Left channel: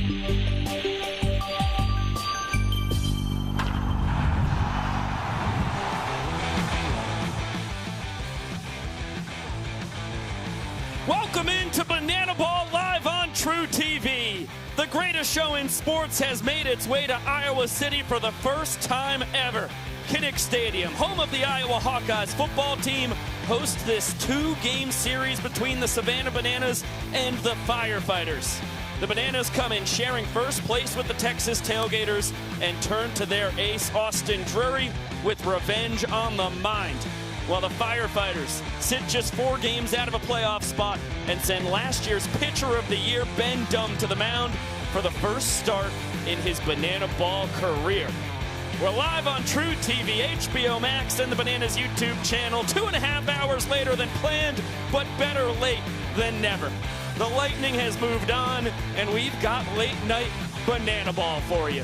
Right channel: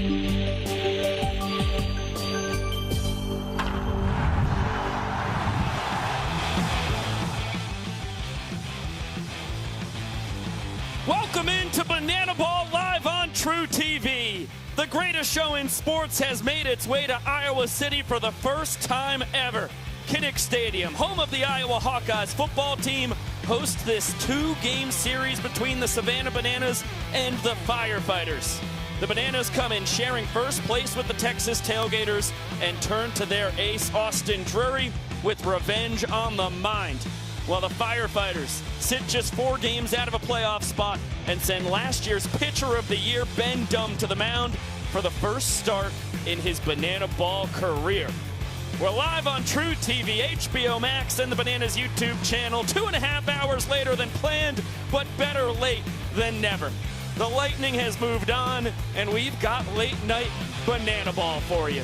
Welcome into Banana Ball live on True TV. The greatest show in sports has made its way to Iowa City for the first time ever. Kinnick Stadium, home of the Iowa Hawkeyes football team, hosts this two-game series between the Savannah Bananas and the Firefighters. The Bananas come in sharing first place with the Texas Tailgaters and turn to their ace, Austin Drury, with revenge on the mind. While the Firefighters sit just 4 games out of a playoff spot and send last year's Pitcher of the Year, Ben Dumb, to the mound for the first start in his Banana Ball career. We're live on True TV, HBO Max, and the Bananas YouTube channel 2.5 hours later than planned, but better late than never. The Lightning has moved on, and we've got late night Banana Ball for you.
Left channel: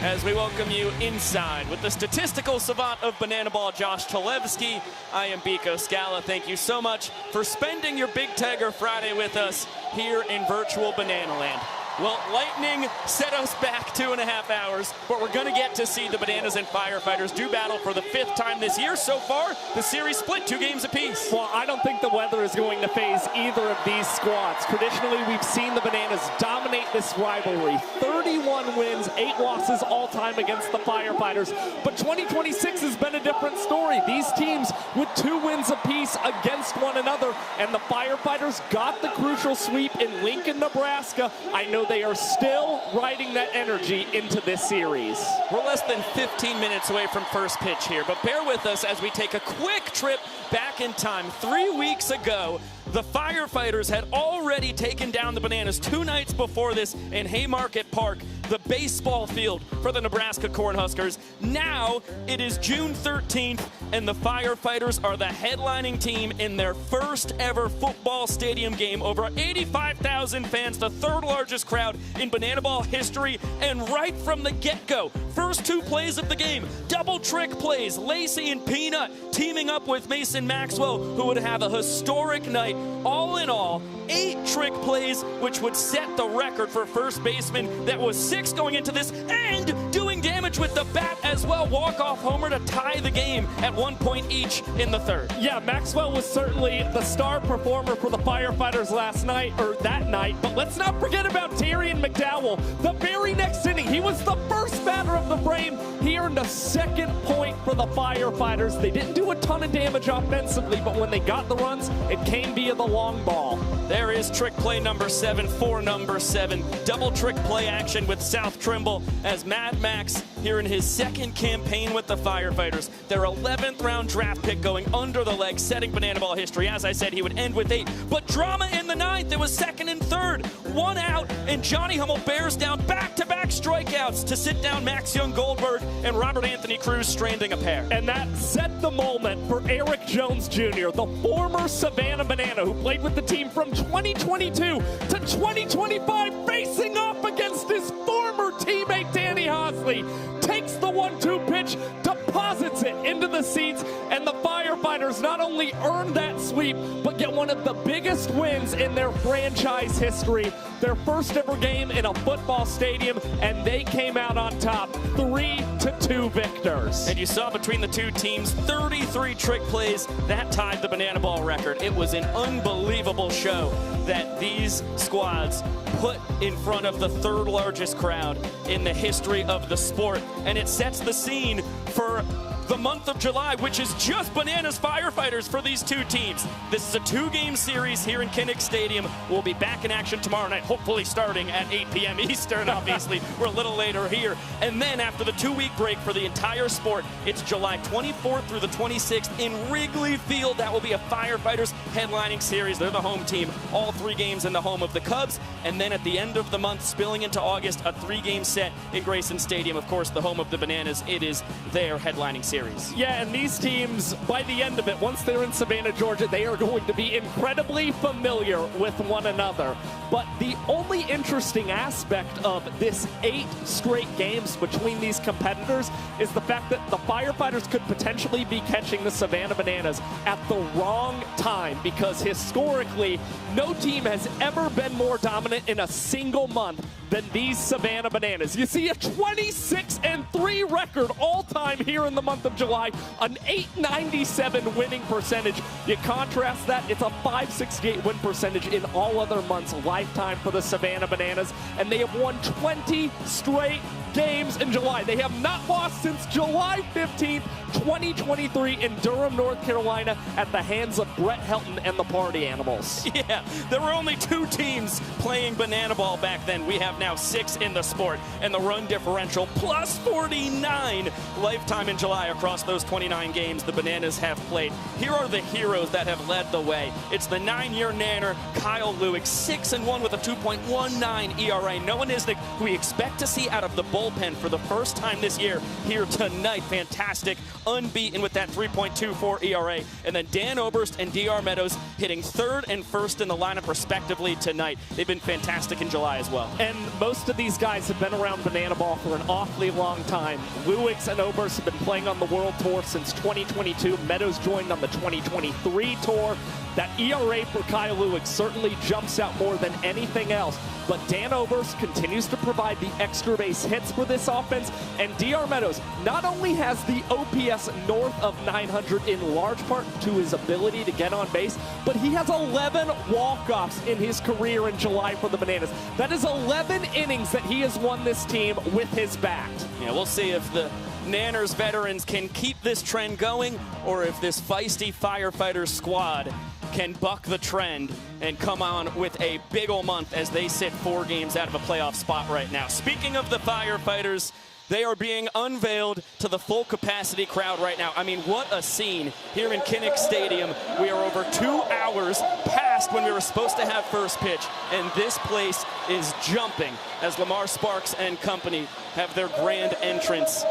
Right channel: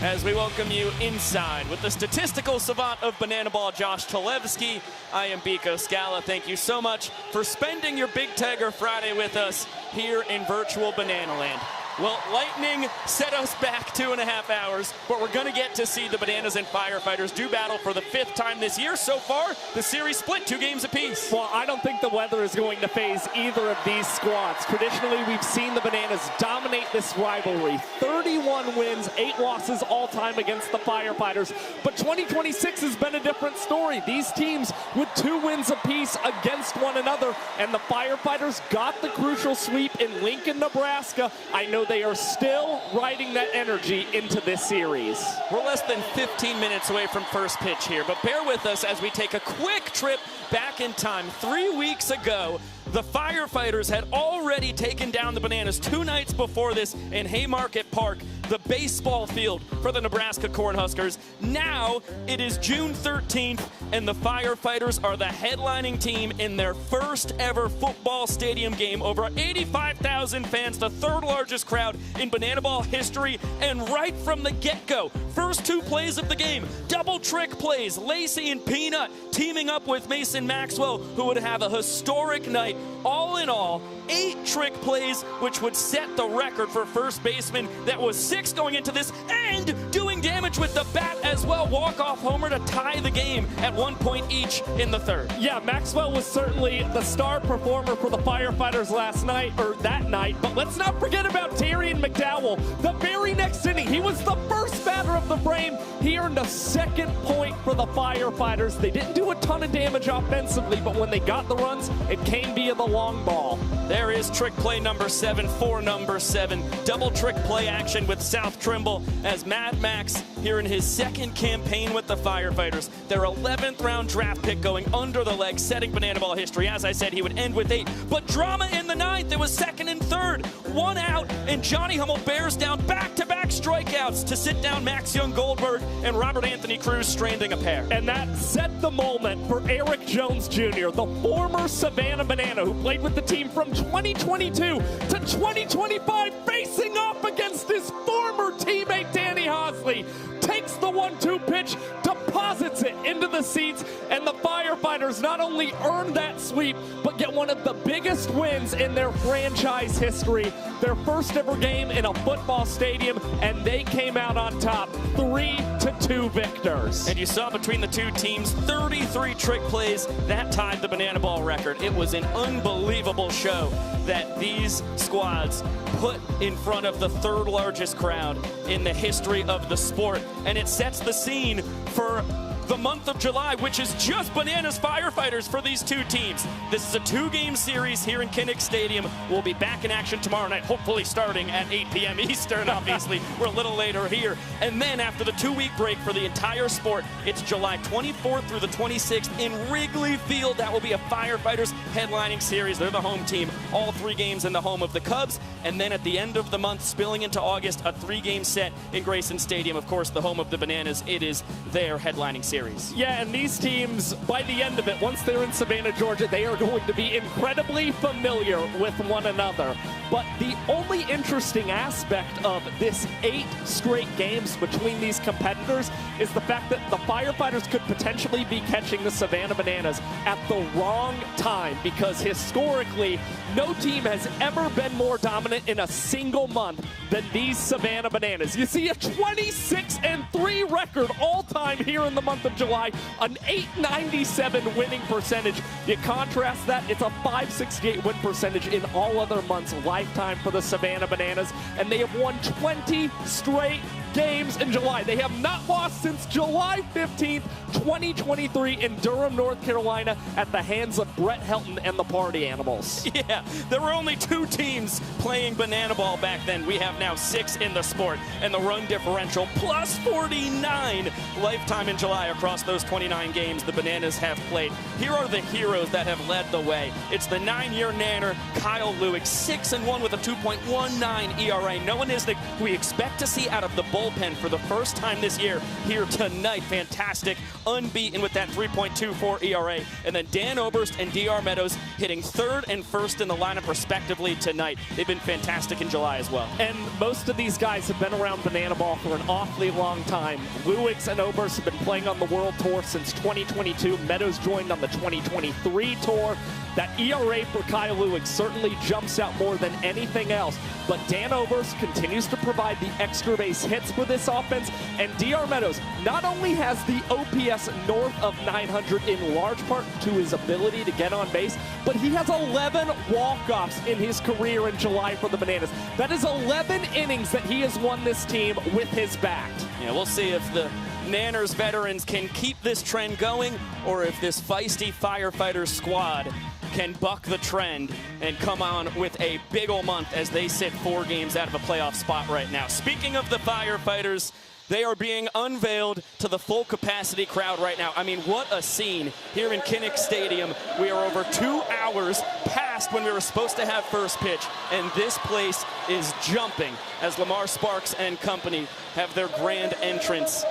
As we welcome you inside with the statistical savant of Banana Ball, Josh Talevsky, I am Biko Scala. Thank you so much for spending your Big Tiger Friday with us here in virtual Banana Land. Well, Lightning set us back 2.5 hours, but we're going to get to see the Bananas and Firefighters do battle for the 5th time this year. So far, the series split 2 games apiece. Well, I don't think the weather is going to faze either of these squads. Traditionally, we've seen the Bananas dominate this rivalry. 31 wins, 8 losses all time against the Firefighters. But 2026 has been a different story. These teams with 2 wins apiece against one another, and the Firefighters got the crucial sweep in Lincoln, Nebraska. I know they are still riding that energy into this series. We're less than 15 minutes away from first pitch here, but bear with us as we take a quick trip back in time. 3 weeks ago, the Firefighters had already taken down the Bananas 2 nights before this in Haymarket Park, the baseball field for the Nebraska Cornhuskers. Now it is June 13th, and the Firefighters are the headlining team in their first ever football stadium game. Over 85,000 fans, the 3rd largest crowd in Banana Ball history, and right from the get-go, first 2 plays of the game, double trick plays, Lacey and Peanut teaming up with Mason Maxwell, who would have a historic night. All in all, 8 trick plays, which would set the record for first baseman. That was 6 going into this, and doing damage with the bat as well. Walk-off homer to tie the game at 1 point each in the 3rd. Yeah, Maxwell was certainly the star performer for the Firefighters last night, or that night. But let's not forget about Tyrion McDowell. The very next inning, he was the first batter of the frame. He earned a 2nd point for the Firefighters. They didn't do a ton of damage offensively, but when they got the runs, it came via the long ball. There is trick play number 7 for number 7. Double trick play action with South Trimble as Mad Max here in his 2nd campaign with the Firefighters. Their 11th round draft pick going under the leg, setting Banana Ball history. As I said, he would end with 8. But drama in the 9th. It was 2nd and 3rd. 1 out, and Johnny Hummel bears down back-to-back strikeouts to sit down Max Young Goldberg and Robert Anthony Cruz, stranding a pair. And that set the moment for Eric Jones Jr., the former Savannah Banana, who played with the team from 2022 to 2025, facing off against his former teammate Danny Hosley. Takes the 1-2 pitch, deposits it into the seats, and the Firefighters not only earned that sweep, but get one of the biggest wins in their franchise history. Their first ever game in a football stadium, and they came out on top, 3-2 victors. And you saw between the 2 teams, 33 trick plays. That tied the Banana Ball record. It was an unbelievable show that these squads put in front of the 3rd largest crowd in the history of the sport. And it sets the scene for the month of July, which is just Bananas Firefighters for these 2 teams. This is a 2-game series here in Kinnick Stadium. We'll be back in action tomorrow night, hopefully starting at 8 p.m. Eastern, obviously. We're a little later here. And then after the 2-week break for the entire sport, it's July 24th through the 26th in Wrigley Field. That will be a Firefighters headlining series. They're the home team. All 3 games in the home of the Cubs. And then at the end of the month, spilling into August, a 3-game set in Grayson Stadium. Of course, the home of the Bananas. It is their headlining series. series. Yeah, and these teams, by the end of it, once they're in Savannah, Georgia, they are going to be incredibly familiar with one another. But the only interesting aspect of this 8 straight games between these competitors is the fact that the Firefighters could potentially be catching the Savannah Bananas at the wrong time, because historically, no team has ever been more dominant in a single month than these Savannah Bananas. You see a 26-3 record all-time here in the month of July, an .897 winning percentage. You contrast that, it's a .568 win percentage in all other months lifetime for the Savannah Bananas, and they have won 20 straight games in July. They have not lost since July 15th, 2023 in Durham, North Carolina at the hands of Brett Helton and the Party Animals. Yeah, there were only 2 teams playing banana ball back then. We have now 6 in the sport, and the run differential plus 49 lifetime in July across those 29 games the Bananas have played. Here are the heroes that have led the way. It's the 9-year nanner, Kyle Lewick, 6-1 with a 2.19 ERA. Noah Nisnik, who we expect to see out of the bullpen for the first time this year here tonight. Fantastic, unbeaten with that 3.24 ERA. And then Dan Oberst and DR Meadows hitting 3rd and 1st in the lineup respectively tonight. They've been fantastic in July as well. And most of these guys have been around banana ball for an awfully long time. Lewicks and Oberst have been playing on the World Tour since 2022. Meadows joined on the 2023 tour. That ERA for Kyle Lewicks certainly jumps out more than anything else. But Dan Oberst continues to provide the extra base hits for this offense. And DR Meadows not only has the OPS north of 900 in large part to his ability to get on base, but he has 11 walk-offs in his career in July for the Bananas. That is 11 innings that he has won this team with his bat. Yeah, we'll see if the Nanners veterans can keep this trend going, or if this feisty Firefighters squad can buck the trend and come on with a big ol' month as they sit 4 games out of a playoff spot right now. Speaking of the Firefighters, they are being unveiled to the full capacity crowd right now. I mean, what a scene here in Kinnick Stadium. We are over 2 hours past when we were supposed to have first pitch, and this place is jumping as Lamar Sparks and company have their grand entrance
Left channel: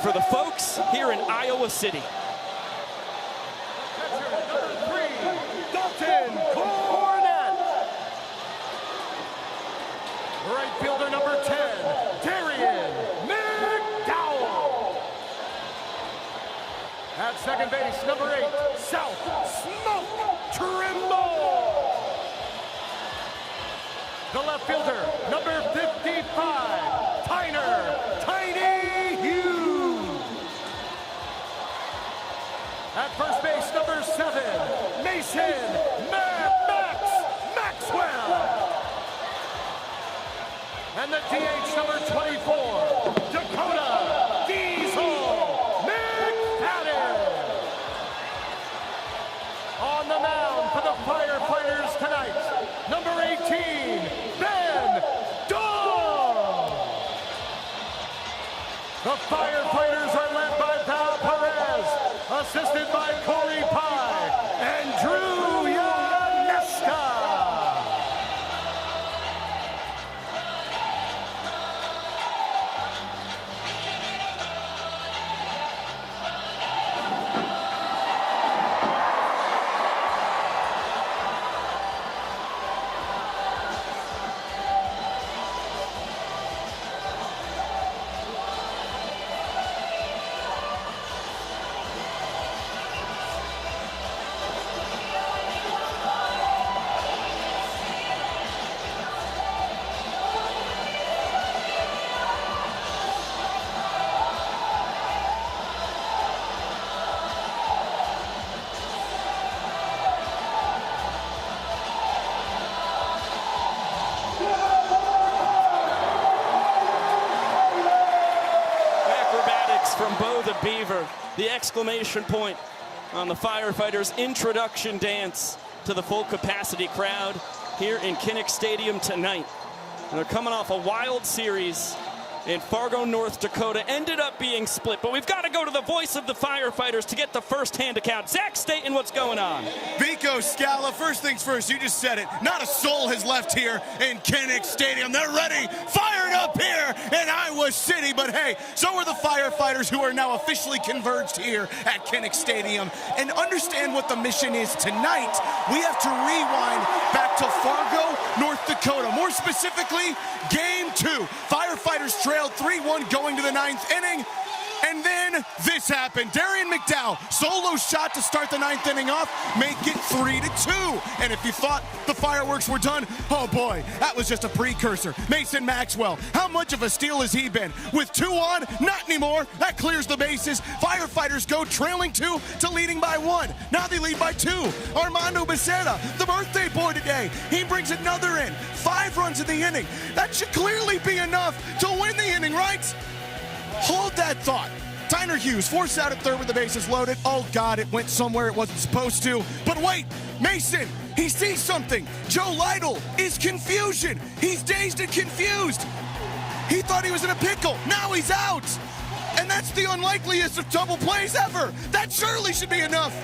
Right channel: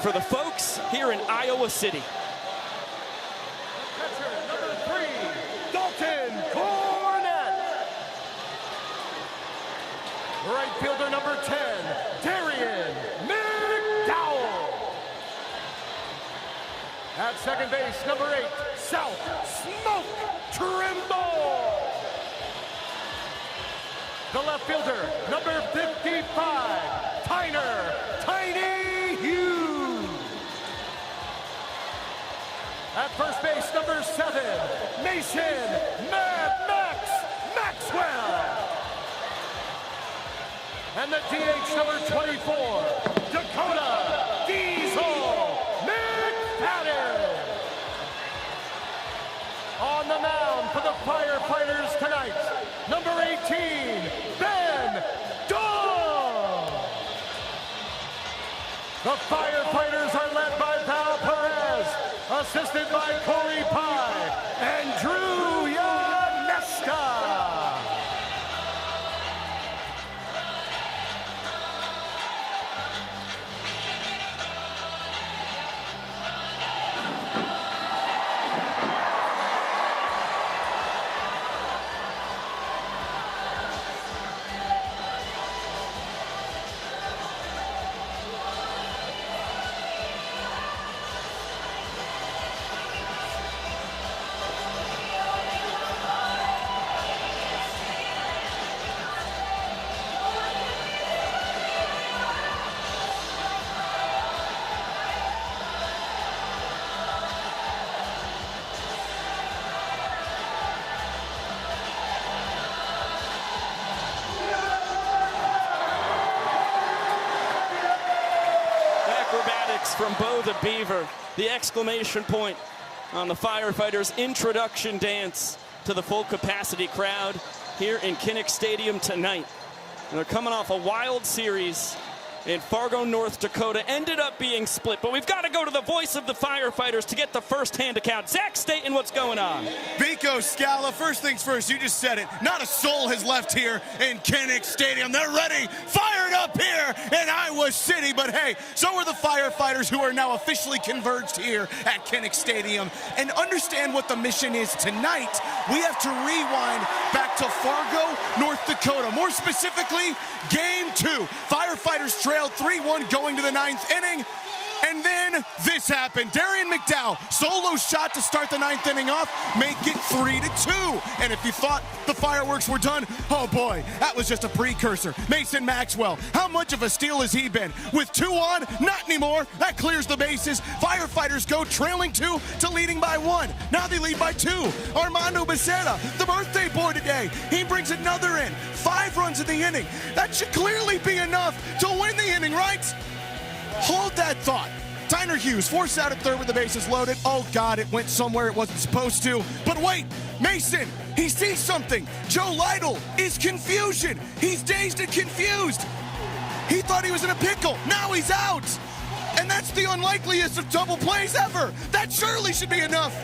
for the folks here in Iowa City. Right fielder number 10, Darian McDowell. At second base, number 8, South Smoke Trimble. The left fielder, number 55, Tyner Tiny Hughes. At first base, number 7, Mason Maxwell. And the DH number 24, Dakota Diesel McFadden. On the mound for the Firefighters tonight, number 18, Ben Dahl. The Firefighters are led by Val Perez, assisted by Corey Pye and Drew Yoneska. The exclamation point on the Firefighters' introduction dance to the full capacity crowd here in Kinnick Stadium tonight. And they're coming off a wild series in Fargo, North Dakota. Ended up being split, but we've got to go to the voice of the Firefighters to get the first-hand account. Zach Staten, what's going on? Vico Scala, first things first, you just said it. Not a soul has left here in Kinnick Stadium. They're ready, fired up here in Iowa City. But hey, so are the Firefighters. Firefighters who are now officially converged here at Kinnick Stadium and understand what the mission is tonight. We have to rewind back to Fargo, North Dakota. More specifically, Game 2. Firefighters trailed 3-1 going to the 9th inning. And then this happened. Darren McDowell, solo shot to start the 9th inning off, make it 3-2. And if you thought the fireworks were done, oh boy, that was just a precursor. Mason Maxwell, how much of a steal has he been? With 2 on, not anymore. That clears the bases. Firefighters go trailing 2 to leading by 1. Now they lead by 2. Armando Becerra, the birthday boy today, he brings another in. 5 runs in the inning. That should clearly be enough to win the inning, right? Hold that thought. Tyner Hughes forced out at third with the bases loaded. Oh, God, it went somewhere it wasn't supposed to. But wait, Mason, he sees something. Joe Lytle is confusion. He's dazed and confused. He thought he was in a pickle. Now he's out. And that's the unlikeliest of double plays ever. That surely should be enough.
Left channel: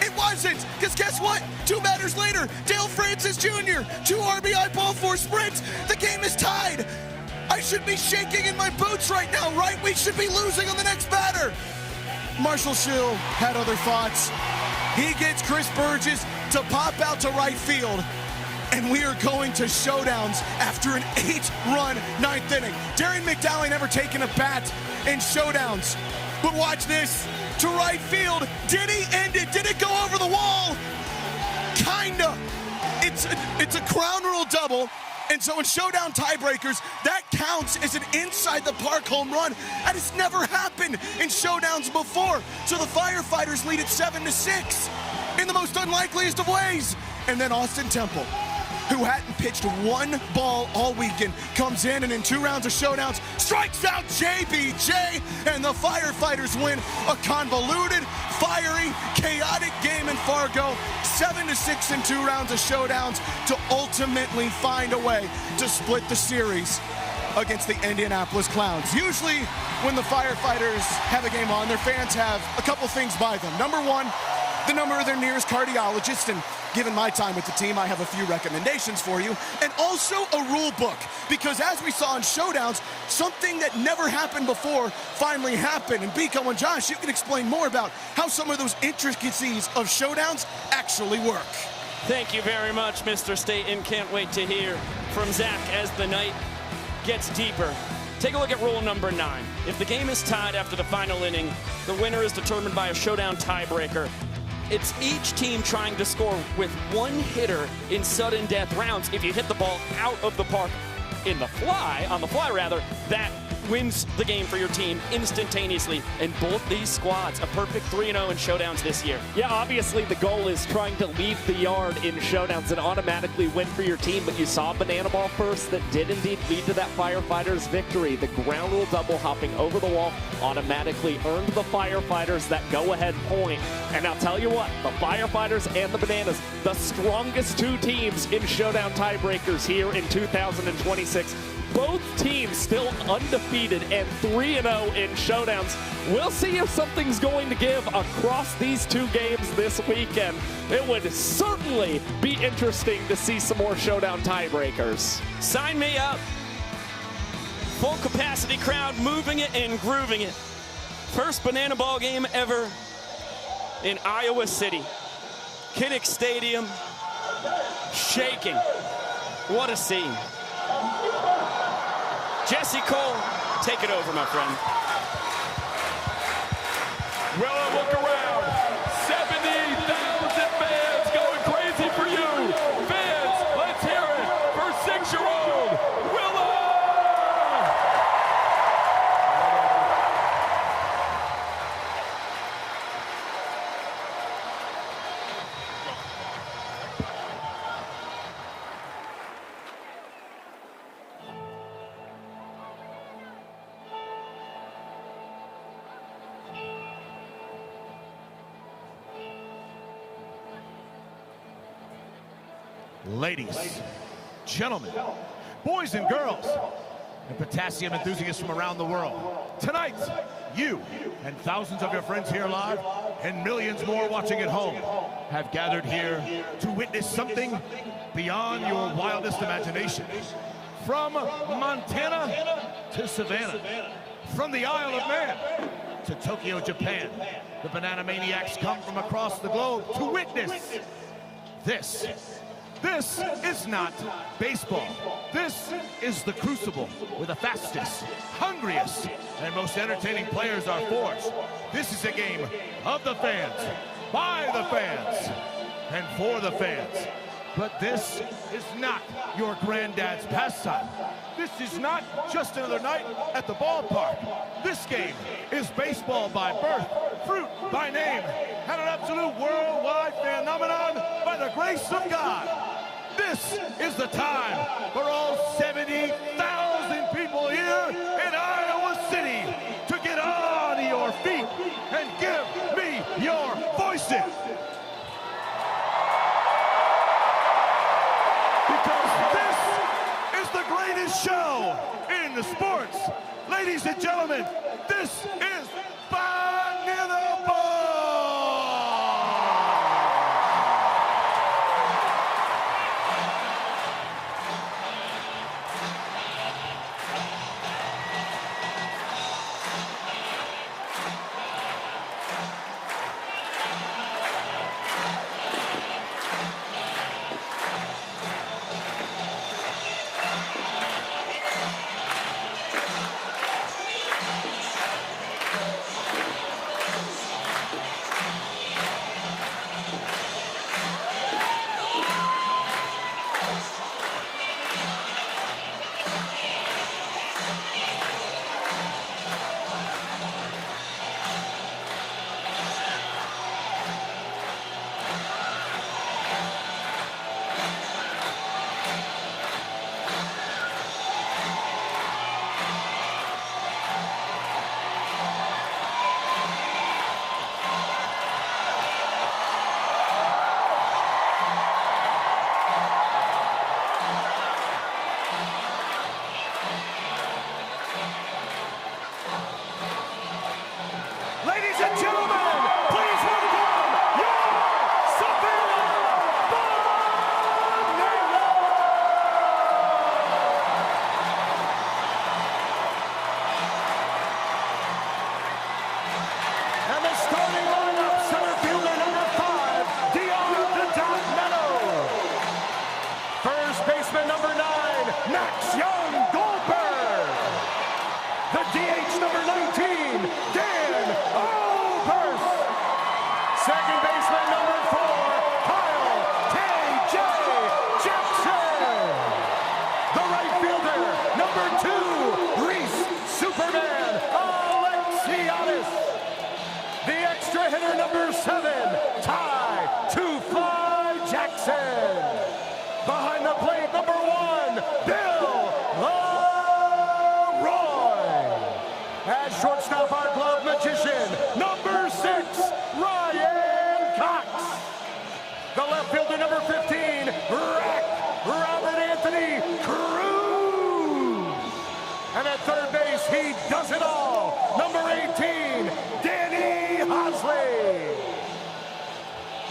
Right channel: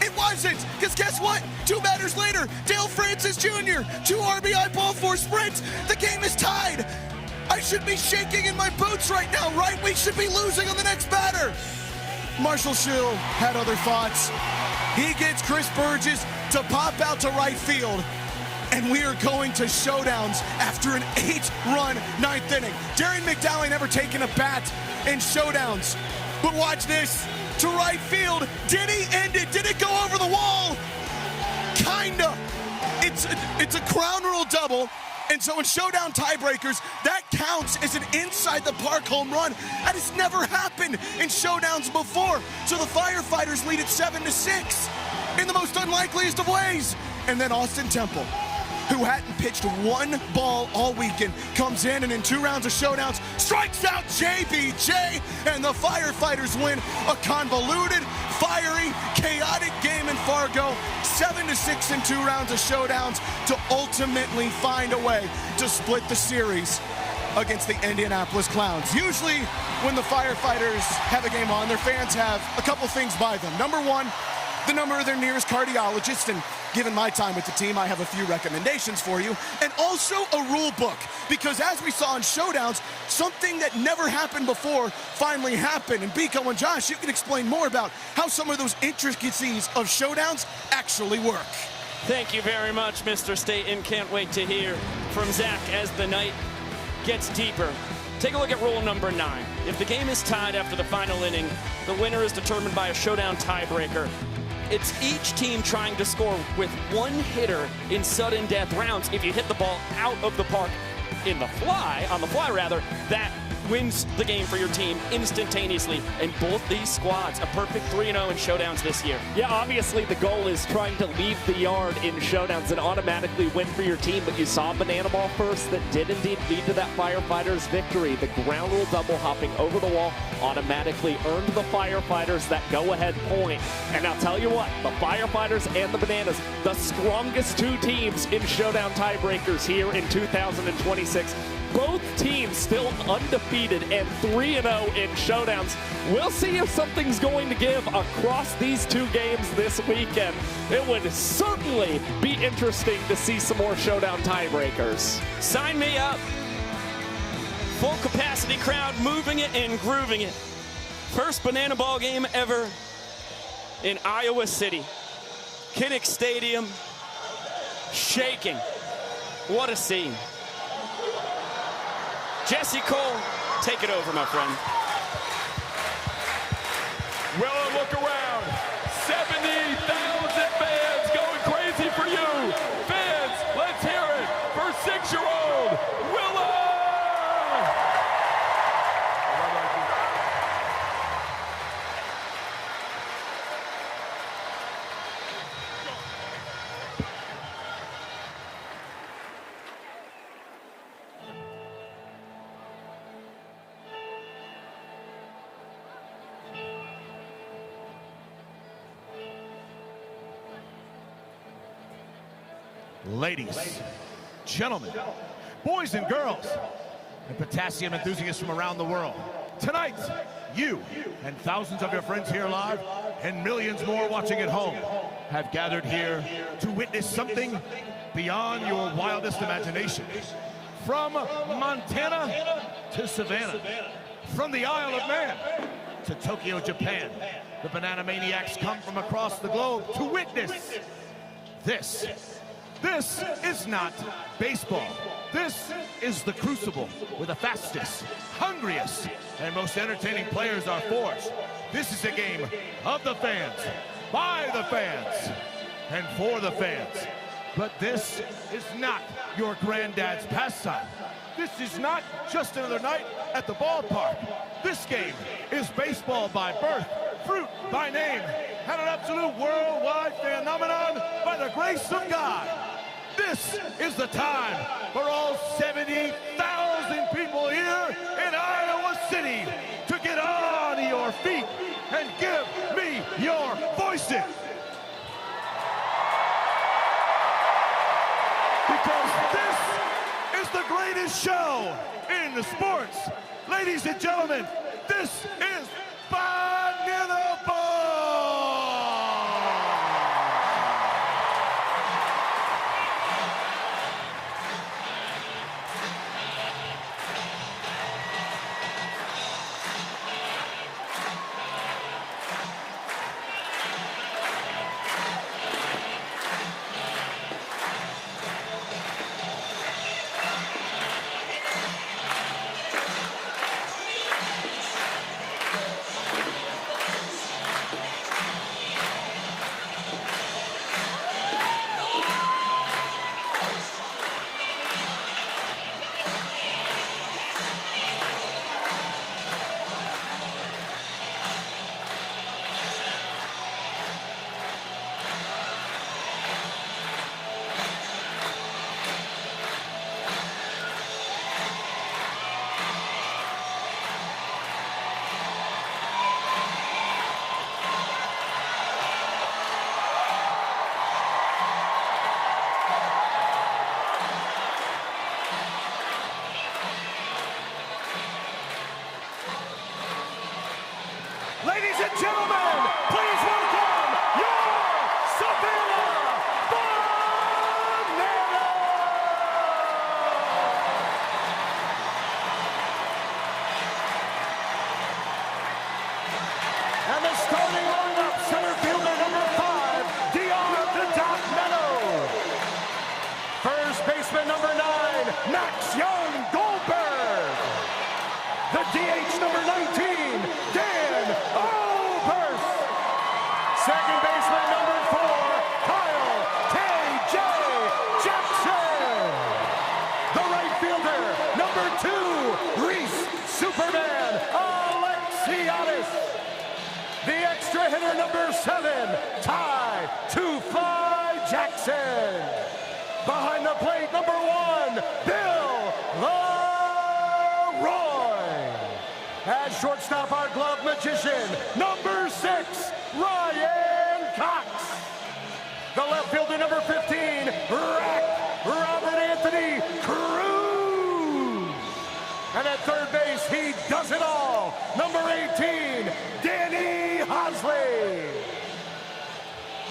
It wasn't, because guess what? 2 batters later, Dale Francis Jr., 2 RBI ball 4 sprints. The game is tied. I should be shaking in my boots right now, right? We should be losing on the next batter. Marshall Schill had other thoughts. He gets Chris Burgess to pop out to right field. And we are going to showdowns after an 8-run 9th inning. Darren McDowell never taken a bat in showdowns. But watch this. To right field. Did he end it? Did it go over the wall? Kinda. It's a crown rule double. And so in showdown tiebreakers, that counts as an inside-the-park home run. That has never happened in showdowns before. So the Firefighters lead at 7-6 in the most unlikeliest of ways. And then Austin Temple, who hadn't pitched 1 ball all weekend, comes in and in 2 rounds of showdowns, strikes out JBJ, and the Firefighters win a convoluted, fiery, chaotic game in Fargo. 7-6 in 2 rounds of showdowns to ultimately find a way to split the series against the Indianapolis Clowns. Usually, when the Firefighters have a game on, their fans have a couple things by them. Number 1, the number of their nearest cardiologist, and given my time with the team, I have a few recommendations for you, and also a rule book, because as we saw in showdowns, something that never happened before finally happened. And Biko and Josh, you can explain more about how some of those intricacies of showdowns actually work. Thank you very much, Mr. Staten. Can't wait to hear from Zach as the night gets deeper. Take a look at rule number 9. If the game is tied after the final inning, the winner is determined by a showdown tiebreaker. It's each team trying to score with 1 hitter in sudden death rounds. If you hit the ball out of the park on the fly, that wins the game for your team instantaneously. And both these squads, a perfect 3-0 in showdowns this year. Yeah, obviously the goal is trying to leave the yard in showdowns and automatically win for your team. But you saw Banana Ball first that did indeed lead to that Firefighters victory. The ground rule double hopping over the wall automatically earned the Firefighters that go-ahead point. And I'll tell you what, the Firefighters and the Bananas, the strongest 2 teams in showdown tiebreakers here in 2026. Both teams still undefeated and 3-0 in showdowns. We'll see if something's going to give across these 2 games this weekend. It would certainly be interesting to see some more showdown tiebreakers. Sign me up. Full capacity crowd moving it and grooving it. First banana ball game ever in Iowa City. Kinnick Stadium shaking. What a scene. Jesse Cole, take it over, my friend. Well, look around. 70,000 fans going crazy for you. Fans, let's hear it for 6-year-old Willow. Ladies, gentlemen, boys and girls, and potassium enthusiasts from around the world. Tonight, you and thousands of your friends here live and millions more watching at home have gathered here to witness something beyond your wildest imagination. From Montana to Savannah, From the Isle of Man to Tokyo, Japan, the Banana Maniacs come from across the globe to witness this. This is not baseball. This is the Crucible, where the fastest, hungriest, and most entertaining players are forged. This is a game of the fans, by the fans, and for the fans. But this is not your granddad's pastime. This is not just another night at the ballpark. This game is baseball by birth, fruit by name, and an absolute worldwide phenomenon by the grace of God. This is the time for all 70,000 people here in Iowa City to get on your feet and give me your voices. Because this is the greatest show in the sports. Ladies and gentlemen, this is Banana Ball!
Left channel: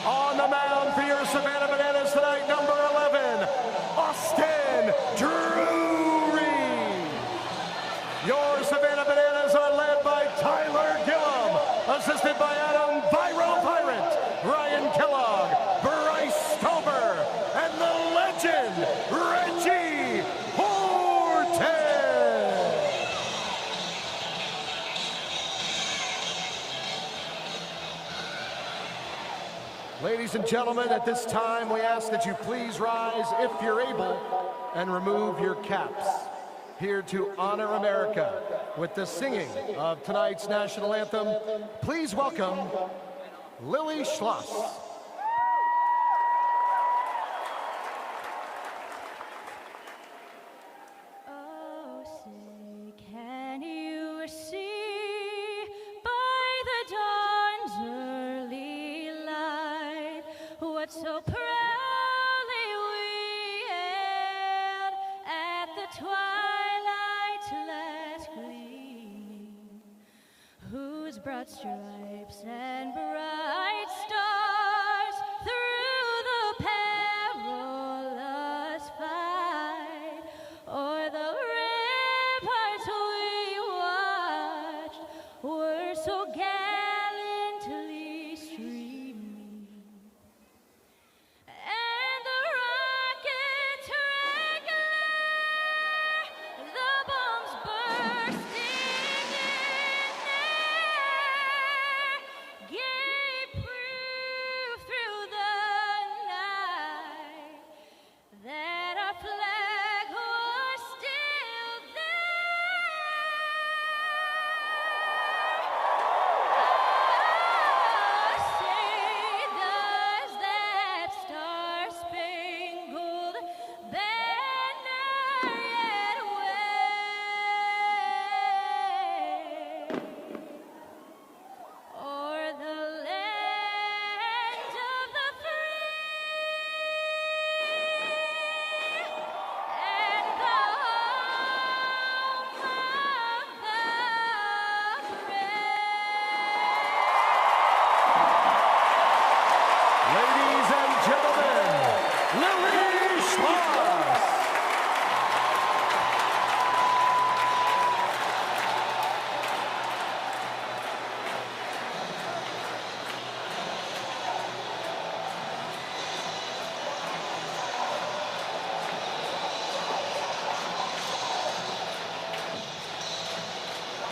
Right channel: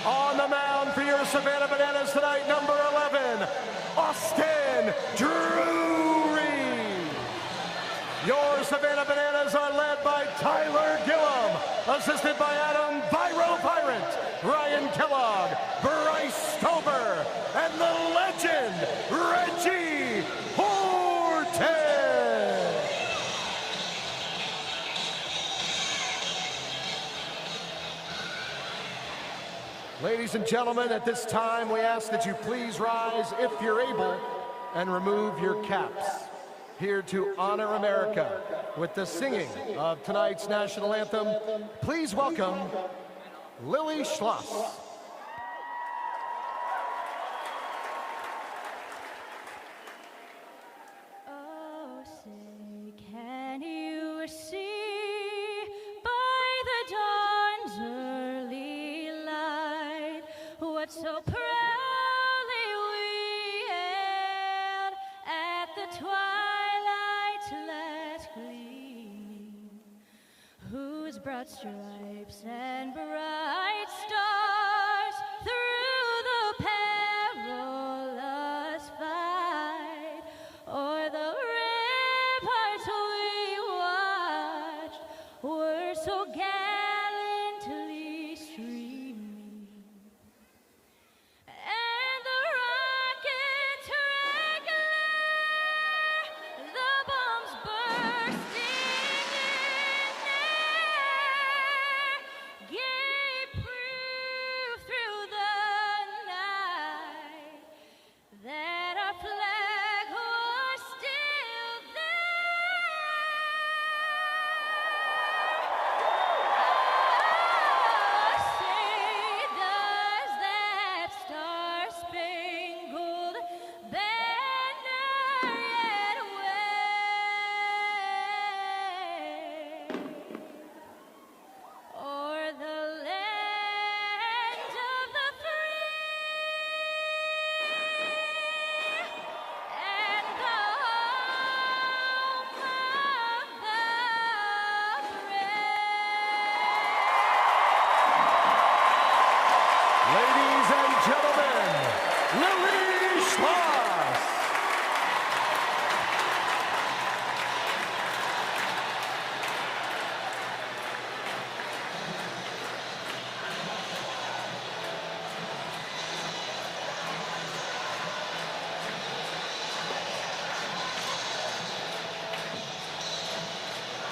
On the mound for your Savannah Bananas tonight, number 11, Austin Drury. Your Savannah Bananas are led by Tyler Gillum, assisted by Adam Viral Pirate, Ryan Kellogg, Bryce Stover, and the legend, Reggie Horton. Ladies and gentlemen, at this time, we ask that you please rise, if you're able, and remove your caps. Here to honor America with the singing of tonight's national anthem, please welcome Lily Schloss. So proudly we hailed at the twilight's last gleam, whose broad stripes and bright stars through the perilous fight o'er the ramparts we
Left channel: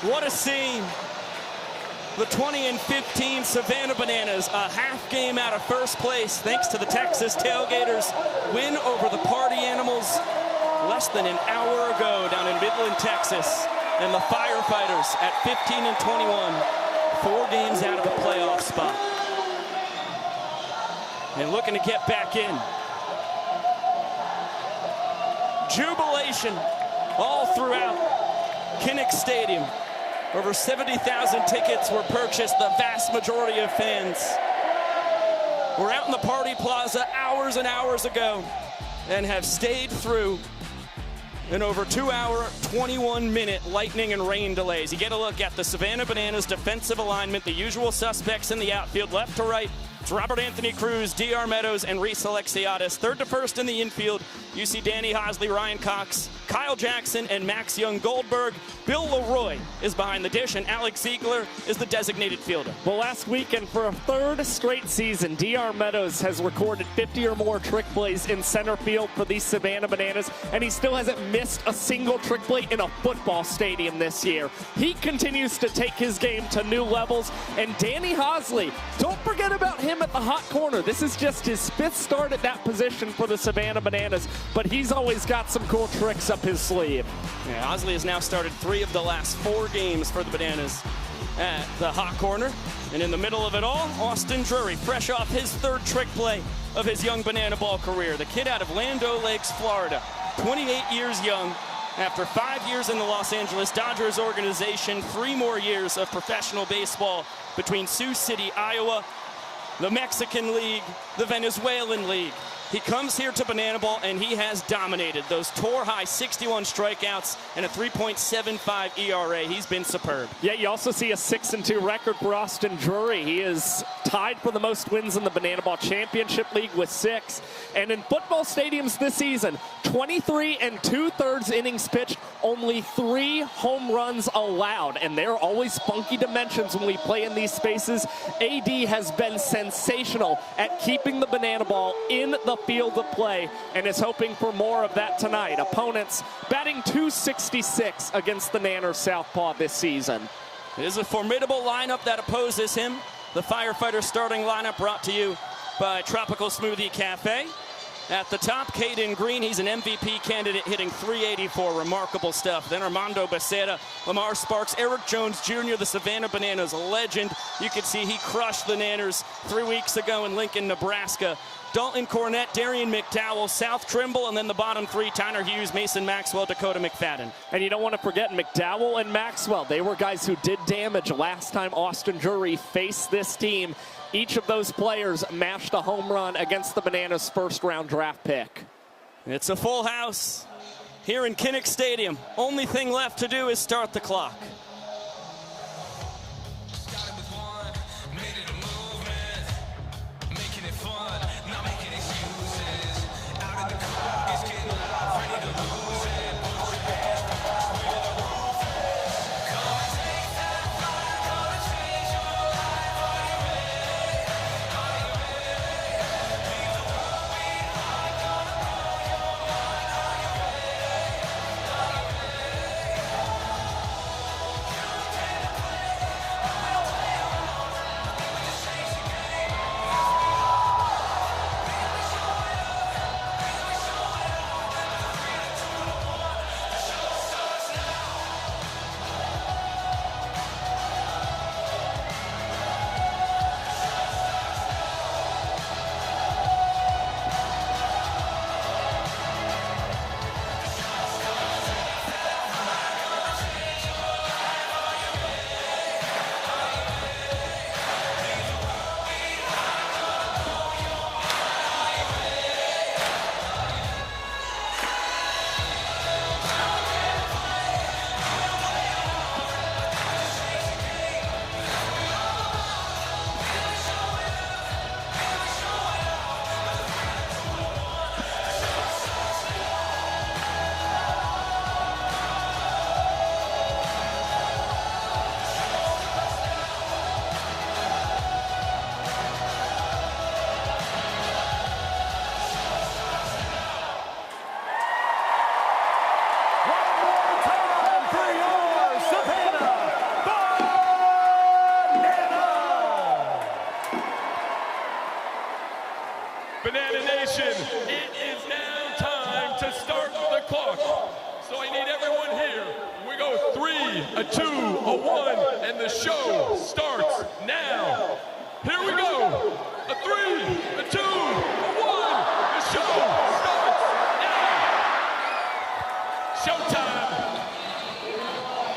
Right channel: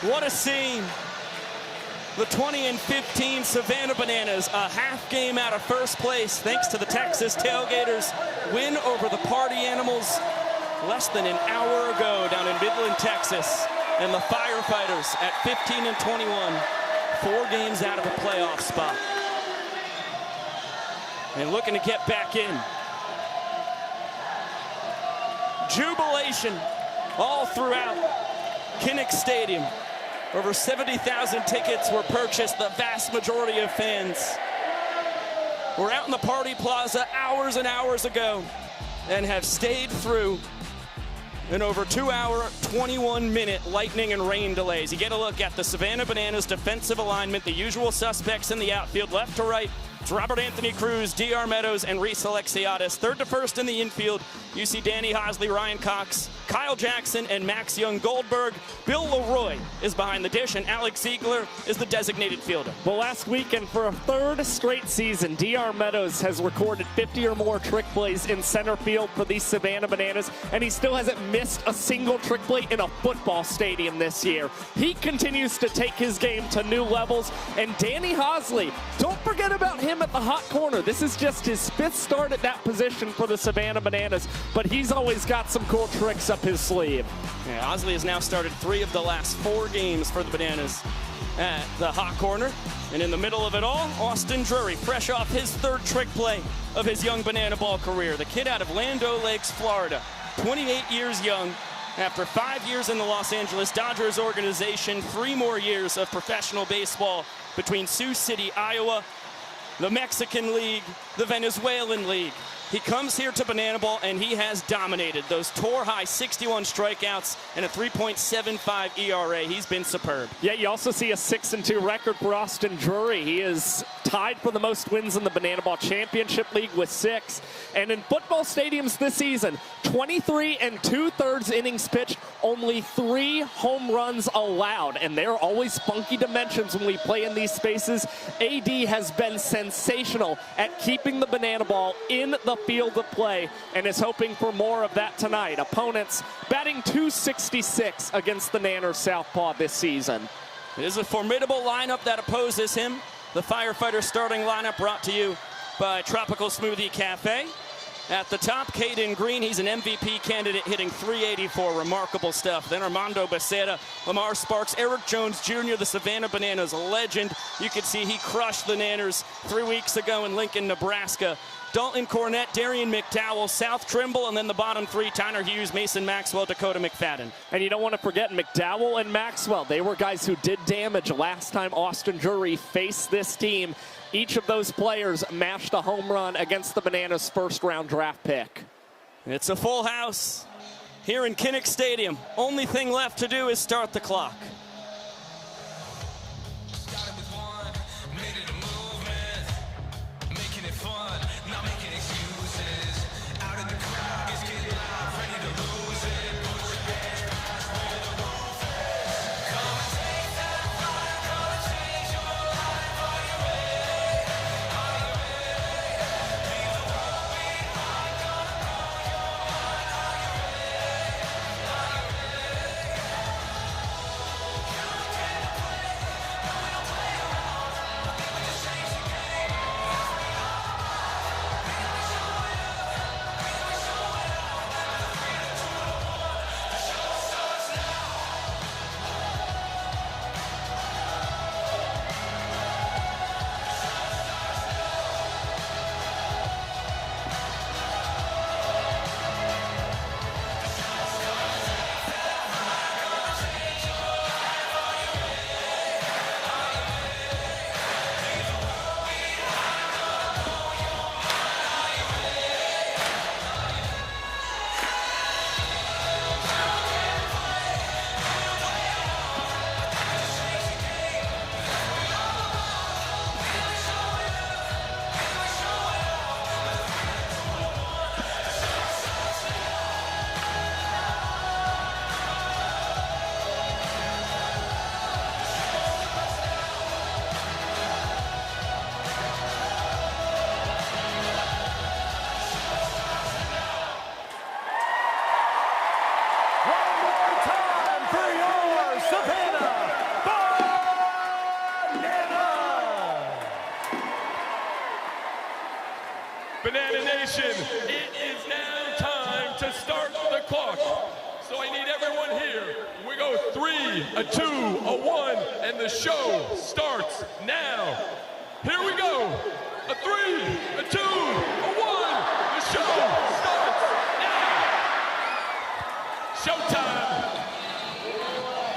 What a scene. The 2015 Savannah Bananas, a half game out of first place thanks to the Texas Tailgaters, win over the Party Animals less than an hour ago down in Midland, Texas. And the Firefighters at 15-21, 4 games out of the playoff spot. And looking to get back in. Jubilation all throughout Kinnick Stadium. Over 70,000 tickets were purchased, the vast majority of fans were out in the party plaza hours and hours ago and have stayed through an over 2-hour, 21-minute lightning and rain delays. You get a look at the Savannah Bananas defensive alignment, the usual suspects in the outfield, left to right. It's Robert Anthony Cruz, D.R. Meadows, and Reese Alexiadis. Third to first in the infield, you see Danny Hosley, Ryan Cox, Kyle Jackson, and Max Young-Goldberg. Bill Leroy is behind the dish, and Alex Ziegler is the designated fielder. Well, last weekend, for a third straight season, D.R. Meadows has recorded 50 or more trick plays in center field for the Savannah Bananas, and he still hasn't missed a single trick play in a football stadium this year. He continues to take his game to new levels, and Danny Hosley, don't forget about him at the hot corner. This is just his 5th start at that position for the Savannah Bananas, but he's always got some cool tricks up his sleeve. Yeah, Hosley has now started 3 of the last 4 games for the Bananas at the hot corner. And in the middle of it all, Austin Drury, fresh off his 3rd trick play of his young banana ball career. The kid out of Land O'Lakes, Florida, 28 years young. After 5 years in the Los Angeles Dodgers organization, 3 more years of professional baseball between Sioux City, Iowa, the Mexican League, the Venezuelan League. He comes here to Banana Ball, and he has dominated. Those tour-high 61 strikeouts and a 3.75 ERA. He's been superb. Yeah, you also see a 6-2 record for Austin Drury. He is tied for the most wins in the Banana Ball Championship League with 6. And in football stadiums this season, 23 2/3 innings pitched, only 3 home runs allowed. And they're always funky dimensions when we play in these spaces. AD has been sensational at keeping the Banana Ball in the field of play and is hoping for more of that tonight. Opponents batting .266 against the Nanners Southpaw this season. It is a formidable lineup that opposes him. The Firefighters starting lineup brought to you by Tropical Smoothie Cafe. At the top, Caden Green, he's an MVP candidate, hitting .384, remarkable stuff. Then Armando Becerra, Lamar Sparks, Eric Jones Jr., the Savannah Bananas legend. You can see he crushed the Nanners 3 weeks ago in Lincoln, Nebraska. Dalton Cornett, Darian McDowell, South Trimble, and then the bottom 3, Tyner Hughes, Mason Maxwell, Dakota McFadden. And you don't want to forget McDowell and Maxwell. They were guys who did damage last time Austin Drury faced this team. Each of those players mashed a home run against the Bananas' first-round draft pick. It's a full house here in Kinnick Stadium. Only thing left to do is start the clock. 3, a 2, a 1, and the show starts now. Here we go. A 3, a 2, a 1. The show starts now. Showtime.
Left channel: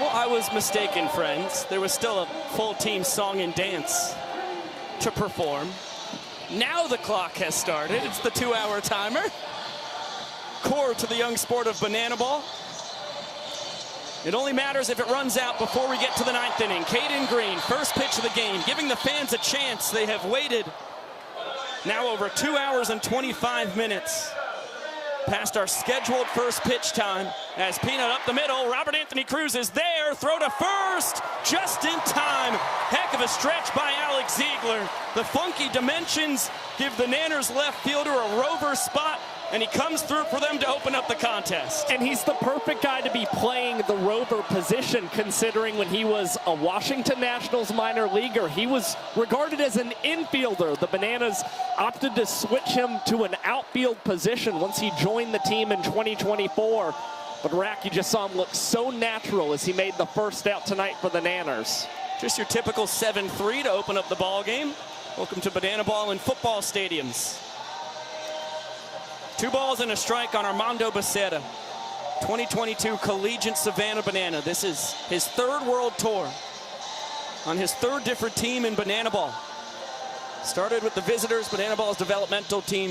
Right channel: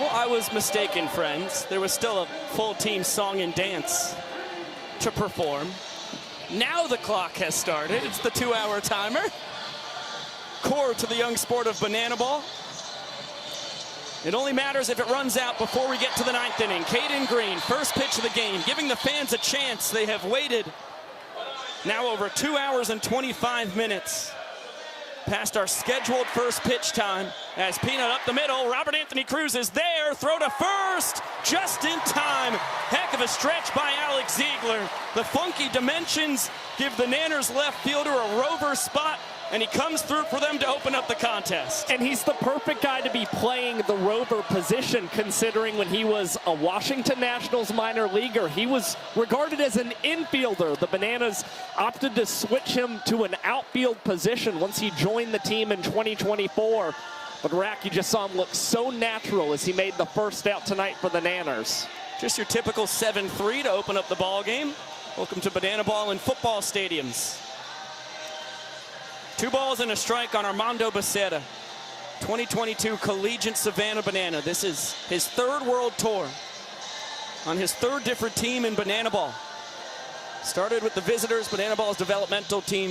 Well, I was mistaken, friends. There was still a full team song and dance to perform. Now the clock has started. It's the 2-hour timer. Core to the young sport of banana ball. It only matters if it runs out before we get to the 9th inning. Caden Green, first pitch of the game, giving the fans a chance. They have waited now over 2 hours and 25 minutes past our scheduled first pitch time. As Peanut up the middle, Robert Anthony Cruz is there. Throw to first, just in time. Heck of a stretch by Alex Ziegler. The funky dimensions give the Nanners left fielder a rover spot, and he comes through for them to open up the contest. And he's the perfect guy to be playing the rover position, considering when he was a Washington Nationals minor leaguer, he was regarded as an infielder. The Bananas opted to switch him to an outfield position once he joined the team in 2024. But Rack, you just saw him look so natural as he made the first out tonight for the Nanners. Just your typical 7-3 to open up the ball game. Welcome to Banana Ball in football stadiums. 2 balls and a strike on Armando Becerra, 2022 Collegiate Savannah Banana. This is his 3rd World Tour, on his 3rd different team in Banana Ball. Started with the Visitors, Banana Ball's developmental team.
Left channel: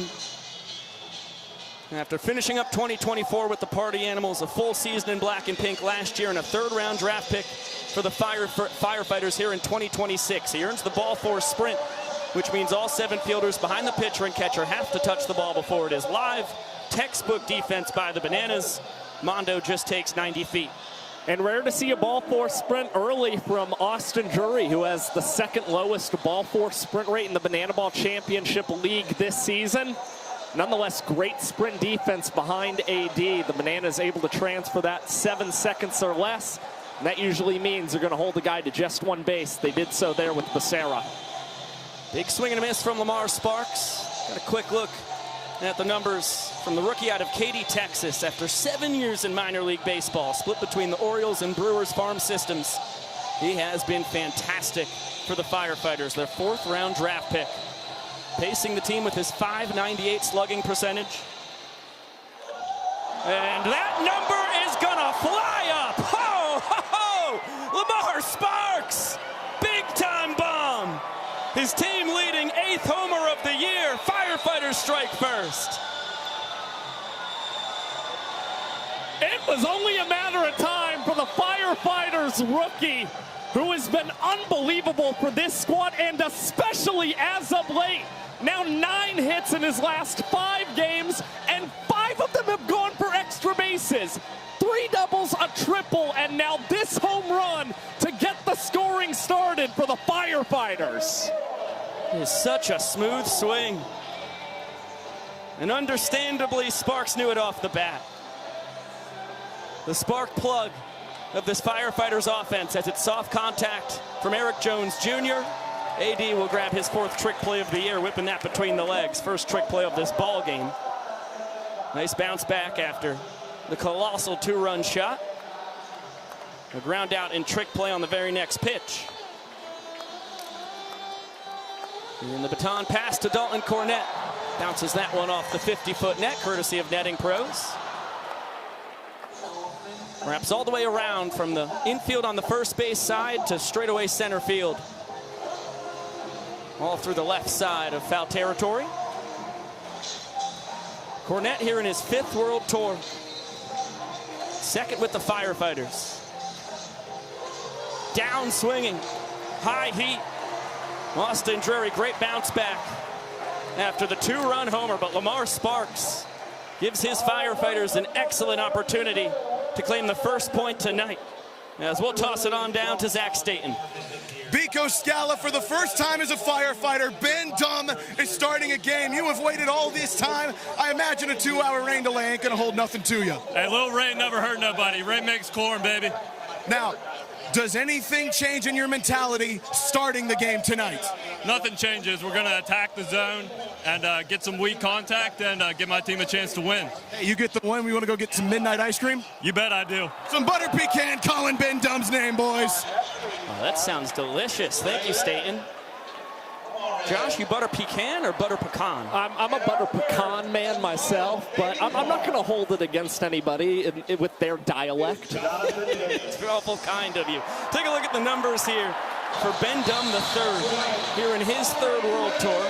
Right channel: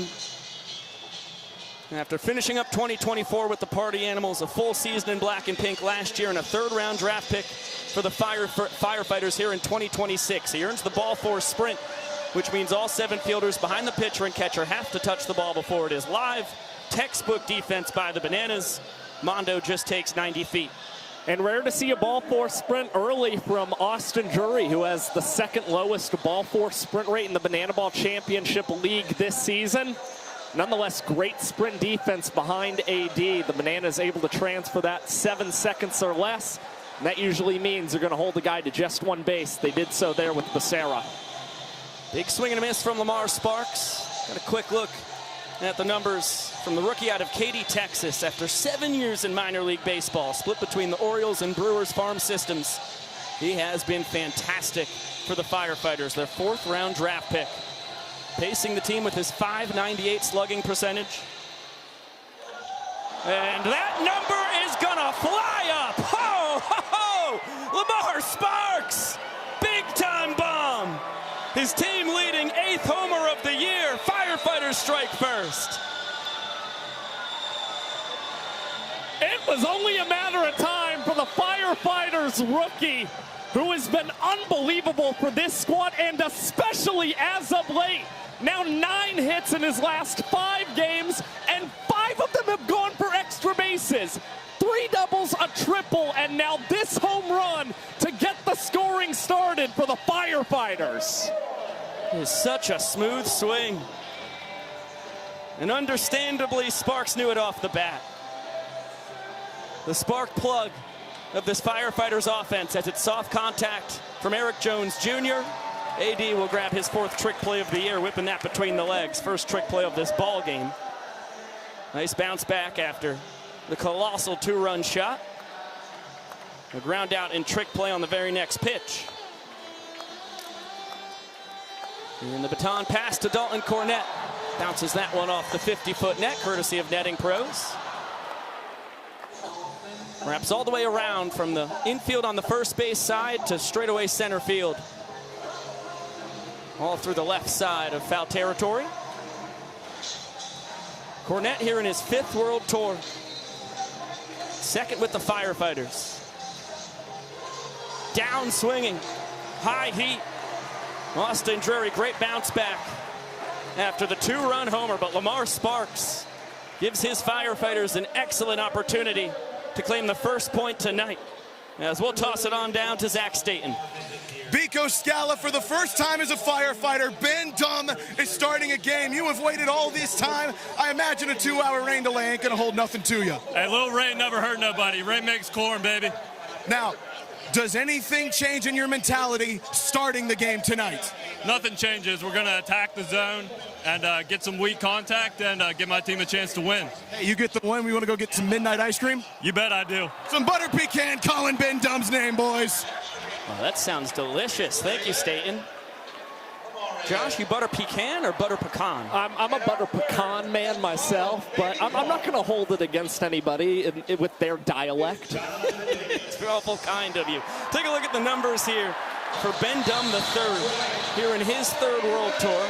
After finishing up 2024 with the Party Animals, a full season in black and pink last year, and a 3rd-round draft pick for the Firefighters here in 2026. He earns the ball four sprint, which means all 7 fielders behind the pitcher and catcher have to touch the ball before it is live. Textbook defense by the Bananas. Mondo just takes 90 feet. And rare to see a ball four sprint early from Austin Drury, who has the 2nd lowest ball four sprint rate in the Banana Ball Championship League this season. Nonetheless, great sprint defense behind AD. The Bananas able to transfer that 7 seconds or less. And that usually means they're going to hold the guy to just 1 base. They did so there with Becerra. Big swing and a miss from Lamar Sparks. And a quick look at the numbers from the rookie out of Katy, Texas. After 7 years in minor league baseball, split between the Orioles and Brewers farm systems, he has been fantastic for the Firefighters, their 4th-round draft pick. Pacing the team with his .598 slugging percentage. And that number is gonna fly up! Ho, ho, ho! Lamar Sparks! Big-time bomb! His team leading 8th homer of the year. Firefighters strike first. It was only a matter of time for the Firefighters rookie, who has been unbelievable for this squad, and especially as of late. Now 9 hits in his last 5 games, and 5 of them have gone for extra bases. 3 doubles, a triple, and now this home run to get the scoring started for the Firefighters. It is such a smooth swing. And understandably, Sparks knew it off the bat. The spark plug of this Firefighters offense as it's soft contact from Eric Jones Jr. AD will grab his 4th trick play of the year, whipping that between the legs. First trick play of this ball game. Nice bounce back after the colossal 2-run shot. A ground out in trick play on the very next pitch. And the baton pass to Dalton Cornett. Bounces that one off the 50-foot net, courtesy of Netting Pros. Wraps all the way around from the infield on the first base side to straightaway center field. All through the left side of foul territory. Cornett here in his 5th World Tour. 2nd with the Firefighters. Down swinging. High heat. Austin Drury, great bounce back after the 2-run homer, but Lamar Sparks gives his Firefighters an excellent opportunity to claim the first point tonight. As we'll toss it on down to Zach Staten. Biko Scala, for the first time as a Firefighter, Ben Dunn is starting a game. You have waited all this time. I imagine a 2-hour rain delay ain't gonna hold nothing to you. Hey, little rain never hurt nobody. Rain makes corn, baby. Now, does anything change in your mentality starting the game tonight? Nothing changes. We're going to attack the zone. and get some weak contact and give my team a chance to win. Hey, you get the win. We want to go get some midnight ice cream? You bet I do. Some butter pecan calling Ben Dumb's name, boys. Oh, that sounds delicious. Thank you, Staten. Josh, you butter pecan or butter pecan? I'm a butter pecan man myself, but I'm not going to hold it against anybody with their dialect. It's awful kind of you. Take a look at the numbers here for Ben Dumb III. Here in his third World Tour.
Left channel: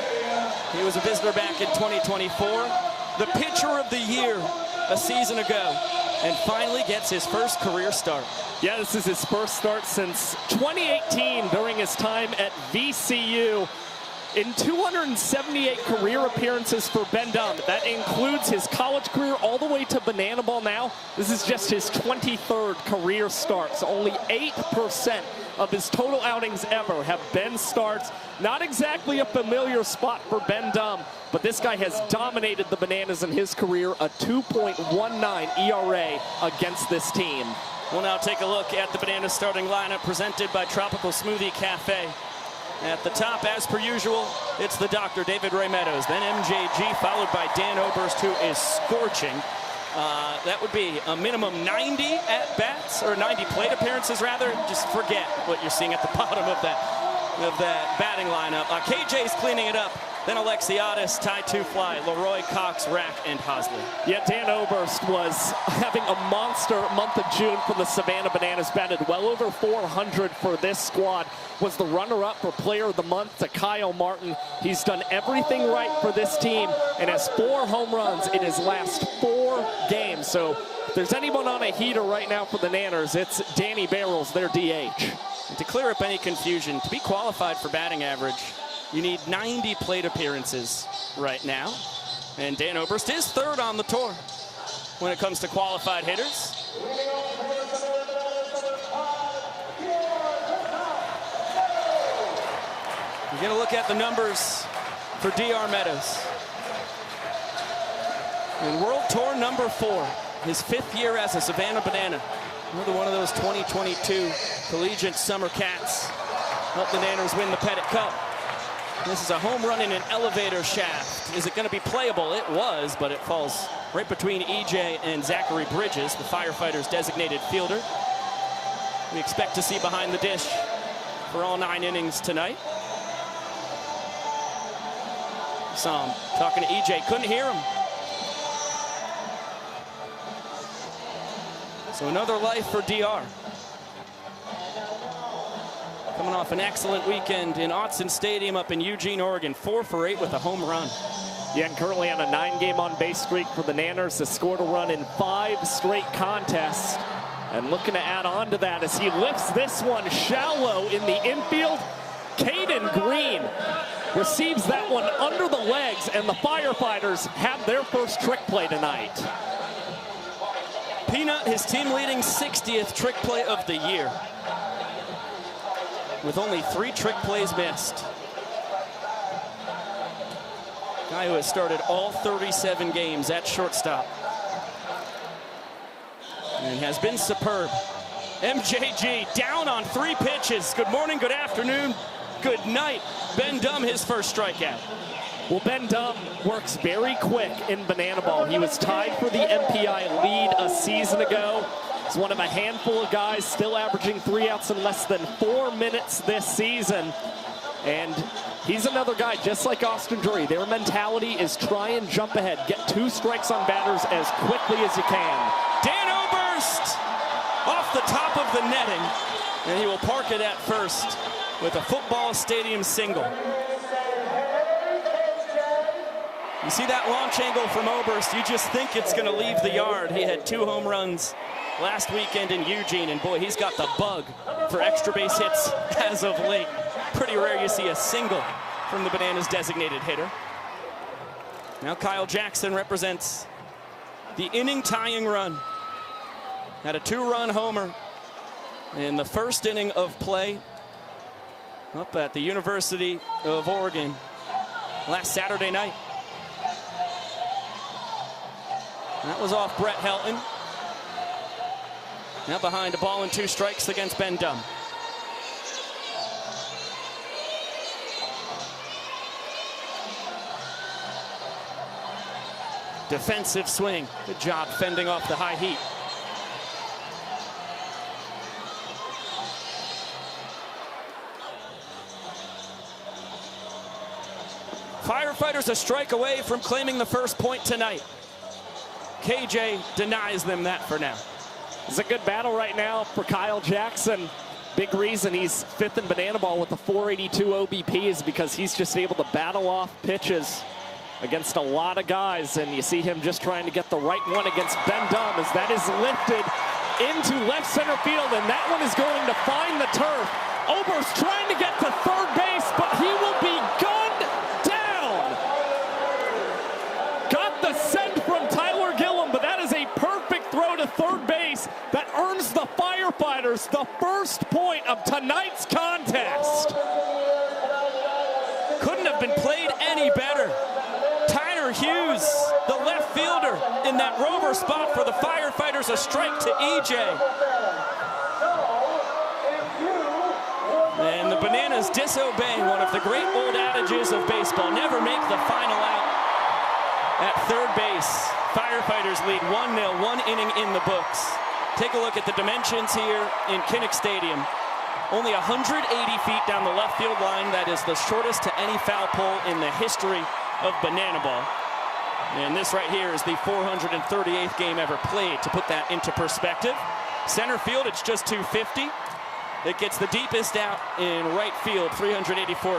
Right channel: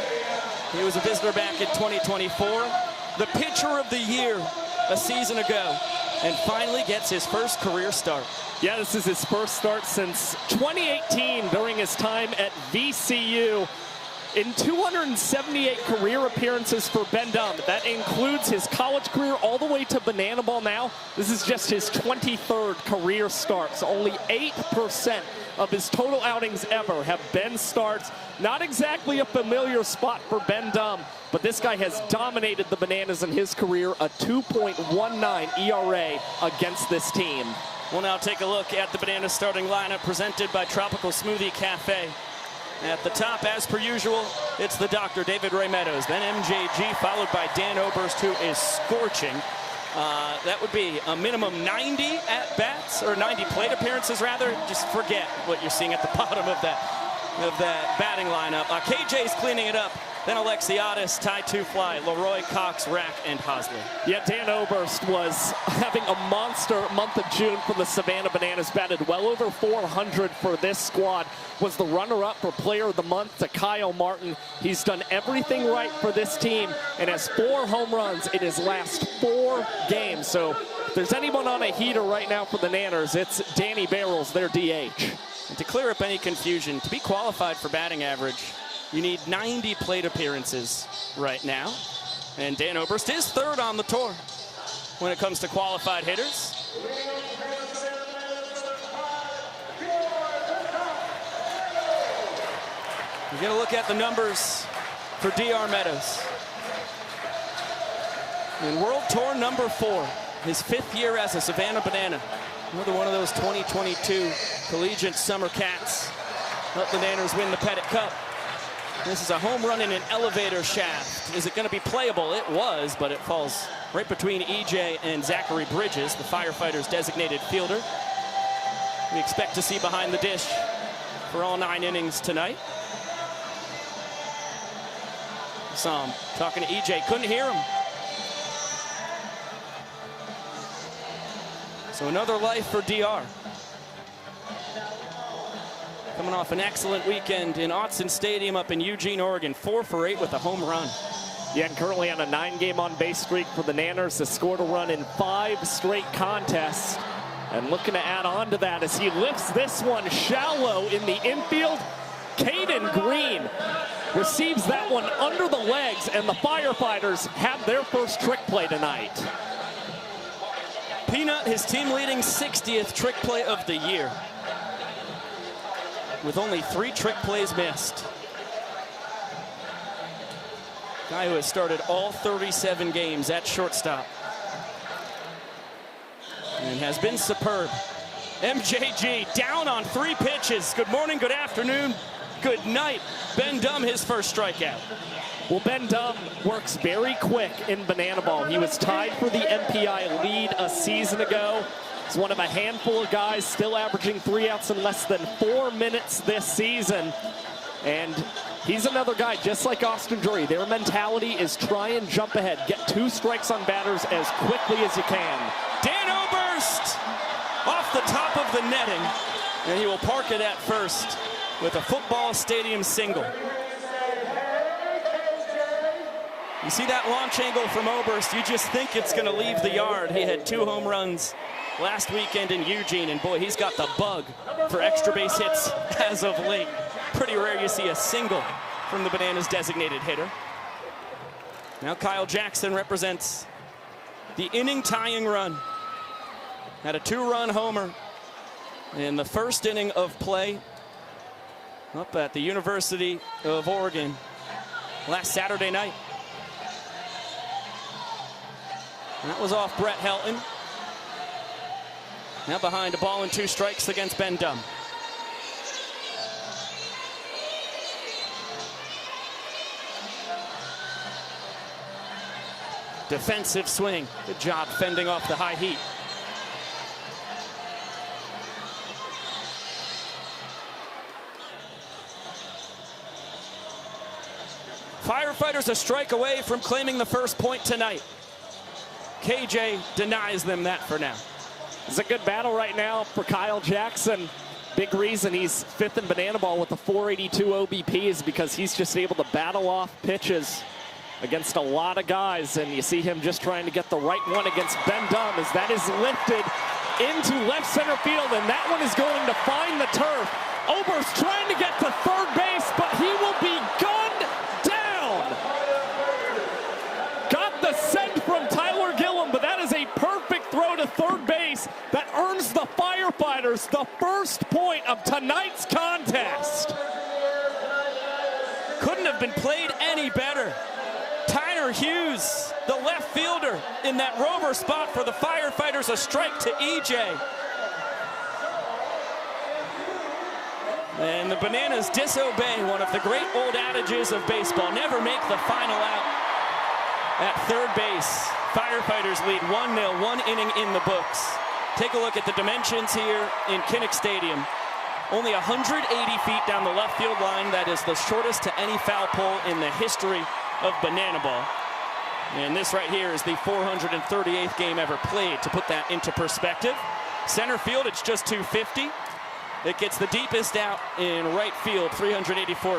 He was a visitor back in 2024. The pitcher of the year a season ago. And finally gets his first career start. Yeah, this is his first start since 2018 during his time at VCU. In 278 career appearances for Ben Dumb, that includes his college career all the way to banana ball now. This is just his 23rd career start. So only 8% of his total outings ever have been starts. Not exactly a familiar spot for Ben Dumb, but this guy has dominated the Bananas in his career, a 2.19 ERA against this team. We'll now take a look at the Bananas starting lineup presented by Tropical Smoothie Cafe. At the top, as per usual, it's the Dr. David Ray Meadows, then MJG, followed by Dan Oberst, who is scorching. That would be a minimum 90 at-bats, or 90 plate appearances, rather. Just forget what you're seeing at the bottom of that batting lineup. KJ's cleaning it up. Then Alexiadis, Ty Two-Fly, Leroy, Cox, Rack, and Hosmer. Yeah, Dan Oberst was having a monster month of June for the Savannah Bananas. Batted well over 400 for this squad. Was the runner-up for Player of the Month to Kyle Martin. He's done everything right for this team and has 4 home runs in his last 4 games. So if there's anyone on a heater right now for the Nanners, it's Danny Barrels, their DH. And to clear up any confusion, to be qualified for batting average, you need 90 plate appearances right now. And Dan Oberst is third on the tour when it comes to qualified hitters. We're going to look at the numbers for DR Meadows. In World Tour number 4, his 5th year as a Savannah Banana. Another one of those 2022 collegiate summer cats. Let the Nanners win the Pettit Cup. This is a home run in an elevator shaft. Is it going to be playable? It was, but it falls right between EJ and Zachary Bridges, the Firefighters' designated fielder. You expect to see behind the dish for all 9 innings tonight. Saw him talking to EJ, couldn't hear him. So another life for DR. Coming off an excellent weekend in Autzen Stadium up in Eugene, Oregon. 4 for 8 with a home run. Yet currently on a 9-game on-base streak for the Nanners, has scored a run in 5 straight contests. And looking to add on to that as he lifts this one shallow in the infield. Caden Green receives that one under the legs, and the Firefighters have their first trick play tonight. Peanut, his team-leading 60th trick play of the year, with only 3 trick plays missed. Guy who has started all 37 games at shortstop and has been superb. MJG down on 3 pitches. Good morning, good afternoon, good night. Ben Dumb, his first strikeout. Well, Ben Dumb works very quick in banana ball. He was tied for the MPI lead a season ago. He's one of a handful of guys still averaging 3 outs in less than 4 minutes this season. And he's another guy, just like Austin Drury. Their mentality is try and jump ahead. Get 2 strikes on batters as quickly as you can. Dan Oberst off the top of the netting. And he will park it at first with a football stadium single. You see that launch angle from Oberst, you just think it's going to leave the yard. He had 2 home runs last weekend in Eugene, and boy, he's got the bug for extra base hits as of late. Pretty rare you see a single from the Bananas designated hitter. Now Kyle Jackson represents the inning-tying run. Had a 2-run homer in the first inning of play up at the University of Oregon last Saturday night. That was off Brett Helton. Now behind a ball and 2 strikes against Ben Dumb. Defensive swing. Good job fending off the high heat. Firefighters a strike away from claiming the first point tonight. KJ denies them that for now. It's a good battle right now for Kyle Jackson. Big reason he's 5th in banana ball with a 482 OBP is because he's just able to battle off pitches against a lot of guys, and you see him just trying to get the right one against Ben Dunn as that is lifted into left center field, and that one is going to find the turf. Oberst trying to get to third base, but he will be gunned down. Got the send from Tyler Gillum, but that is a perfect throw to third base that earns the Firefighters the first point of tonight's contest. Couldn't have been played any better. Tyler Hughes, the left fielder, in that rover spot for the Firefighters, a strike to EJ. And the Bananas disobey one of the great old adages of baseball. Never make the final out. At third base, Firefighters lead 1-0, 1 inning in the books. Take a look at the dimensions here in Kinnick Stadium. Only 180 feet down the left field line. That is the shortest to any foul pole in the history of banana ball. And this right here is the 438th game ever played, to put that into perspective. Center field, it's just 250. It gets the deepest out in right field, 384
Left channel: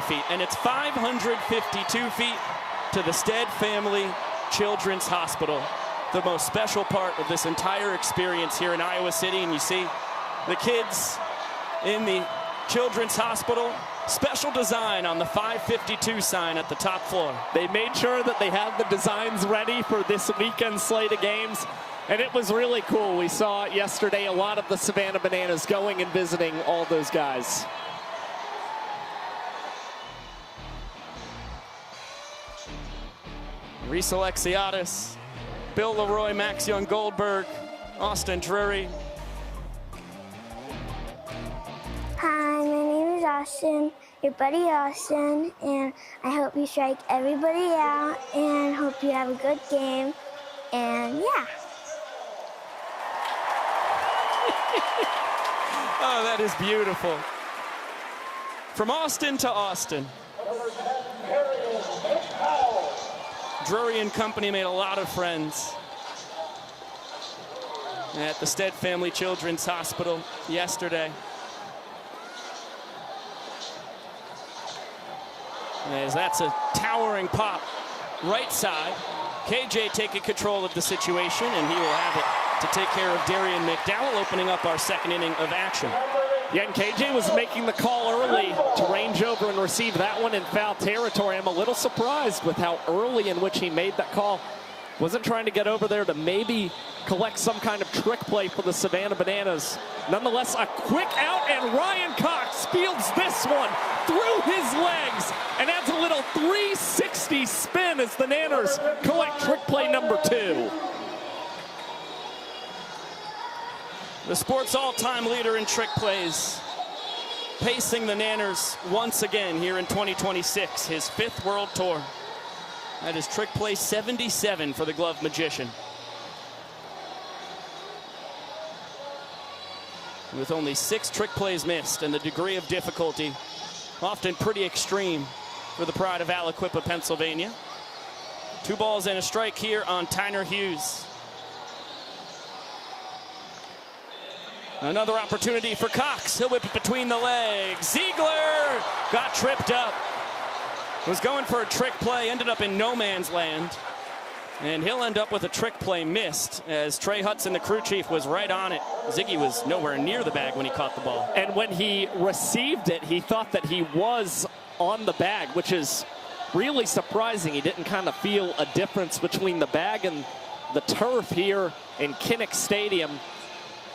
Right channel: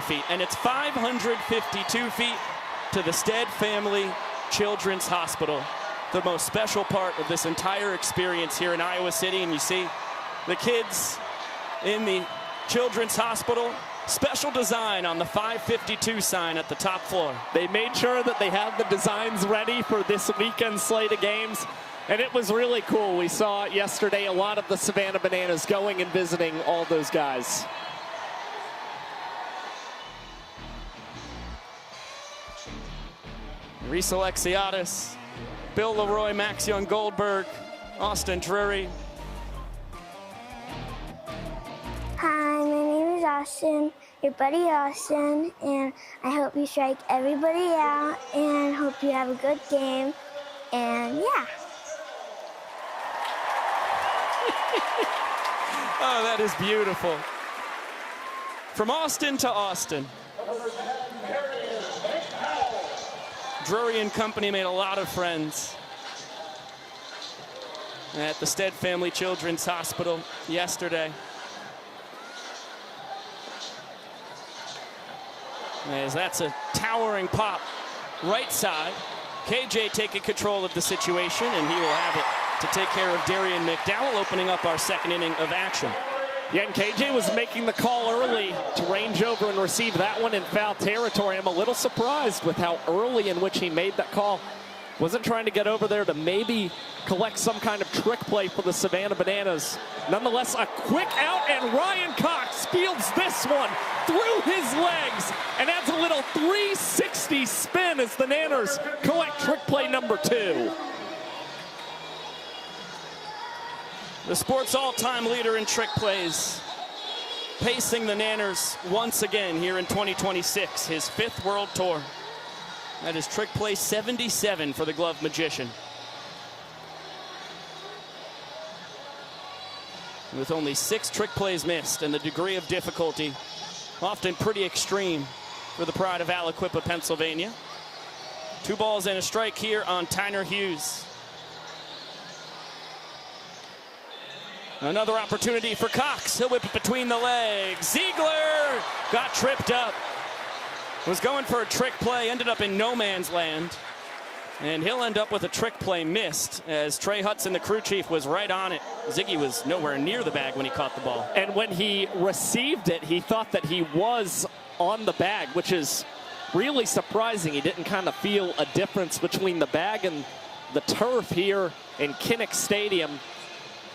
feet. And it's 552 feet to the Stead Family Children's Hospital, the most special part of this entire experience here in Iowa City. And you see the kids in the Children's Hospital. Special design on the 552 sign at the top floor. They made sure that they had the designs ready for this weekend slate of games, and it was really cool. We saw it yesterday, a lot of the Savannah Bananas going and visiting all those guys. Reese Alexiadis, Bill Leroy, Max Young Goldberg, Austin Drury. Hi, my name is Austin, your buddy Austin, and I hope you strike everybody out, and hope you have a good game, and yeah. Oh, that is beautiful. From Austin to Austin. Drury and company made a lot of friends at the Stead Family Children's Hospital yesterday. As that's a towering pop right side. KJ taking control of the situation, and he will have it to take care of Darian McDowell, opening up our second inning of action. Yeah, and KJ was making the call early to range over and receive that one in foul territory. I'm a little surprised with how early in which he made that call. Wasn't trying to get over there to maybe collect some kind of trick play for the Savannah Bananas. Nonetheless, a quick out, and Ryan Cox fields this one through his legs and adds a little 360 spin as the Nanners collect trick play number 2. The sport's all-time leader in trick plays, pacing the Nanners once again here in 2026, his 5th World Tour. That is trick play 77 for the Glove Magician. With only 6 trick plays missed, and the degree of difficulty often pretty extreme for the pride of Aliquippa, Pennsylvania. 2 balls and a strike here on Tyler Hughes. Another opportunity for Cox. He'll whip it between the legs. Ziegler got tripped up. Was going for a trick play, ended up in no man's land. And he'll end up with a trick play missed, as Trey Hudson, the crew chief, was right on it. Ziggy was nowhere near the bag when he caught the ball. And when he received it, he thought that he was on the bag, which is really surprising. He didn't kind of feel a difference between the bag and the turf here in Kinnick Stadium.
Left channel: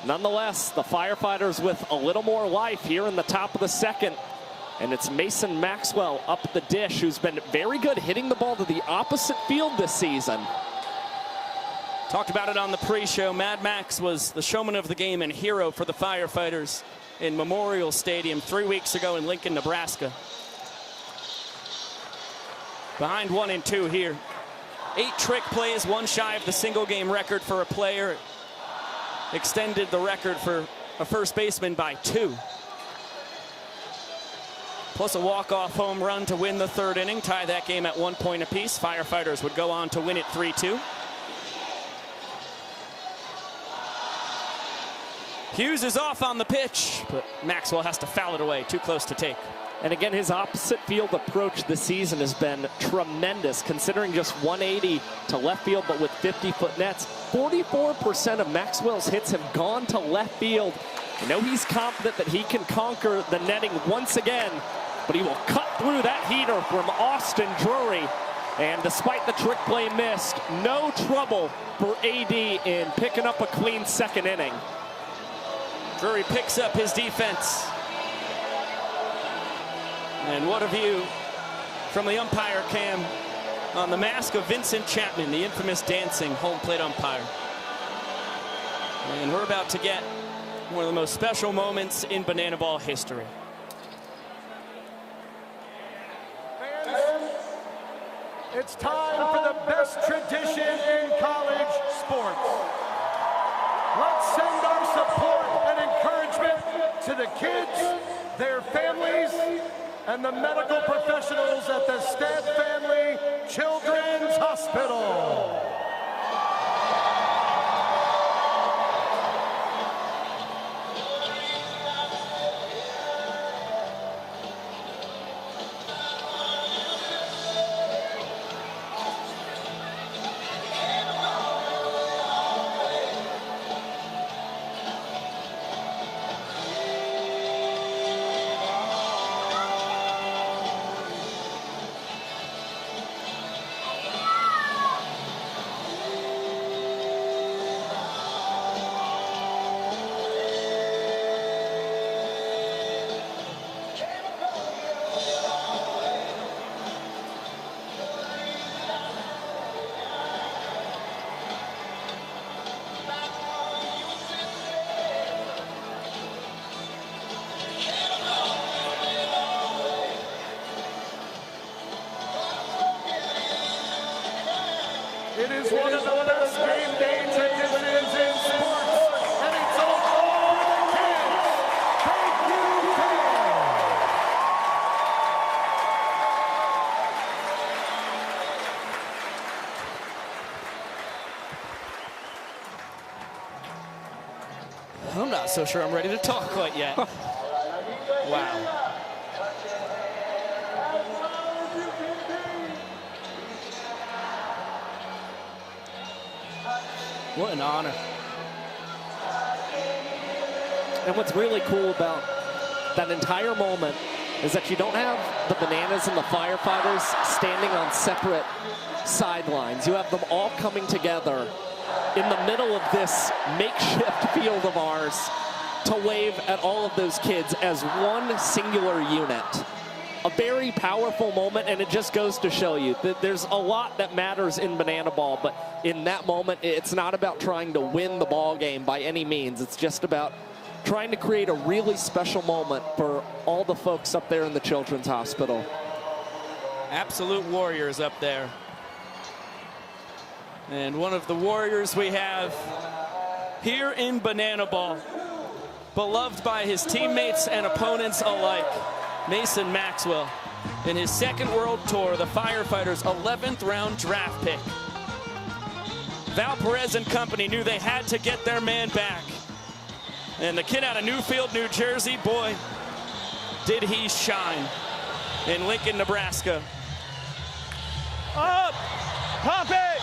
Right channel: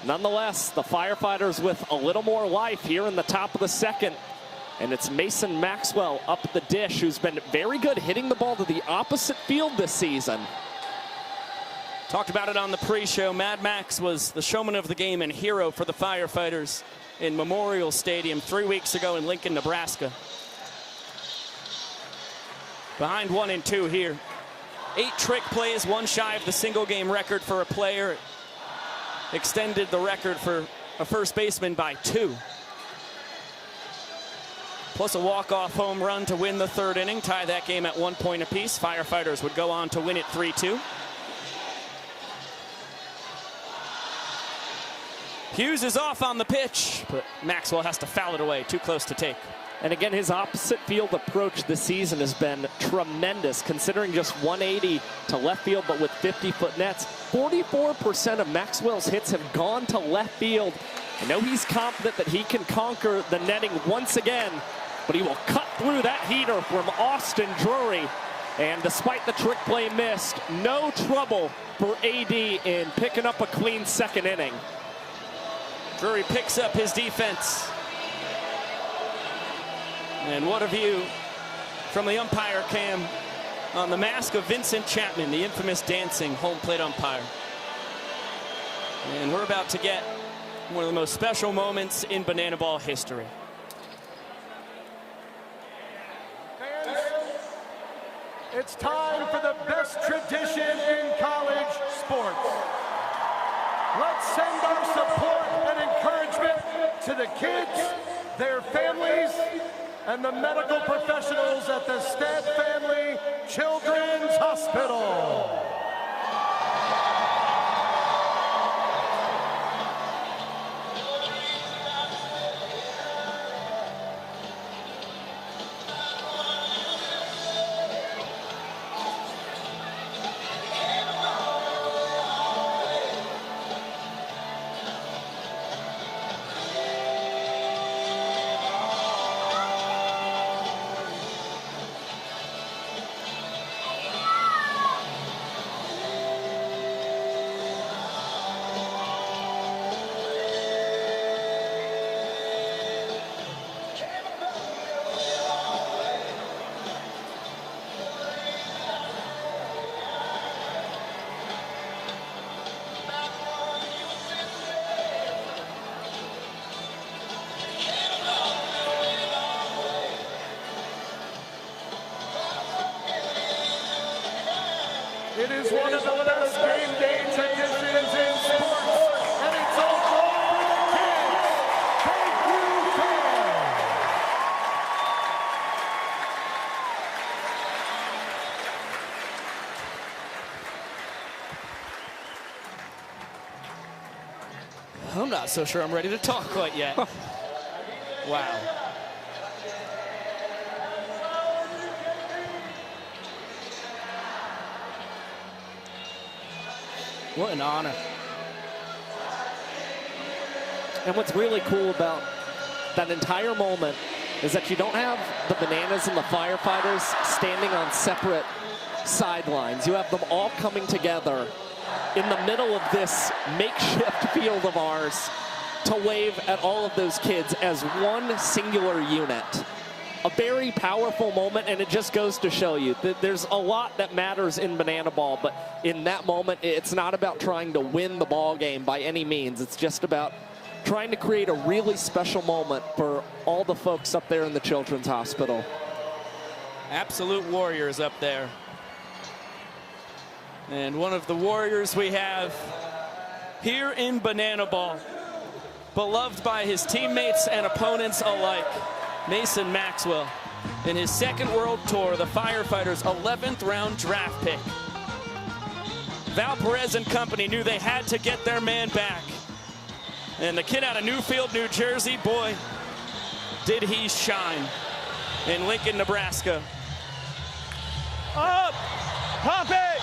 Nonetheless, the Firefighters with a little more life here in the top of the second. And it's Mason Maxwell up the dish, who's been very good hitting the ball to the opposite field this season. Talked about it on the pre-show. Mad Max was the showman of the game and hero for the Firefighters in Memorial Stadium 3 weeks ago in Lincoln, Nebraska. Behind 1-2 here. 8 trick plays, 1 shy of the single game record for a player. Extended the record for a first baseman by 2. Plus a walk-off home run to win the 3rd inning, tie that game at 1 point apiece. Firefighters would go on to win it 3-2. Hughes is off on the pitch, but Maxwell has to foul it away, too close to take. And again, his opposite field approach this season has been tremendous, considering just 180 to left field, but with 50-foot nets. 44% of Maxwell's hits have gone to left field. I know he's confident that he can conquer the netting once again, but he will cut through that heater from Austin Drury. And despite the trick play missed, no trouble for AD in picking up a clean 2nd inning. Drury picks up his defense. And what a view from the umpire cam on the mask of Vincent Chapman, the infamous dancing home plate umpire. And we're about to get one of the most special moments in Banana Ball history. It's time for the best tradition in college sports. Let's send our support and encouragement to the kids, their families, and the medical professionals at the Stead Family Children's Hospital. One of the best game day traditions in sports, and it's all for the kids. Thank you, I'm not so sure I'm ready to talk quite yet. Wow. What an honor. And what's really cool about that entire moment is that you don't have the Bananas and the Firefighters standing on separate sidelines. You have them all coming together in the middle of this makeshift field of ours to wave at all of those kids as one singular unit. A very powerful moment, and it just goes to show you that there's a lot that matters in Banana Ball, but in that moment, it's not about trying to win the ball game by any means. It's just about trying to create a really special moment for all the folks up there in the Children's Hospital. Absolute warriors up there. And one of the warriors we have here in Banana Ball, beloved by his teammates and opponents alike, Mason Maxwell. In his 2nd World Tour, the Firefighters' 11th round draft pick. Val Perez and company knew they had to get their man back. And the kid out of Newfield, New Jersey, boy, did he shine in Lincoln, Nebraska. Up! Pump it!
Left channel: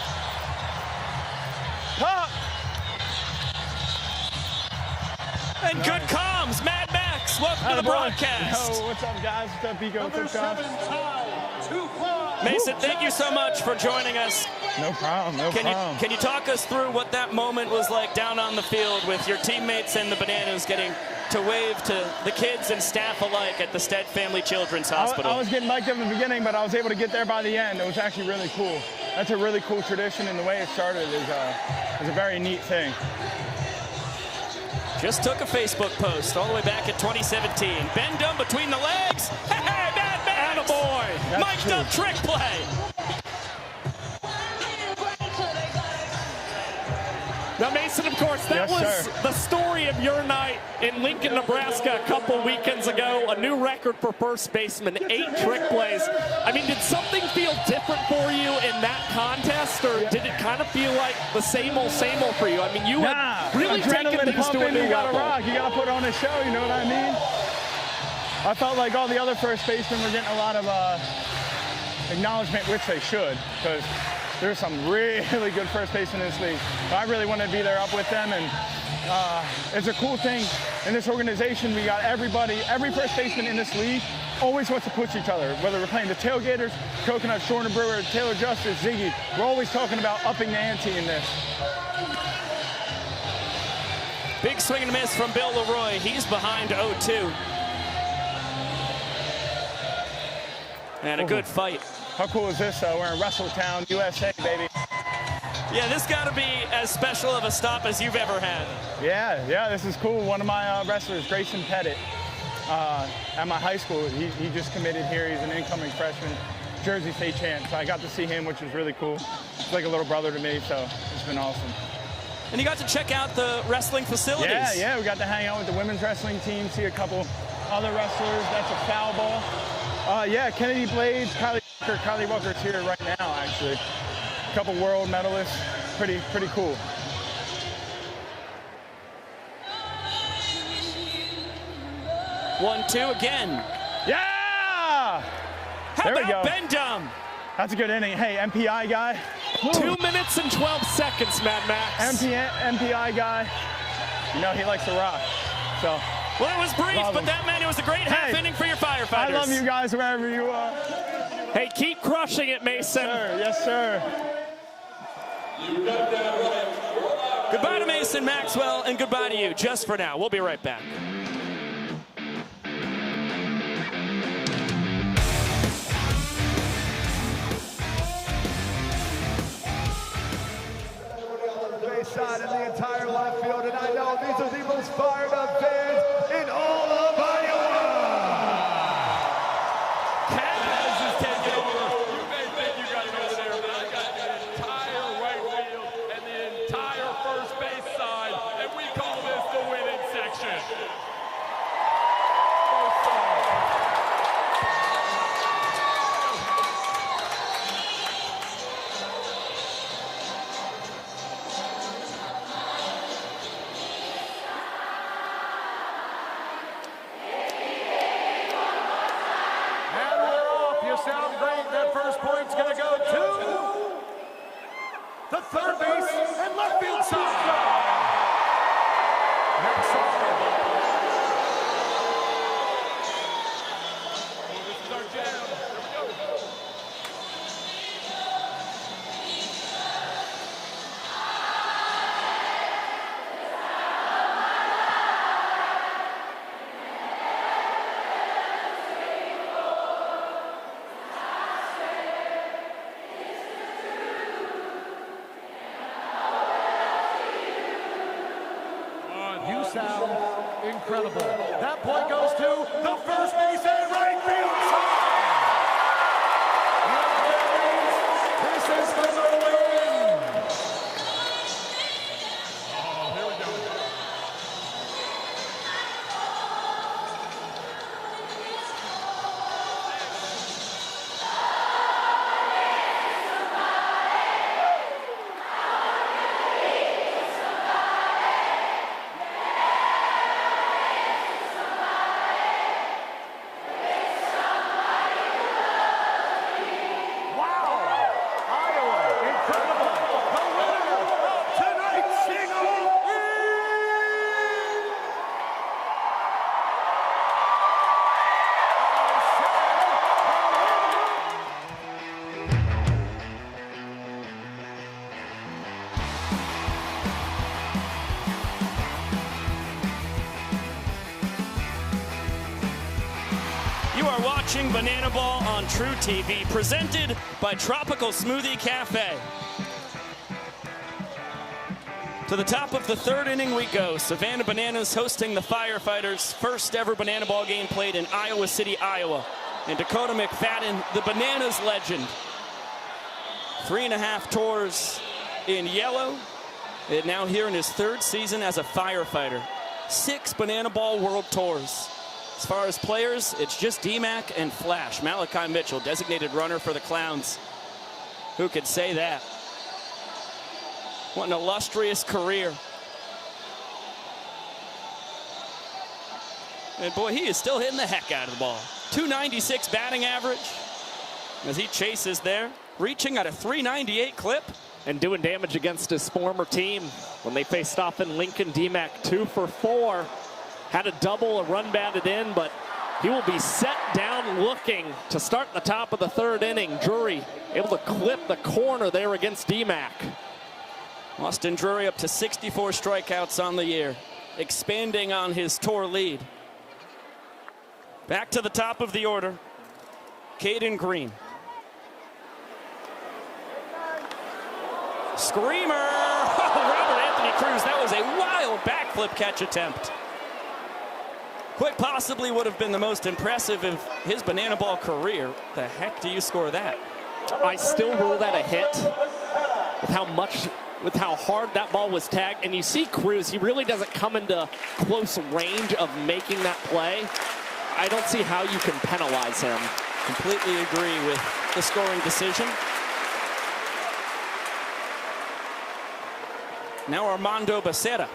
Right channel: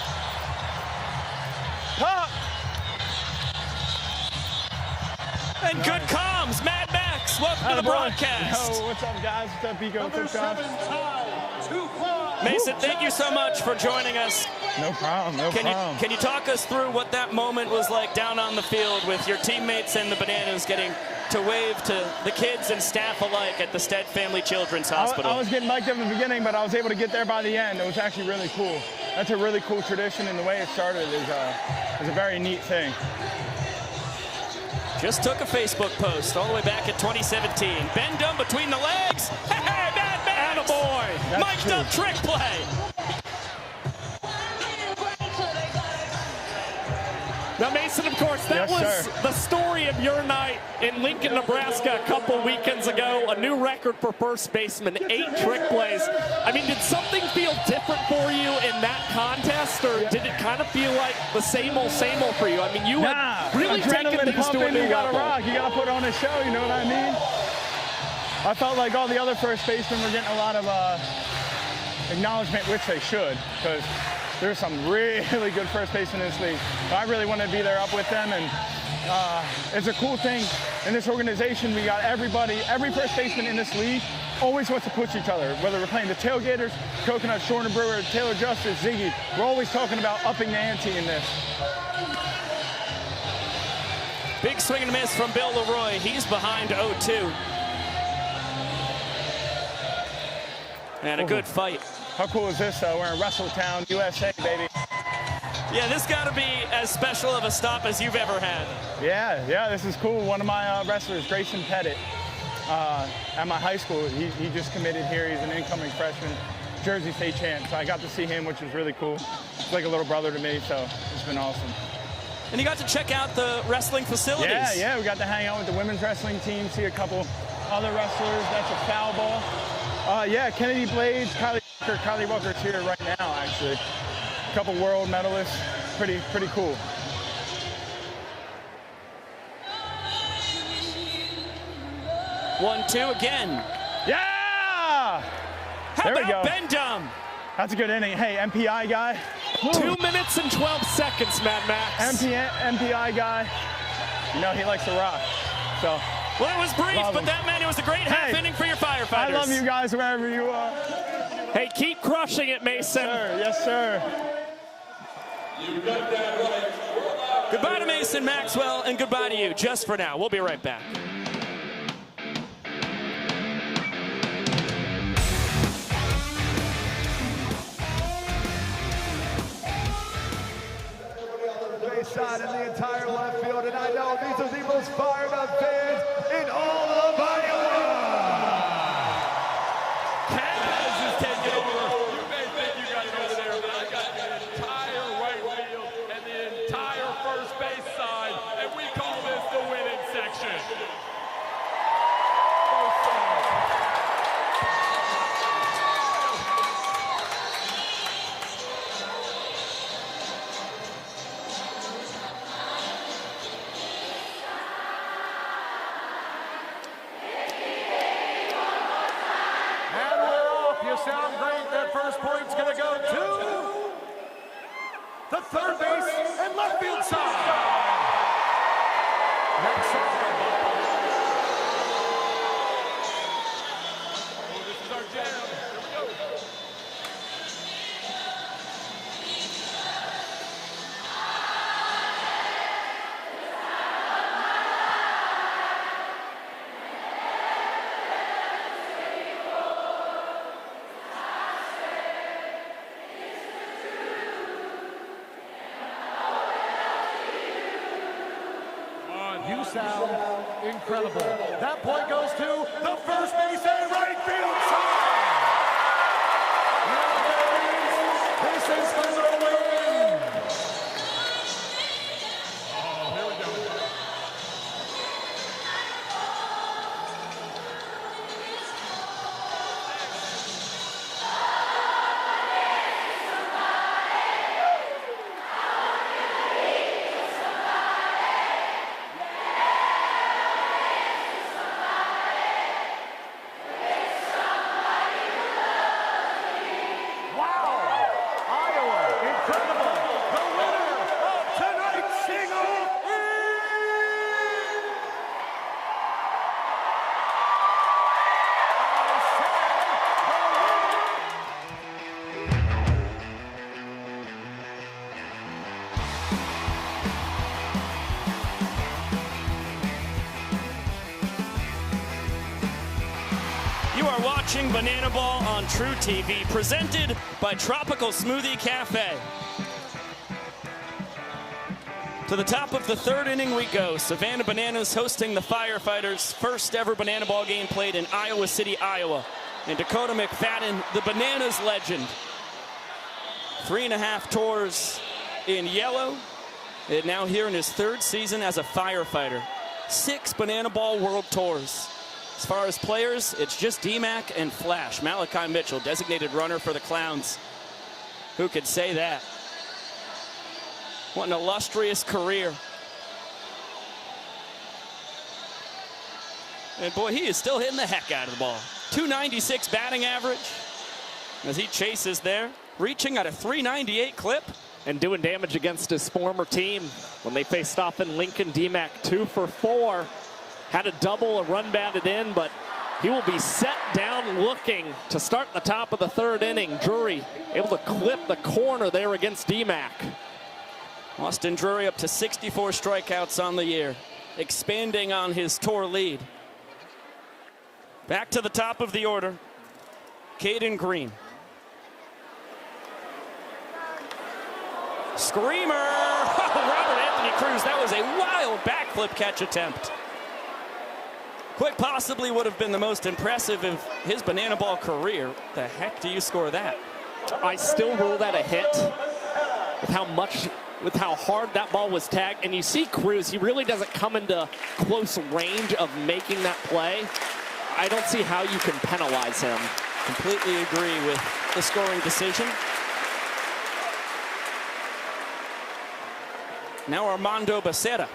Pump! And good comms, Mad Max, welcome to the broadcast. Yo, what's up, guys? What's up, Vigo? What's up, Mason, thank you so much for joining us. No problem, Can you talk us through what that moment was like down on the field with your teammates and the Bananas getting to wave to the kids and staff alike at the Stead Family Children's Hospital? I was getting mic'd up in the beginning, but I was able to get there by the end. It was actually really cool. That's a really cool tradition, and the way it started is a very neat thing. Just took a Facebook post all the way back in 2017. Bend down between the legs. Hey, Mad Max! Attaboy! Mic'd up trick play. Max, that was the story of your night in Lincoln, Nebraska a couple weekends ago. A new record for first baseman, 8 trick plays. I mean, did something feel different for you in that contest, or did it kind of feel like the same old for you? I mean, you had really taken things to a new level. You gotta rock, you gotta put on a show, you know what I mean? I felt like all the other first basemen were getting a lot of acknowledgement, which they should, because there's some really good first basemen in this league. I really wanted to be there up with them, and it's a cool thing in this organization. We got everybody, every first baseman in this league always wants to push each other, whether we're playing the Tailgaters, Coconut, Shorter Brewer, Taylor Justice, Ziggy. We're always talking about upping the ante in this. Big swing and a miss from Bill Leroy. He's behind 0-2. And a good fight. How cool is this? We're in Wrestletown, USA, baby. Yeah, this got to be as special of a stop as you've ever had. Yeah, this is cool. One of my wrestlers, Grayson Pettit, at my high school, he just committed here. He's an incoming freshman, Jersey State champ. So I got to see him, which was really cool. He's like a little brother to me, so it's been awesome. And you got to check out the wrestling facilities. Yeah, we got to hang out with the women's wrestling team, see a couple other wrestlers. That's a foul ball. Kennedy Blades, Kylie Walker's here right now, actually. A couple world medalists. Pretty cool. One, two again. Yeah! How there we about go. Bendum? That's a good inning. Hey, MPI guy. 2 minutes and 12 seconds, Mad Max. MPI guy. You know, he likes to rock. So. Well, it was brief, but that meant it was a great half inning for your Firefighters. I love you guys wherever you are. Hey, keep crushing it, Mason. Yes, sir. Goodbye to Mason Maxwell, and goodbye to you, just for now. We'll be right back. Shot in the entire left field, and I know these are the most fired up fans in all of Iowa. Campbell is taking over. You may think you got this here, but I got the entire right field and the entire first base side, and we call this the winning section. Point's going to go to the third base and left field side. Next side. You sound incredible. That point goes to the first base and right field side. This is for the win. Oh, here we go. Banana Ball on True TV, presented by Tropical Smoothie Cafe. To the top of the third inning we go. Savannah Bananas hosting the Firefighters. First ever Banana Ball game played in Iowa City, Iowa. And Dakota McFadden, the Bananas legend. 3.5 tours in yellow, And now here in his third season as a firefighter. 6 Banana Ball World Tours. As far as players, it's just D-Mac and Flash. Malachi Mitchell, designated runner for the Clowns. Who could say that? What an illustrious career. And boy, he is still hitting the heck out of the ball. 296 batting average as he chases there, reaching at a 398 clip. And doing damage against his former team when they faced off in Lincoln. D-Mac 2 for 4. Had a double, a run batted in, but he will be set down looking to start the top of the third inning. Drury able to clip the corner there against D-Mac. Austin Drury up to 64 strikeouts on the year, expanding on his tour lead. Back to the top of the order, Caden Green. Screamer! Oh, Robert Anthony Cruz, that was a wild backflip catch attempt. Quite possibly would have been the most impressive of his Banana Ball career. The heck do you score that? I still rule that a hit with how hard that ball was tagged. And you see Cruz, he really doesn't come into close range of making that play. I don't see how you can penalize him. Completely agree with the scoring decision. Now Armando Becerra.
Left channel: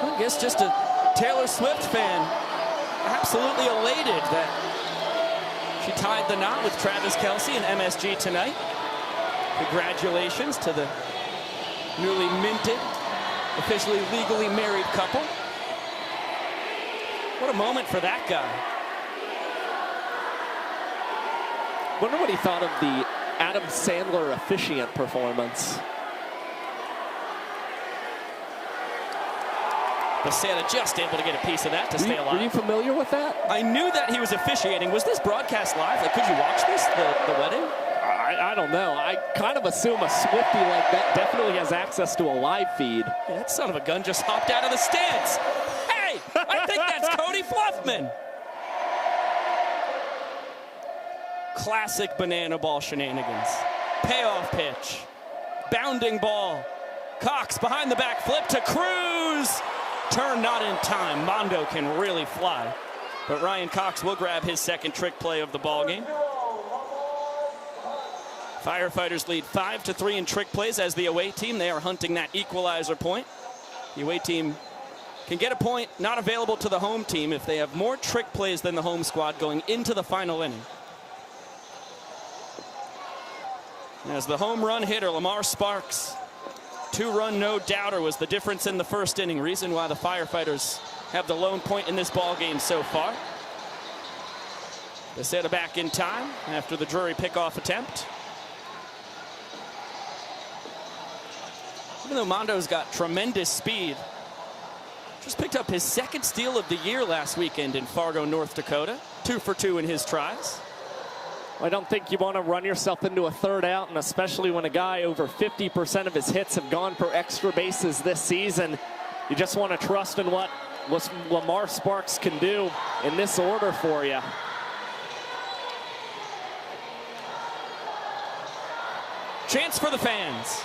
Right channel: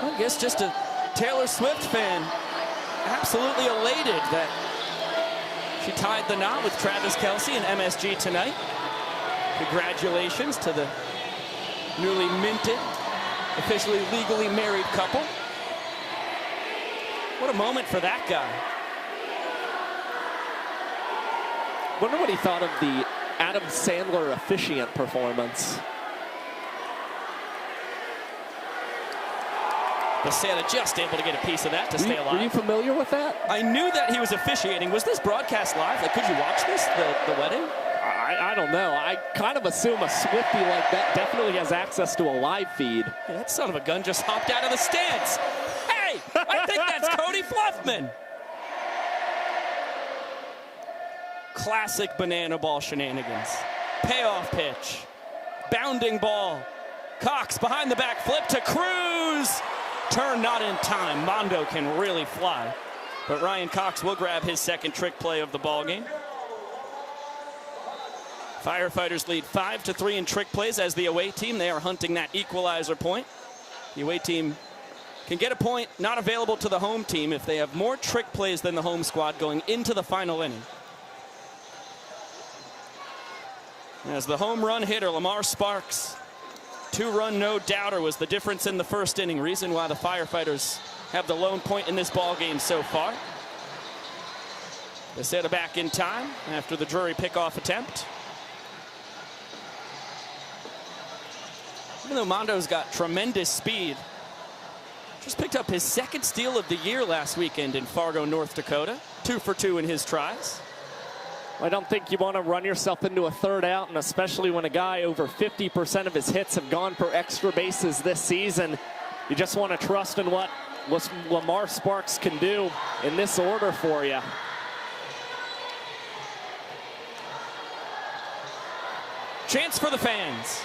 I guess just a Taylor Swift fan, absolutely elated that she tied the knot with Travis Kelce and MSG tonight. Congratulations to the newly minted, officially legally married couple. What a moment for that guy. Wonder what he thought of the Adam Sandler officiant performance. Becerra just able to get a piece of that to stay alive. Were you familiar with that? I knew that he was officiating. Was this broadcast live? Like, could you watch this, the wedding? I don't know. I kind of assume a Swiftie like that definitely has access to a live feed. Yeah, that son of a gun just hopped out of the stands. Hey, I think that's Cody Fluffman. Classic Banana Ball shenanigans. Payoff pitch. Bounding ball. Cox behind the back flip to Cruz. Turn not in time. Mondo can really fly. But Ryan Cox will grab his second trick play of the ballgame. Firefighters lead 5-3 in trick plays as the away team. They are hunting that equalizer point. The away team can get a point not available to the home team if they have more trick plays than the home squad going into the final inning. As the home run hitter, Lamar Sparks, 2-run no-doubter was the difference in the first inning. Reason why the Firefighters have the lone point in this ball game so far. They set it back in time after the Drury pickoff attempt. Even though Mondo's got tremendous speed, just picked up his second steal of the year last weekend in Fargo, North Dakota. 2 for 2 in his tries. I don't think you want to run yourself into a third out, and especially when a guy over 50% of his hits have gone for extra bases this season. You just want to trust in what Lamar Sparks can do in this order for you. Chance for the fans.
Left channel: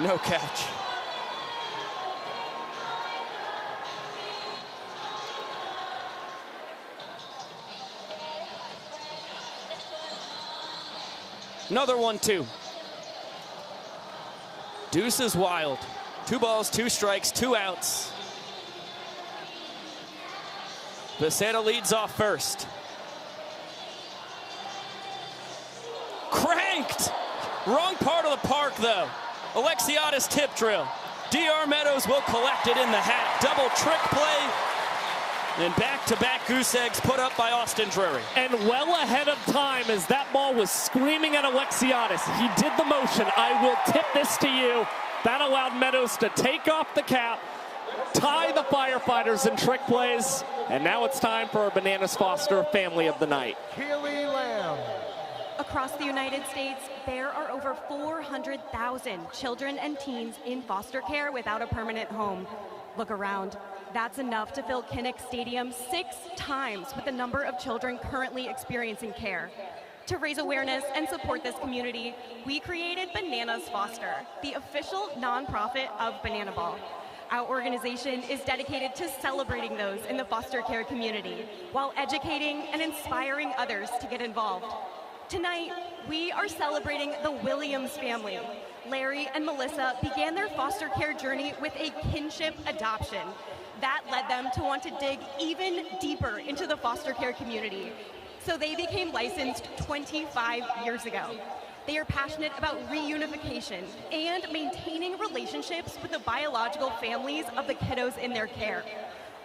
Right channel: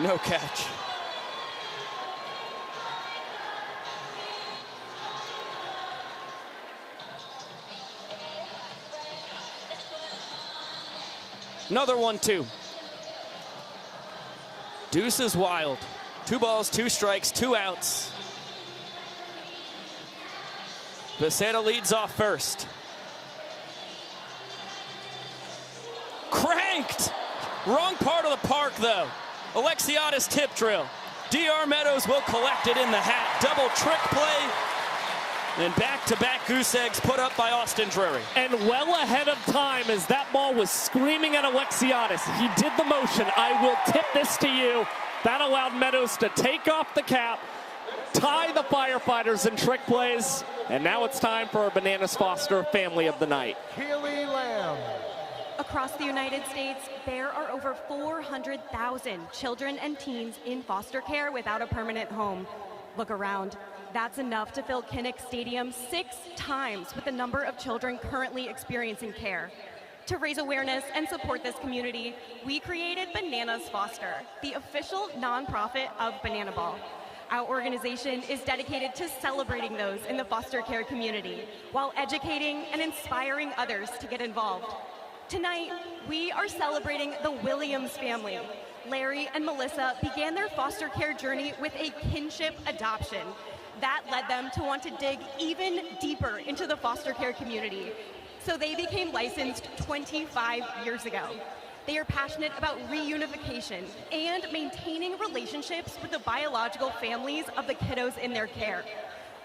No catch. Another 1-2. Deuce is wild. 2 balls, 2 strikes, 2 outs. Becerra leads off first. Cranked! Wrong part of the park, though. Alexiadis tip drill. D.R. Meadows will collect it in the hat. Double trick play. And back-to-back goose eggs put up by Austin Drury. And well ahead of time as that ball was screaming at Alexiadis. He did the motion. I will tip this to you. That allowed Meadows to take off the cap, tie the Firefighters in trick plays, and now it's time for our Bananas Foster Family of the Night. Keely Lamb. Across the United States, there are over 400,000 children and teens in foster care without a permanent home. Look around. That's enough to fill Kinnick Stadium 6 times with the number of children currently experiencing care. To raise awareness and support this community, we created Bananas Foster, the official nonprofit of Banana Ball. Our organization is dedicated to celebrating those in the foster care community while educating and inspiring others to get involved. Tonight, we are celebrating the Williams family. Larry and Melissa began their foster care journey with a kinship adoption. That led them to want to dig even deeper into the foster care community. So they became licensed 25 years ago. They are passionate about reunification and maintaining relationships with the biological families of the kiddos in their care.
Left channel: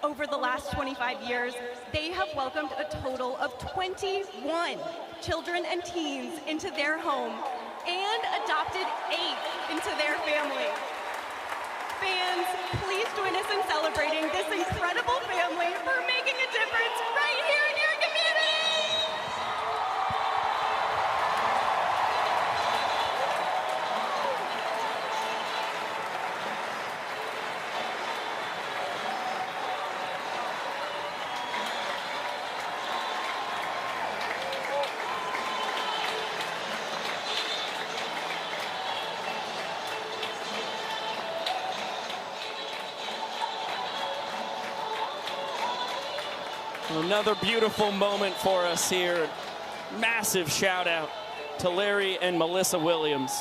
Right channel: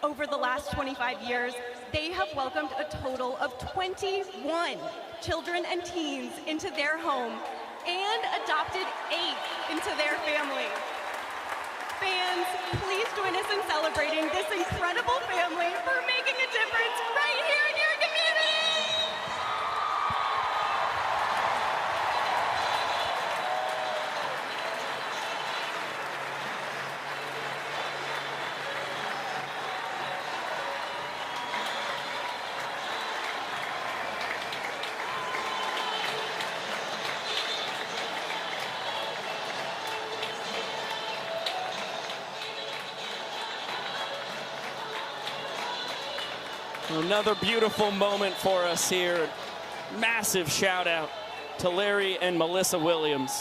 Over the last 25 years, they have welcomed a total of 21 children and teens into their home and adopted 8 into their family. Fans, please join us in celebrating this incredible family for making a difference right here in your community. Another beautiful moment for us here. Massive shout out to Larry and Melissa Williams,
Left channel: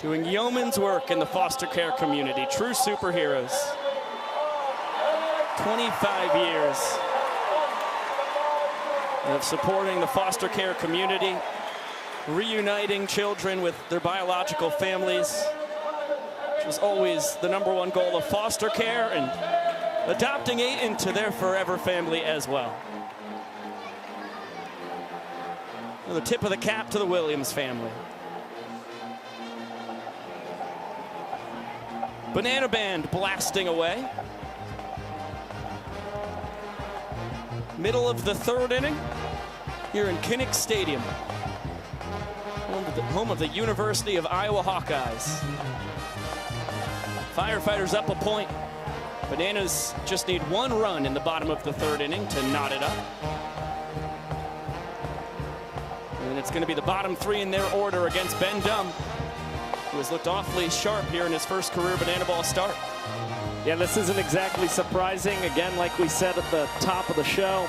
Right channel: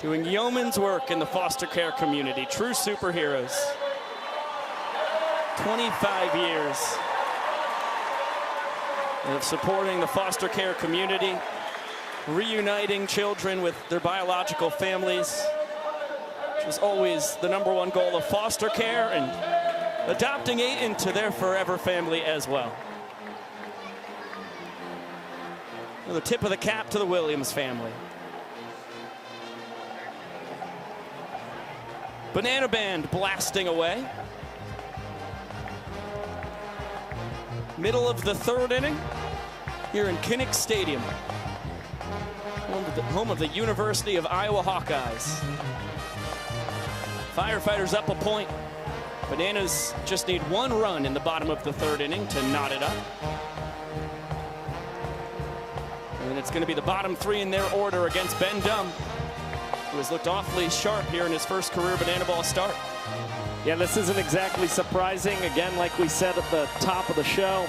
doing yeoman's work in the foster care community. True superheroes. 25 years of supporting the foster care community, reuniting children with their biological families, which is always the #1 goal of foster care, and adopting 8 into their forever family as well. The tip of the cap to the Williams family. Banana Band blasting away. Middle of the 3rd inning here in Kinnick Stadium, home of the University of Iowa Hawkeyes. Firefighters up a point. Bananas just need 1 run in the bottom of the 3rd inning to knot it up. And it's going to be the bottom 3 in their order against Ben Dunn, who has looked awfully sharp here in his first career Banana Ball start. Yeah, this isn't exactly surprising. Again, like we said at the top of the show,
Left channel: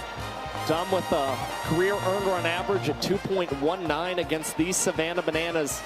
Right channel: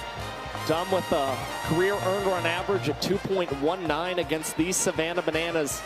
Dunn with a career earned run average of 2.19 against these Savannah Bananas.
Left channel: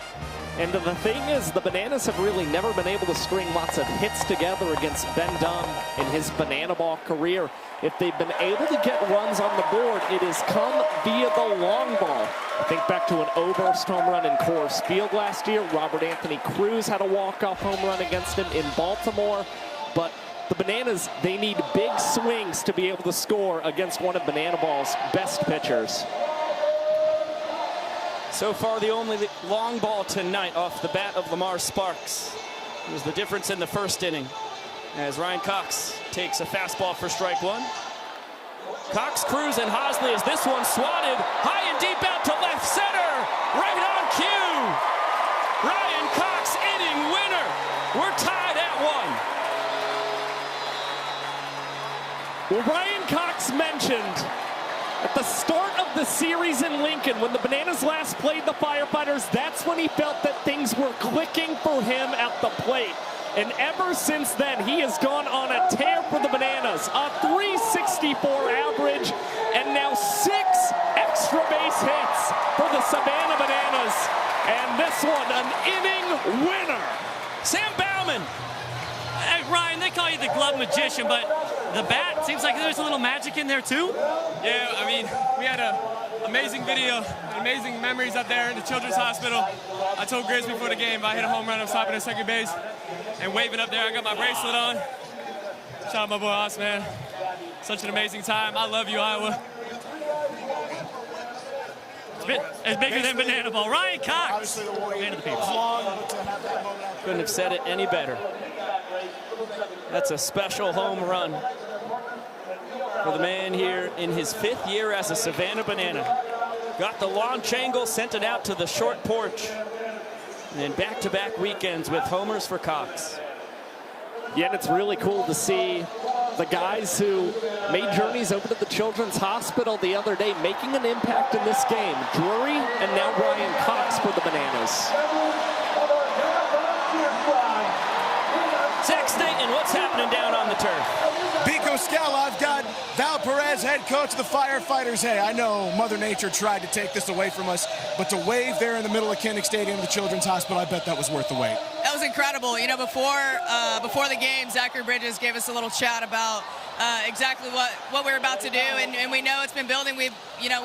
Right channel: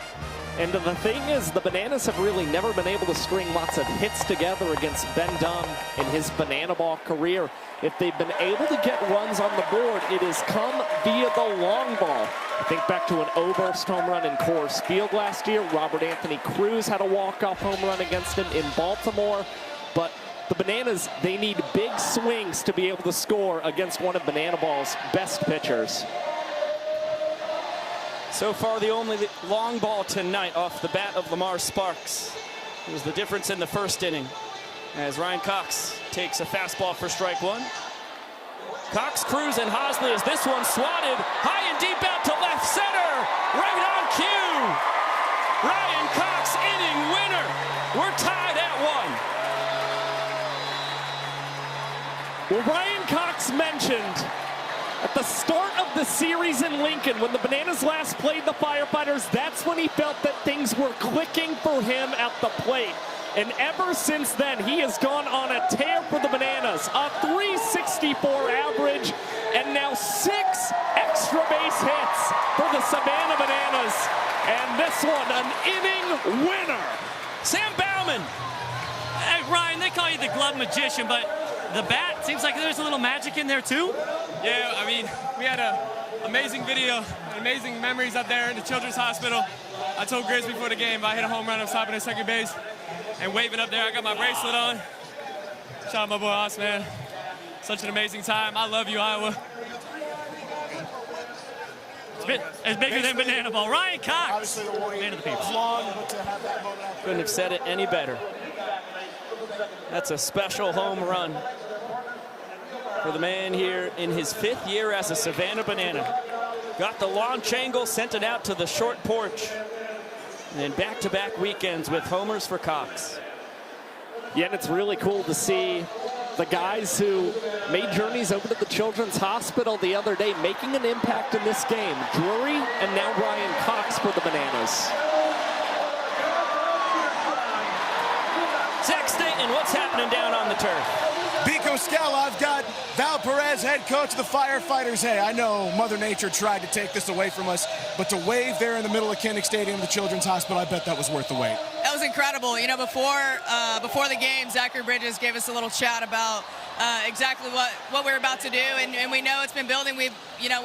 And the thing is, the Bananas have really never been able to string lots of hits together against Ben Dunn in his Banana Ball career. If they've been able to get runs on the board, it has come via the long ball. I think back to an Oberst home run in Coors Field last year. Robert Anthony Cruz had a walk-off home run against him in Baltimore. But the Bananas, they need big swings to be able to score against one of Banana Ball's best pitchers. So far, the only long ball tonight off the bat of Lamar Sparks. It was the difference in the 1st inning, as Ryan Cox takes a fastball for strike 1. Cox, Cruz, and Hosley as this one swatted high and deep out to left center. Right on cue. Ryan Cox, inning winner. We're tied at 1. Well, Ryan Cox mentioned at the start of the series in Lincoln, when the Bananas last played the Firefighters, that's when he felt that things were clicking for him at the plate. And ever since then, he has gone on a tear for the Bananas. A 364 average, and now 6 extra base hits for the Savannah Bananas. And this one, an inning winner. Sam Bauman. Hey, Ryan, they call you the glove magician, but the bat seems like there's a little magic in there, too? Yeah, I mean, we had an amazing video, amazing memories up there in the Children's Hospital. I told Grizz before the game, I hit a home run, I'm stopping at second base and waving up there. I got my bracelet on. Shout out my boy Os, man. Such an amazing time. I love you, Iowa. It's bigger than Banana Ball. Ryan Cox, man of the people. Couldn't have said it any better. That's a special home run for the man here in his 5th year as a Savannah Banana. Got the launch angle, sent it out to the short porch. And back-to-back weekends with homers for Cox. Yeah, and it's really cool to see the guys who made journeys over to the Children's Hospital the other day making an impact in this game. Drury and now Brian Cox for the Bananas. Zach Staten, what's happening down on the turf? Pico Scala, I've got Val Perez, head coach of the Firefighters. Hey, I know Mother Nature tried to take this away from us, but to wave there in the middle of Kinnick Stadium, the Children's Hospital, I bet that was worth the wait. That was incredible. You know, before the game, Zachary Bridges gave us a little chat about exactly what we're about to do, and we know it's been building. We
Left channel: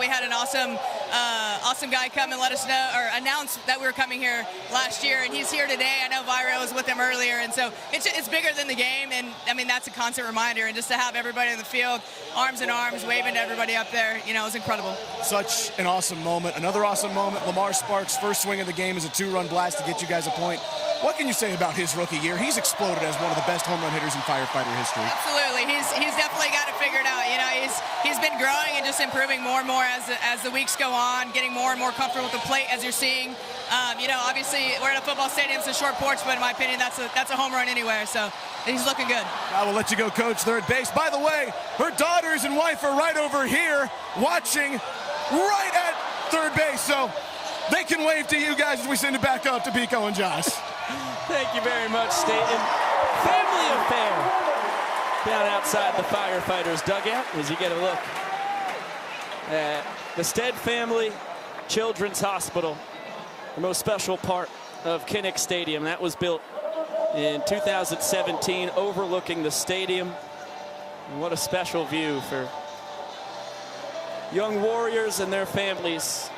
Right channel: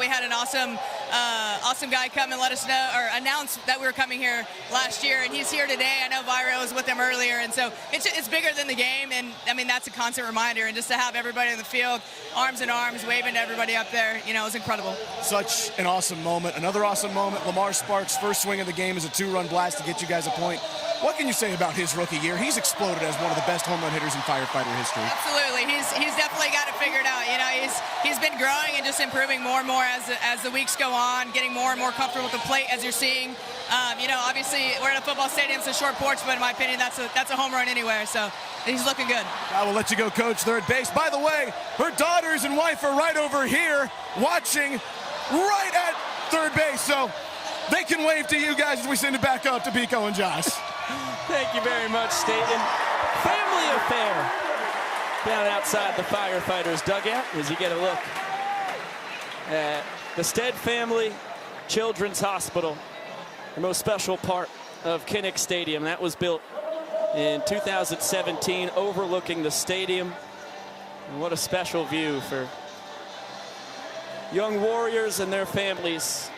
had an awesome guy come and let us know, or announce that we were coming here last year, and he's here today. I know Viro was with him earlier, and so it's bigger than the game, and I mean that's a constant reminder, and just to have everybody in the field, arms in arms, waving to everybody up there, it was incredible. Such an awesome moment. Another awesome moment, Lamar Sparks' first swing of the game is a 2-run blast to get you guys a point. What can you say about his rookie year? He's exploded as one of the best home run hitters in Firefighter history. Absolutely. He's definitely got it figured out. He's been growing and just improving more and more as the weeks go on, getting more and more comfortable with the plate as you're seeing. Obviously we're at a football stadium, it's a short porch, but in my opinion that's a home run anywhere, so he's looking good. I will let you go, Coach, third base. By the way, her daughters and wife are right over here watching right at third base, so they can wave to you guys as we send it back up to Pico and Josh. Thank you very much, Staten. Family affair down outside the Firefighters dugout as you get a look at the Stead family Children's Hospital, the most special part of Kinnick Stadium. That was built in 2017, overlooking the stadium. And what a special view for young warriors and their families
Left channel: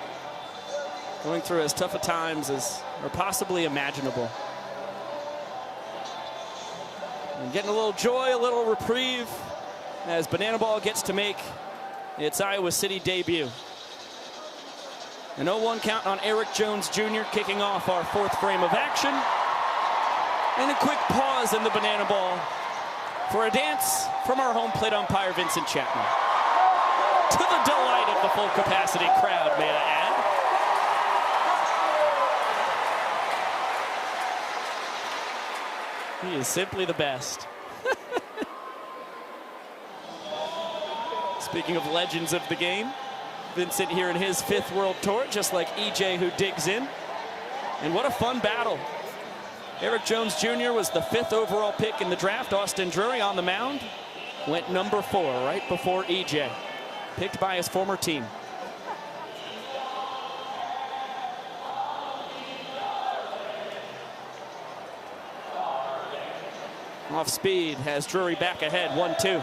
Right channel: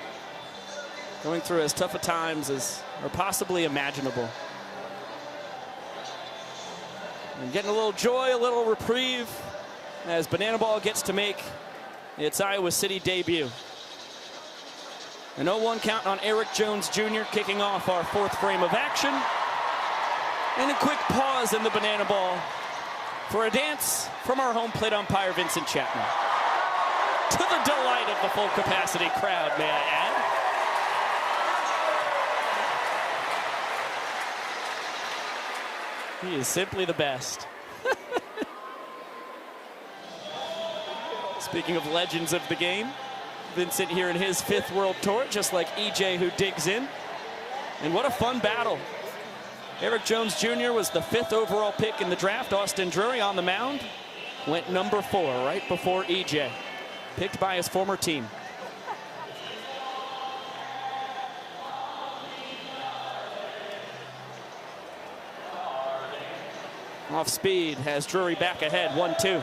going through as tough a times as are possibly imaginable. And getting a little joy, a little reprieve as Banana Ball gets to make its Iowa City debut. An 0-1 count on Eric Jones Jr. kicking off our 4th frame of action. And a quick pause in the Banana Ball for a dance from our home plate umpire, Vincent Chapman. To the delight of the full capacity crowd, may I add. He is simply the best. Speaking of legends of the game, Vincent here in his 5th World Tour, just like EJ who digs in. And what a fun battle. Eric Jones Jr. was the 5th overall pick in the draft. Austin Drury on the mound went number 4 right before EJ, picked by his former team. Off speed has Drury back ahead, 1-2.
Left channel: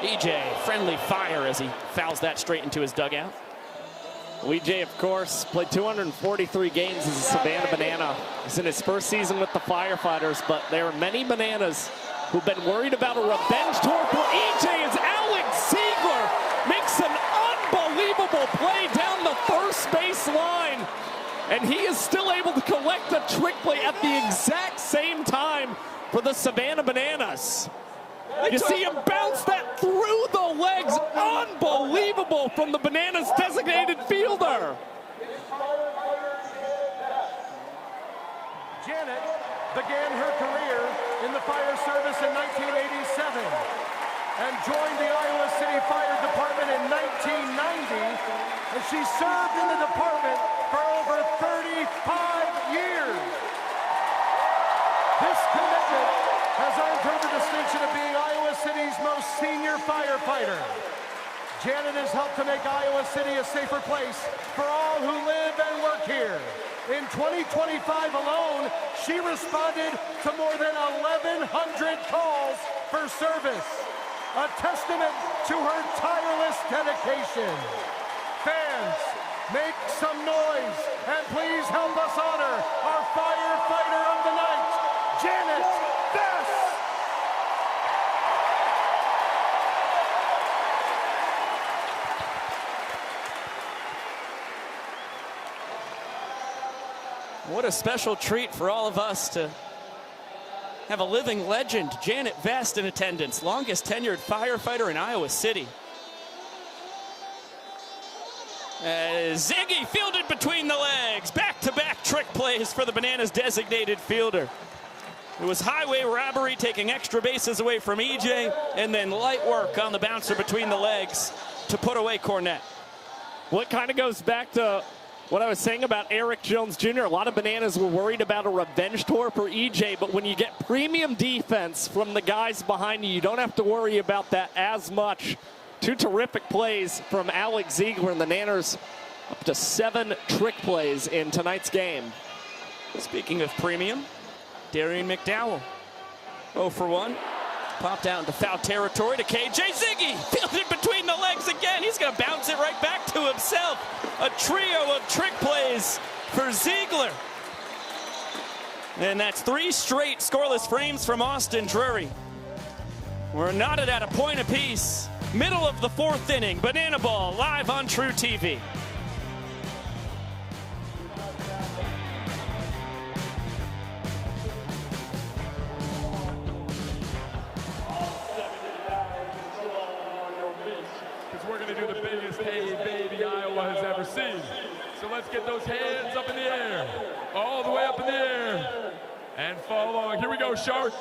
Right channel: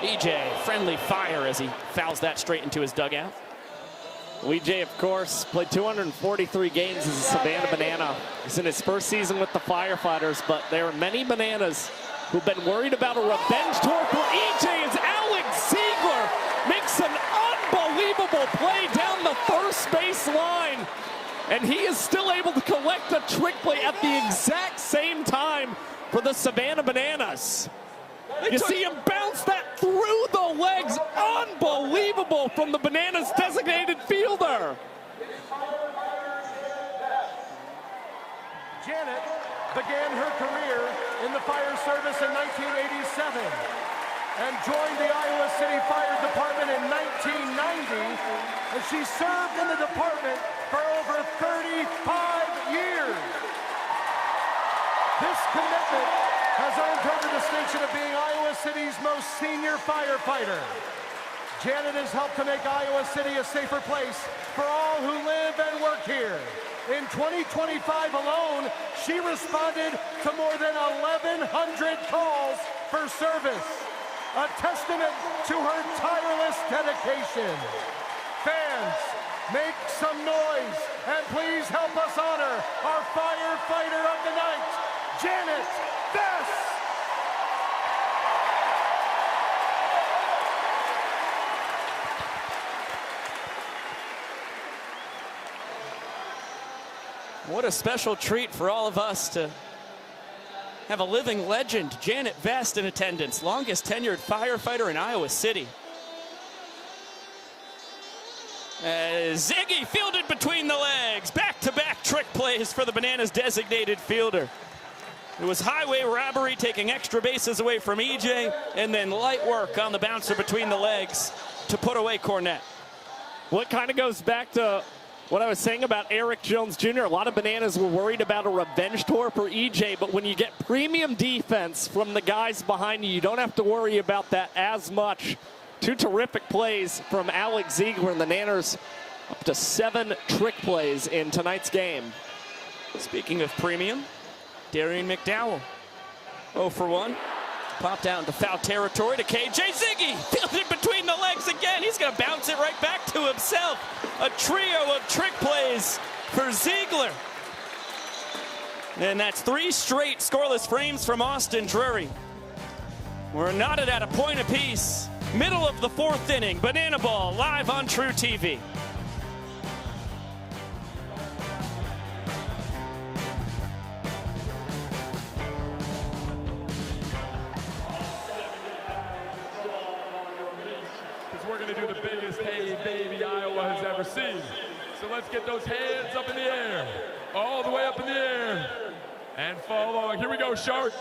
EJ, friendly fire as he fouls that straight into his dugout. EJ, of course, played 243 games as a Savannah Banana. He's in his first season with the Firefighters, but there are many Bananas who've been worried about a revenge tour for EJ as Alan Ziegler makes an unbelievable play down the first base line. And he is still able to collect a trick play at the exact same time for the Savannah Bananas. You see him bounce that through the legs. Unbelievable from the Bananas designated fielder. Janet began her career in the fire service in 1987 and joined the Iowa City Fire Department in 1990, and she served in the department for over 35 years. This commitment has earned her the distinction of being Iowa City's most senior firefighter. Janet has helped to make Iowa City a safer place for all who live and work here. In 2025 alone, she responded to more than 1,100 calls for service, a testament to her tireless dedication. Fans, make some noise and please help us honor our firefighter of the night, Janet Bess. What a special treat for all of us to have a living legend, Janet Vest, in attendance, longest tenured firefighter in Iowa City. Ziggy fielded between the legs. Back-to-back trick plays for the Bananas designated fielder. It was highway robbery, taking extra bases away from EJ, and then light work on the bouncer between the legs to put away Cornett. What kind of goes back to what I was saying about Eric Jones Jr. A lot of Bananas were worried about a revenge tour for EJ, but when you get premium defense from the guys behind you, you don't have to worry about that as much. Two terrific plays from Alex Ziegler, and the Nanners up to 7 trick plays in tonight's game. Speaking of premium, Darian McDowell, 0 for 1. Popped out into foul territory to KJ Ziggy. Fielded between the legs again. He's going to bounce it right back to himself. A trio of trick plays for Ziegler. And that's 3 straight scoreless frames from Austin Drury. We're knotted at a point apiece. Middle of the 4th inning. Banana Ball live on True TV. Hey, baby, Iowa has ever seen. So let's get those hands up in the air. All the way up in the air. And follow along. Here we go, Shark.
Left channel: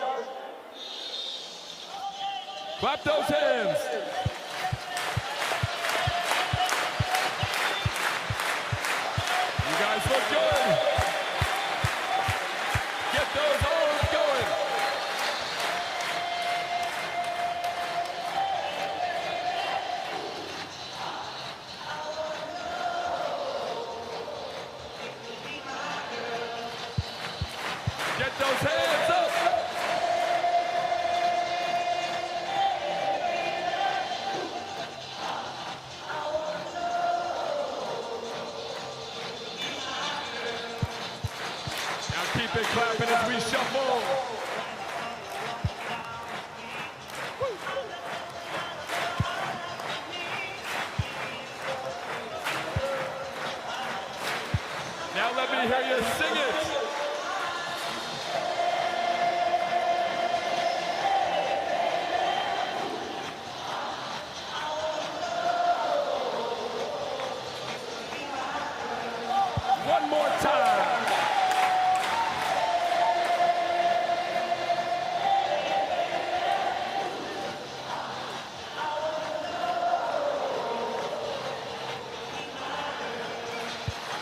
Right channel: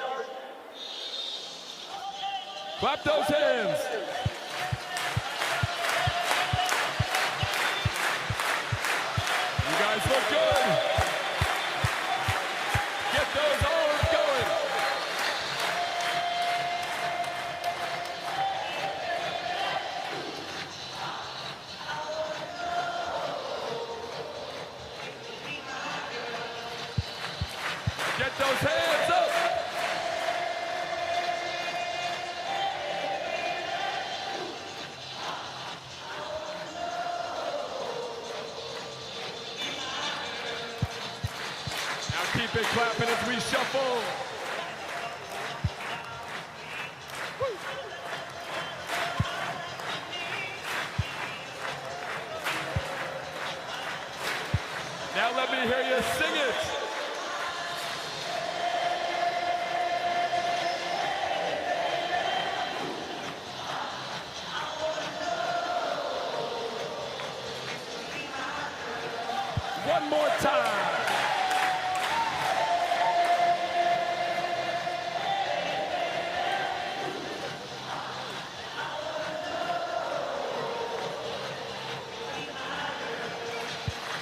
Clap those hands. You guys look good. Get those arms going.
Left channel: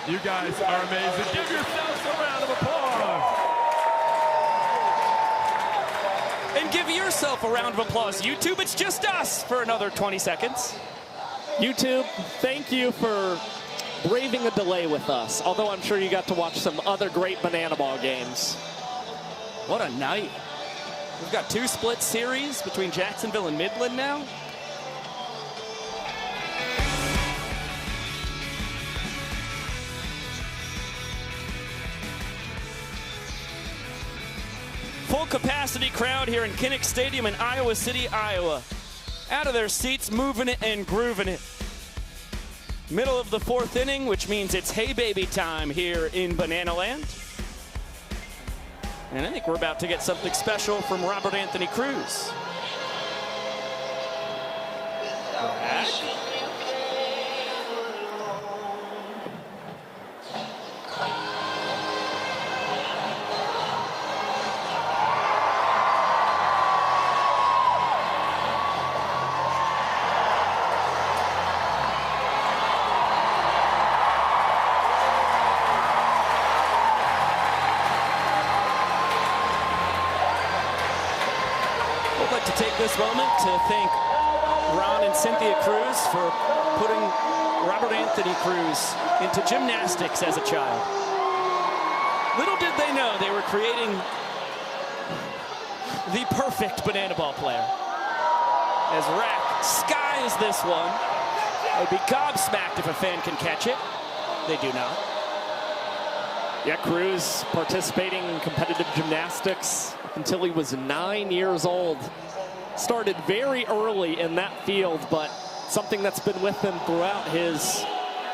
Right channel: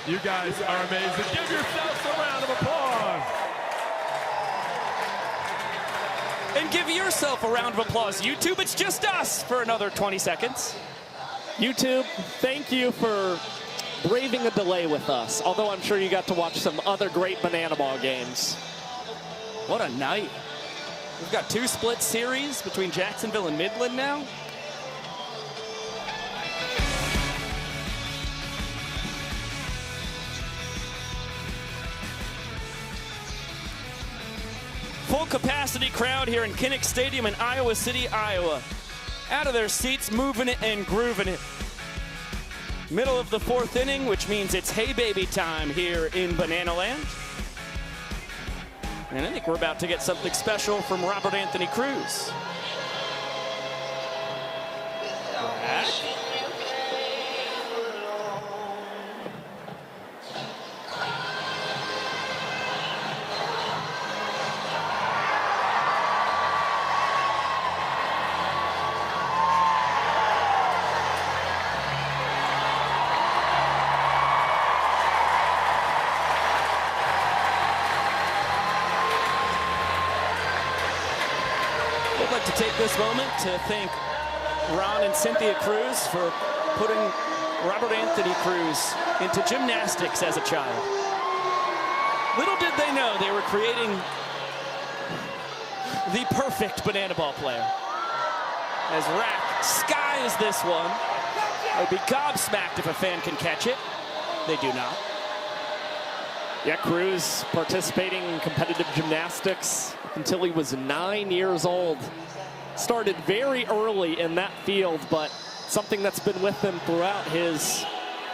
You guys are amazing. Give yourselves a round of applause. And give yourself a round of applause. YouTube, it's just us for another 20 seconds. YouTube, thank you for braving a delay with us, although I'm sure you got to watch some other great Banana Ball games. What a night. We've got 2 split series between Jacksonville and Midland now. Full capacity crowd here in Kinnick Stadium in Iowa City, Iowa. Out of their seats, moving it and grooving it. Middle of the 4th inning, which means it's hey baby time here in Banana Land. And I think we're about to get something special from Robert Anthony Cruz. As a child. Little did they know they were creating the perfect Banana Ball player. As Rack skies this one, they'd be gobsmacked if a fan can catch it. They do not. Yeah, Cruz participating in competitive gymnastics until he was 9 years old. Started very early in that field, but something that's been with him throughout his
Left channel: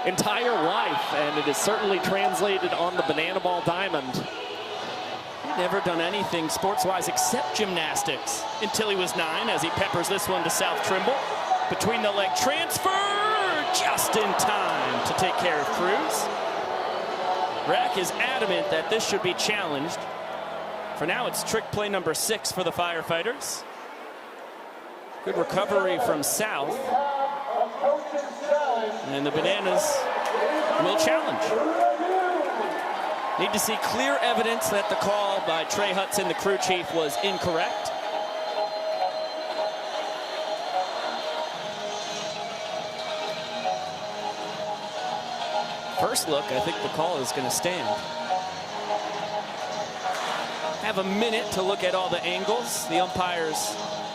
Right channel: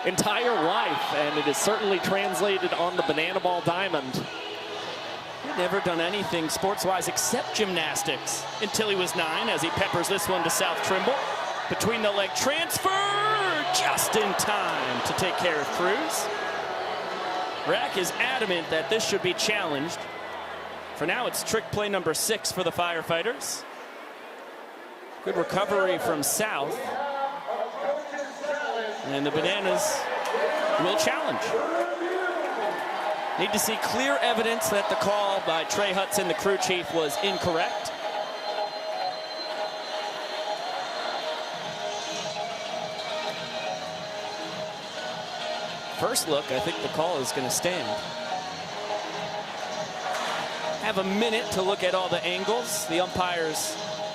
entire life, and it is certainly translated on the banana ball diamond. He'd never done anything sports-wise except gymnastics until he was 9, as he peppers this one to South Trimble. Between the leg transfer, just in time to take care of Cruz. Rack is adamant that this should be challenged. For now, it's trick play number 6 for the Firefighters. Good recovery from South. And the Bananas will challenge. Need to see clear evidence that the call by Trey Hudson, the crew chief, was incorrect. First look, I think the call is going to stand. Have a minute to look at all the angles. The umpires,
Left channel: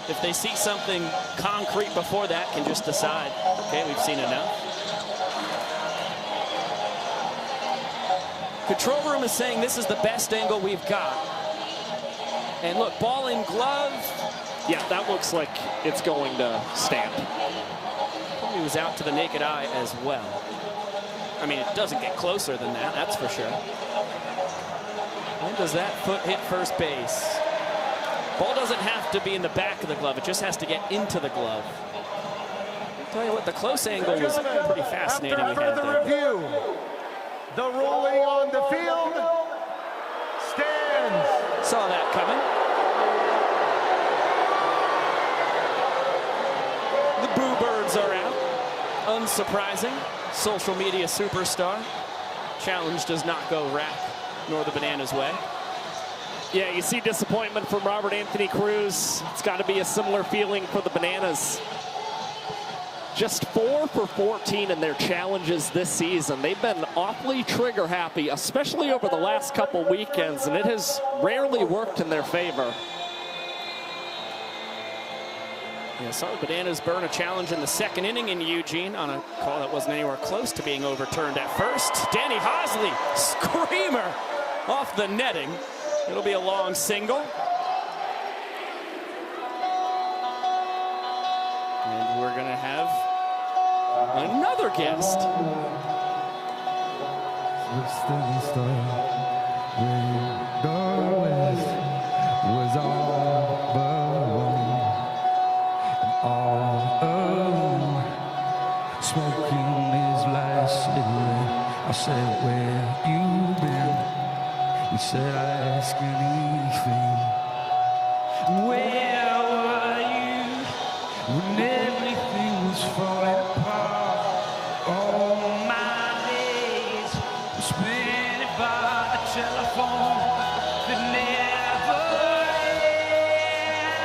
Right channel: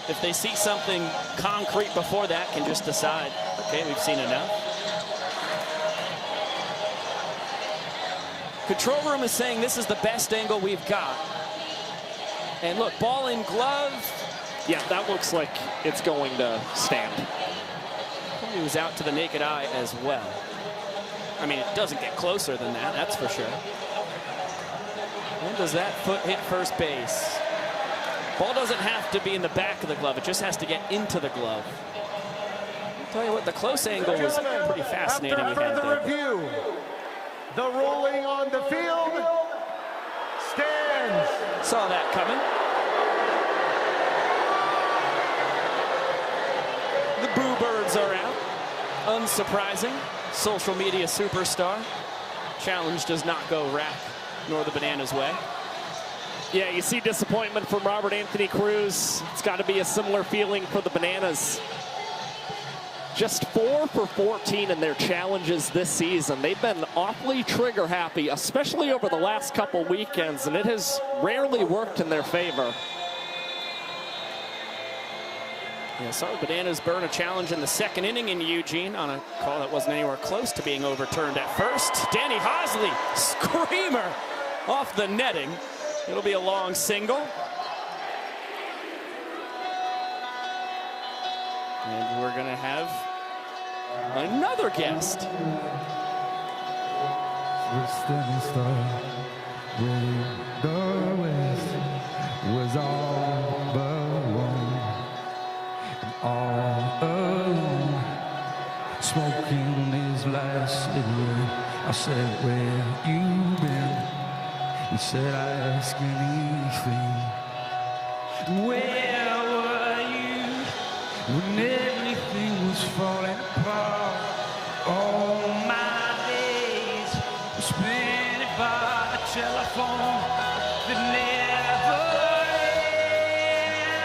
if they see something concrete before that, can just decide, okay, we've seen enough. Control room is saying this is the best angle we've got. And look, ball in glove. Yeah, that looks like it's going to stand. He was out to the naked eye as well. I mean, it doesn't get closer than that, that's for sure. When does that foot hit first base? Ball doesn't have to be in the back of the glove, it just has to get into the glove. I'll tell you what, the close angle was pretty fascinating. After further review, the ruling on the field stands. Saw that coming. The Boo Birds are out. Unsurprising. Social media superstar. Challenge does not go Rack nor the Bananas' way. Yeah, you see disappointment from Robert Anthony Cruz. It's got to be a similar feeling for the Bananas. Just 4 for 14 in their challenges this season. They've been awfully trigger happy, especially over the last couple weekends, and it has rarely worked in their favor. Yeah, saw the Bananas burn a challenge in the second inning in Eugene on a call that wasn't anywhere close to being overturned at first. Danny Hosley, screamer off the netting. It'll be a long single. And we're going to have another guest. I said, where you been? You said, ask anything. Where were you when everything was falling apart? All my days were spent by the telephone that never ended.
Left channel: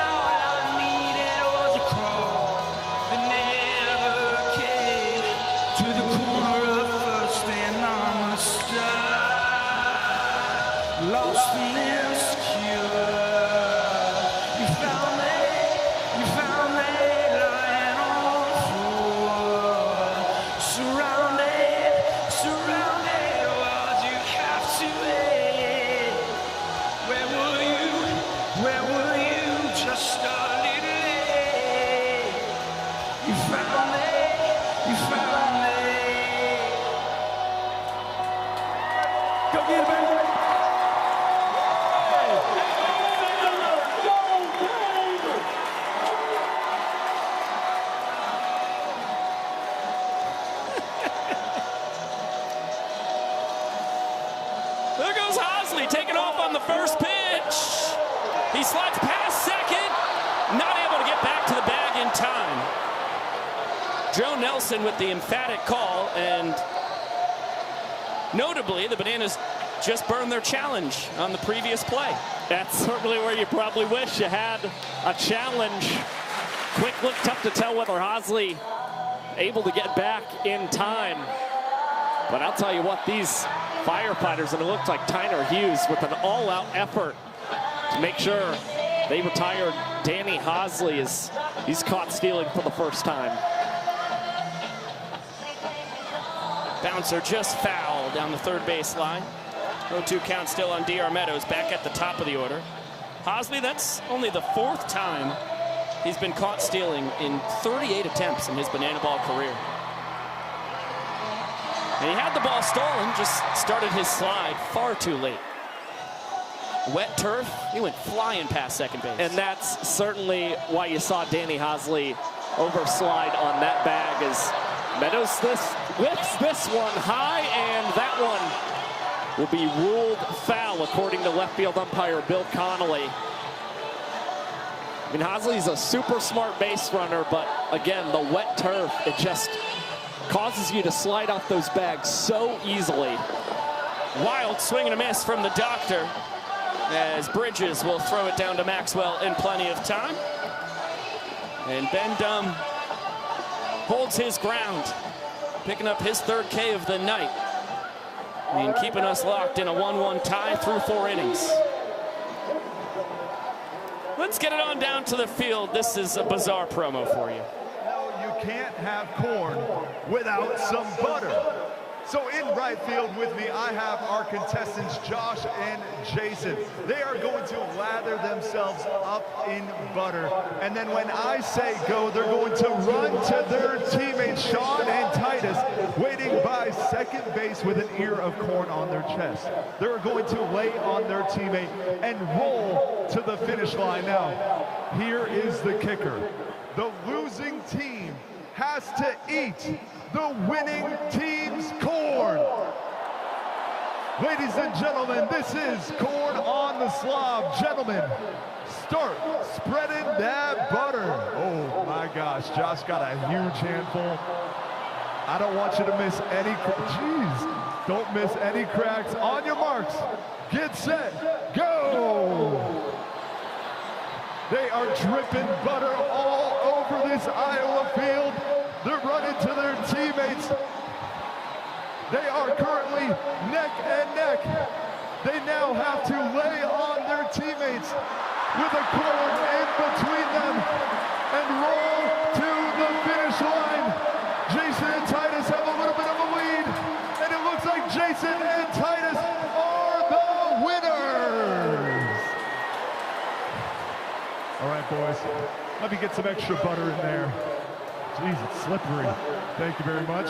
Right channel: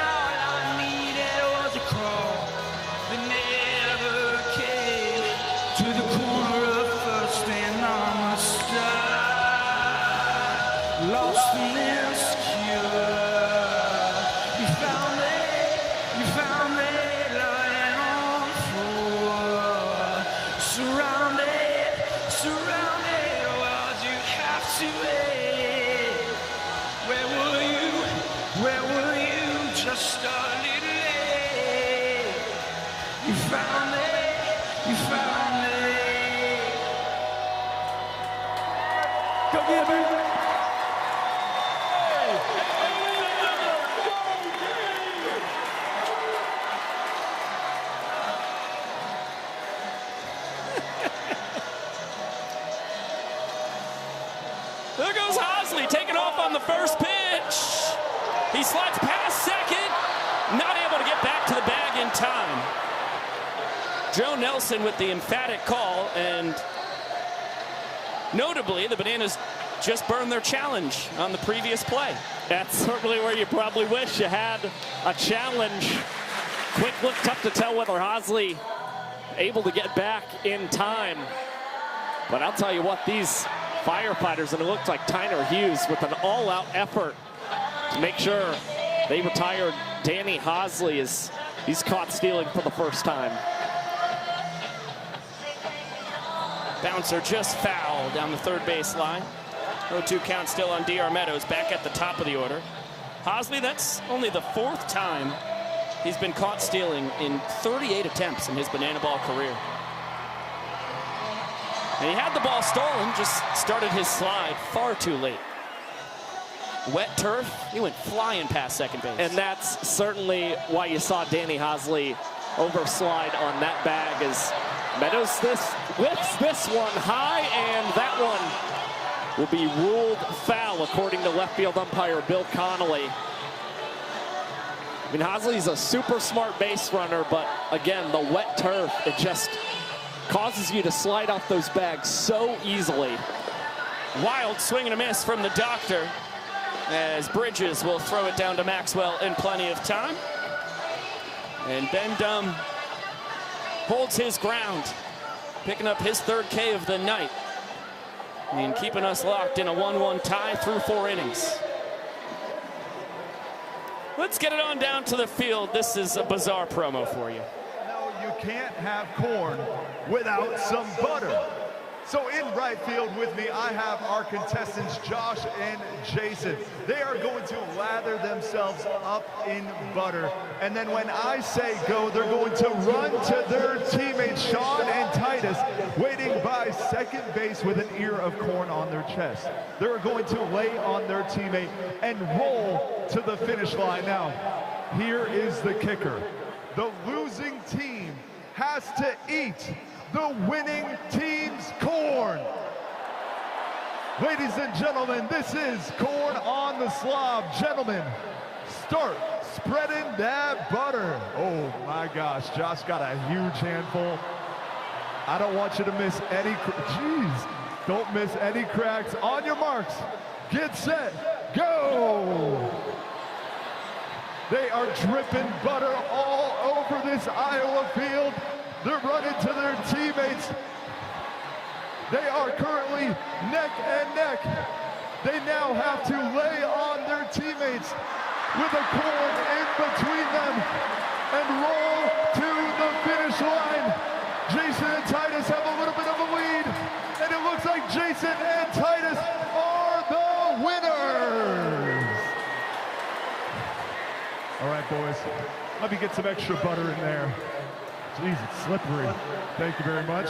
All I needed was a call that never came to the corner. Stand on the side, lost and insecure. You found me, lying on the floor. Surrounded, would you have to be? Where were you just a little late? You found me. There goes Hosley, taking off on the first pitch. He slides past second, not able to get back to the bag in time. Joe Nelson with the emphatic call, and notably, the Bananas just burned their challenge on the previous play. That's certainly where you probably wish you had a challenge. Quick look, tough to tell whether Hosley able to get back in time. But I'll tell you what, these Firefighters, and it looked like Tyner Hughes with an all-out effort to make sure they retired Danny Hosley as he's caught stealing for the first time. Bouncer just fouled down the third base line. 0-2 count still on D.R. Meadows, back at the top of the order. Hosley, that's only the 4th time he's been caught stealing in 38 attempts in his banana ball career. And he had the ball stolen, just started his slide far too late. Wet turf, he went flying past second base. And that's certainly why you saw Danny Hosley overslide on that bag, as Meadows lifts this one high, and that one will be ruled foul according to left field umpire Bill Connolly. I mean, Hosley's a super smart base runner, but again, the wet turf, it just causes you to slide off those bags so easily. Wild swing and a miss from the doctor, as Bridges will throw it down to Maxwell in plenty of time. And Ben Dunn holds his ground, picking up his third K of the night and keeping us locked in a 1-1 tie through 4 innings. Let's get it on down to the field. This is a bizarre promo for you. You can't have corn without some butter. So in right field with me, I have our contestants, Josh and Jason. They are going to lather themselves up in butter. And then when I say go, they're going to run to their teammates, Sean and Titus, waiting by second base with an ear of corn on their chest. They're going to lay on their teammate and roll to the finish line. Now, here is the kicker. The losing team has to eat the winning team's corn. Ladies and gentlemen, this is corn on the slob. Gentlemen, start spreading that butter. Oh my gosh, Josh got a huge handful. I don't want you to miss any, don't miss any cracks. On your marks, get set, go. They are dripping butter all over this Iowa field. They're running to their teammates. They are currently neck and neck. They now have to lay on their teammates with a corn in between them and roll to the finish line. Jason and Titus have a little bit of a lead, and it looks like Jason and Titus are the winners. All right, boys, let me get some extra butter in there. Jeez, it's slippery. Thank you very much.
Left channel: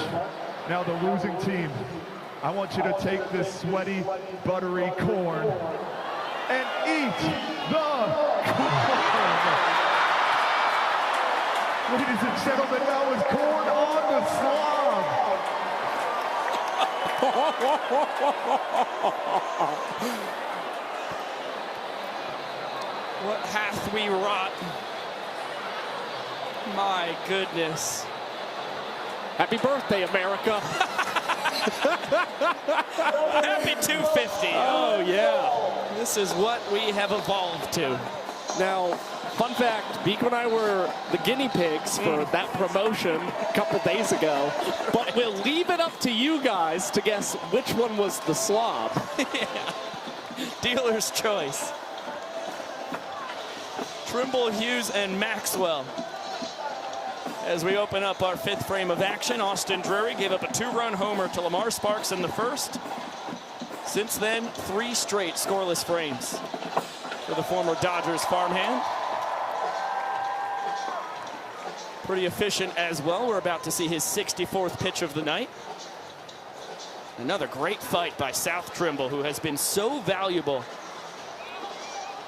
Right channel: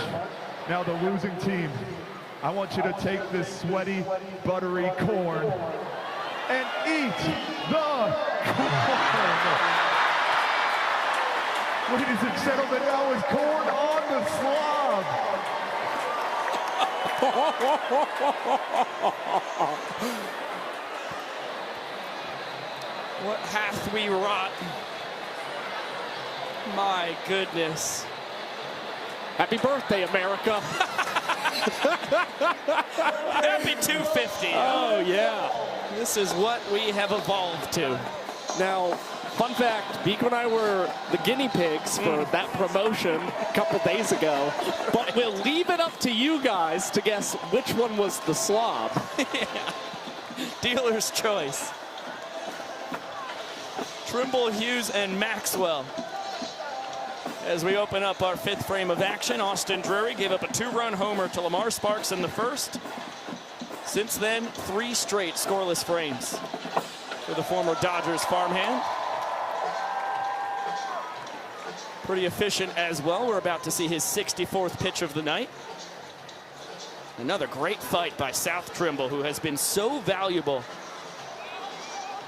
Now the losing team, I want you to take this sweaty, buttery corn and eat the corn. Ladies and gentlemen, now is corn on the slob. What hath we wrought? My goodness. Happy birthday, America. Happy 250. Oh, yeah. This is what we have evolved to. Now, fun fact, Beaker and I were the guinea pigs for that promotion a couple days ago, but we'll leave it up to you guys to guess which one was the slob. Dealer's choice. Trimble, Hughes, and Maxwell. As we open up our fifth frame of action, Austin Drury gave up a 2-run homer to Lamar Sparks in the first. Since then, 3 straight scoreless frames for the former Dodgers farmhand. Pretty efficient as well. We're about to see his 64th pitch of the night. Another great fight by South Trimble, who has been so valuable.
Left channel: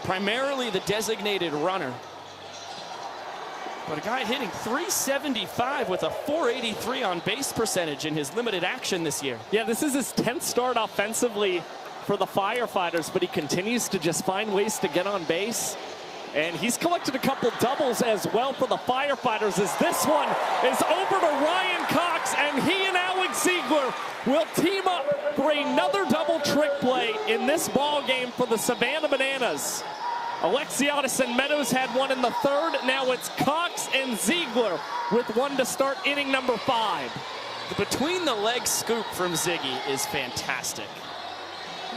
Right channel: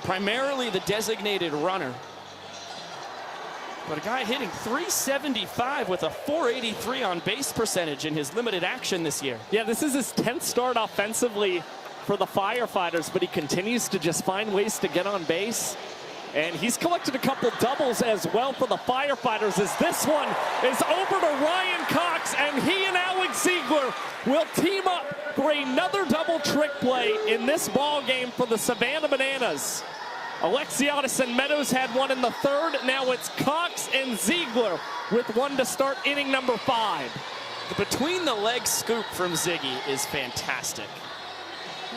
Primarily the designated runner. But a guy hitting .375 with a .483 on base percentage in his limited action this year. Yeah, this is his 10th start offensively for the Firefighters, but he continues to just find ways to get on base. And he's collected a couple doubles as well for the Firefighters, as this one is over to Ryan Cox, and he and Alex Ziegler will team up for another double trick play in this ball game for the Savannah Bananas. Alexiadis and Meadows had one in the third. Now it's Cox and Ziegler with one to start inning number 5. The between the legs scoop from Ziggy is fantastic.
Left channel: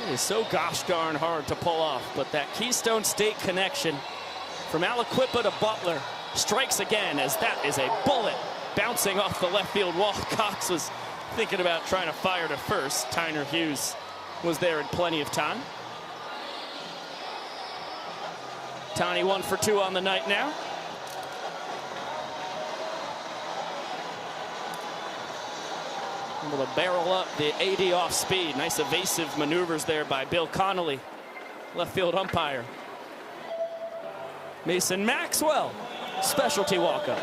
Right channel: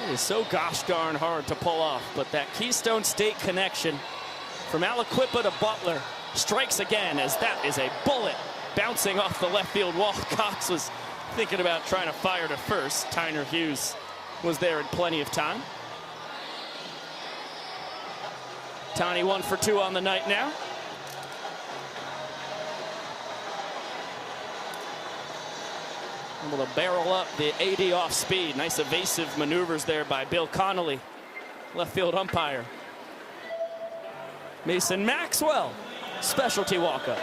It is so gosh darn hard to pull off, but that Keystone State connection from Aliquippa to Butler strikes again, as that is a bullet bouncing off the left field wall. Cox was thinking about trying to fire to first. Tyner Hughes was there in plenty of time. Tony 1 for 2 on the night now. Able to barrel up the AD off speed. Nice evasive maneuvers there by Bill Connolly, left field umpire. Mason Maxwell, specialty walk-up.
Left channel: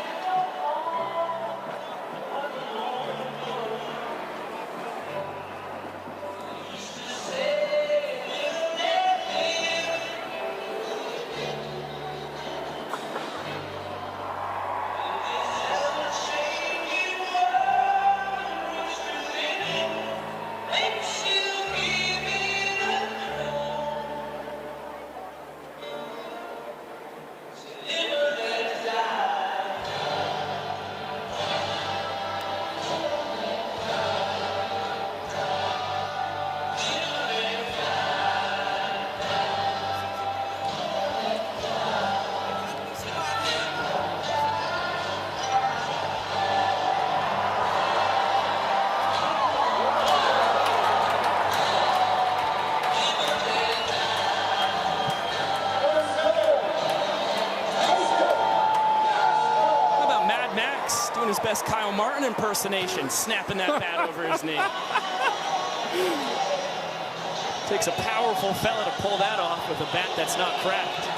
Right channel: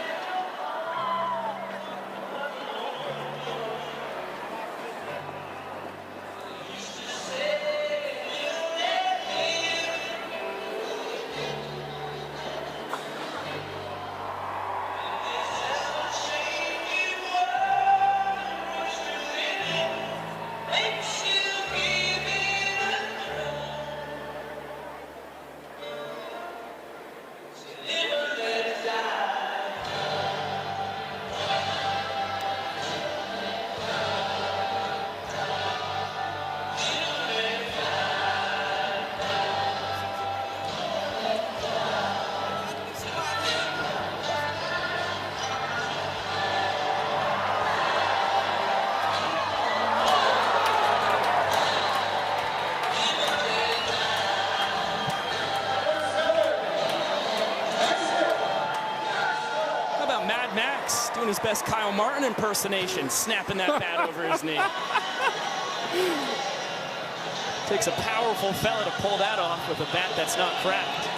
Impersonation, snapping that bat over his knee. Takes a powerful fella to pull that off with a bat that's not cracked.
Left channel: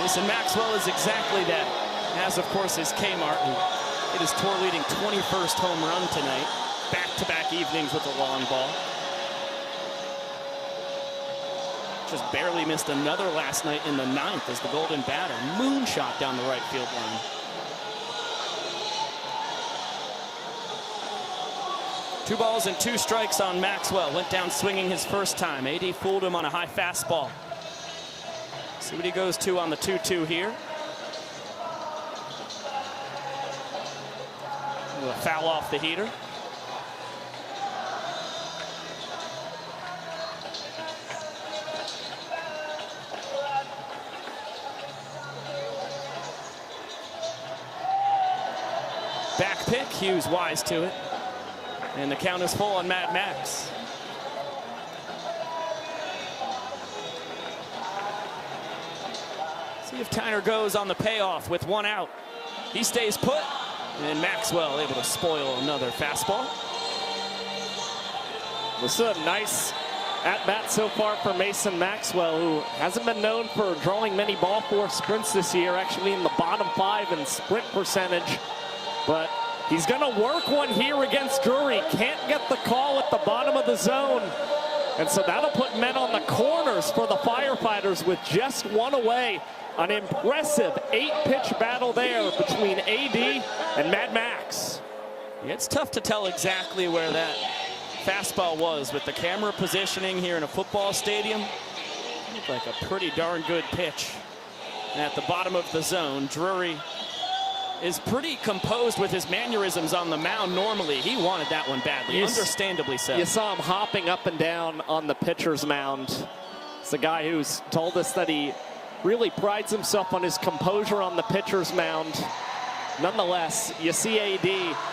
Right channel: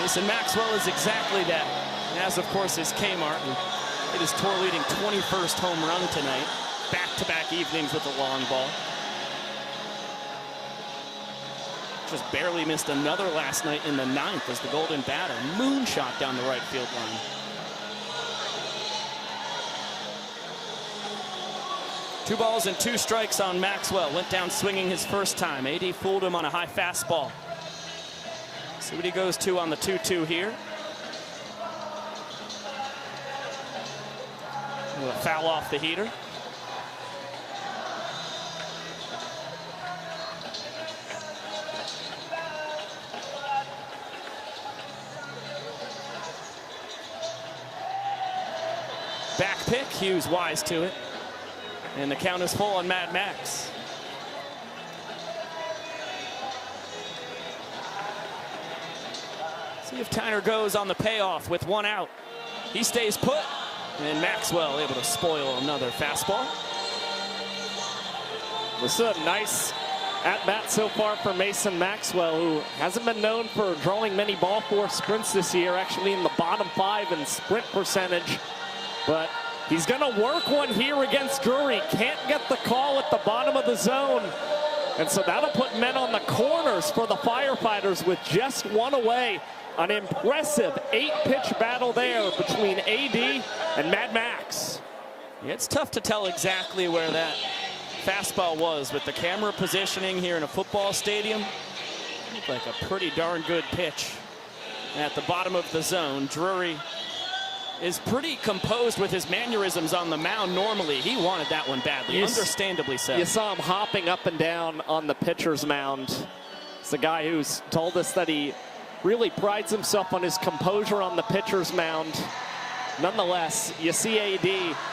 Mason Maxwell is exactly that, as of course is K. Martin. It is tour-leading 21st home run tonight. Back-to-back evenings with the long ball. Just barely missed another last night in the 9th as the Golden Batter moonshot down the right field line. Two balls and 2 strikes on Maxwell. Went down swinging his first time. AD fooled him on a high fastball. See what he goes to on the 2-2 here. A foul off the heater. Back pick, Hughes wise to it. And the count is full on Mad Max. See if Tyner goes on the payoff with 1 out. He stays put, and Maxwell able to spoil another fastball. This is a nice at-bat so far for Mason Maxwell, who hasn't been known for drawing many ball four sprints this year, actually in the bottom 5 in sprint percentage. But he's going to work one here against Drury. Can't get the call at the bottom of the zone. And so that'll put men on the corners for the Firefighters with just 1 away. An impressive 8-pitch battle there between AD and Mad Max. Yeah, it's tough to tell exactly where that fastball was with the camera positioning here in a football stadium. Looked like a pretty darn good pitch at the bottom of the zone. Drury is pretty composed with his mannerisms on the mound normally. He wanted that one badly, understandably so. You saw him hopping up and down on the pitcher's mound. It's a guy who's told us that he really prides himself on his composure on the pitcher's mound. Nonetheless, you see AD,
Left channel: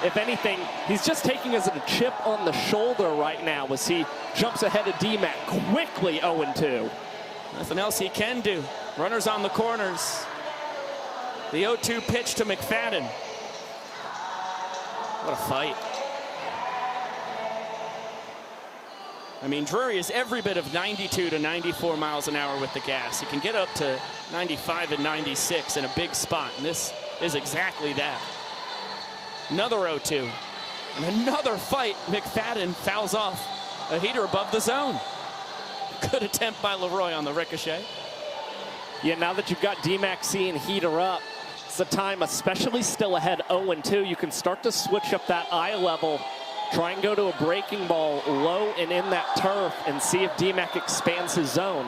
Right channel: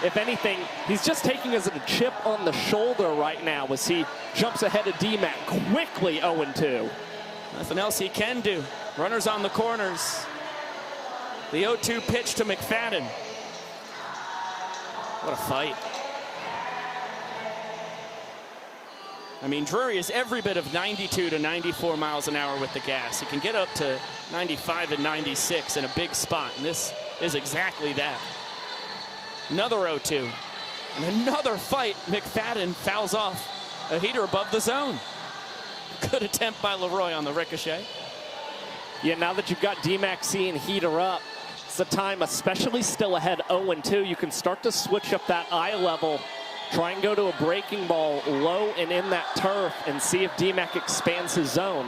if anything, he's just taking as a chip on the shoulder right now as he jumps ahead of D-Mac quickly 0-2. Nothing else he can do. Runners on the corners. The 0-2 pitch to McFadden. What a fight. I mean, Drury is every bit of 92 to 94 miles an hour with the gas. He can get up to 95 and 96 in a big spot, and this is exactly that. Another 0-2. And another fight. McFadden fouls off a heater above the zone. Good attempt by Leroy on the ricochet. Yeah, now that you've got D-Mac seeing heater up, it's the time, especially still ahead 0-2, you can start to switch up that eye level. Try and go to a breaking ball low and in that turf and see if D-Mac expands his zone.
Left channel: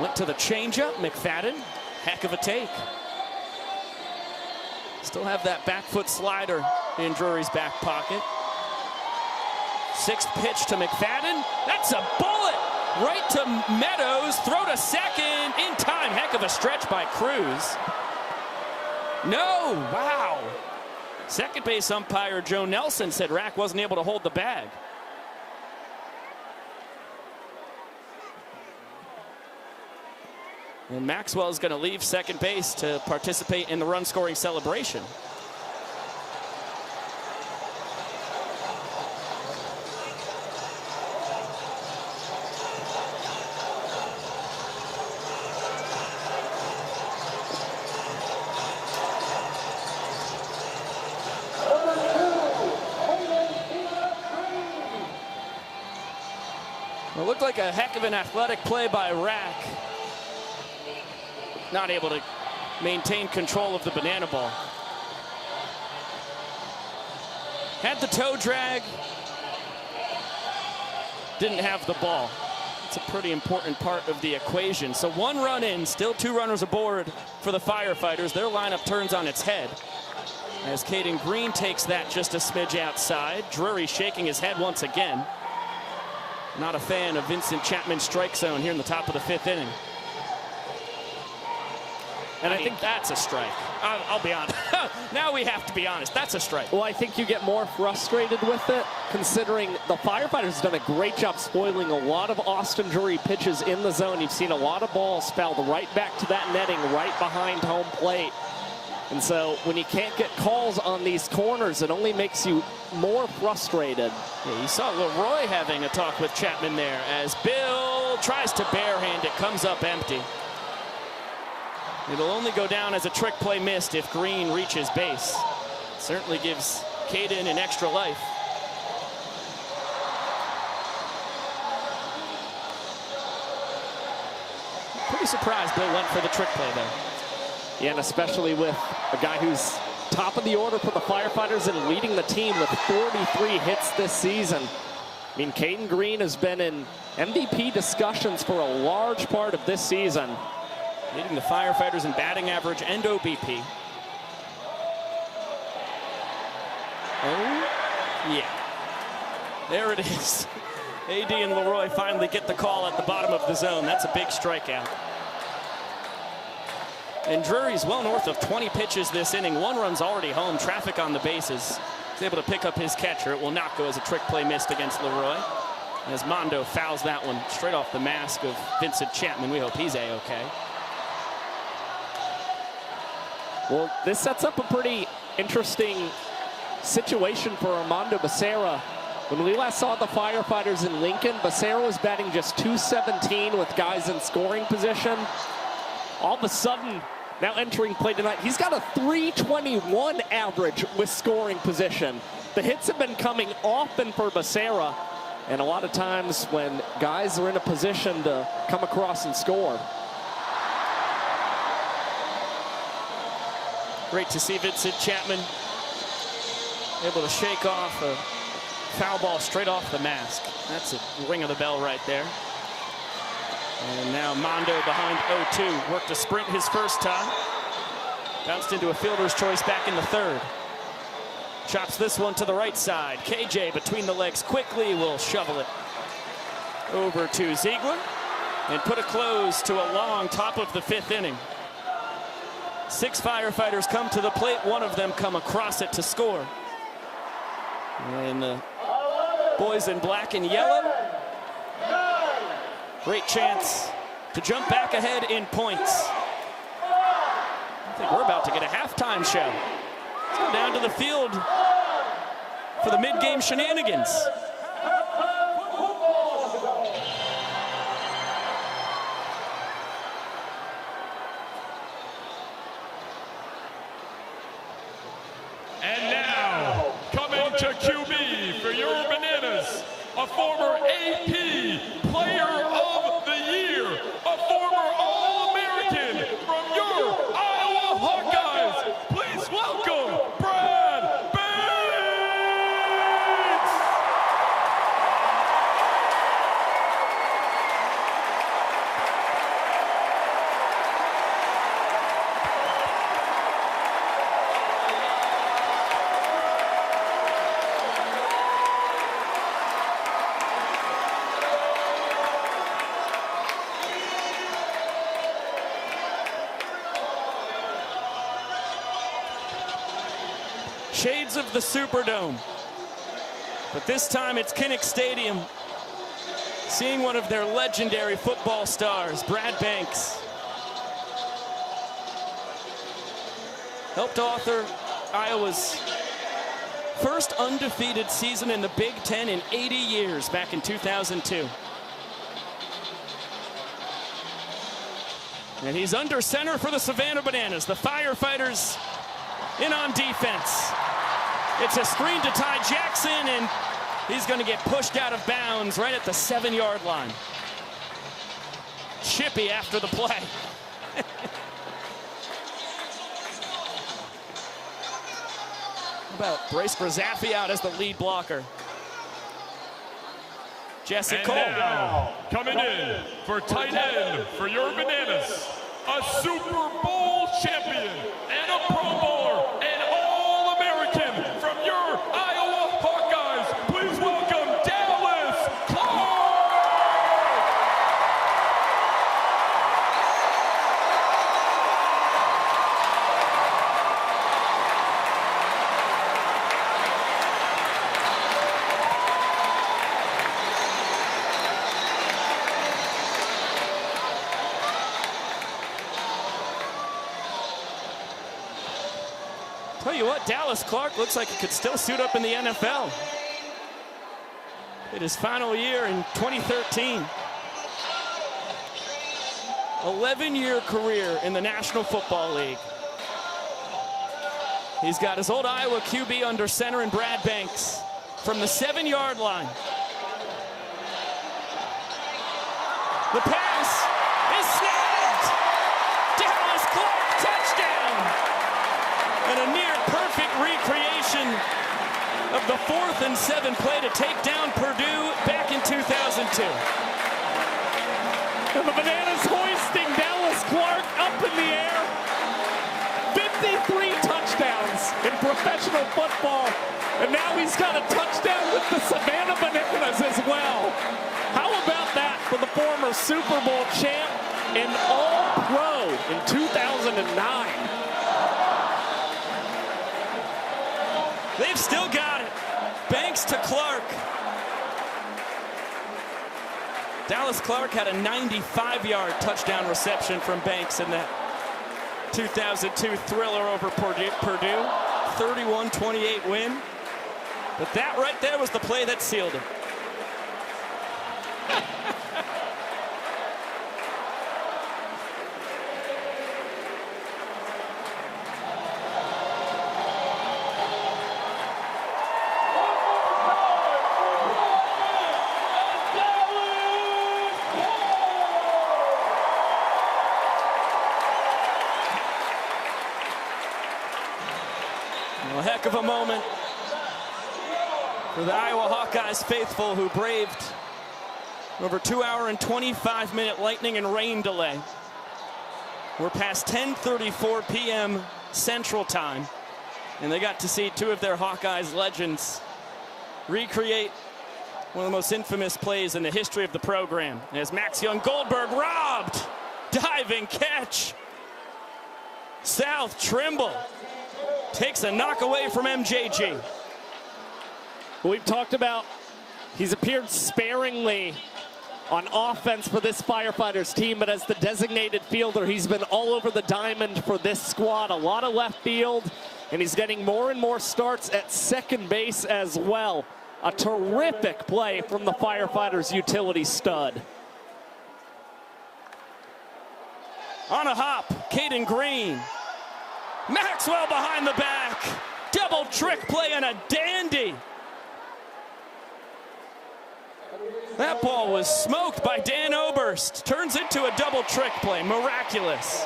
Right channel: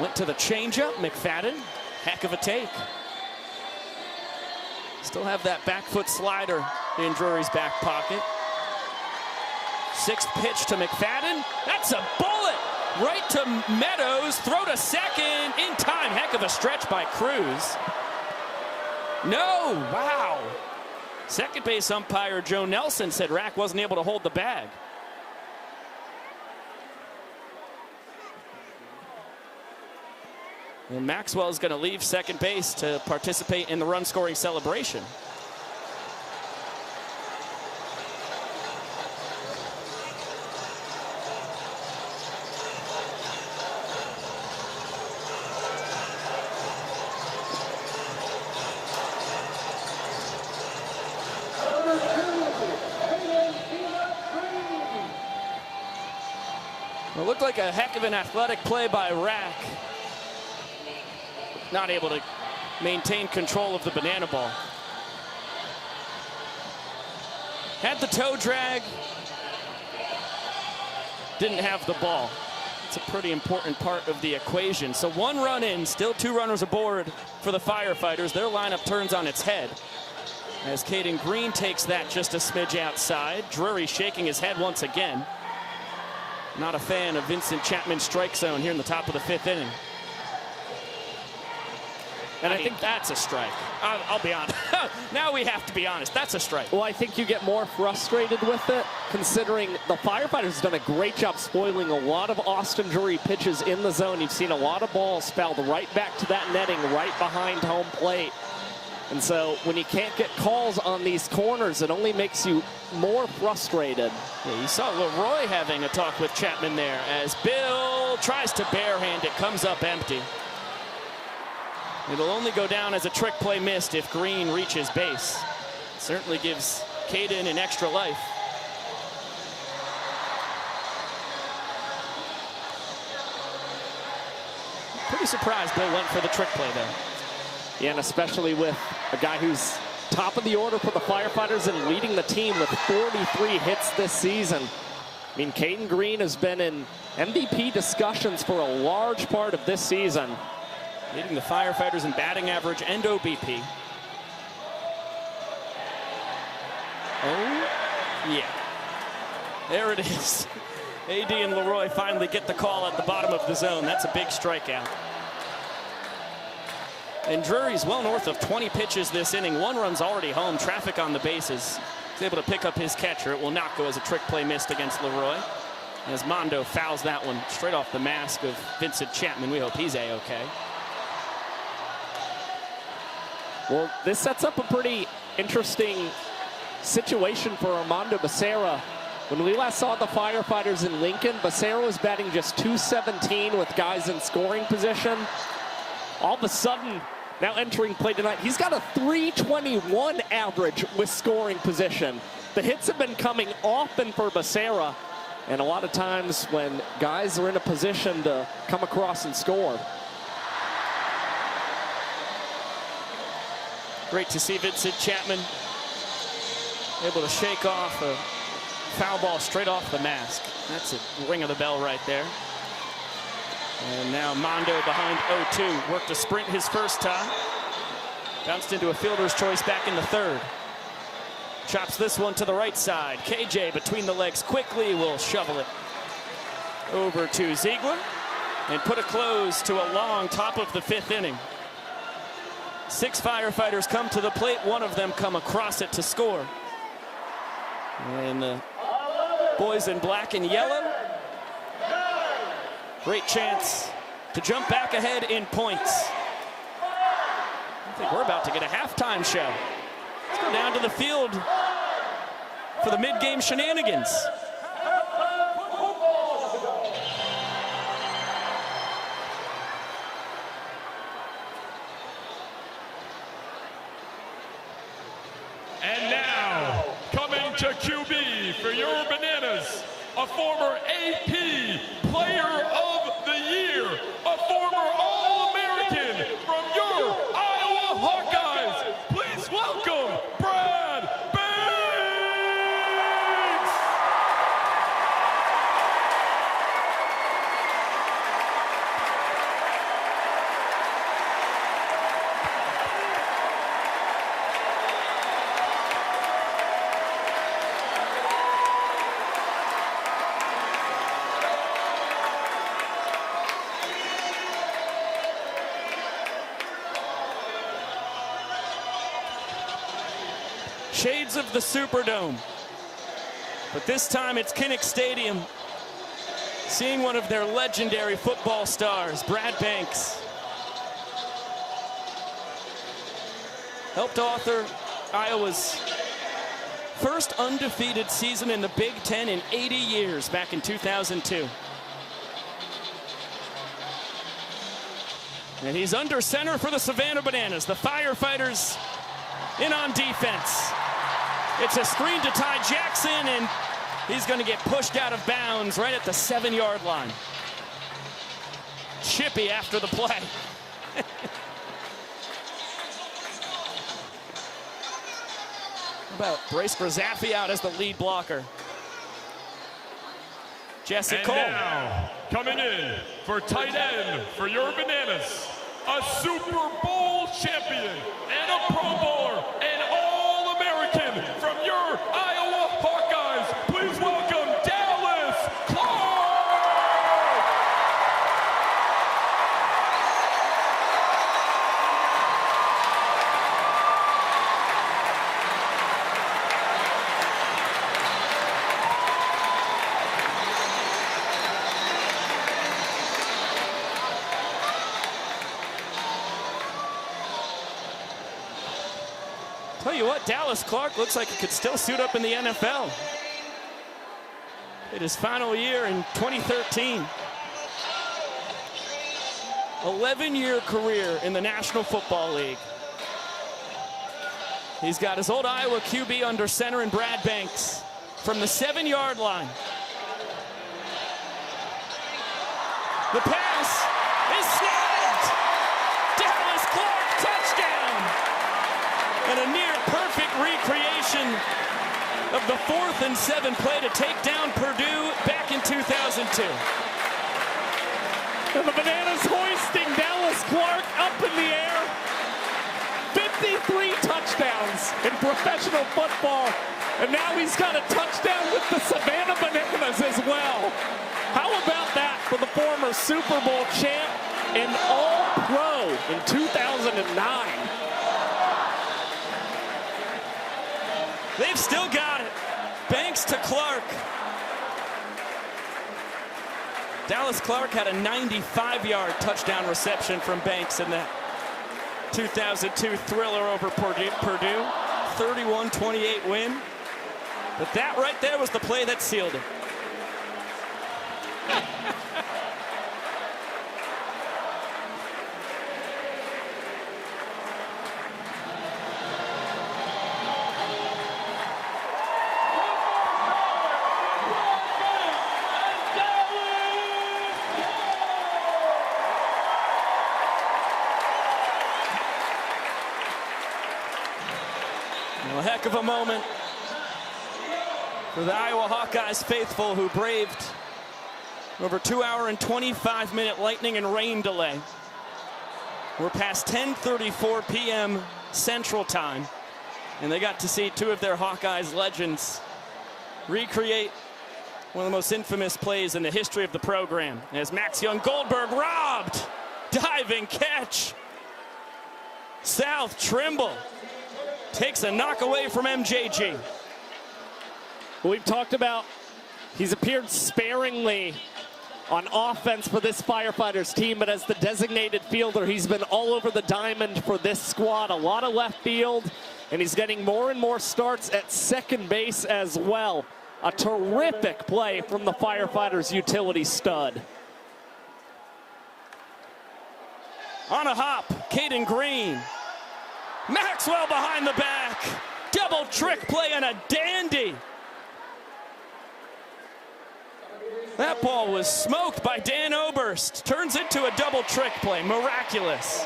Went to the changeup, McFadden. Heck of a take. Still have that back foot slider in Drury's back pocket. 6th pitch to McFadden. That's a bullet right to Meadows. Throw to second in time. Heck of a stretch by Cruz. No, wow. Second base umpire Joe Nelson said Rack wasn't able to hold the bag. And Maxwell is going to leave second base to participate in the run-scoring celebration. It looked like a heck of an athletic play by Rack. Not able to maintain control of the banana ball. Had the toe drag. Didn't have the ball. It's a pretty important part of the equation. So 1 run in, still 2 runners aboard for the Firefighters. Their lineup turns on its head as Caden Green takes that just a smidge outside. Drury shaking his head once again. Not a fan of Vincent Chapman's strike zone here in the top of the 5th inning. And I think that's a strike. I'll be honest. Now we have to be honest. That's a strike. Well, I think you get more frustrated with it, considering the Firefighters have done a great job spoiling a lot of Austin Drury pitches in the zone. You've seen a lot of balls fouled right back to that netting right behind home plate. And so when you can't get calls on these corners, it only makes you more frustrated. Yeah, you saw Leroy having a talk with Chapman there as Bill tries to barehand it, comes up empty. It'll only go down as a trick play missed if Green reaches base. Certainly gives Caden an extra life. Pretty surprised Bill went for the trick play there. Yeah, and especially with a guy who's top of the order for the Firefighters and leading the team with 43 hits this season. I mean, Caden Green has been in MVP discussions for a large part of this season. Leading the Firefighters in batting average and OBP. Oh, yeah. There it is. AD and Leroy finally get the call at the bottom of the zone. That's a big strikeout. And Drury's well north of 20 pitches this inning. 1 run's already home. Traffic on the bases. He's able to pick up his catcher. It will not go as a trick play missed against Leroy. As Mondo fouls that one straight off the mask of Vincent Chapman. We hope he's A-okay. Well, this sets up a pretty interesting situation for Armando Becerra. When we last saw the Firefighters in Lincoln, Becerra was batting just .217 with guys in scoring position. All of a sudden, now entering play tonight, he's got a .321 average with scoring position. The hits have been coming often for Becerra, and a lot of times when guys are in a position to come across and score. Great to see Vincent Chapman able to shake off a foul ball straight off the mask. That's a ring of the bell right there. And now Mondo behind 0-2. Worked to sprint his first time. Bounced into a fielder's choice back in the 3rd. Chops this one to the right side. KJ between the legs quickly will shovel it over to Ziegler and put a close to a long top of the 5th inning. 6 Firefighters come to the plate. 1 of them come across it to score. And the boys in black and yellow. Great chance to jump back ahead in points. I think we're about to get a halftime show. Let's go down to the field for the mid-game shenanigans. And now, coming to QB for your Bananas, a former AP Player of the Year, a former All-American from your Iowa Hawkeyes. Please welcome Brad Bates! Shades of the Superdome. But this time it's Kinnick Stadium. Seeing one of their legendary football stars, Brad Banks, helped author Iowa's first undefeated season in the Big Ten in 80 years back in 2002. And he's under center for the Savannah Bananas. The Firefighters in on defense. It's a screen to Ty Jackson, and he's going to get pushed out of bounds right at the 7-yard line. Chippy after the play. About Brace Grazaffi out as the lead blocker. Jesse Cole. Now, coming in for tight end for your Bananas, a Super Bowl champion and a Pro Bowler and All-American from your Iowa Hawkeyes. Please welcome Dallas Clark. Tell you what, Dallas Clark looks like he could still suit up in the NFL. In his final year in 2013. 11-year career in the National Football League. He's got his old Iowa QB under center in Brad Banks from the 7-yard line. The pass is snapped. Dallas Clark, touchdown. And a near perfect recreation of the 4th and 7 play to take down Purdue back in 2002. And the Bananas hoisting Dallas Clark up in the air. 53 touchdowns in professional football. And now he's got a touchdown with the Savannah Bananas as well. How about that for the former Super Bowl champ and All-Pro in 2009? They've still got it. Banks to Clark. Dallas Clark had a 95-yard touchdown reception from Banks in that 2002 thriller over Purdue. 31-28 win. But that right there was the play that sealed it. A heck of a moment for the Iowa Hawkeyes faithful who braved over 2-hour and 25-minute lightning and rain delay. We're past 10:34 p.m. Central Time, and they got to see two of their Hawkeyes legends recreate one of the most infamous plays in the history of the program as Max Young Goldberg robbed, diving catch. South Trimble takes a knock away from MJG. We've talked about he's appeared sparingly on offense for this Firefighters team, but as the designated fielder, he's been all over the diamond for this squad. A lot of left field, and he's getting more and more starts at second base as well. A terrific play from the Firefighters utility stud. On a hop, Caden Green. Maxwell behind the back. Double trick play and a dandy. That ball was smoked by Dan Oberst. Turns into a double trick play. Miraculous.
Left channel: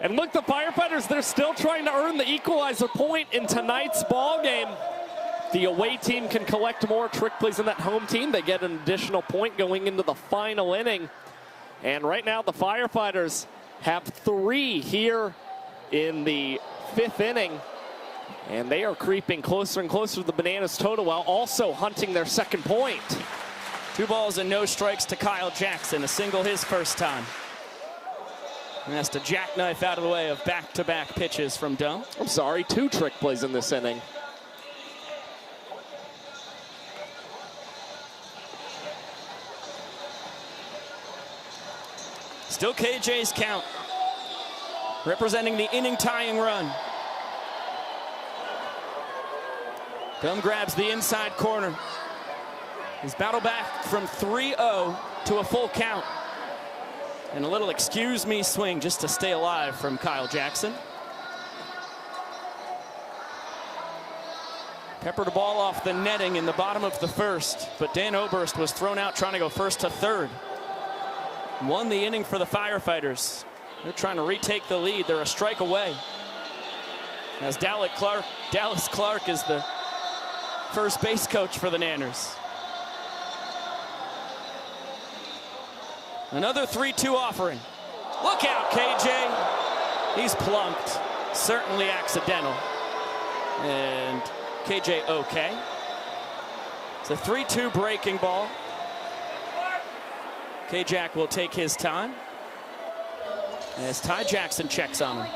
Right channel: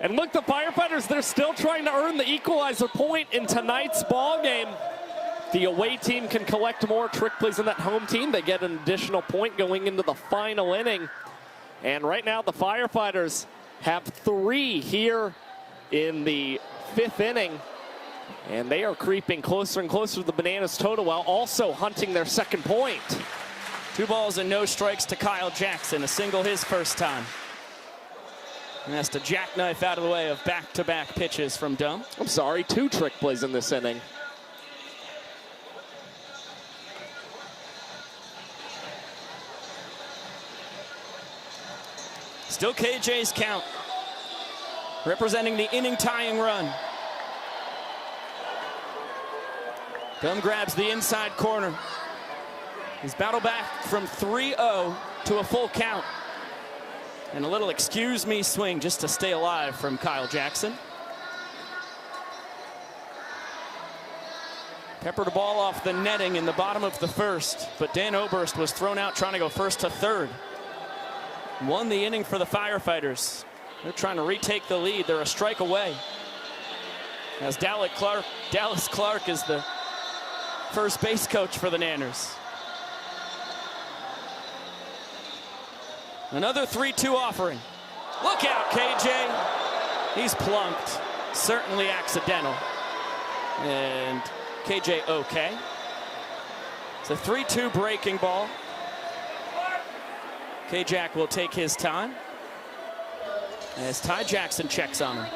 And look, the Firefighters, they're still trying to earn the equalizer point in tonight's ball game. The away team can collect more trick plays than that home team. They get an additional point going into the final inning. And right now, the Firefighters have 3 here in the 5th inning, and they are creeping closer and closer to the Bananas total while also hunting their second point. 2 balls and no strikes to Kyle Jackson, a single his first time. And that's to jackknife out of the way of back-to-back pitches from Dumb. I'm sorry, 2 trick plays in this inning. Still KJ's count. representing the inning-tying run. Dunn grabs the inside corner. He's battled back from 3-0 to a full count. And a little excuse me swing just to stay alive from Kyle Jackson. Peppered the ball off the netting in the bottom of the first, but Dan Oberst was thrown out trying to go first to third. Won the inning for the Firefighters. They're trying to retake the lead. They're a strike away. As Dallas Clark is the first base coach for the Nanners. Another 3-2 offering. Look out, KJ. He's plunked. Certainly accidental. And KJ okay. It's a 3-2 breaking ball. K-Jack will take his time as Ty Jackson checks on him.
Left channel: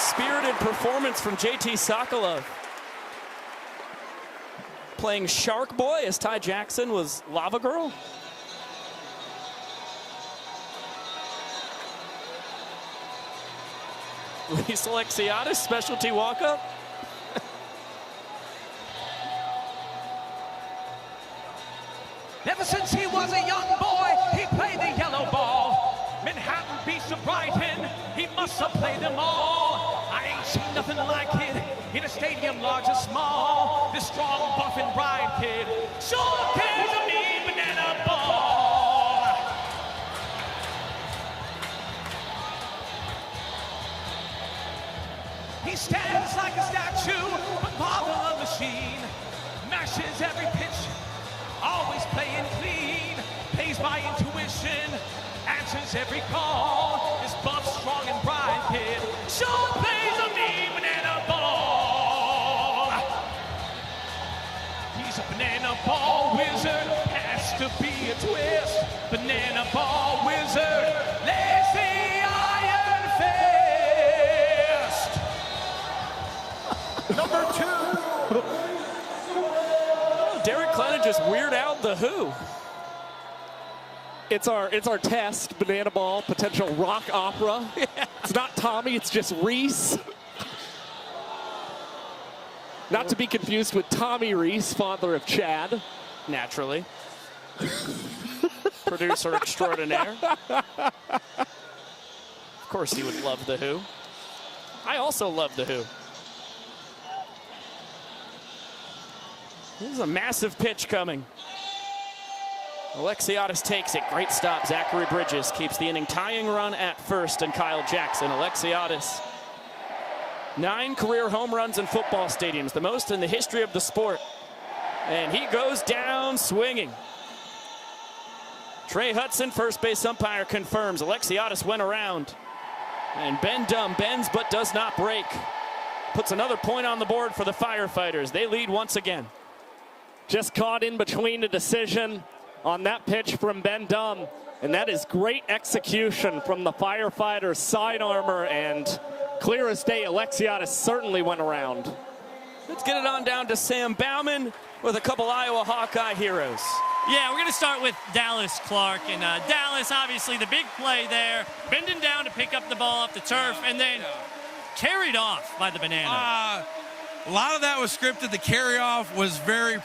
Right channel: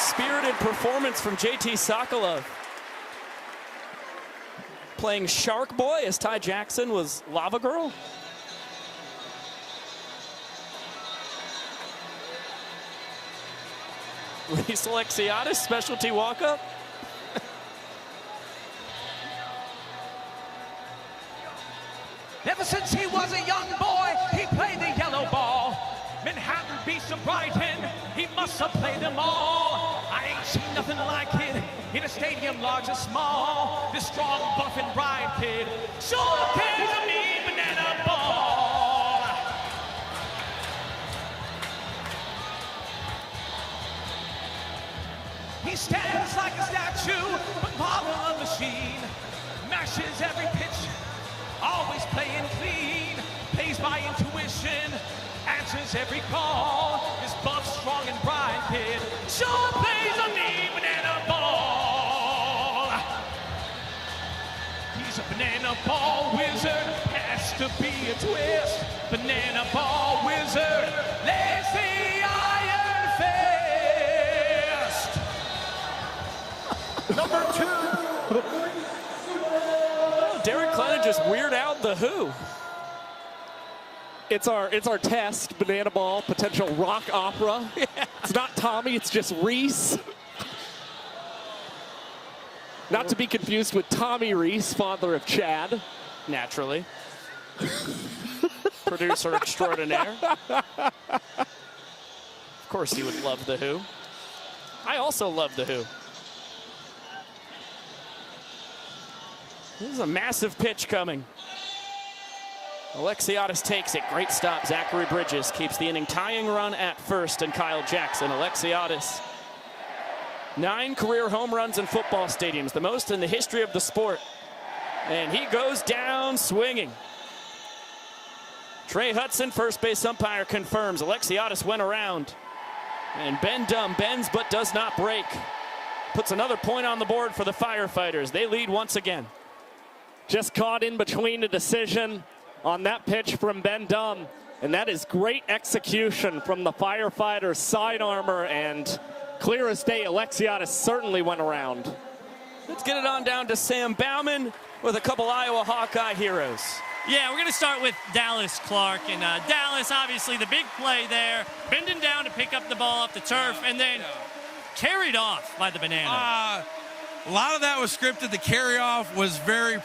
Spirited performance from JT Sokolov. Playing Shark Boy as Ty Jackson was Lava Girl. Luis Alexiadis, specialty walk-up. Ever since he was a young boy, he played the yellow ball. Manhattan beats of Brighton, he must have played them all. I ain't seen nothing like it in a stadium large and small. This strong, buff, and ride kid sure carries a mean banana ball. He stands like a statue, a marvel of machine. Mashes every pitch, always playing clean. Plays by intuition, answers every call. This buff, strong, and bright kid sure plays a mean banana ball. He's a banana ball wizard, has to be a twist. Banana ball wizard, let's the Iron Fist. Number 2. Derek Clennon just weird out the Who. It's our test, banana ball, potential rock opera. Yeah. It's not Tommy, it's just Reese. Not to be confused with Tommy Reese, father of Chad. Naturally. Producer extraordinaire. Of course he would love the Who. I also love the Who. This is a massive pitch coming. Alexiadis takes it. Great stop. Zachary Bridges keeps the inning tying run at first, and Kyle Jackson. Alexiadis, 9 career home runs in football stadiums, the most in the history of the sport. And he goes down swinging. Trey Hudson, first base umpire, confirms Alexiadis went around. And Ben Dunn bends but does not break. Puts another point on the board for the Firefighters. They lead once again. Just caught in between a decision on that pitch from Ben Dunn, and that is great execution from the Firefighters' side armor, and clear as day, Alexiadis certainly went around. Let's get it on down to Sam Bauman with a couple Iowa Hawkeye heroes. Yeah, we're going to start with Dallas Clark, and Dallas, obviously the big play there, bending down to pick up the ball off the turf, and then carried off by the banana. A lot of that was scripted. The carry-off was very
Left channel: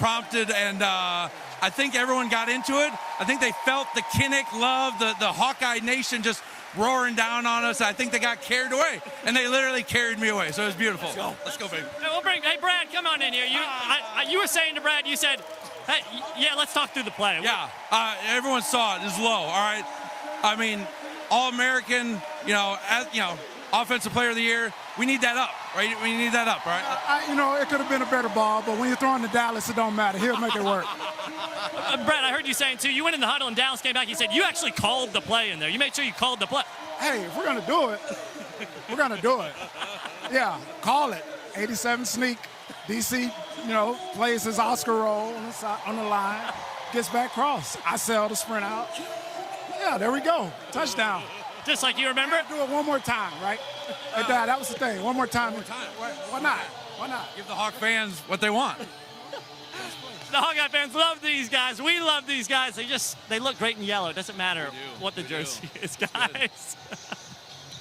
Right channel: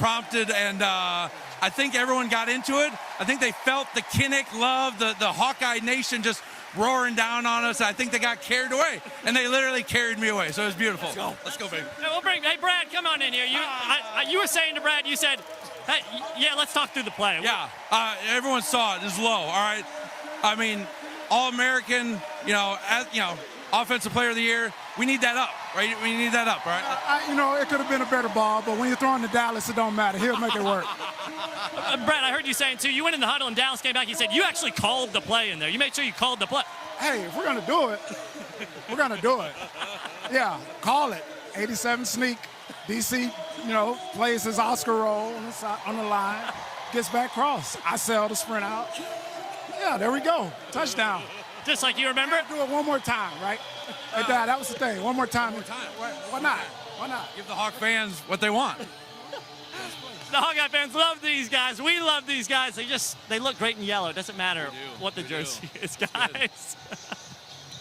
prompted, and I think everyone got into it. I think they felt the Kinnick love, the Hawkeye Nation just roaring down on us. I think they got carried away, and they literally carried me away, so it was beautiful. Let's go baby. Yeah, hey, Brad, on in here. You were saying to Brad, you said, hey, yeah, let's talk through the play. Yeah, everyone saw it. It was low, all right? I mean, All-American, Offensive Player of the Year. We need that up, right? We need that up, right? It could have been a better ball, but when you're throwing to Dallas, it don't matter. He'll make it work. Brad, I heard you saying, too, you went in the huddle and Dallas came back. You said you actually called the play in there. You made sure you called the play. Hey, if we're going to do it, we're going to do it. Yeah, call it. 87 sneak. DC, plays his Oscar roll on the line. Gets back cross. I sell the sprint out. Yeah, there we go. Touchdown. Just like you remember? Do it one more time, right? That was the thing. One more time. Why not? Why not? Give the Hawk fans what they want. The Hawkeye fans love these guys. We love these guys. They look great in yellow. It doesn't matter what the jersey is, guys.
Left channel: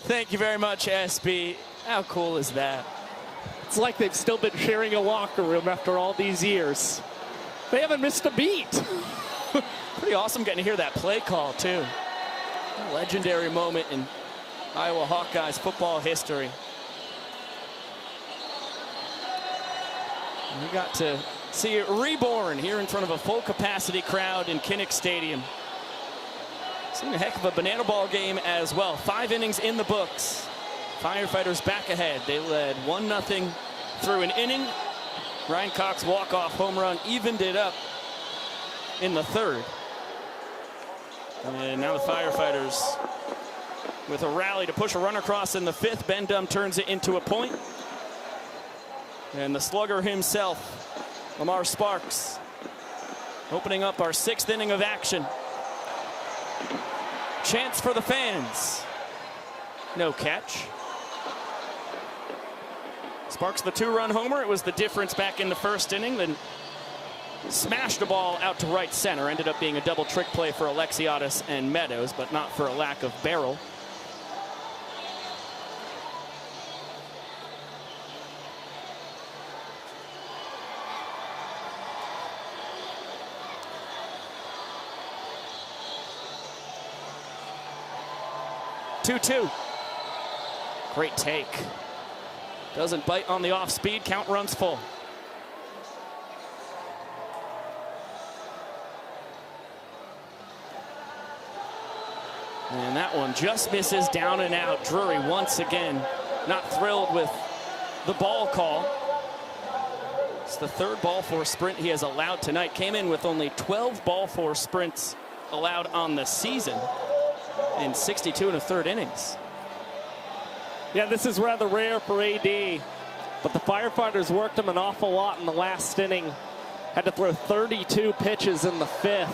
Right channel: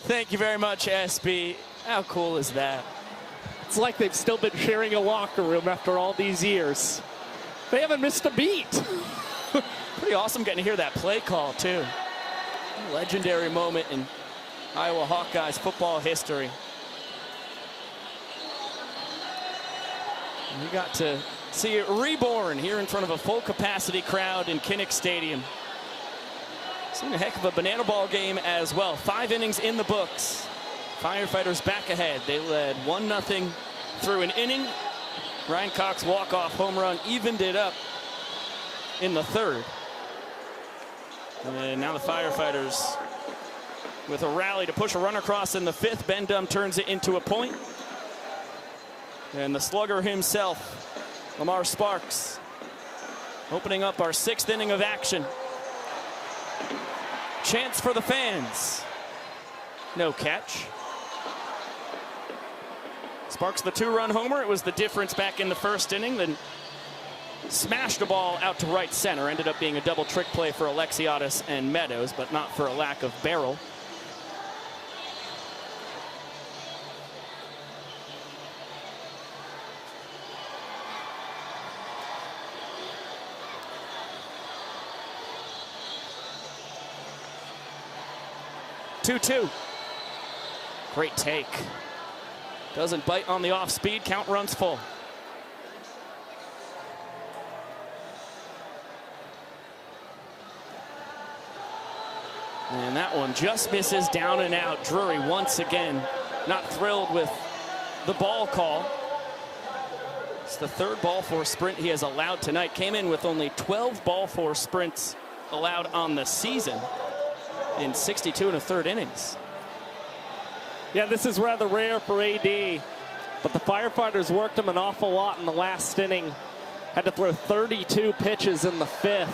Thank you very much, SB. How cool is that? It's like they've still been sharing a locker room after all these years. They haven't missed a beat. Pretty awesome getting to hear that play call, too. A legendary moment in Iowa Hawkeyes football history. And we got to see it reborn here in front of a full-capacity crowd in Kinnick Stadium. Seen a heck of a banana ball game as well. 5 innings in the books. Firefighters back ahead. They led 1-0 through an inning. Ryan Cox walk-off home run evened it up in the third. And now the Firefighters with a rally to push a run across in the 5th. Ben Dum turns it into a point. And the slugger himself, Lamar Sparks, opening up our 6th inning of action. Chance for the fans. No catch. Sparks the 2-run homer. It was the difference back in the 1st inning. Then smashed the ball out to right center. Ended up being a double trick play for Alexiadis and Meadows, but not for a lack of barrel. Great take. Doesn't bite on the off speed. Count runs full. And that one just misses down and out. Drury once again not thrilled with the ball call. It's the 3rd ball four sprint he has allowed tonight. Came in with only 12 ball four sprints allowed on the season in 62 1/3 innings. Yeah, this is rather rare for AD, but the Firefighters worked him an awful lot in the last inning. Had to throw 32 pitches in the 5th.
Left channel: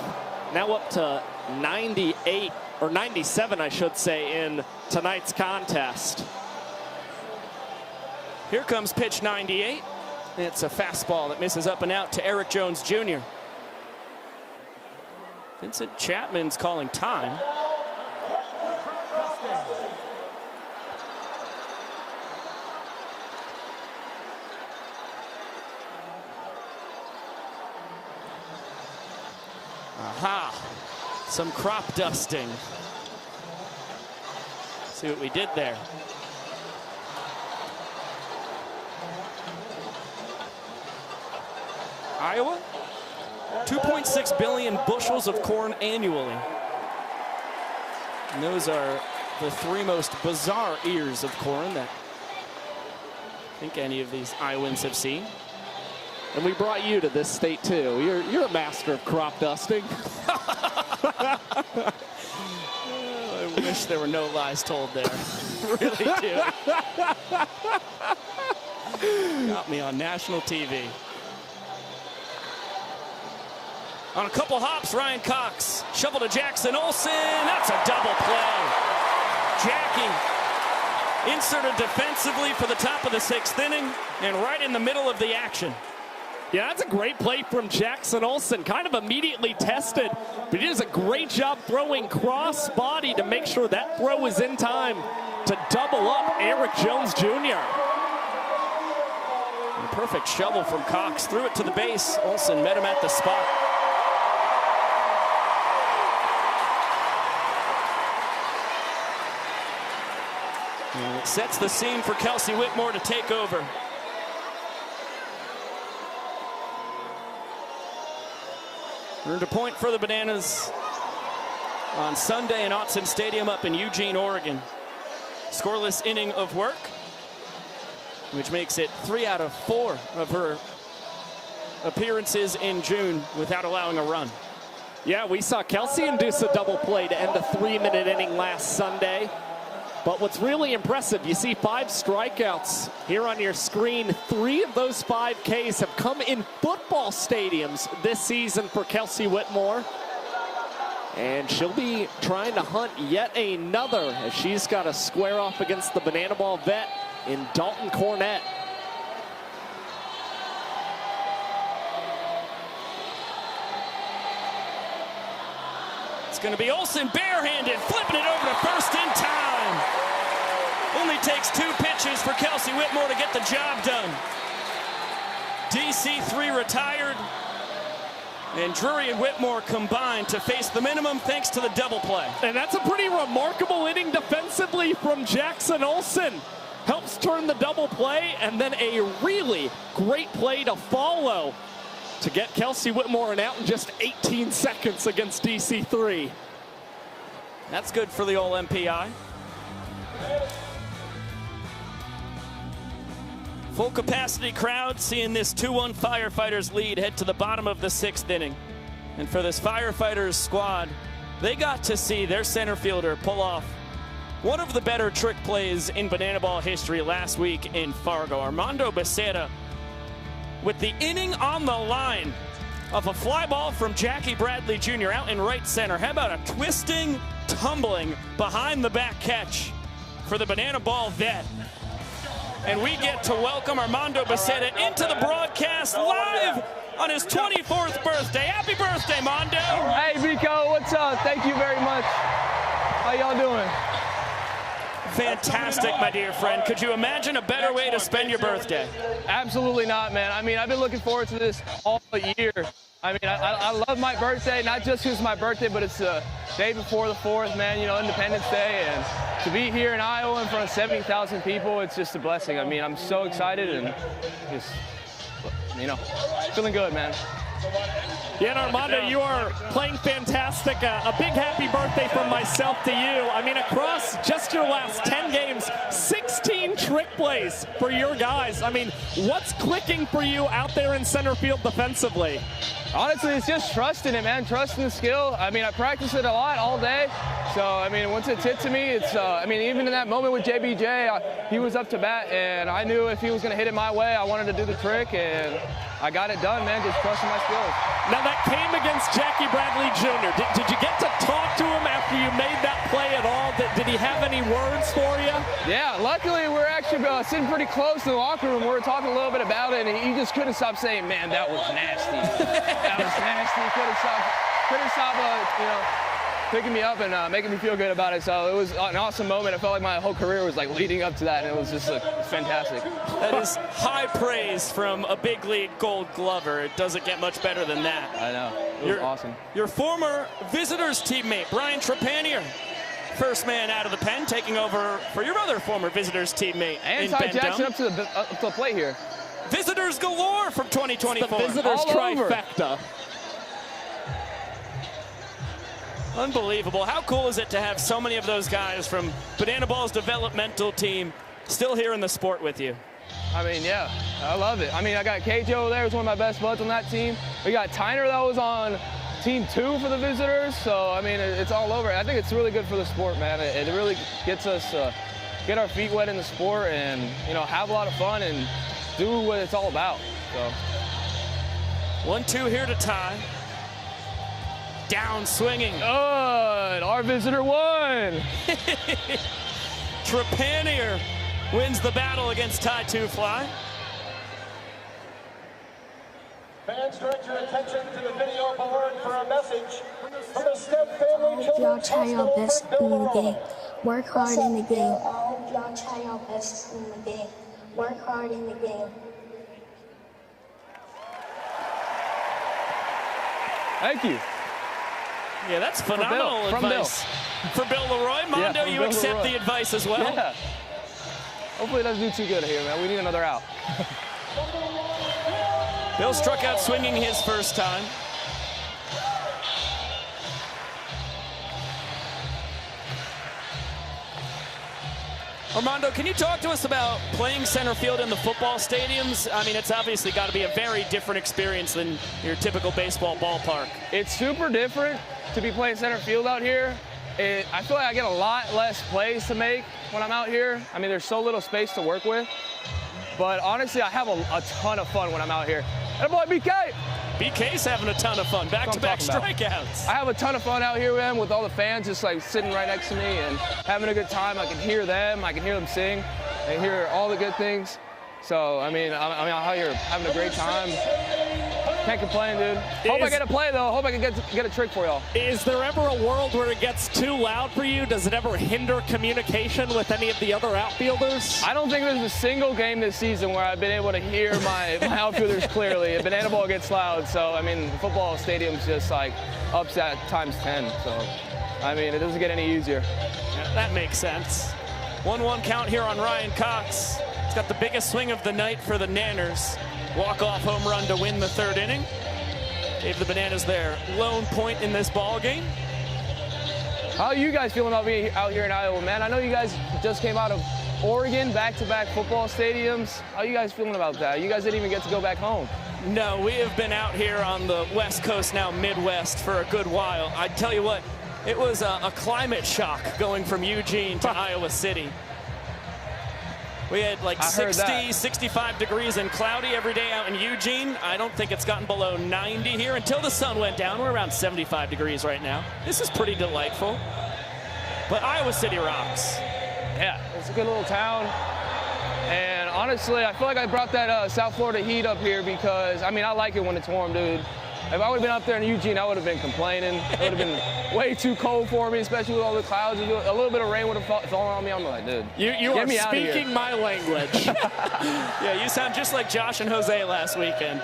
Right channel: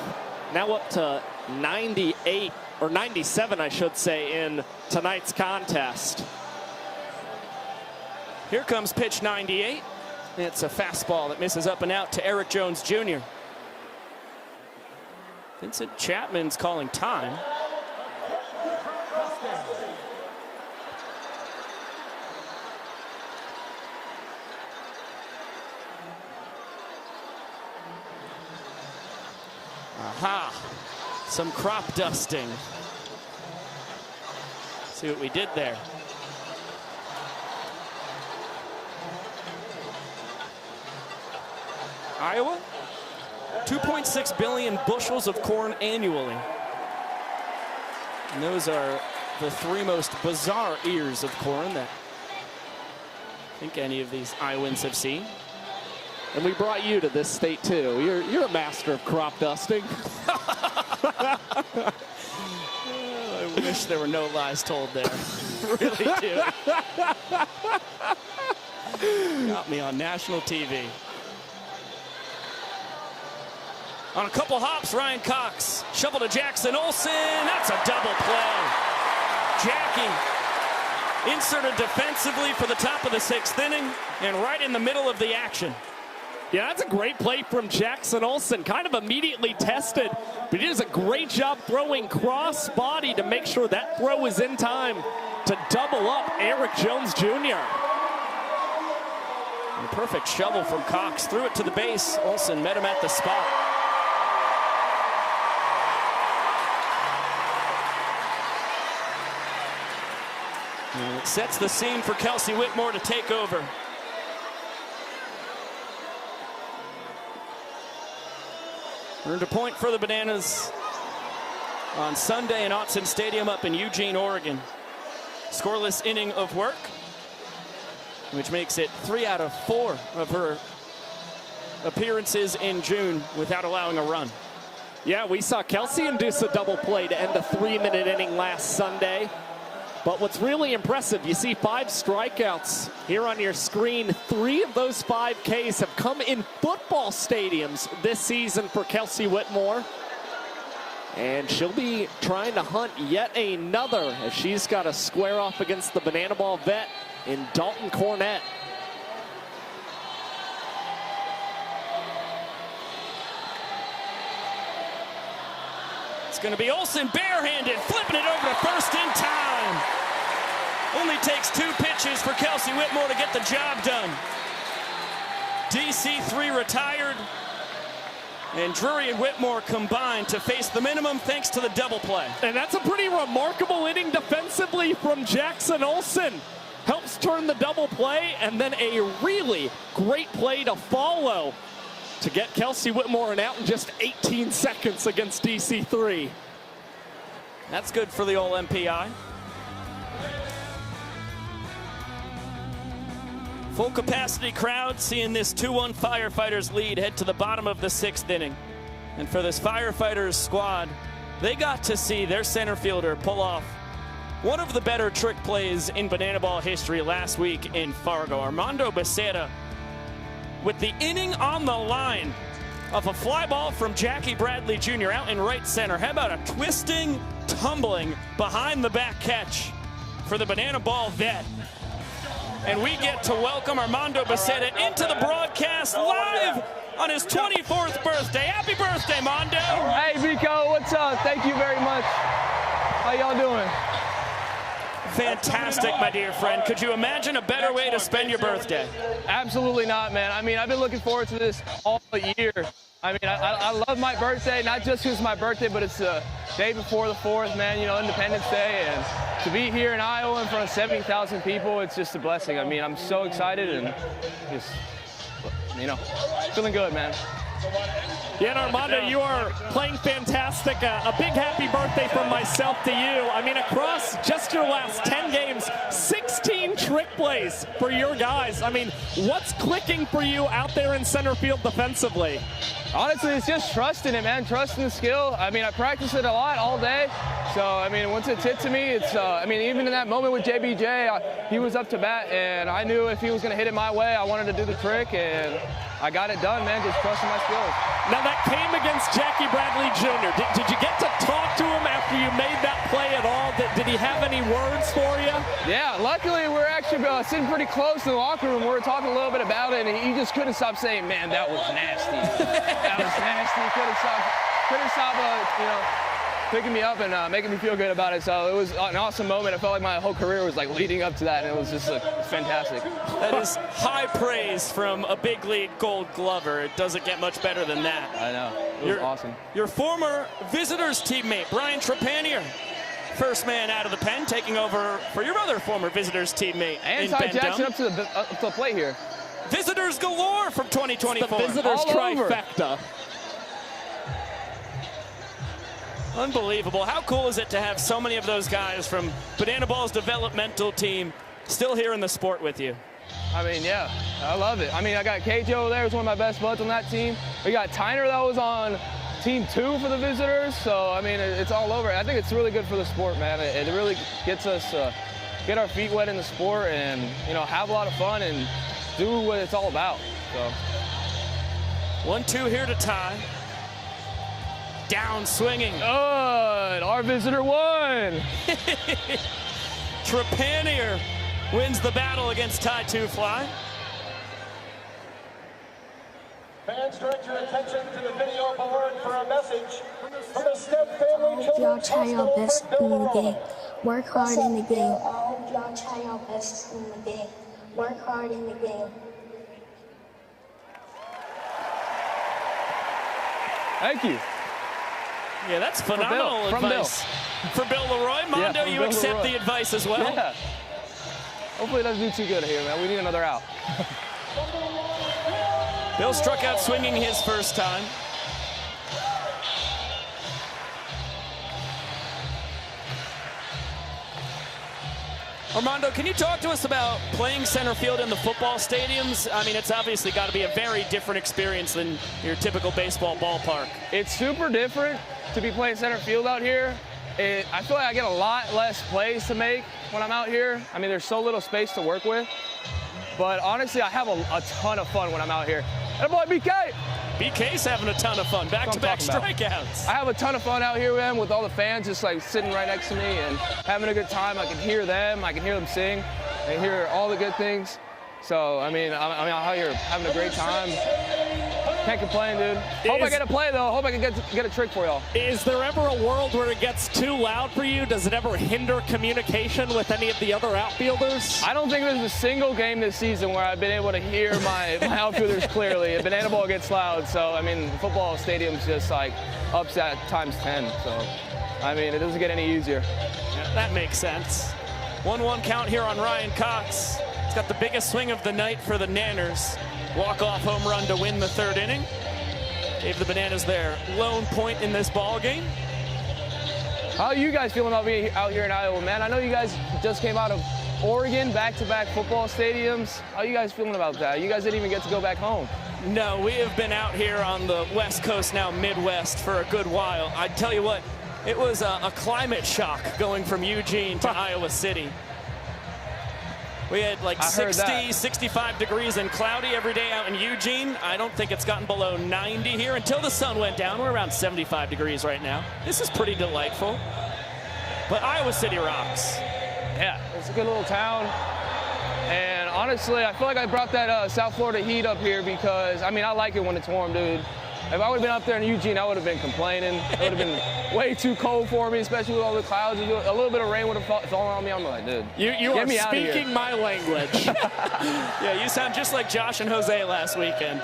Now up to 98, or 97, I should say, in tonight's contest. Here comes pitch 98. It's a fastball that misses up and out to Eric Jones Jr. Vincent Chapman's calling time. Aha, some crop dusting. See what we did there. Iowa, 2.6 billion bushels of corn annually. And those are the 3 most bizarre ears of corn that I think any of these Iowans have seen. And we brought you to this state, too. You're a master of crop dusting. I wish there were no lies told there. I really do. Got me on national TV. On a couple hops, Ryan Cox. Shovel to Jackson Olsen. That's a double play. Jackie inserted defensively for the top of the 6th inning and right in the middle of the action. Yeah, that's a great play from Jackson Olsen. Kind of immediately tested, but he does a great job throwing cross body to make sure that throw is in time to double up Eric Jones Jr. And perfect shovel from Cox. Threw it to the base. Olsen met him at the spot. And it sets the scene for Kelsey Whitmore to take over. Earned a point for the Bananas on Sunday in Autzen Stadium up in Eugene, Oregon. Scoreless inning of work, which makes it 3 out of 4 of her appearances in June without allowing a run. Yeah, we saw Kelsey induce a double play to end a 3-minute inning last Sunday. But what's really impressive, you see 5 strikeouts here on your screen. 3 of those 5 Ks have come in football stadiums this season for Kelsey Whitmore. And she'll be trying to hunt yet another as she's got to square off against the Banana Ball vet in Dalton Cornett. It's going to be Olsen barehanded, flipping it over to first in time. Only takes 2 pitches for Kelsey Whitmore to get the job done. DC3 retired, and Drury and Whitmore combined to face the minimum thanks to the double play. And that's a pretty remarkable inning defensively from Jackson Olsen. Helps turn the double play, and then a really great play to follow to get Kelsey Whitmore an out in just 18 seconds against DC3. That's good for the old MPI. Full capacity crowd seeing this 2-1 Firefighters lead head to the bottom of the 6th inning. And for this Firefighters squad, they got to see their center fielder pull off one of the better trick plays in Banana Ball history last week in Fargo. Armando Becerra with the inning on the line of a fly ball from Jackie Bradley Jr. out in right center. How about a twisting, tumbling, behind the back catch for the Banana Ball vet? And we get to welcome Armando Becerra into the broadcast live on his 24th birthday. Happy birthday, Mondo! Hey, Vico, what's up? Thank you very much. How y'all doing? Fantastic, my dear friend. Could you imagine a better way to spend your birthday? Absolutely not, man. I mean, I've been looking forward to this all year. I mean, I love my birthday, not just because it's my birthday, but it's the day before the 4th, man, you know, Independence Day. And to be here in Iowa in front of 70,000 people, it's just a blessing. I mean, I'm so excited and just, you know, feeling good, man. Yeah, Armando, you are playing fantastic. A big happy birthday from myself to you. I mean, across just your last 10 games, 16 trick plays for your guys. I mean, what's clicking for you out there in center field defensively? Honestly, it's just trusting it, man. Trusting the skill. I mean, I practice it a lot all day. So, I mean, once it's hit to me, it's, I mean, even in that moment with JBJ, he was up to bat, and I knew if he was going to hit it my way, I wanted to do the trick, and I got it done, man, just trusting my skills. Now, that came against Jackie Bradley Jr. Did you get to talk to him after you made that play at all? Did he have any words for you? Yeah, luckily we're actually sitting pretty close in the locker room. We were talking a little bit about it, and he just couldn't stop saying, man, that was nasty. That was nasty. Couldn't stop, you know, picking me up and making me feel good about it. So it was an awesome moment. It felt like my whole career was like leading up to that, and it was just fantastic. That is high praise from a big league Gold Glover. It doesn't get much better than that. I know. It was awesome. Your former Visitors teammate, Brian Trepanier, first man out of the pen, taking over for your other former Visitors teammate. And Ty Jackson up to the plate here. Visitors galore from 2024. It's the Visitors trifecta. Unbelievable. How cool is it to have so many of those guys from Banana Ball's developmental team still here in the sport with you? I mean, yeah, I love it. I mean, I got KJ over there, who's one of my best buds on that team. We got Tyner that was on Team 2 for the Visitors. So, I mean, it's all over. I think it's really good for the sport, man. It really gets us, get our feet wet in the sport and, you know, have a lot of fun and do what it's all about. So. 1-2 here to tie. Down swinging. Good. Our visitor won. Trepanier wins the battle against Ty Two Fly. Fans, direct your attention to the video board for a message from the Step family. Y'all try your best in the game. Work hard in the game. Y'all try your best in the game. Work hard in the game. Thank you. Yeah, that's phenomenal advice. For Bill Leroy. Mondo, you accept the advice as well? Yeah. Hopefully it doesn't do too good here, man. We need another out. Bill struck out swinging his first time. Armando, can you talk to us about playing center field in the football stadiums? I mean, it's obviously got to be a very different experience than your typical baseball ballpark. It's super different to be playing center field out here. I feel like I get a lot less plays to make when I'm out here. I mean, there's so little space to work with. But honestly, I have a ton of fun when I'm out here. And boy, BK! BK's having a ton of fun. Back-to-back strikeouts. I have a ton of fun out here with them, with all the fans just like sitting right next to me and having a good time. I can hear them. I can hear them sing. I can hear all the good things. So, I mean, I'm out here having a great time. Can't complain, dude. Hope I get a play, though. Hope I can get a trick for y'all. Is there ever a world where it gets too loud for you? Does it ever hinder communication with any of the other outfielders? I don't think there's a single game this season where I've been able to hear my outfielders clearly. A banana ball gets loud, so, I mean, the football stadium's just, like, upset times 10. So, I mean, it doesn't get any easier. Yeah, that makes sense. 1-1 count here on Ryan Cox. He's got the biggest swing of the night for the Nanners. Walk-off home run to win the third inning. Gave the Bananas their lone point in this ball game. How are you guys feeling about being out here in Iowa, man? I know you guys just came out of Oregon, back-to-back football stadiums. How are you guys feeling about that? You guys didn't even get to go back home. No, we have been out here on the West Coast, now Midwest, for a good while. I tell you what, it was a climate shock going from Eugene to Iowa City. We had like 60, 65 degrees and cloudy every day out in Eugene. I don't think it's gotten below 90 here until the sun went down. We're around 75 degrees right now. This is pretty delightful. But Iowa City rocks. Yeah, it's a good little town. And honestly, I feel like I brought that South Florida heat up here because, I mean, I like it when it's warm, dude. If I would have been up there in Eugene, I would have been complaining. It would have been way too cold for me, especially with all the clouds. A little bit of rain would have fallen on me. I'm like, dude, you are speaking my language. Yeah, you sound just like Josh and Jose last weekend.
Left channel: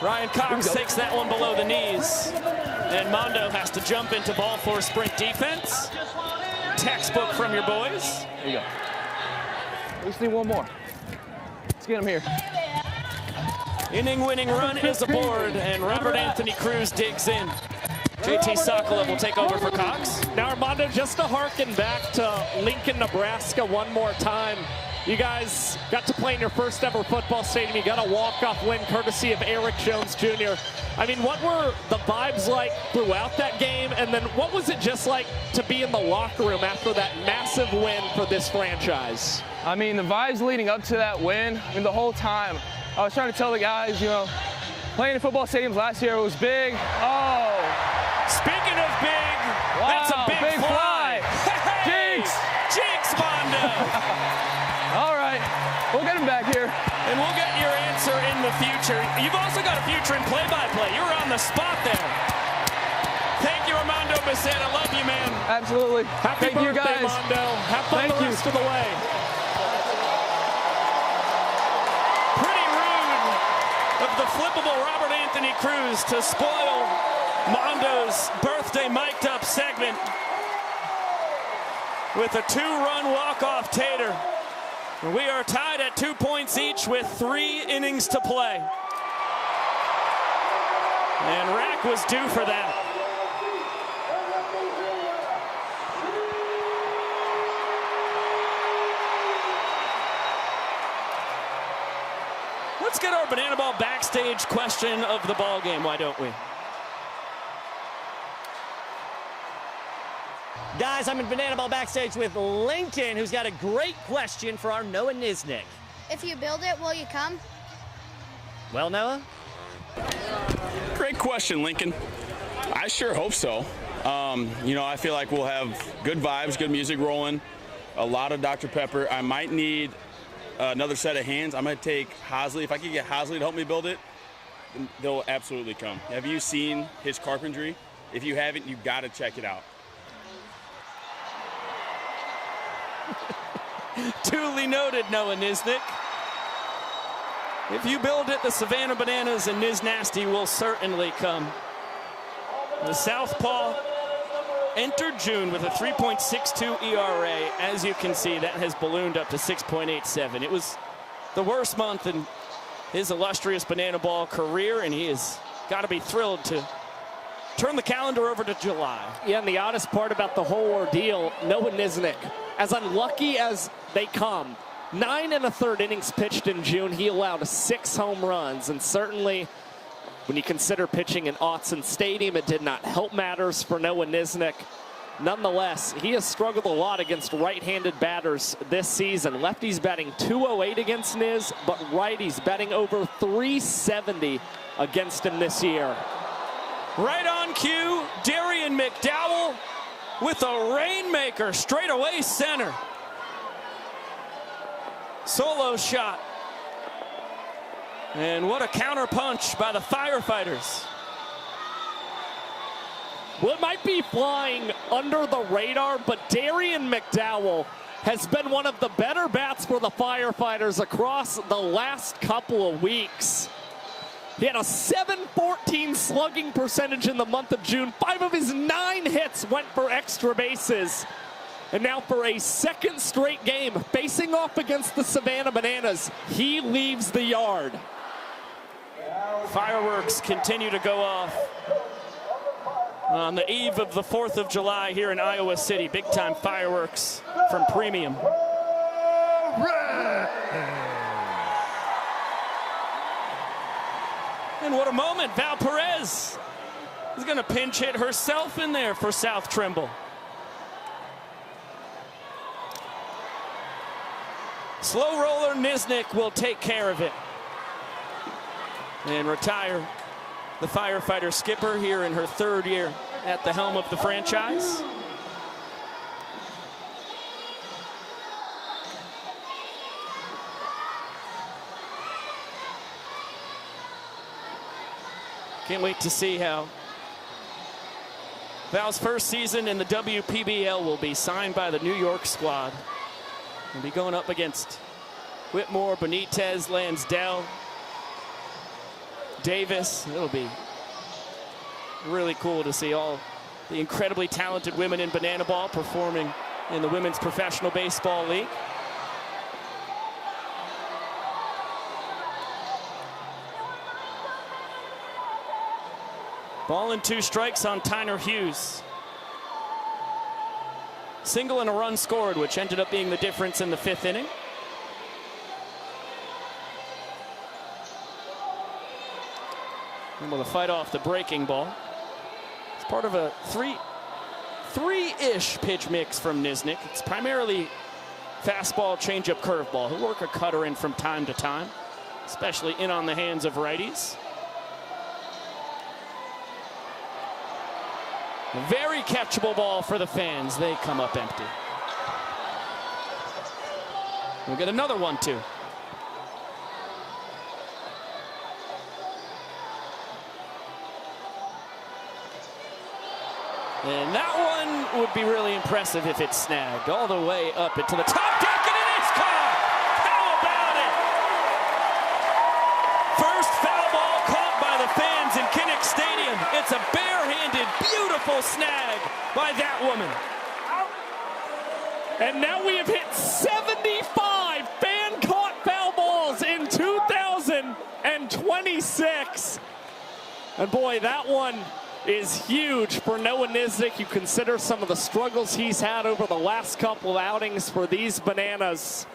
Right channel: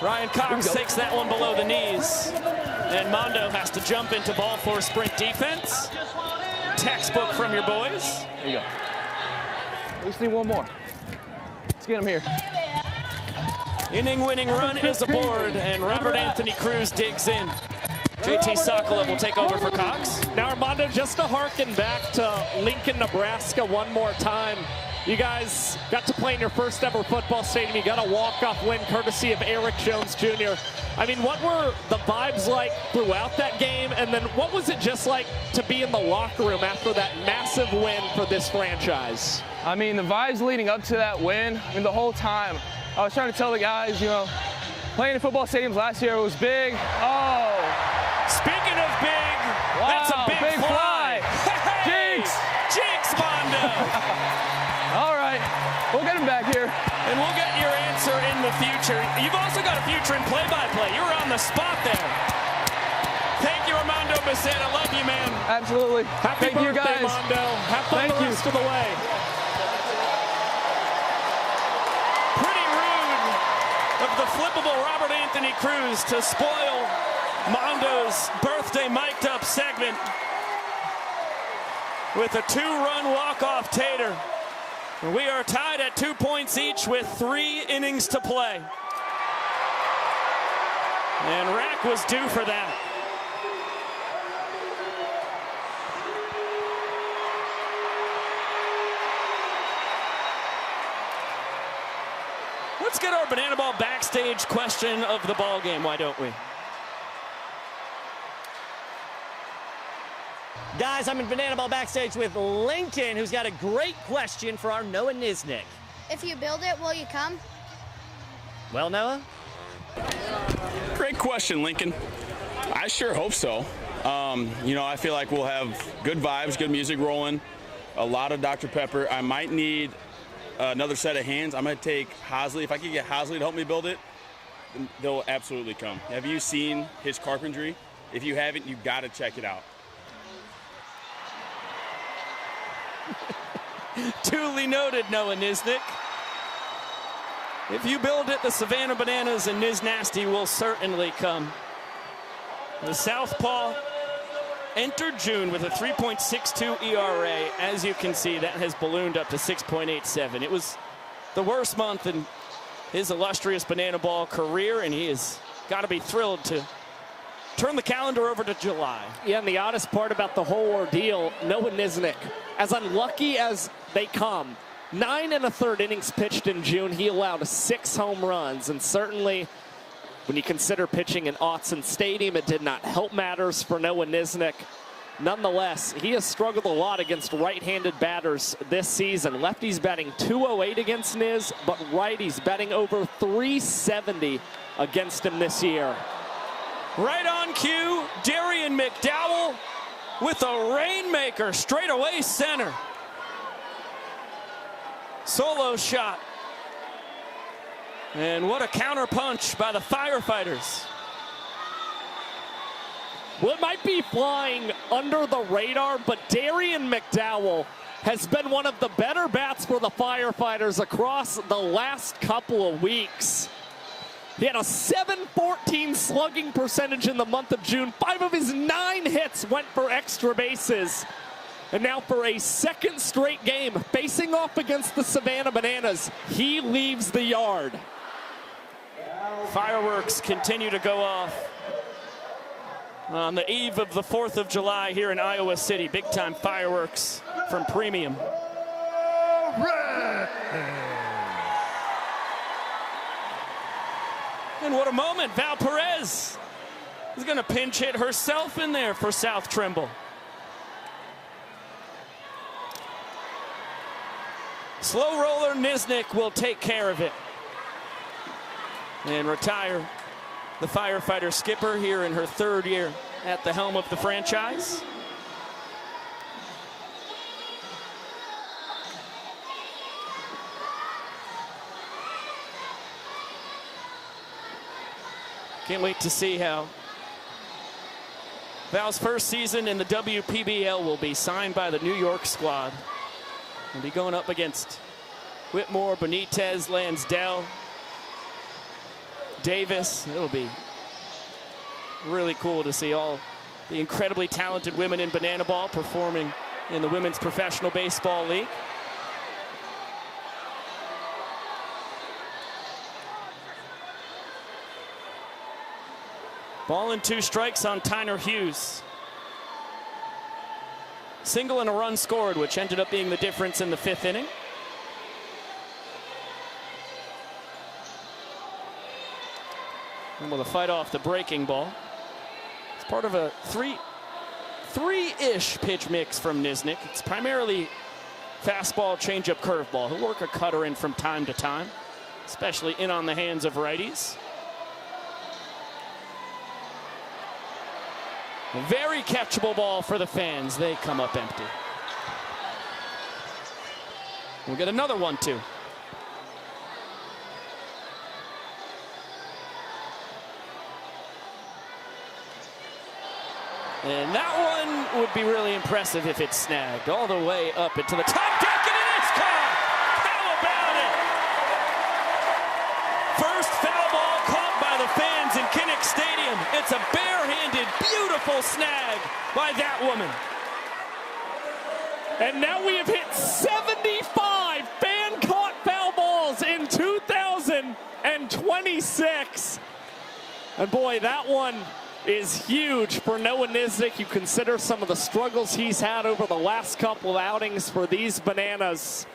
Ryan Cox takes that one below the knees. And Mondo has to jump into ball four sprint defense. Textbook from your boys. There you go. We just need one more. Let's get him here. Inning-winning run is aboard, and Robert Anthony Cruz digs in. JT Sokolow will take over for Cox. Now, Armando, just to harken back to Lincoln, Nebraska one more time, you guys got to play in your first ever football stadium. You got a walk-off win courtesy of Eric Jones Jr. I mean, what were the vibes like throughout that game? And then what was it just like to be in the locker room after that massive win for this franchise? I mean, the vibes leading up to that win, I mean, the whole time, I was trying to tell the guys, you know, playing in football stadiums last year was big. Oh. Speaking of big, that's a big fly. Jinx! Jinx, Mondo! All right, we'll get him back here. And we'll get your answer in the future. You've also got a future in play-by-play. You were on the spot there. Thank you, Armando Bissett. I love you, man. Absolutely. Happy birthday, you guys. Mondo. Have fun the rest of the way. Pretty rude of the flippable Robert Anthony Cruz to spoil Mondo's birthday mic'd-up segment with a two-run walk-off tater. We are tied at 2 points each with 3 innings to play. And Rack was due for that. Let's get our Banana Ball backstage question of the ball game, why don't we? Guys, I'm in Banana Ball backstage with Lincoln, who's got a great question for our Noah Niznik. If you build it, will you come? Well, Noah? Great question, Lincoln. I sure hope so. You know, I feel like we'll have good vibes, good music rolling, a lot of Dr. Pepper. I might need another set of hands. I might take Hosley. If I could get Hosley to help me build it, they'll absolutely come. Have you seen his carpentry? If you haven't, you've got to check it out. Duly noted, Noah Niznik. If you build it, the Savannah Bananas and Niz Nasty will certainly come. The Southpaw entered June with a 3.62 ERA. As you can see, that has ballooned up to 6.87. It was the worst month in his illustrious Banana Ball career, and he has got to be thrilled to turn the calendar over to July. Yeah, and the oddest part about the whole ordeal, Noah Nisnik, as unlucky as they come, 9 1/3 innings pitched in June. He allowed 6 home runs, and certainly when you consider pitching in Autzen Stadium, it did not help matters for Noah Nisnik. Nonetheless, he has struggled a lot against right-handed batters this season. Lefties batting .208 against Niz, but righties batting over .370 against him this year. Right on cue, Darian McDowell with a rainmaker straight away center. Solo shot. And what a counter punch by the Firefighters. Well, it might be flying under the radar, but Darian McDowell has been one of the better bats for the Firefighters across the last couple of weeks. He had a .714 slugging percentage in the month of June. 5 of his 9 hits went for extra bases. And now for a second straight game, facing off against the Savannah Bananas, he leaves the yard. Fireworks continue to go off on the eve of the 4th of July here in Iowa City. Big-time fireworks from Premium. And what a moment. Val Perez is going to pinch hit herself in there for South Trimble. Slow roller Nisnik will take care of it and retire the Firefighter skipper here in her 3rd year at the helm of the franchise. Can't wait to see how Val's first season in the WPBL will be signed by the New York squad. We'll be going up against Whitmore, Benitez, Lansdell, Davis. It'll be really cool to see all the incredibly talented women in banana ball performing in the Women's Professional Baseball League. Ball and 2 strikes on Tyner Hughes. Single and a run scored, which ended up being the difference in the 5th inning. Able to fight off the breaking ball. It's part of a three-ish pitch mix from Nisnik. It's primarily fastball, changeup, curveball. He'll work a cutter in from time to time, especially in on the hands of righties. Very catchable ball for the fans. They come up empty. We'll get another 1-2. And that one would be really impressive if it's snagged all the way up into the top deck, and it is caught! How about it? First foul ball caught by the fans in Kinnick Stadium. It's a barehanded, beautiful snag by that woman. And now we have hit 75 fan-caught foul balls in 2026. And boy, that one is huge for Noah Nisnik. You consider some of the struggles he's had over the last couple of outings for these Bananas.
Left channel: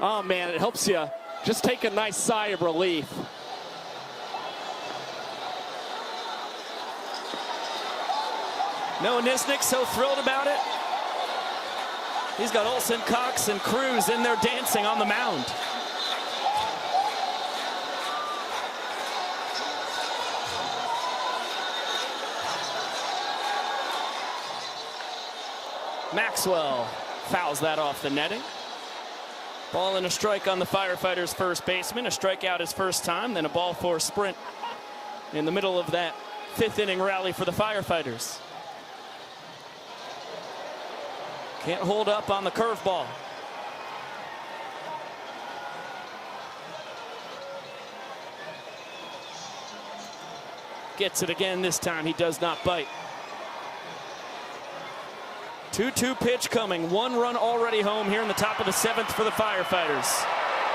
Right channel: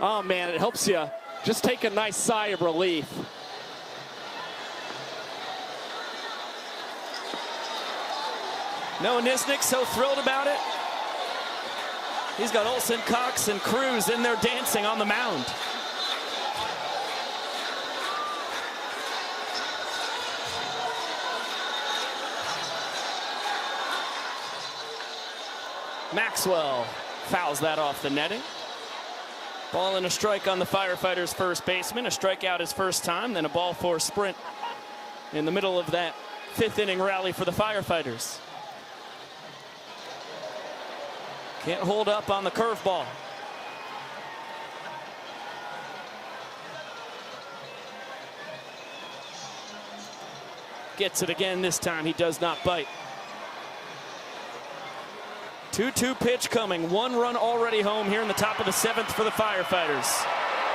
Oh man, it helps you just take a nice sigh of relief. Noah Nisnik so thrilled about it. He's got Olsen, Cox, and Cruz in there dancing on the mound. Maxwell fouls that off the netting. Ball and a strike on the Firefighters' first baseman. A strikeout his first time, then a ball for a sprint in the middle of that 5th inning rally for the Firefighters. Can't hold up on the curveball. Gets it again this time. He does not bite. 2-2 pitch coming. 1 run already home here in the top of the 7th for the Firefighters.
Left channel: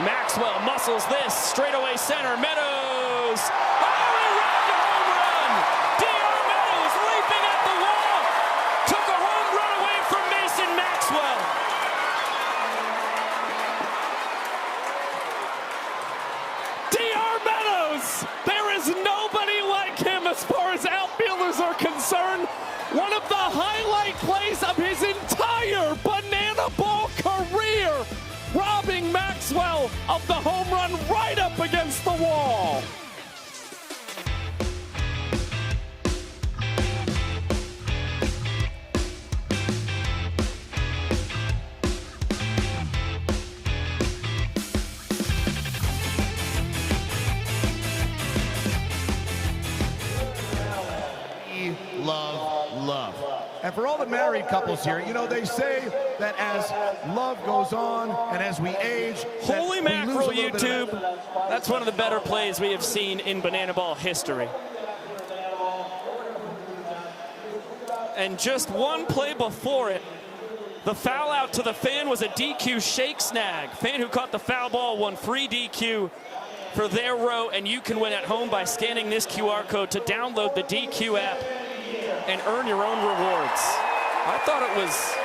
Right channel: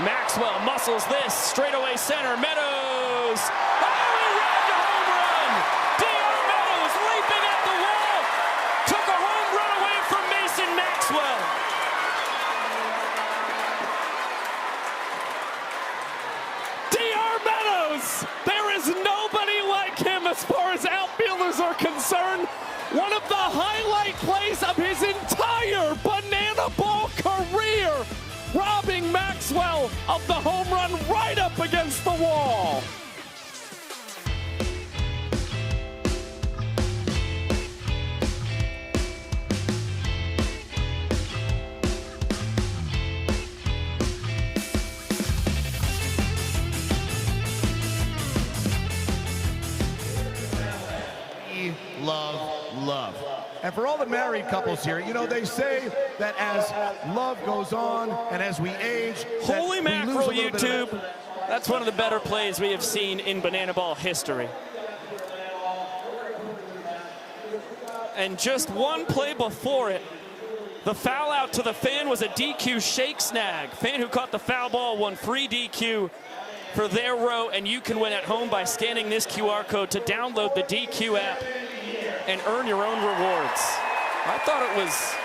Maxwell muscles this. Straightaway center. Meadows. Oh, home run! D.R. Meadows Bananas are concerned, one of the highlight plays of his entire Banana Ball career, robbing Maxwell of the home run right up against the wall. Love. And for all the married couples here, you know, they say that as love goes on and as we age, Holy mackerel, YouTube. That's one of the better plays we have seen in Banana Ball history. And just one play before it, the foul out to the fan was a DQ shake snag. Fan who caught the foul ball won free DQ for their row, and you can win at home by scanning this QR code to download the DQ app and earn your own rewards. I thought it was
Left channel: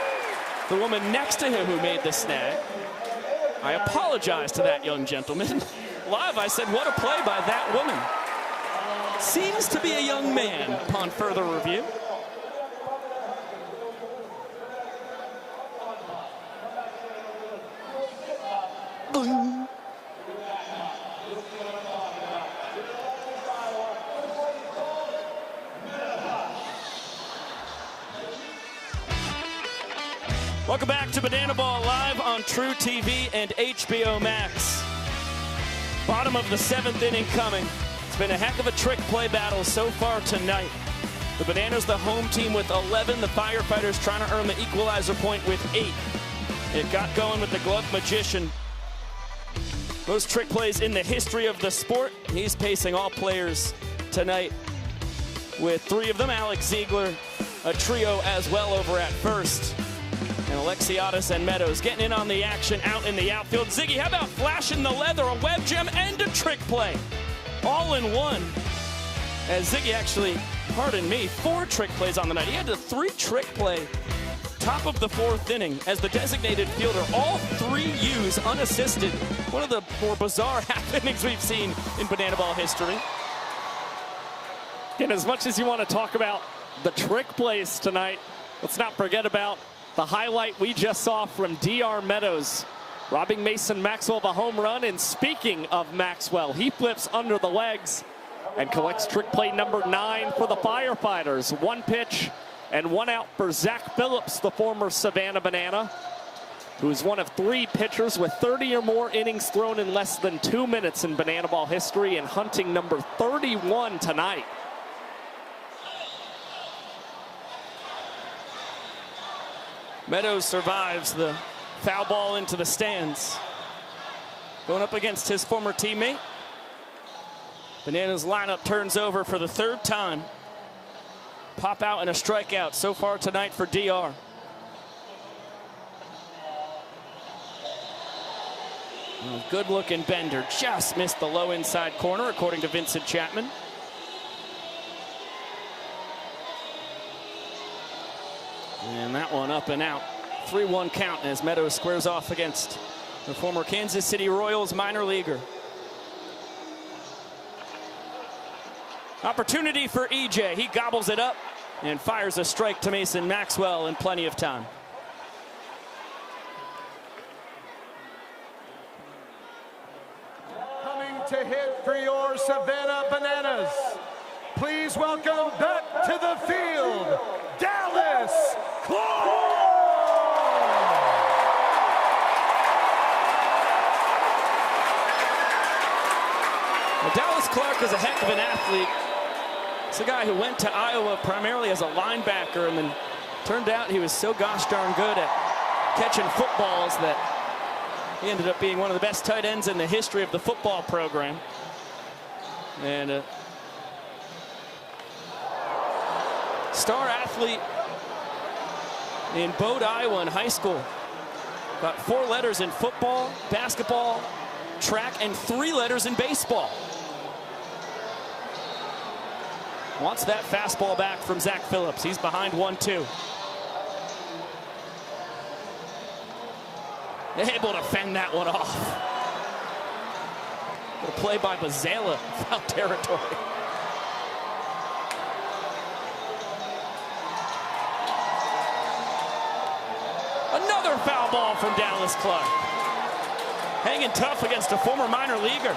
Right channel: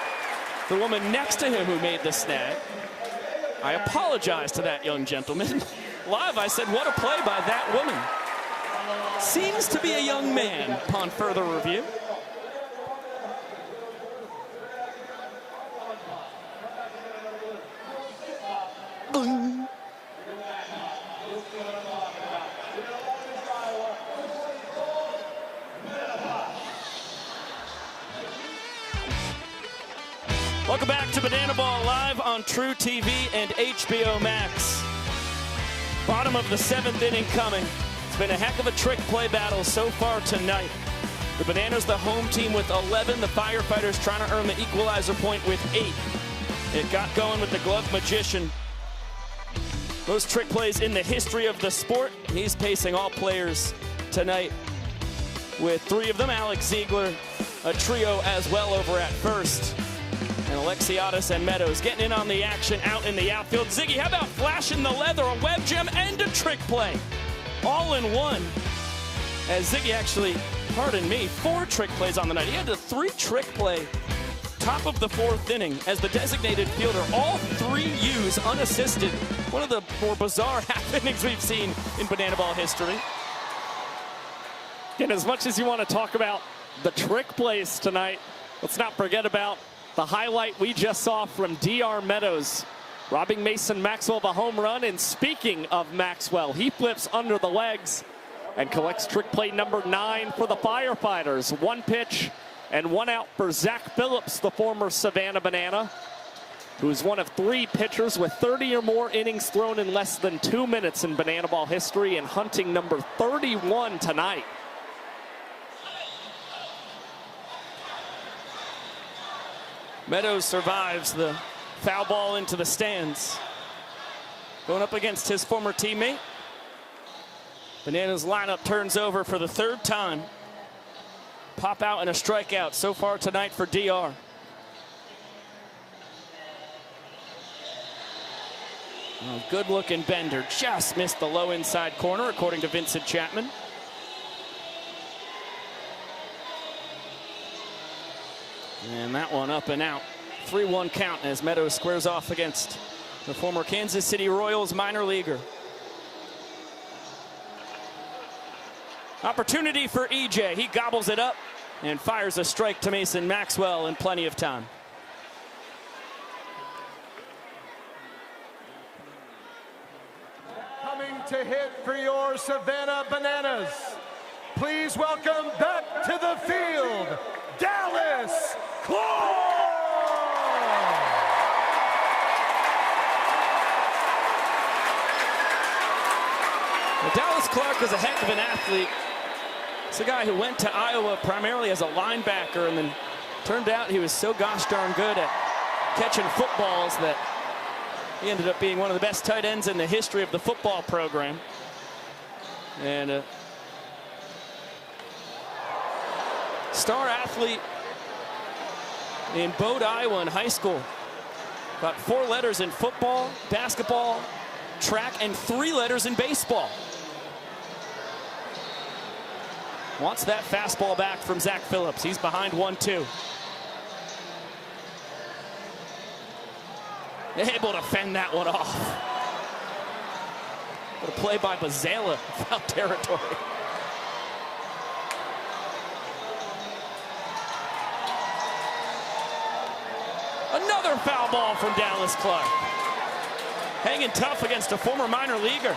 the woman next to him who made the snag. I apologize to that young gentleman. Live, I said, what a play by that woman. Seems to be a young man upon further review. Welcome back to Banana Ball Live on True TV and HBO Max. Bottom of the 7th inning coming. It's been a heck of a trick play battle so far tonight. The Bananas the home team with 11. The Firefighters trying to earn the equalizer point with 8. It got going with the glove magician. Most trick plays in the history of the sport. He's pacing all players tonight with 3 of them. Alex Ziegler, a trio as well over at first. And Alexiadis and Meadows getting in on the action out in the outfield. Ziggy, how about flashing the leather, a web gem, and a trick play? All in one. As Ziggy actually, pardon me, 4 trick plays on the night. He had a 3 trick play top of the 4th inning as the designated fielder. All 3 U's unassisted. One of the more bizarre happenings we've seen in Banana Ball history. And as much as you want to talk about the trick plays tonight, let's not forget about the highlight we just saw from DR Meadows, robbing Mason Maxwell of a home run. And speaking of Maxwell, he flips under the legs and collects trick play number 9 for the Firefighters. 1 pitch and 1 out for Zach Phillips, the former Savannah Banana, who's one of 3 pitchers with 30 or more innings thrown in less than 2 minutes in Banana Ball history, and hunting number 31 tonight. Meadows survives the foul ball into the stands. Going up against his former teammate. Bananas lineup turns over for the 3rd time. Pop out and a strikeout so far tonight for DR. Good looking bender. Just missed the low inside corner, according to Vincent Chapman. And that one up and out. 3-1 count as Meadows squares off against the former Kansas City Royals minor leaguer. Opportunity for EJ. He gobbles it up and fires a strike to Mason Maxwell in plenty of time. Coming to hit for your Savannah Bananas. Please welcome back to the field, Dallas Clark! Well, Dallas Clark is a heck of an athlete. He's a guy who went to Iowa primarily as a linebacker, and then turned out he was so gosh darn good at catching footballs that he ended up being one of the best tight ends in the history of the football program. And star athlete in Bode, Iowa in high school. Got 4 letters in football, basketball, track, and 3 letters in baseball. Wants that fastball back from Zach Phillips. He's behind 1-2. Able to fend that one off. Play by Bazela, foul territory. ball from Dallas Clark. Hanging tough against a former minor leaguer.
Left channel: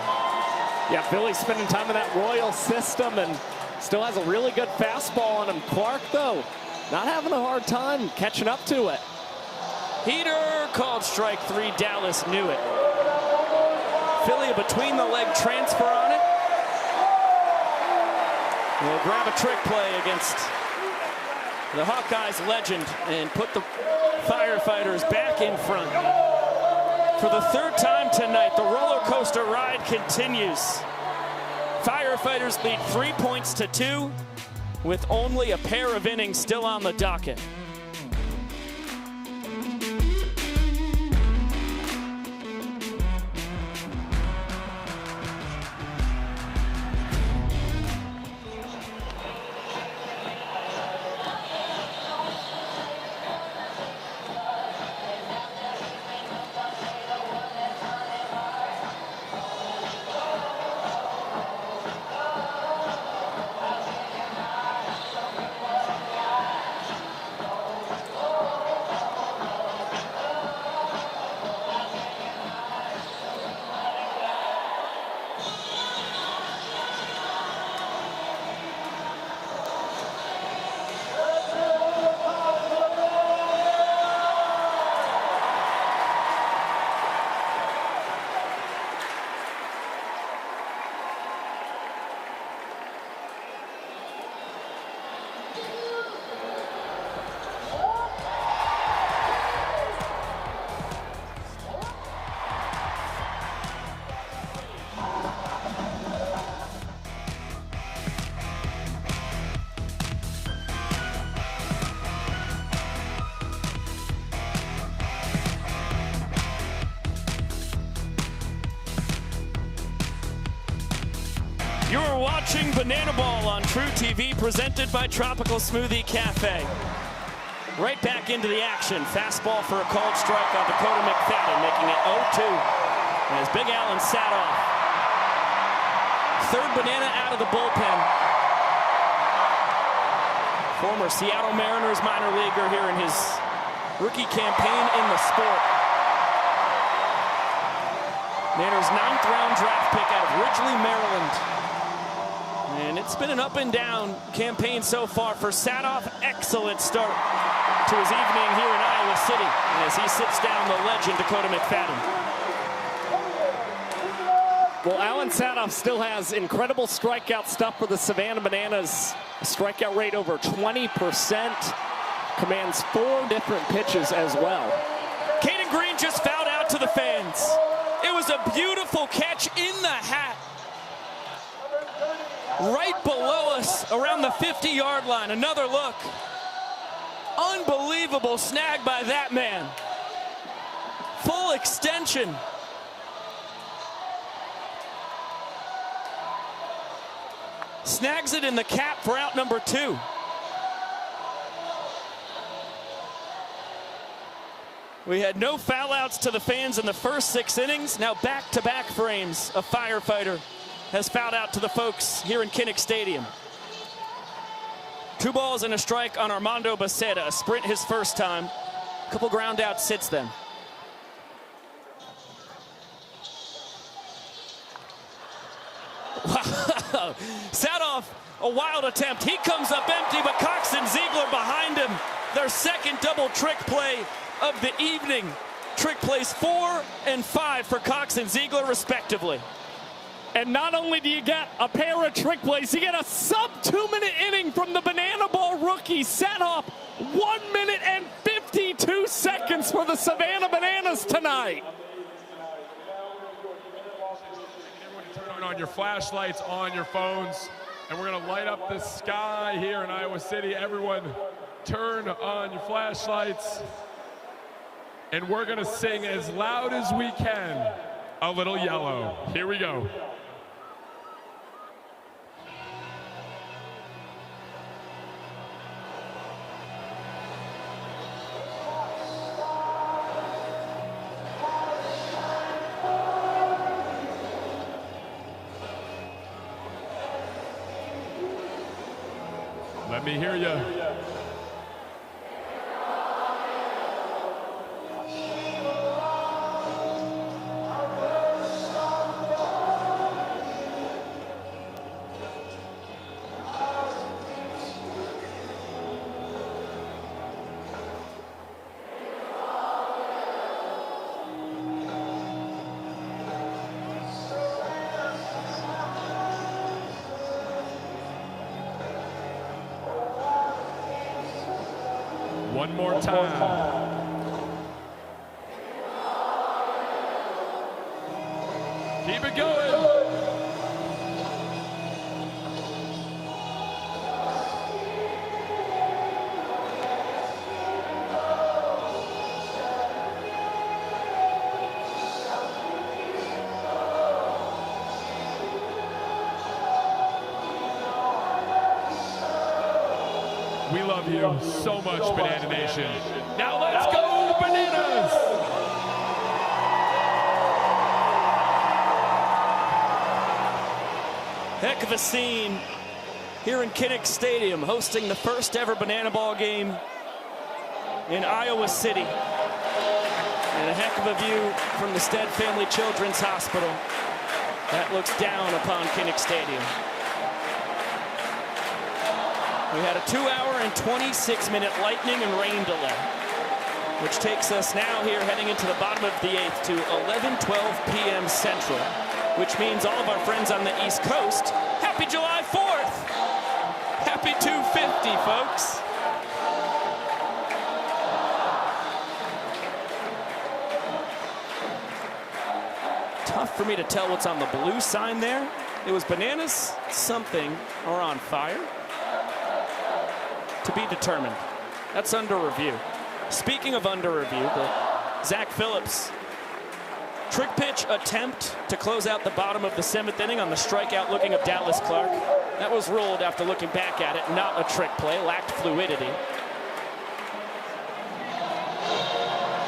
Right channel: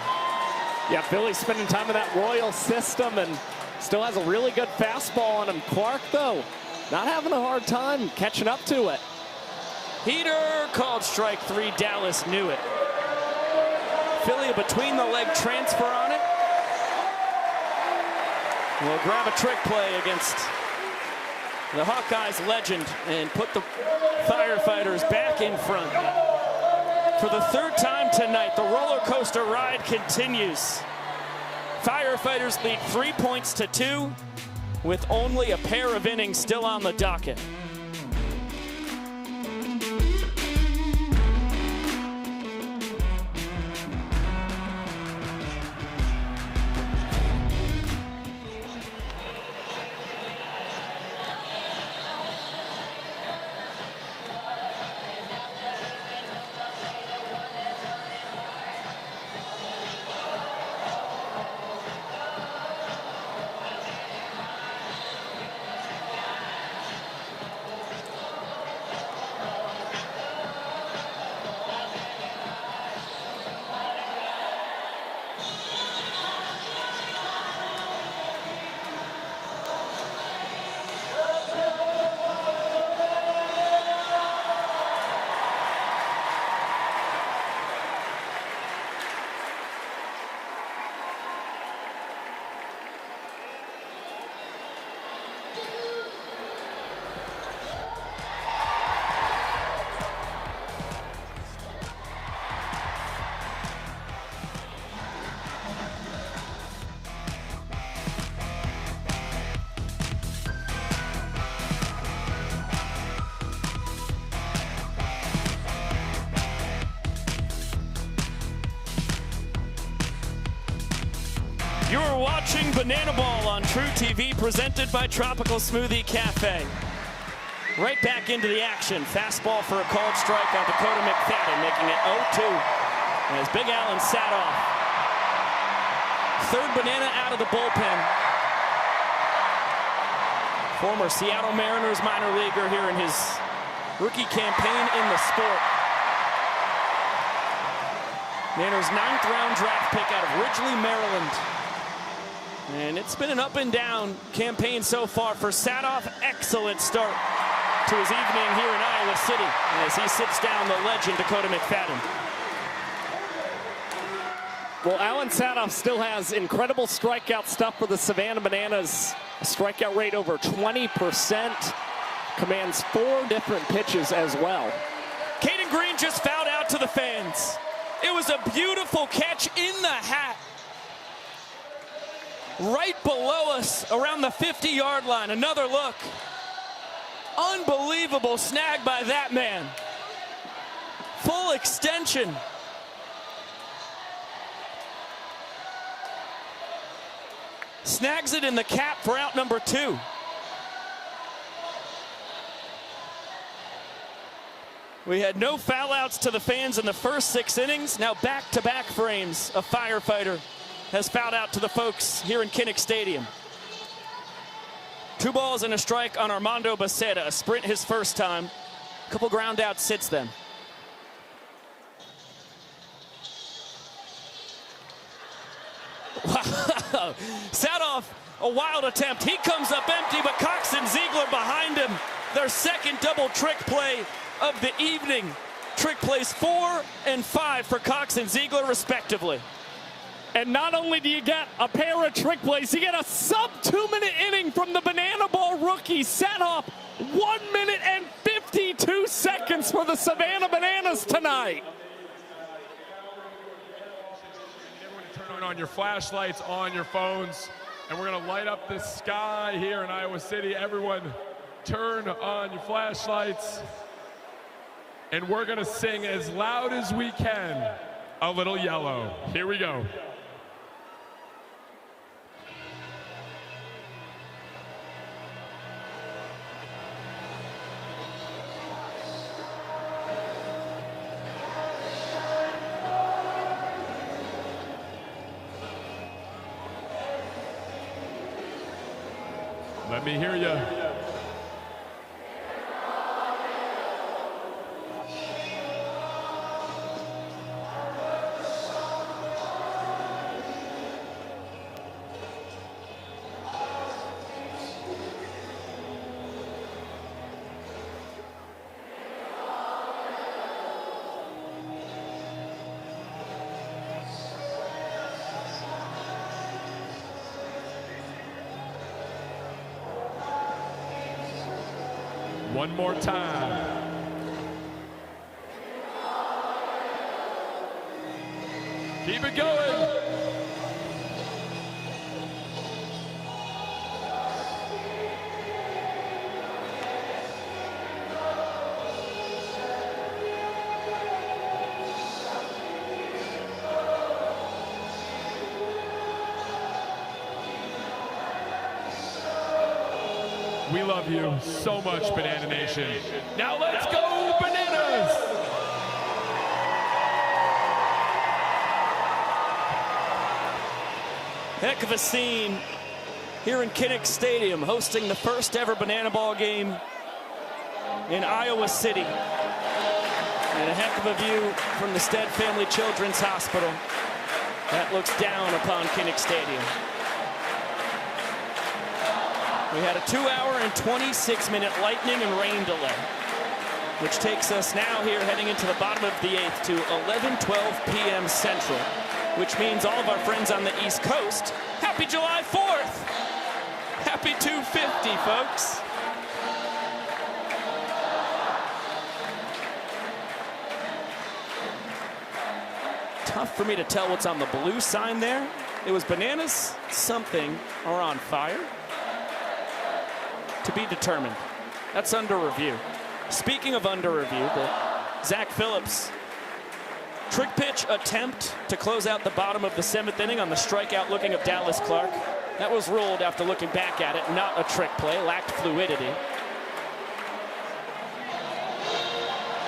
Yeah, Philly's spending time in that Royal system and still has a really good fastball on him. Clark, though, not having a hard time catching up to it. Heater called strike 3. Dallas knew it. Philly between the leg transfer on it. Will grab a trick play against the Hawkeyes legend and put the Firefighters back in front. For the third time tonight, the roller coaster ride continues. Firefighters lead 3 points to 2 with only a pair of innings still on the docket. Presented by Tropical Smoothie Cafe. Right back into the action. Fastball for a called strike on Dakota McFadden, making it 0-2. As Big Allen sat off. Third banana out of the bullpen. Former Seattle Mariners minor leaguer here in his rookie campaign in the sport. Mariners 9th round draft pick out of Ridgely, Maryland. And it's been an up and down campaign so far for Sadoff. Excellent start to his evening here in Iowa City as he sits down the legend Dakota McFadden. Well, Alan Sadoff still has incredible strikeout stuff for the Savannah Bananas. A strikeout rate over 20%. Commands 4 different pitches as well. Caden Green just fouled out to the fans. It was a beautiful catch in the hat. Right below us, around the 50-yard line. Another look. Unbelievable snag by that man. Full extension. Snags it in the cap for out number 2. We had no foul outs to the fans in the first 6 innings. Now back-to-back frames. A Firefighter has fouled out to the folks here in Kinnick Stadium. 2 balls and a strike on Armando Becerra. A sprint his first time. A couple ground outs since then. Wow. Sadoff, a wild attempt. He comes up empty, but Cox and Ziegler behind him. Their second double trick play of the evening. Trick plays 4 and 5 for Cox and Ziegler, respectively. And not only do you get a pair of trick plays, you get a sub-2-minute inning from the Banana Ball rookie. Sadoff, 1 minute and 52 seconds for the Savannah Bananas tonight. Turn on your flashlights on your phones, and we're going to light up the sky here in Iowa City. Everyone, turn on your flashlights, and we're going to sing as loud as we can, A Little Yellow. Here we go. Let me hear you. one more time. Keep it going. We love you so much, Banana Nation. Now let's go, Bananas! Heck of a scene here in Kinnick Stadium, hosting the first ever Banana Ball game in Iowa City. And a heck of a view from the Stead Family Children's Hospital that looks down upon Kinnick Stadium. We had a 2-hour and 26-minute lightning and rain delay, which takes us now here heading into the bottom of the 8th to 11:12 p.m. Central, which means all of our friends on the East Coast, happy July 4th! Happy 250, folks! Tough for me to tell what's on the blue sign there. It was bananas, something, or on fire. To be determined. That's under review. Speaking of under review, Zach Phillips trick pitch attempt to close out the bottom of the 7th inning on the strikeout looking of Dallas Clark. That was ruled after looking back at it, not a trick play, lacked fluidity.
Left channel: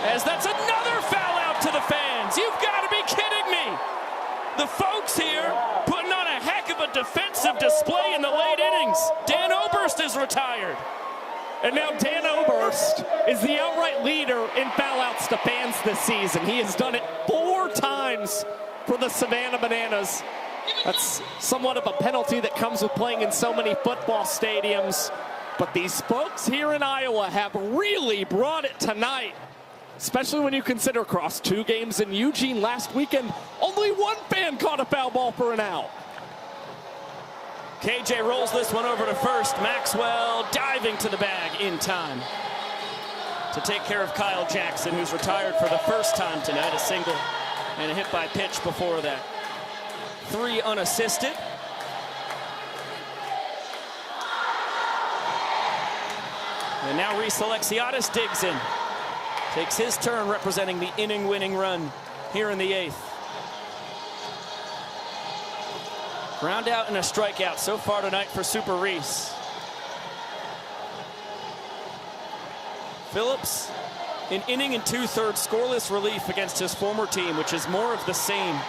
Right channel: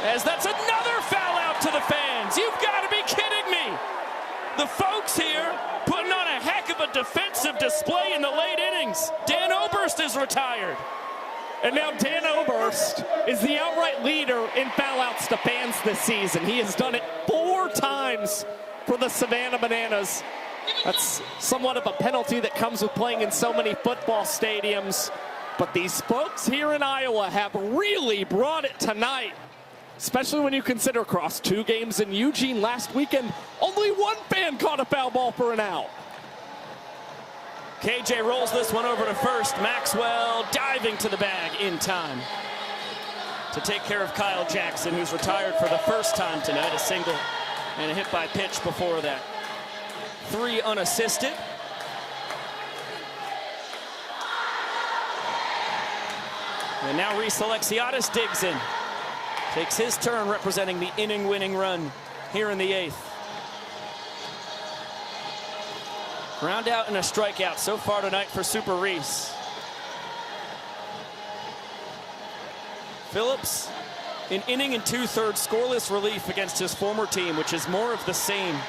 As that's another foul out to the fans. You've got to be kidding me. The folks here putting on a heck of a defensive display in the late innings. Dan Oberst is retired. And now Dan Oberst is the outright leader in foul-outs to fans this season. He has done it 4 times for the Savannah Bananas. That's somewhat of a penalty that comes with playing in so many football stadiums. But these folks here in Iowa have really brought it tonight, especially when you consider across 2 games in Eugene last weekend, only 1 fan caught a foul ball for an out. KJ rolls this one over to first. Maxwell diving to the bag in time to take care of Kyle Jackson, who's retired for the first time tonight. A single and a hit by pitch before that. 3 unassisted. And now Reese Alexiadis digs in. Takes his turn representing the inning-winning run here in the 8th. Ground out and a strikeout so far tonight for Super Reese. Phillips, an inning and 2/3 scoreless relief against his former team, which is more of the same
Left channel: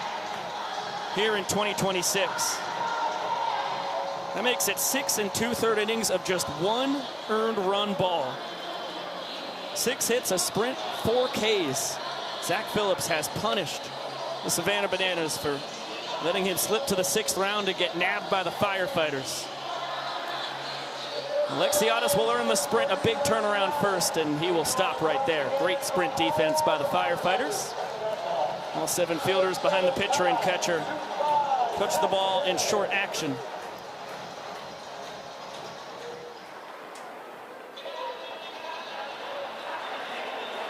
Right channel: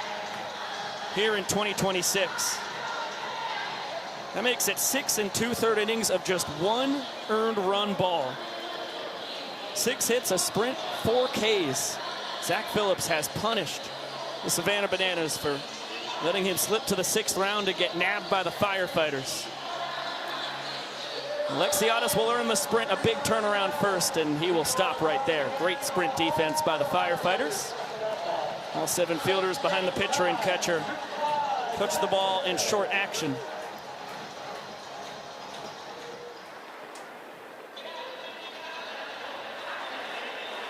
here in 2026. That makes it 6 2/3 innings of just 1 earned run ball. 6 hits, a sprint, 4 Ks. Zach Phillips has punished the Savannah Bananas for letting him slip to the 6th round and get nabbed by the Firefighters. Alexiadis will earn the sprint, a big turnaround first, and he will stop right there. Great sprint defense by the Firefighters. All 7 fielders behind the pitcher and catcher. Puts the ball in short action.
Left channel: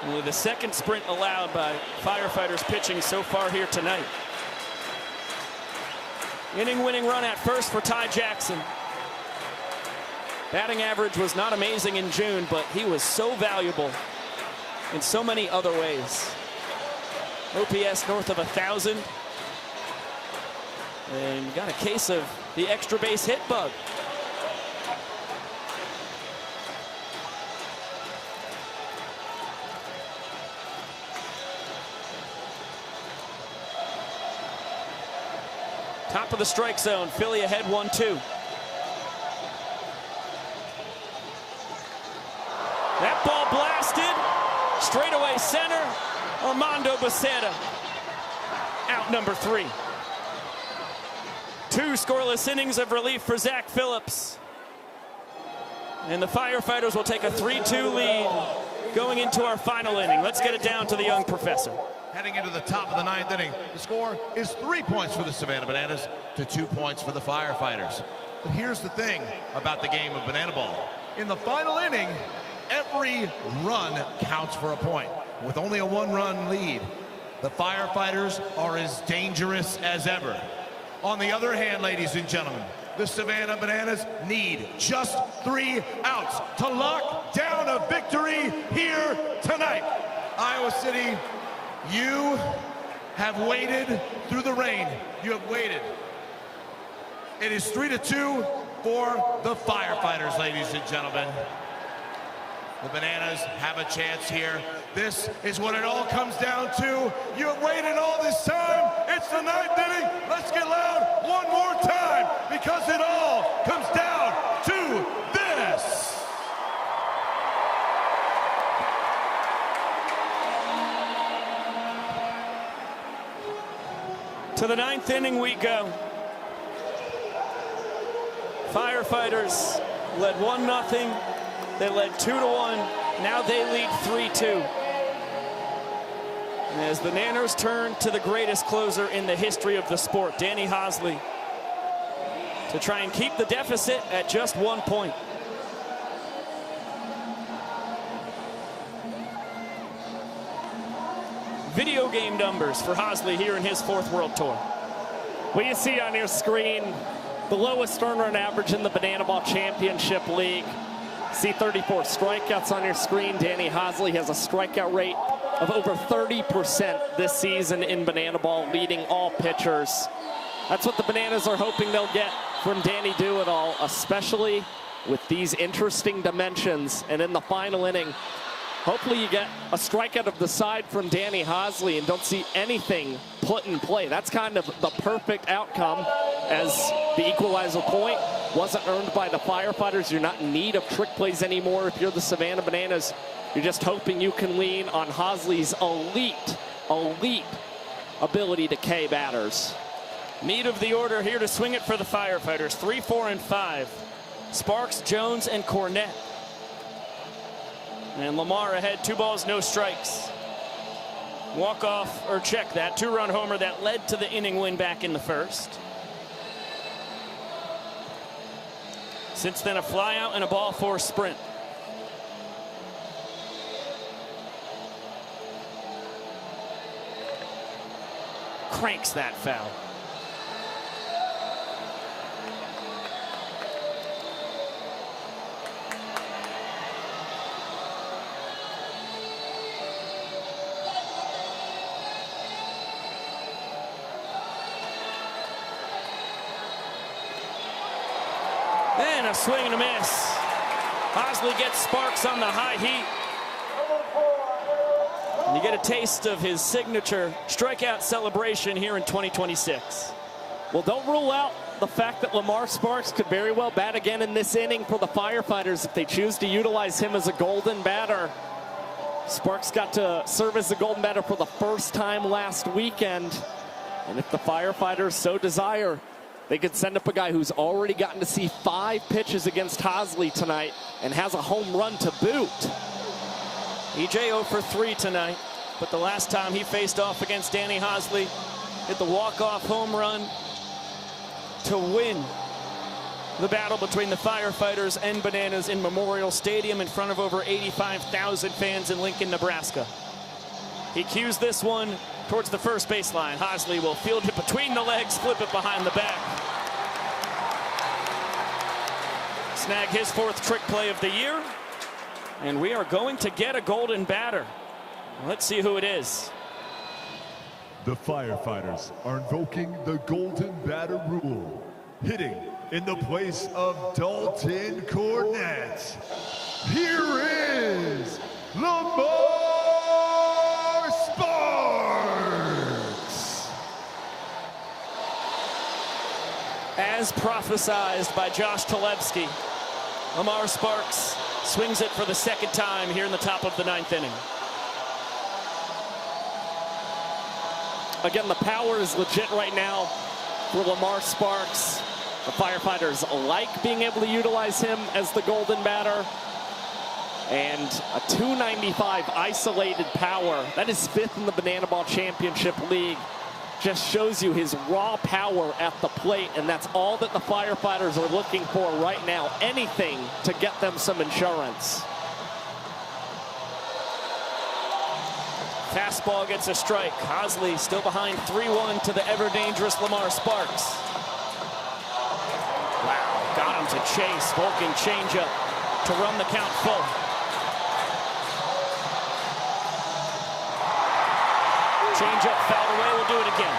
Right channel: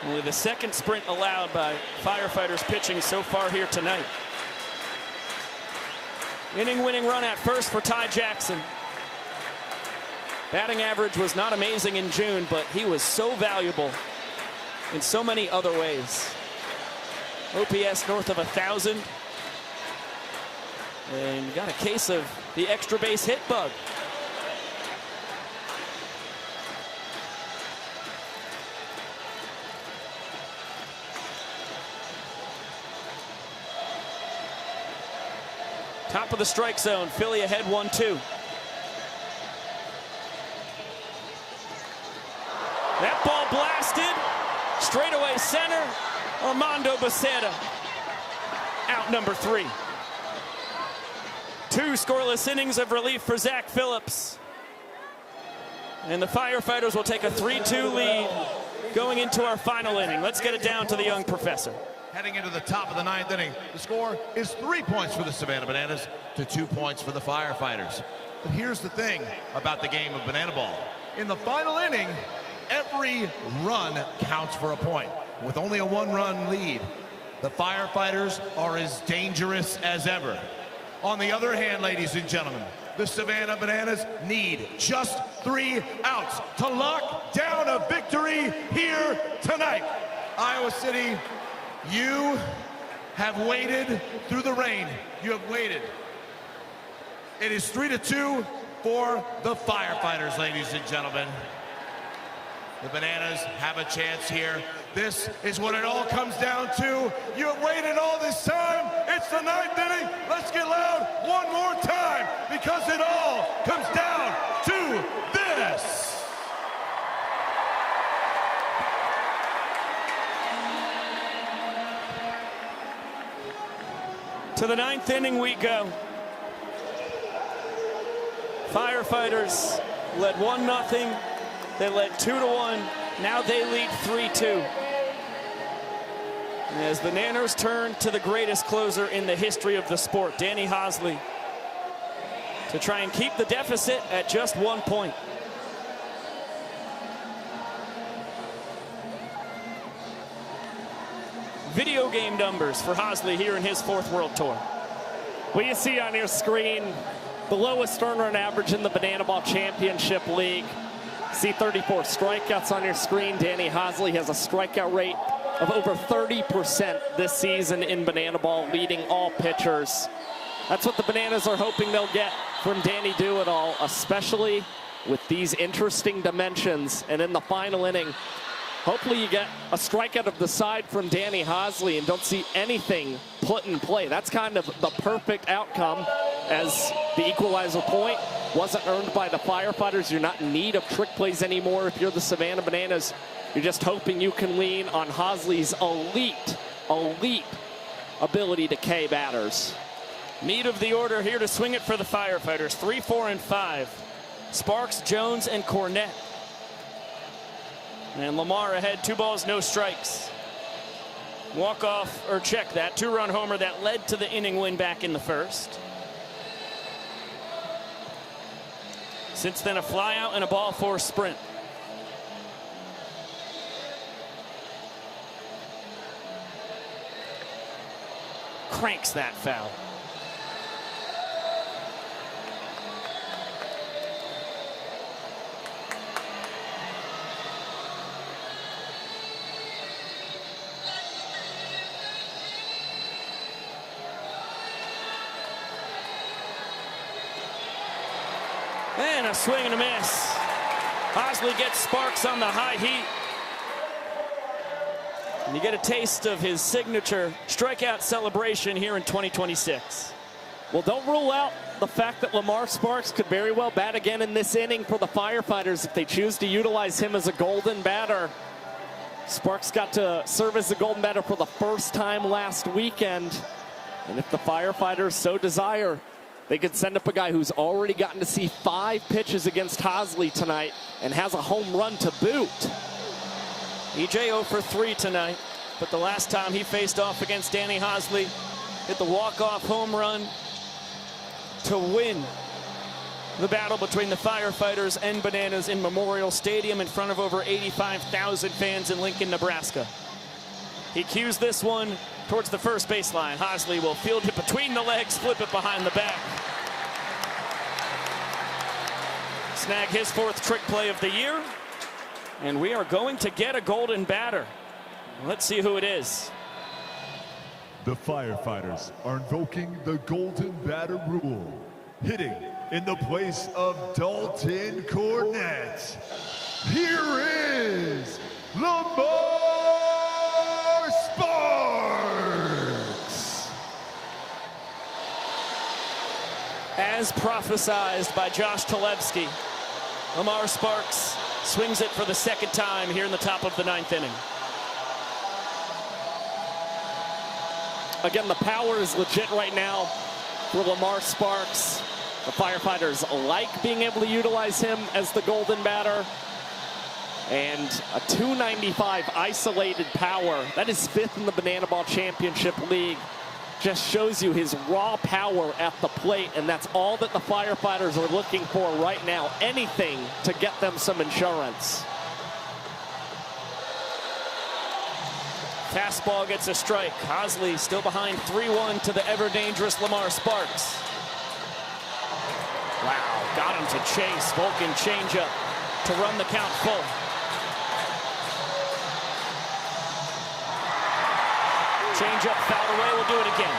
Only the 2nd sprint allowed by Firefighters pitching so far here tonight. Inning-winning run at first for Ty Jackson. Batting average was not amazing in June, but he was so valuable in so many other ways. OPS north of 1,000. And got a case of the extra base hit bug. Top of the strike zone, Philly ahead 1-2. That ball blasted, straightaway center, Armando Becerra, out number 3. 2 scoreless innings of relief for Zach Phillips. And the Firefighters will take a 3-2 lead going into our final inning. Let's get it down to the young professor. Heading into the top of the 9th inning, the score is 3 points for the Savannah Bananas to 2 points for the Firefighters. But here's the thing about the game of Banana Ball. In the final inning, Every run counts for a point. With only a one-run lead, the Firefighters are as dangerous as ever. On the other hand, ladies and gentlemen, the Savannah Bananas need just 3 outs to lock down a victory here tonight. Iowa City, you have waited through the rain. You have waited. It is 3-2 for the Firefighters, ladies and gentlemen. The Bananas have a chance here. This is what it all comes down to. You have waited all this time. It's the 9th inning. Let's get loud one more time because it all comes down to this. To the 9th inning we go. Firefighters led 1-0. They led 2-1. Now they lead 3-2. As the Nanners turn to the greatest closer in the history of the sport, Danny Hosley, to try and keep the deficit at just 1 point. Video game numbers for Hosley here in his 4th World Tour. Well, you see on your screen the lowest earner run average in the Banana Ball Championship League. See 34 strikeouts on your screen. Danny Hosley has a strikeout rate of over 30% this season in Banana Ball, leading all pitchers. That's what the Bananas are hoping they'll get from Danny Do-It-All, especially with these interesting dimensions. And in the final inning, hopefully you get a strikeout of the side from Danny Hosley and don't see anything put in play. That's kind of the perfect outcome, as the Equalizer Point wasn't earned by the Firefighters. You're not in need of trick plays anymore if you're the Savannah Bananas. You're just hoping you can lean on Hosley's elite ability to K batters. Meat of the order here to swing it for the Firefighters. 3, 4, and 5. Sparks, Jones, and Cornett. And Lamar ahead, 2 balls, no strikes. Walk off, or check that, 2-run homer that led to the inning win back in the 1st. Since then, a fly out and a ball 4 sprint. Cranks that foul. And a swing and a miss. Hosley gets Sparks on the high heat. And you get a taste of his signature strikeout celebration here in 2026. Well, don't rule out the fact that Lamar Sparks could very well bat again in this inning for the Firefighters if they choose to utilize him as a golden batter. Sparks got to serve as a golden batter for the first time last weekend. And if the Firefighters so desire, they could send up a guy who's already gotten to see 5 pitches against Hosley tonight and has a home run to boot. EJ 0 for 3 tonight, but the last time he faced off against Danny Hosley, hit the walk-off home run to win the battle between the Firefighters and Bananas in Memorial Stadium in front of over 85,000 fans in Lincoln, Nebraska. He cues this one towards the first baseline. Hosley will field it between the legs, flip it behind the back. Snag his 4th trick play of the year. And we are going to get a golden batter. Let's see who it is. The Firefighters are invoking the golden batter rule. Hitting in the place of Dalton Cornett. Here is Lamar Sparks. As prophesized by Josh Talevsky, Lamar Sparks swings it for the 2nd time here in the top of the 9th inning. Again, the power is legit right now for Lamar Sparks. The Firefighters like being able to utilize him as the golden batter. And a .295 isolated power. That is 5th in the Banana Ball Championship League. Just shows you his raw power at the plate, and that's all that the Firefighters are looking for right now. Anything to get them some insurance. Fastball gets a strike. Hosley still behind 3-1 to the ever-dangerous Lamar Sparks. Wow, got him to chase. Vulcan changeup to run the count full. Changeup foul away, we'll do it again.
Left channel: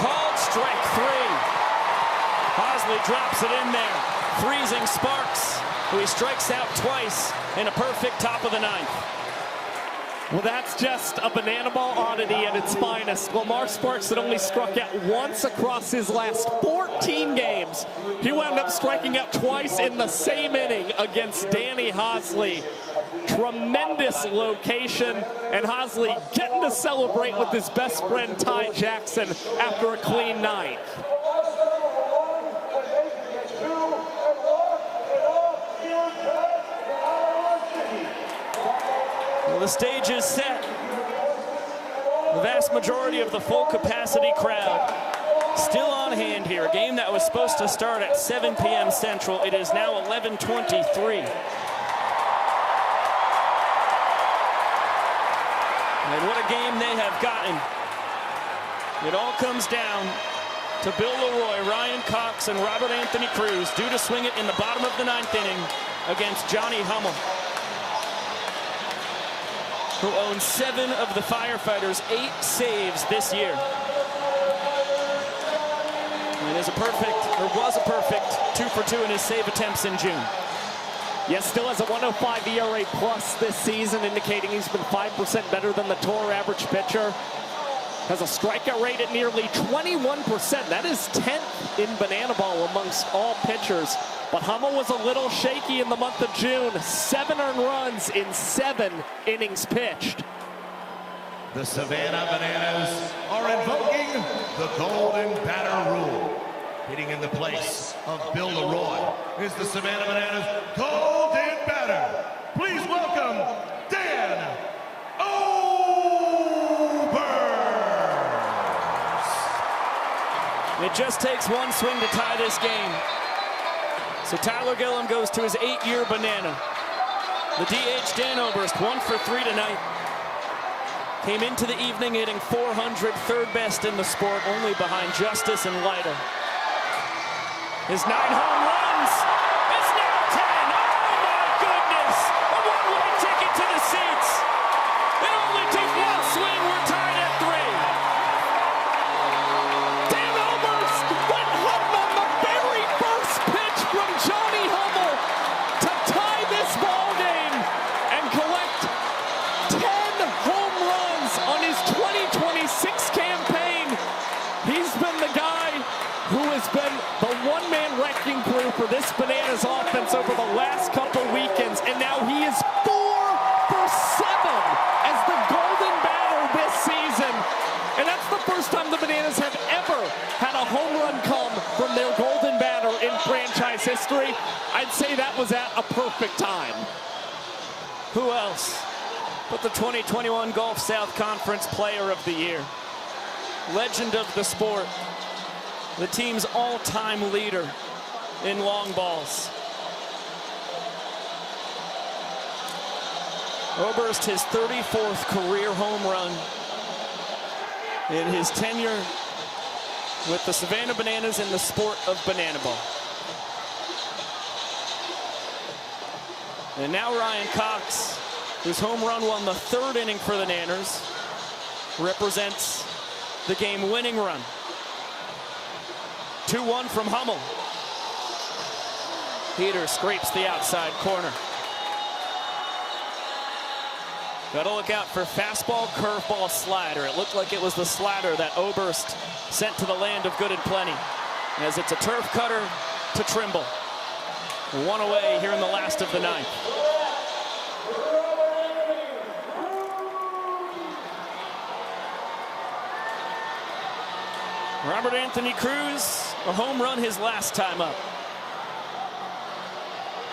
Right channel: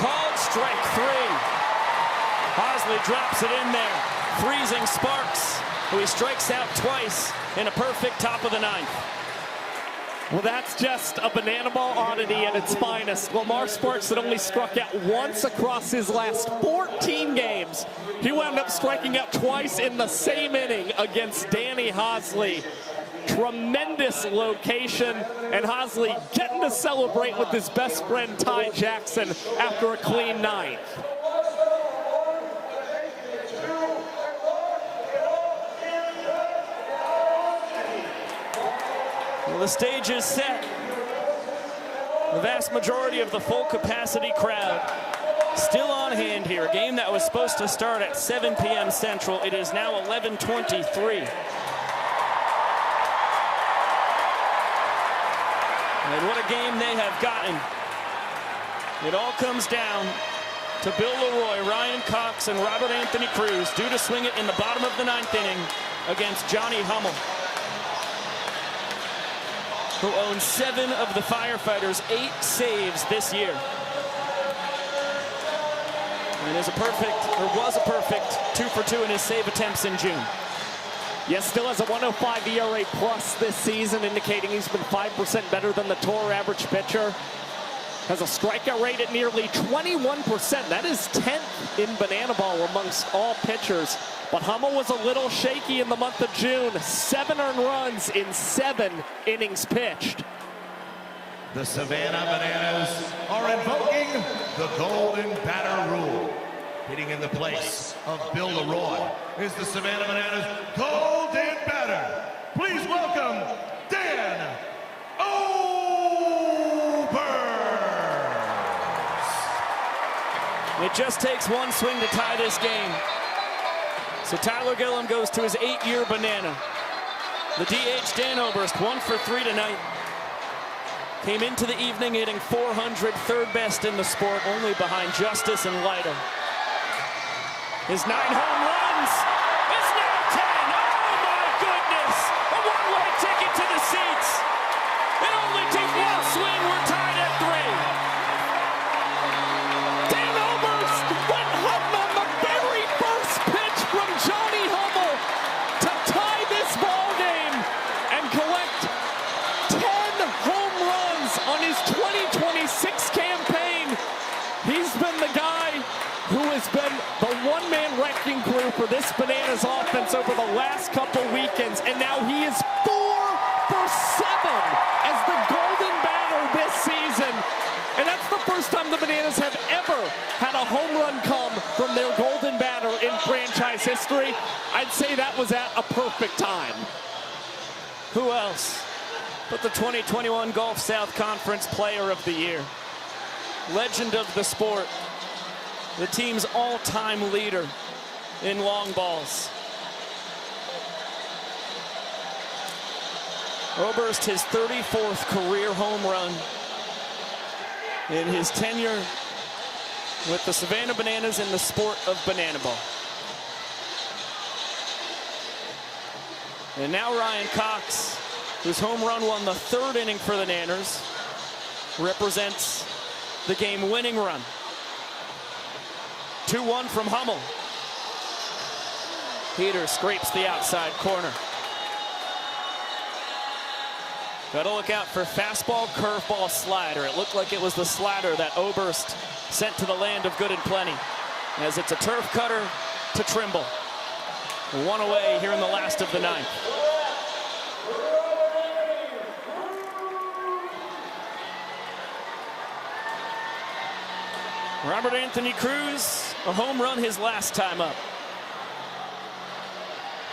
Called strike 3. Hosley drops it in there. Freezing Sparks, who he strikes out twice in a perfect top of the ninth. Well, that's just a banana ball oddity at its finest. Lamar Sparks had only struck out once across his last 14 games. He wound up striking out twice in the same inning against Danny Hosley. Tremendous location, and Hosley getting to celebrate with his best friend Ty Jackson after a clean ninth. The stage is set. The vast majority of the full capacity crowd still on hand here. A game that was supposed to start at 7 p.m. Central. It is now 11:23. And what a game they have gotten. It all comes down to Bill Leroy, Ryan Cox, and Robert Anthony Cruz due to swing it in the bottom of the ninth inning against Johnny Hummel, who owns 7 of the Firefighters' 8 saves this year. And was a perfect 2 for 2 in his save attempts in June. Yes, still has a 105 ERA plus this season, indicating he's been 5% better than the tour average pitcher. Has a strikeout rate at nearly 21%. That is 10th in banana ball amongst all pitchers. But Hummel was a little shaky in the month of June. 7 earned runs in 7 innings pitched. The Savannah Bananas are invoking the Golden Batter Rule. Hitting in the place of Bill Leroy is the Savannah Bananas Golden Batter. Please welcome Dan Oberst. It just takes one swing to tie this game. So Tyler Gillum goes to his 8-year banana. The DH, Dan Oberst, 1 for 3 tonight. Came into the evening hitting .400, third best in the sport, only behind Justice and Lyda. His 9 home runs is now 10. Oh my goodness! A one-way ticket to the seats. It only took one swing. We're tied at 3. Dan Oberst went home on the very first pitch from Johnny Hummel to tie this ball game and collect 10 home runs on his 2026 campaign. He's been the guy who has been the one-man wrecking crew for this Bananas offense over the last couple weekends, and now he is 4 for 7 as the Golden Batter this season. And that's the first time the Bananas have ever had a home run come from their Golden Batter in franchise history. I'd say that was at a perfect time. Who else but the 2021 Gulf South Conference Player of the Year? Legend of the sport. The team's all-time leader in long balls. Oberst, his 34th career home run in his tenure with the Savannah Bananas in the sport of banana ball. And now Ryan Cox, whose home run won the 3rd inning for the Nanners, represents the game-winning run. 2-1 from Hummel. Peter scrapes the outside corner. Got to look out for fastball, curveball, slider. It looked like it was the slider that Oberst sent to the land of good and plenty, as it's a turf cutter to Trimble. 1 away here in the last of the ninth. Robert Anthony Cruz, a home run his last time up.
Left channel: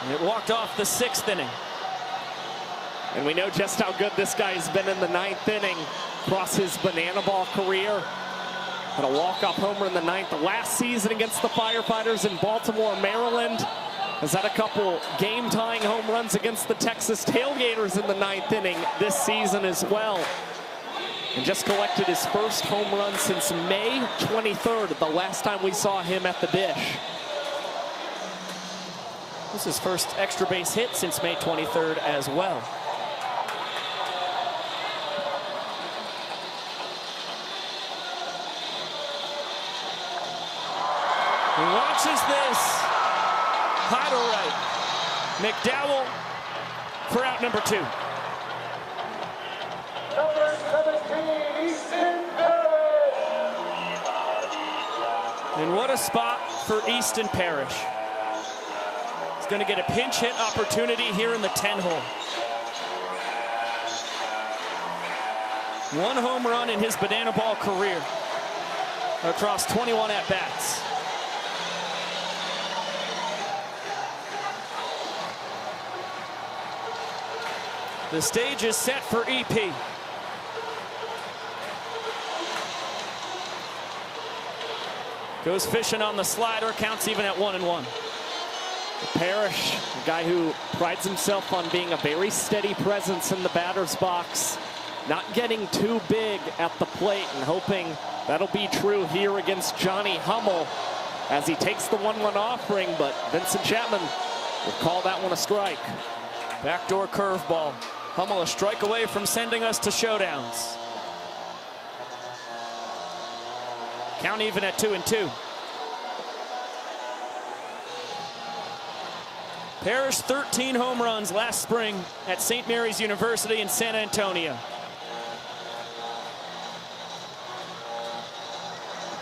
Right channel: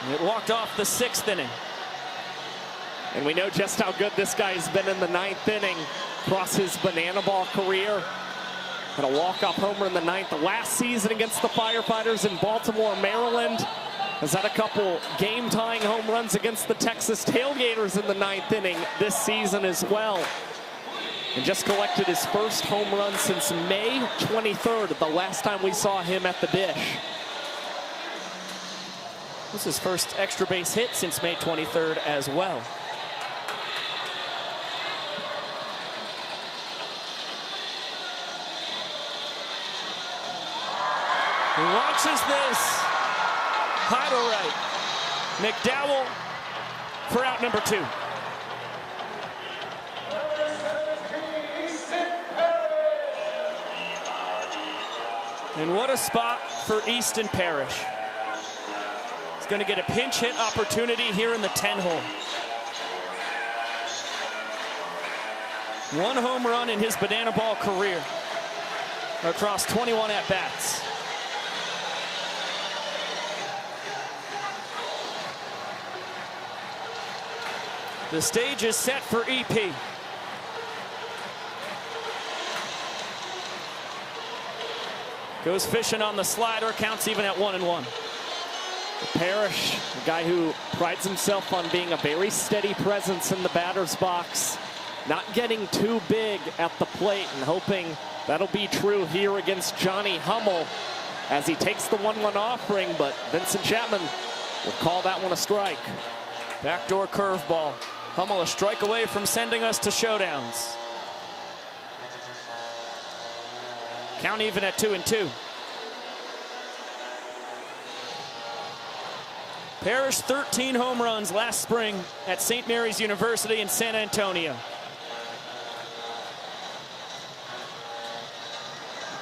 It walked off the 6th inning. And we know just how good this guy has been in the 9th inning. across his banana ball career. Had a walk-off homer in the 9th. The last season against the Firefighters in Baltimore, Maryland. Has had a couple game-tying home runs against the Texas Tailgaters in the 9th inning this season as well. He just collected his first home run since May 23rd, the last time we saw him at the dish. This is his first extra base hit since May 23rd as well. He watches this. High to right. McDowell for out number 2. And what a spot for Easton Parrish. He's going to get a pinch hit opportunity here in the 10-hole. 1 home run in his banana ball career across 21 at-bats. The stage is set for EP. Goes fishing on the slider, counts even at 1-1. Parrish, a guy who prides himself on being a very steady presence in the batter's box, not getting too big at the plate, and hoping that'll be true here against Johnny Hummel as he takes the 1-1 offering, but Vincent Chapman will call that one a strike. Backdoor curveball. Hummel a strike away from sending us to showdowns. Count even at 2-2. Parrish 13 home runs last spring at St. Mary's University in San Antonio.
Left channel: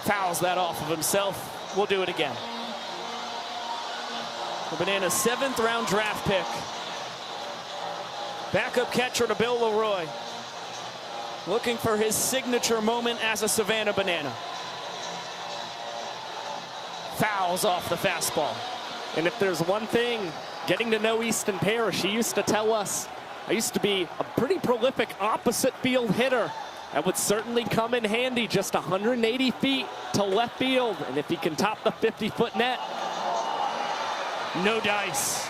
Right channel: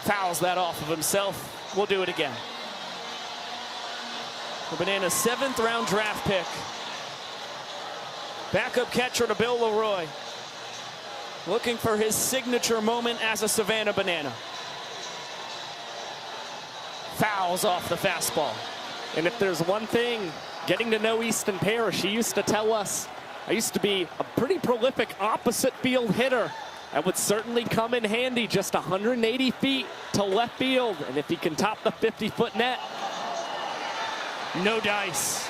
Fouls that off of himself. We'll do it again. Banana's 7th round draft pick. Backup catcher to Bill Leroy. Looking for his signature moment as a Savannah Banana. Fouls off the fastball. And if there's one thing, getting to know Easton Parrish, he used to tell us, I used to be a pretty prolific opposite field hitter. That would certainly come in handy, just 180 feet to left field. And if he can top the 50-foot net, no dice.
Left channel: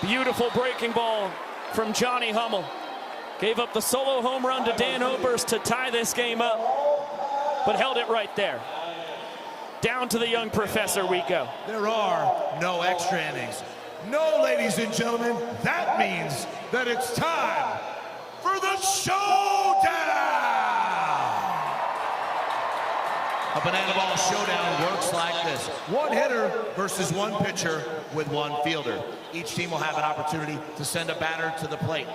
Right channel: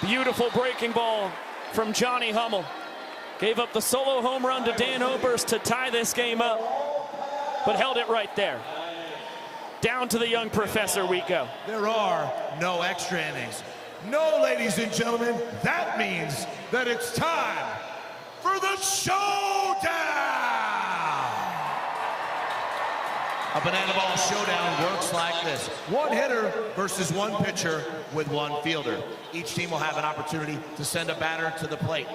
Beautiful breaking ball from Johnny Hummel. Gave up the solo home run to Dan Oberst to tie this game up, but held it right there. Down to the young professor we go. There are no extra innings. No, ladies and gentlemen, that means that it's time for the showdown! A banana ball showdown works like this. 1 hitter versus 1 pitcher with 1 fielder. Each team will have an opportunity to send a batter to the plate.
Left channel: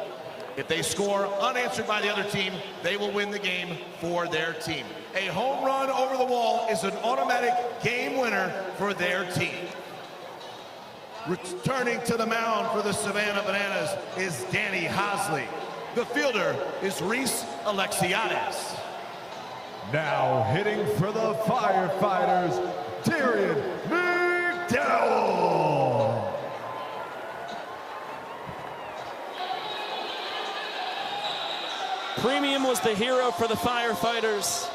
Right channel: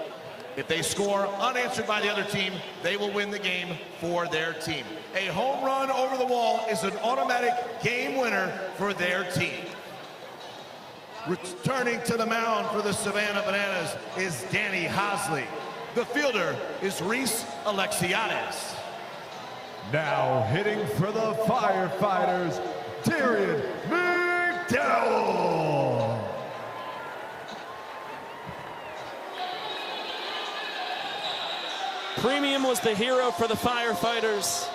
If they score unanswered by the other team, they will win the game for their team. A home run over the wall is an automatic game winner for their team. Returning to the mound for the Savannah Bananas is Danny Hosley. The fielder is Reese Alexiades. Now hitting for the Firefighters, Darren McDowell. Premium was the hero for the Firefighters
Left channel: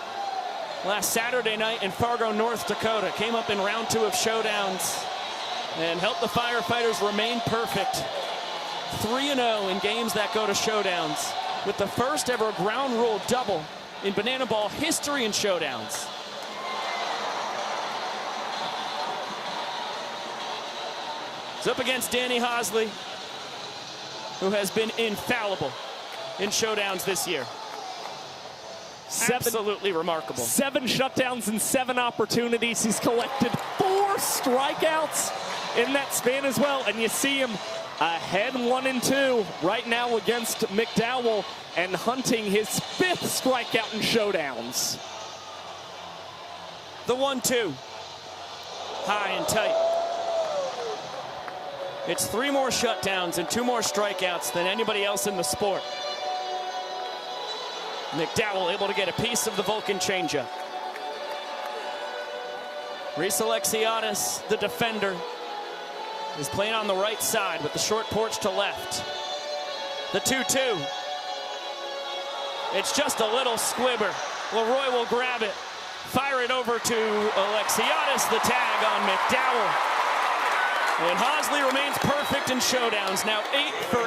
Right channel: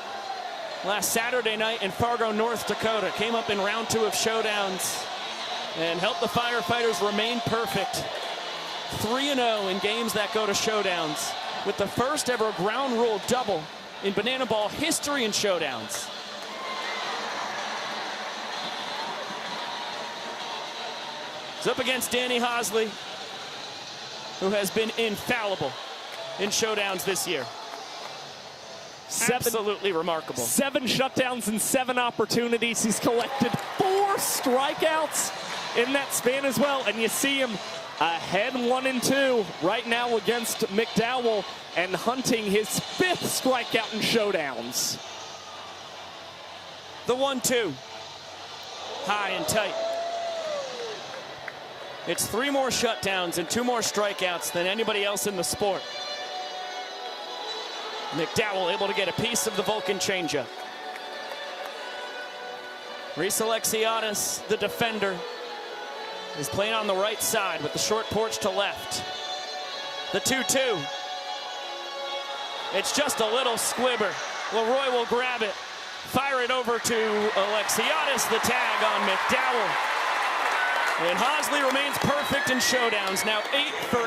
last Saturday night in Fargo, North Dakota. Came up in round 2 of showdowns and helped the Firefighters remain perfect. 3-0 in games that go to showdowns, with the first ever ground rule double in banana ball history in showdowns. He's up against Danny Hosley, who has been infallible in showdowns this year. Absolutely remarkable. 7 shutdowns and 7 opportunities. He's collected 4 strikeouts in that span as well. And you see him ahead 1-2 right now against McDowell and hunting his 5th strikeout in showdowns. The 1-2. High and tight. It's 3 more shutdowns and 2 more strikeouts than anybody else in the sport. McDowell able to get a piece of the Vulcan changeup. Reese Alexiades, the defender, is playing on the right side with the short porch to left. The 2-2. It's just a little squibber. Leroy will grab it. Fire it over to Alexiadis. The tag on McDowell. And Hosley remains perfect in showdowns. Now 8 for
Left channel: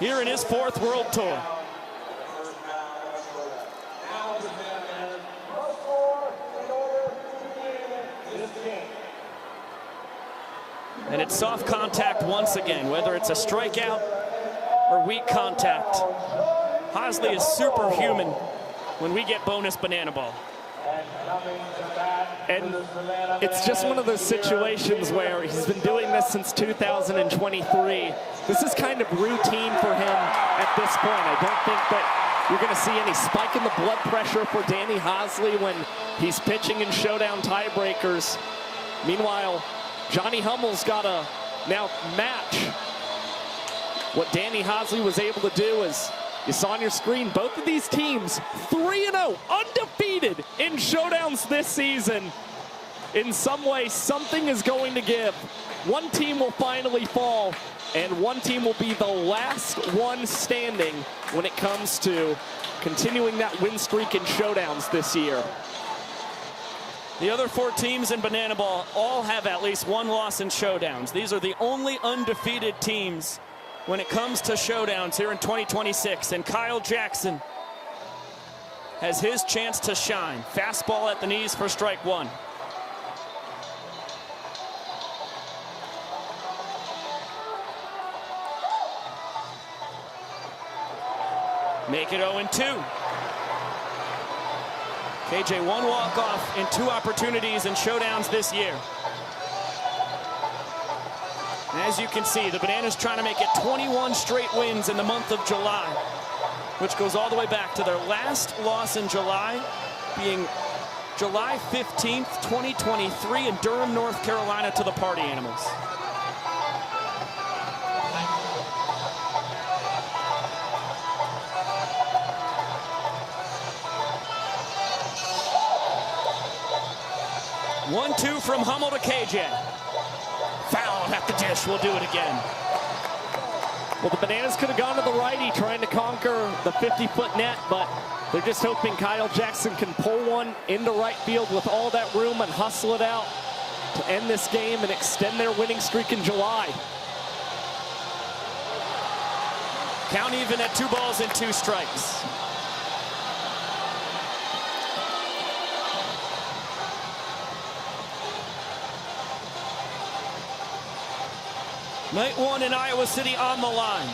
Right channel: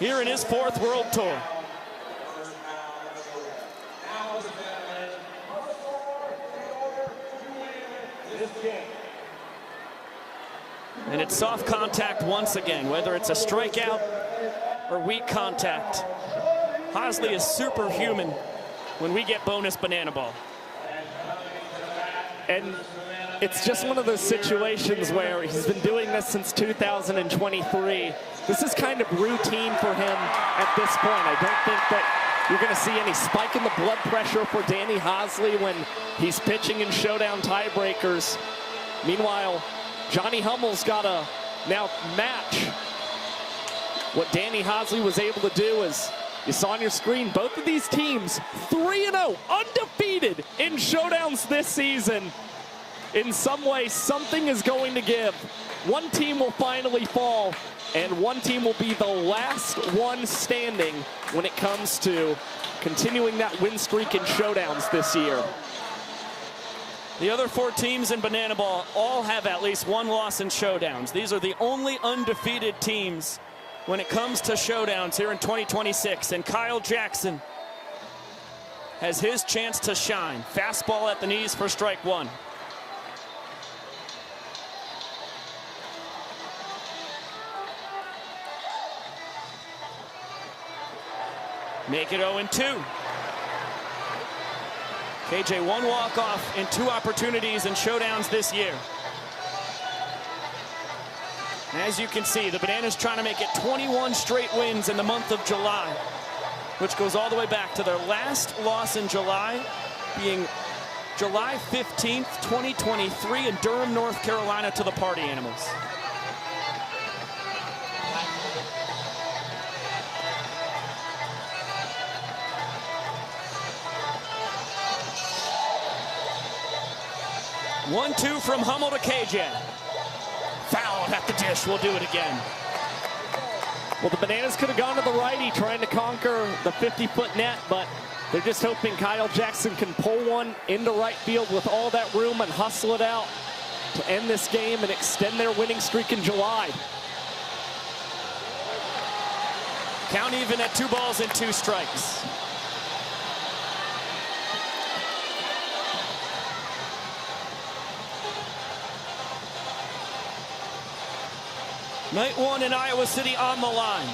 8 here in his 4th World Tour. And it's soft contact once again, whether it's a strikeout or weak contact. Hosley is superhuman when we get bonus banana ball. And it's just one of those situations where he's been doing this since 2023. This is kind of routine for him at this point. I don't think that you're going to see any spike in the blood pressure for Danny Hosley when he's pitching in showdown tiebreakers. Meanwhile, Johnny Hummel's got to now match what Danny Hosley was able to do. As you saw on your screen, both of these teams 3-0, undefeated in showdowns this season. In some way, something is going to give. One team will finally fall, and one team will be the last one standing when it comes to continuing that win streak in showdowns this year. The other 4 teams in Banana Ball all have at least one loss in showdowns. These are the only undefeated teams when it comes to showdowns here in 2026. And Kyle Jackson has his chance to shine. Fastball at the knees for strike 1. Make it 0-2. KJ, 1 walk-off in 2 opportunities in showdowns this year. As you can see, the Bananas trying to make it 21 straight wins in the month of July, which goes all the way back to their last loss in July being July 15th, 2023 in Durham, North Carolina to the Party Animals. One-two from Hummel to KJ. Foul at the dish. We'll do it again. Well, the Bananas could have gone to the righty trying to conquer the 50-foot net, but they're just hoping Kyle Jackson can pull one into right field with all that room and hustle it out to end this game and extend their winning streak in July. Count even at 2 balls and 2 strikes. Night 1 in Iowa City on the line.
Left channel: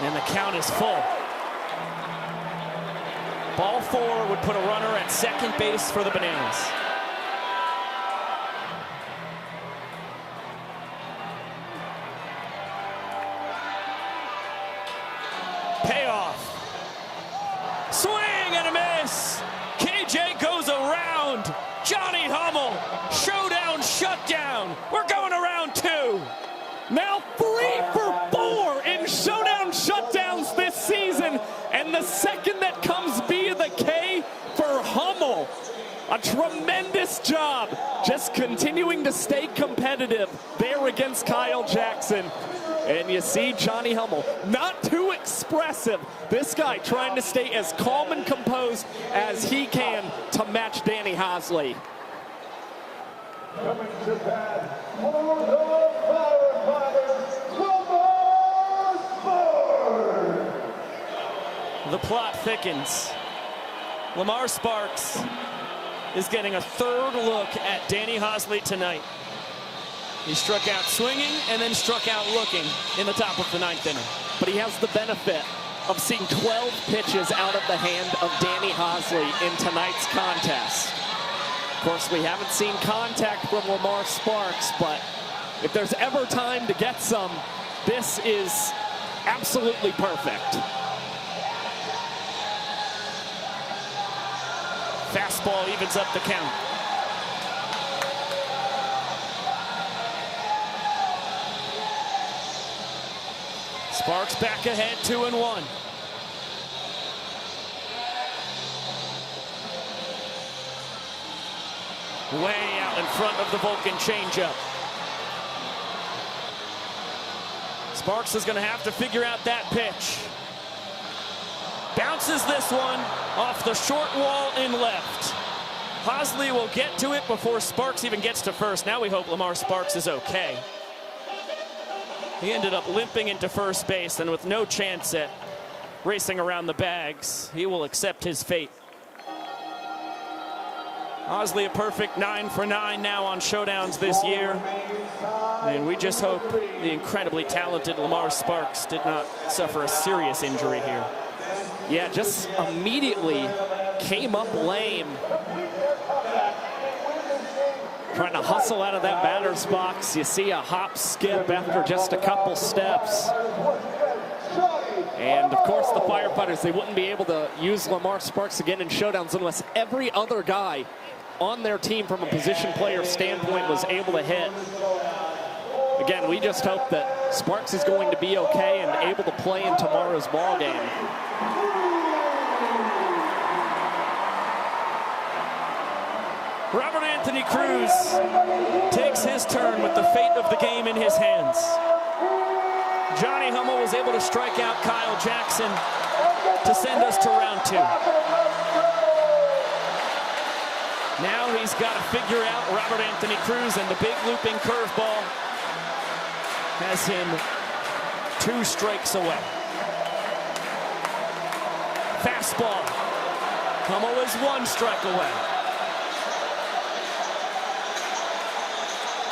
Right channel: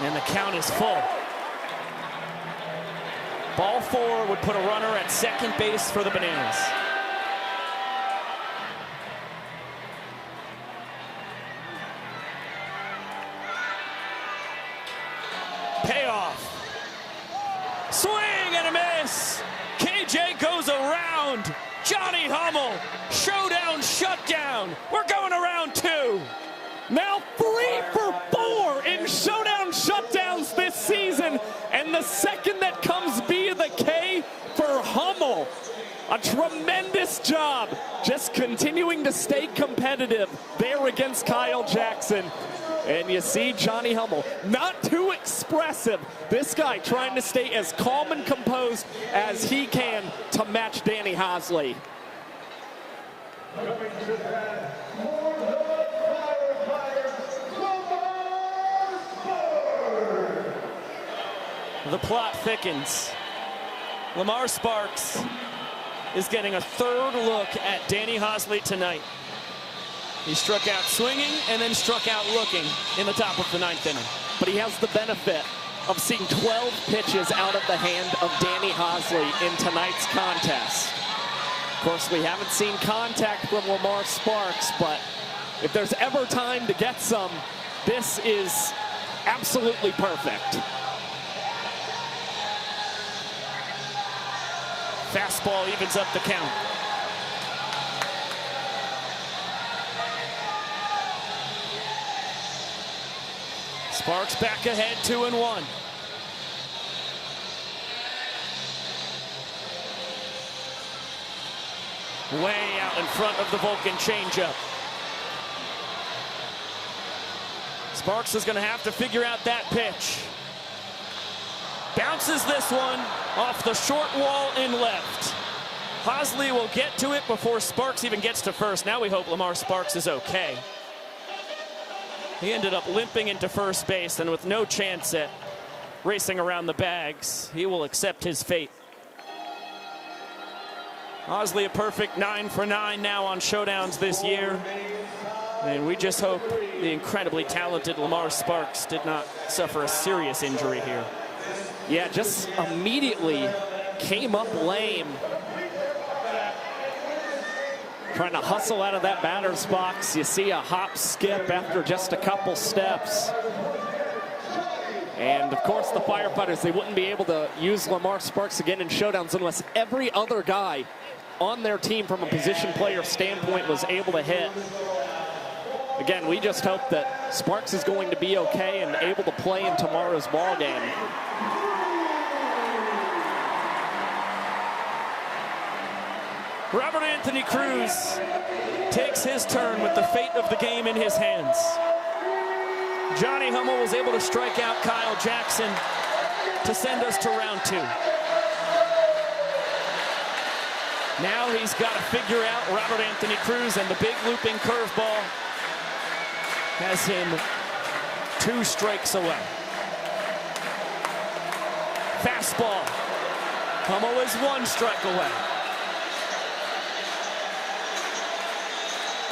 And the count is full. Ball 4 would put a runner at second base for the Bananas. Payoff. Swing and a miss. KJ goes around. Johnny Hummel, showdown shutdown. We're going around 2. Now 3 for 4 in showdown shutdowns this season. And the second that comes via the K for Hummel. A tremendous job just continuing to stay competitive there against Kyle Jackson. And you see Johnny Hummel, not too expressive. This guy trying to stay as calm and composed as he can to match Danny Hosley. Coming to bat, Firefighters, the plot thickens. Lamar Sparks is getting a 3rd look at Danny Hosley tonight. He struck out swinging and then struck out looking in the top of the 9th inning. But he has the benefit of seeing 12 pitches out of the hand of Danny Hosley in tonight's contest. Of course, we haven't seen contact from Lamar Sparks, but if there's ever time to get some, this is absolutely perfect. Fastball evens up the count. Sparks back ahead, 2-1. Way out in front of the Vulcan changeup. Sparks is going to have to figure out that pitch. Bounces this one off the short wall and left. Hosley will get to it before Sparks even gets to first. Now we hope Lamar Sparks is okay. He ended up limping into first base, and with no chance at racing around the bags, he will accept his fate. Hosley a perfect 9 for 9 now on showdowns this year. And we just hope the incredibly talented Lamar Sparks did not suffer a serious injury here. Yeah, just immediately came up lame. Trying to hustle out of that batter's box. You see a hop skip after just a couple steps. And of course the Firefighters, they wouldn't be able to use Lamar Sparks again in showdowns unless every other guy on their team from a position player standpoint was able to hit. Again, we just hope that Sparks is going to be okay and able to play in tomorrow's ball game. Robert Anthony Cruz takes his turn with the fate of the game in his hands. Johnny Hummel was able to strike out Kyle Jackson to send us to round 2. Now he's got to figure out Robert Anthony Cruz, and the big looping curveball has him 2 strikes away. Fastball. Hummel is 1 strike away.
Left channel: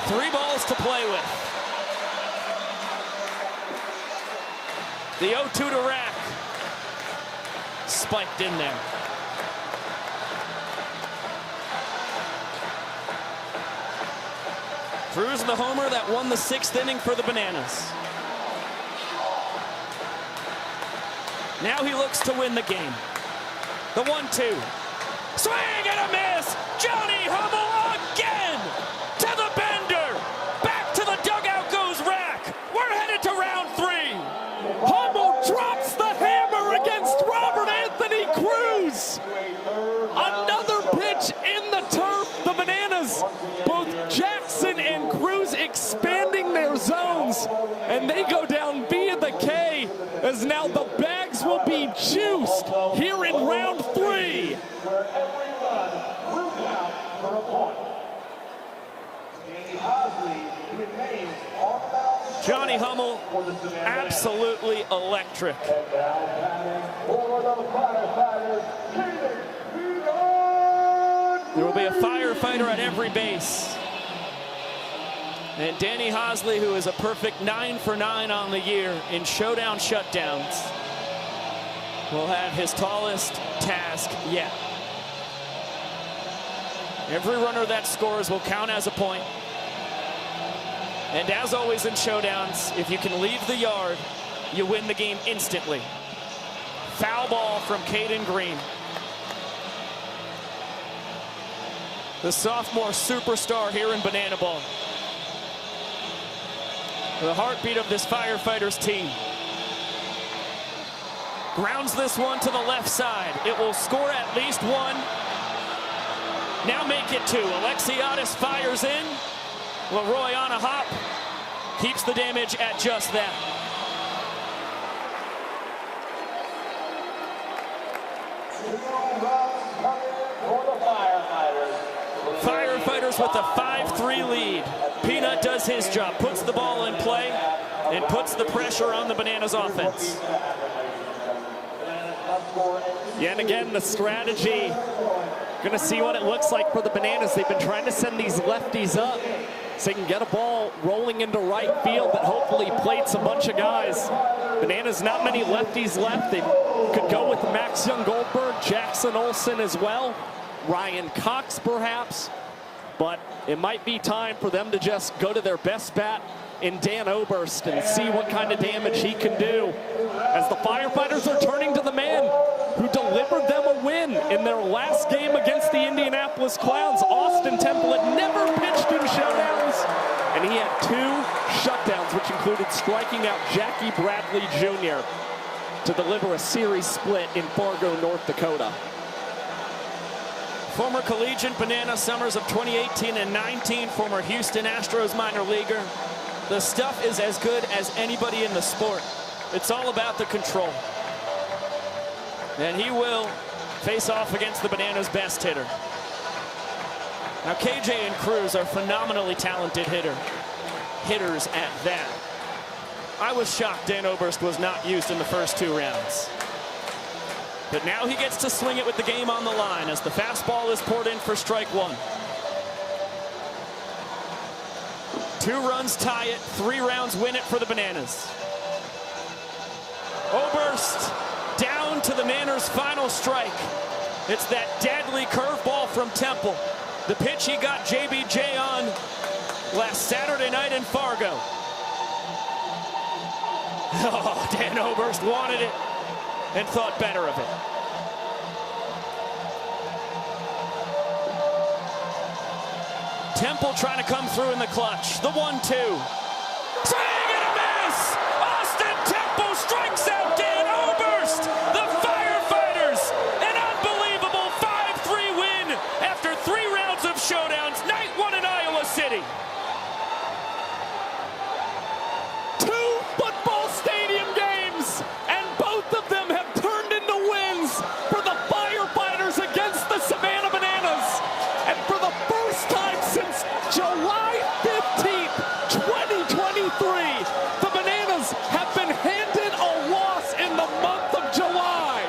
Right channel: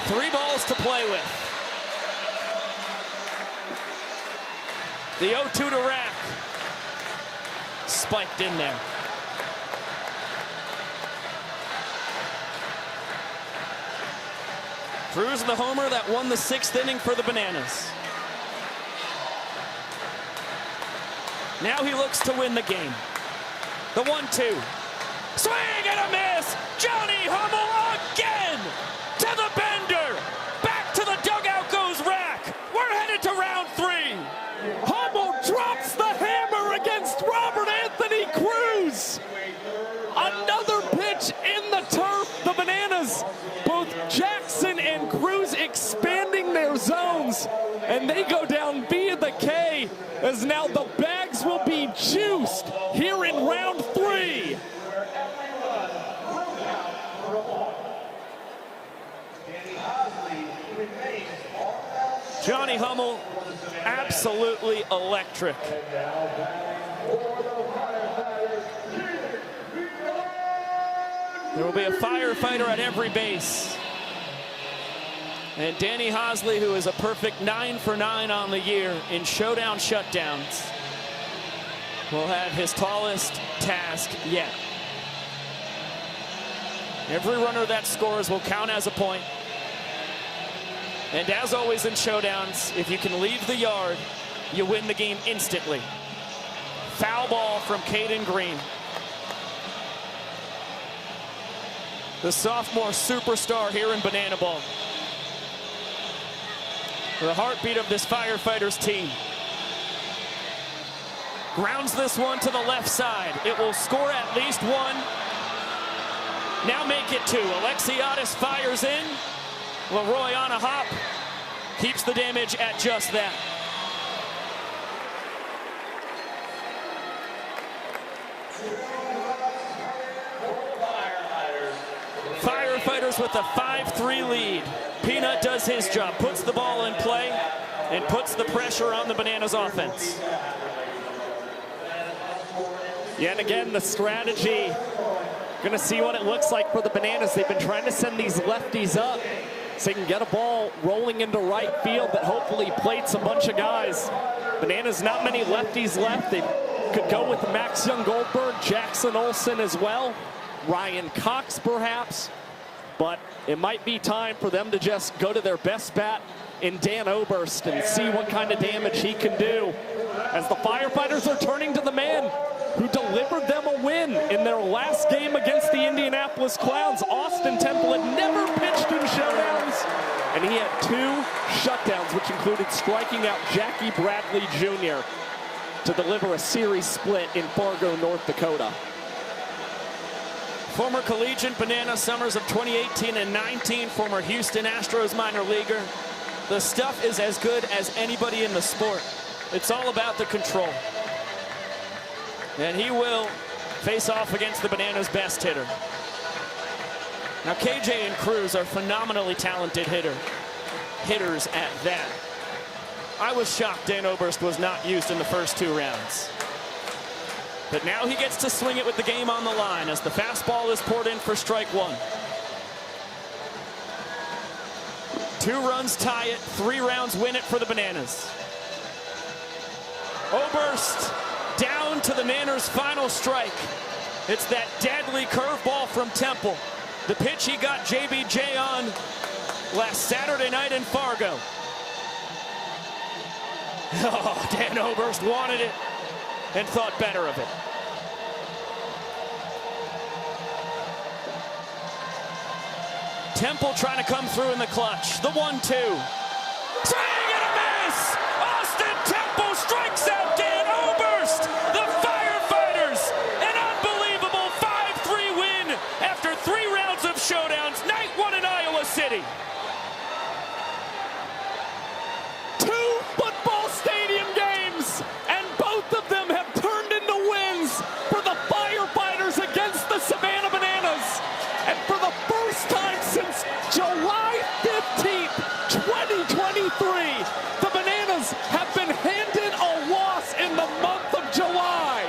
3 balls to play with. The 0-2 to Rack. Spiked in there. Cruz the homer that won the 6th inning for the Bananas. Now he looks to win the game. The 1-2. Swing and a miss! Johnny Hummel again! To the bender! Back to the dugout goes Rack! We're headed to round 3! Hummel drops the hammer against Robert Anthony Cruz! Another pitch in the turf. The Bananas, both Jackson and Cruz expanding their zones, and they go down via the K, as now the bags will be juiced here in round 3. Johnny Hummel, absolutely electric. There will be a firefighter at every base. And Danny Hosley, who is a perfect 9 for 9 on the year in showdown shutdowns, will have his tallest task yet. Every runner that scores will count as a point. And as always in showdowns, if you can leave the yard, you win the game instantly. Foul ball from Caden Green. The sophomore superstar here in Banana Ball. The heartbeat of this Firefighters team. Grounds this one to the left side. It will score at least 1. Now make it 2. Alexiadis fires in. Leroy on a hop. Keeps the damage at just that. Firefighters with a 5-3 lead. Peanut does his job, puts the ball in play, and puts the pressure on the Bananas offense. Yet again, the strategy. Going to see what it looks like for the Bananas. They've been trying to send these lefties up so they can get a ball rolling into right field that hopefully plates a bunch of guys. Bananas, not many lefties left. They could go with Max Young Goldberg, Jackson Olsen as well, Ryan Cox perhaps, but it might be time for them to just go to their best bat in Dan Oberst and see what kind of damage he can do, as the Firefighters are turning to the man who delivered them a win in their last game against the Indianapolis Clowns. Austin Temple had never pitched in showdowns, and he had 2 shutdowns, which included striking out Jackie Bradley Jr. to deliver a series split in Fargo, North Dakota. Former collegiate Banana Summers of 2018 and 19, former Houston Astros minor leaguer. The stuff is as good as anybody in the sport. It's all about the control. And he will face off against the Bananas' best hitter. Now, KJ and Cruz are phenomenally talented hitters at that. I was shocked Dan Oberst was not used in the first 2 rounds. But now he gets to swing it with the game on the line as the fastball is poured in for strike 1. 2 runs tie it, 3 rounds win it for the Bananas. Oberst down to the Manor's final strike. It's that deadly curveball from Temple. The pitch he got JBJ on last Saturday night in Fargo. Oh, Dan Oberst wanted it and thought better of it. Temple trying to come through in the clutch. The 1-2. Swing and a miss! Austin Temple strikes out Dan Oberst! The Firefighters! An unbelievable 5-3 win after 3 rounds of showdowns. Night 1 in Iowa City. 2 football stadium games, and both of them have turned into wins for the Firefighters against the Savannah Bananas. And for the first time since July 15th, 2023, the Bananas have been handed a loss in the month of July.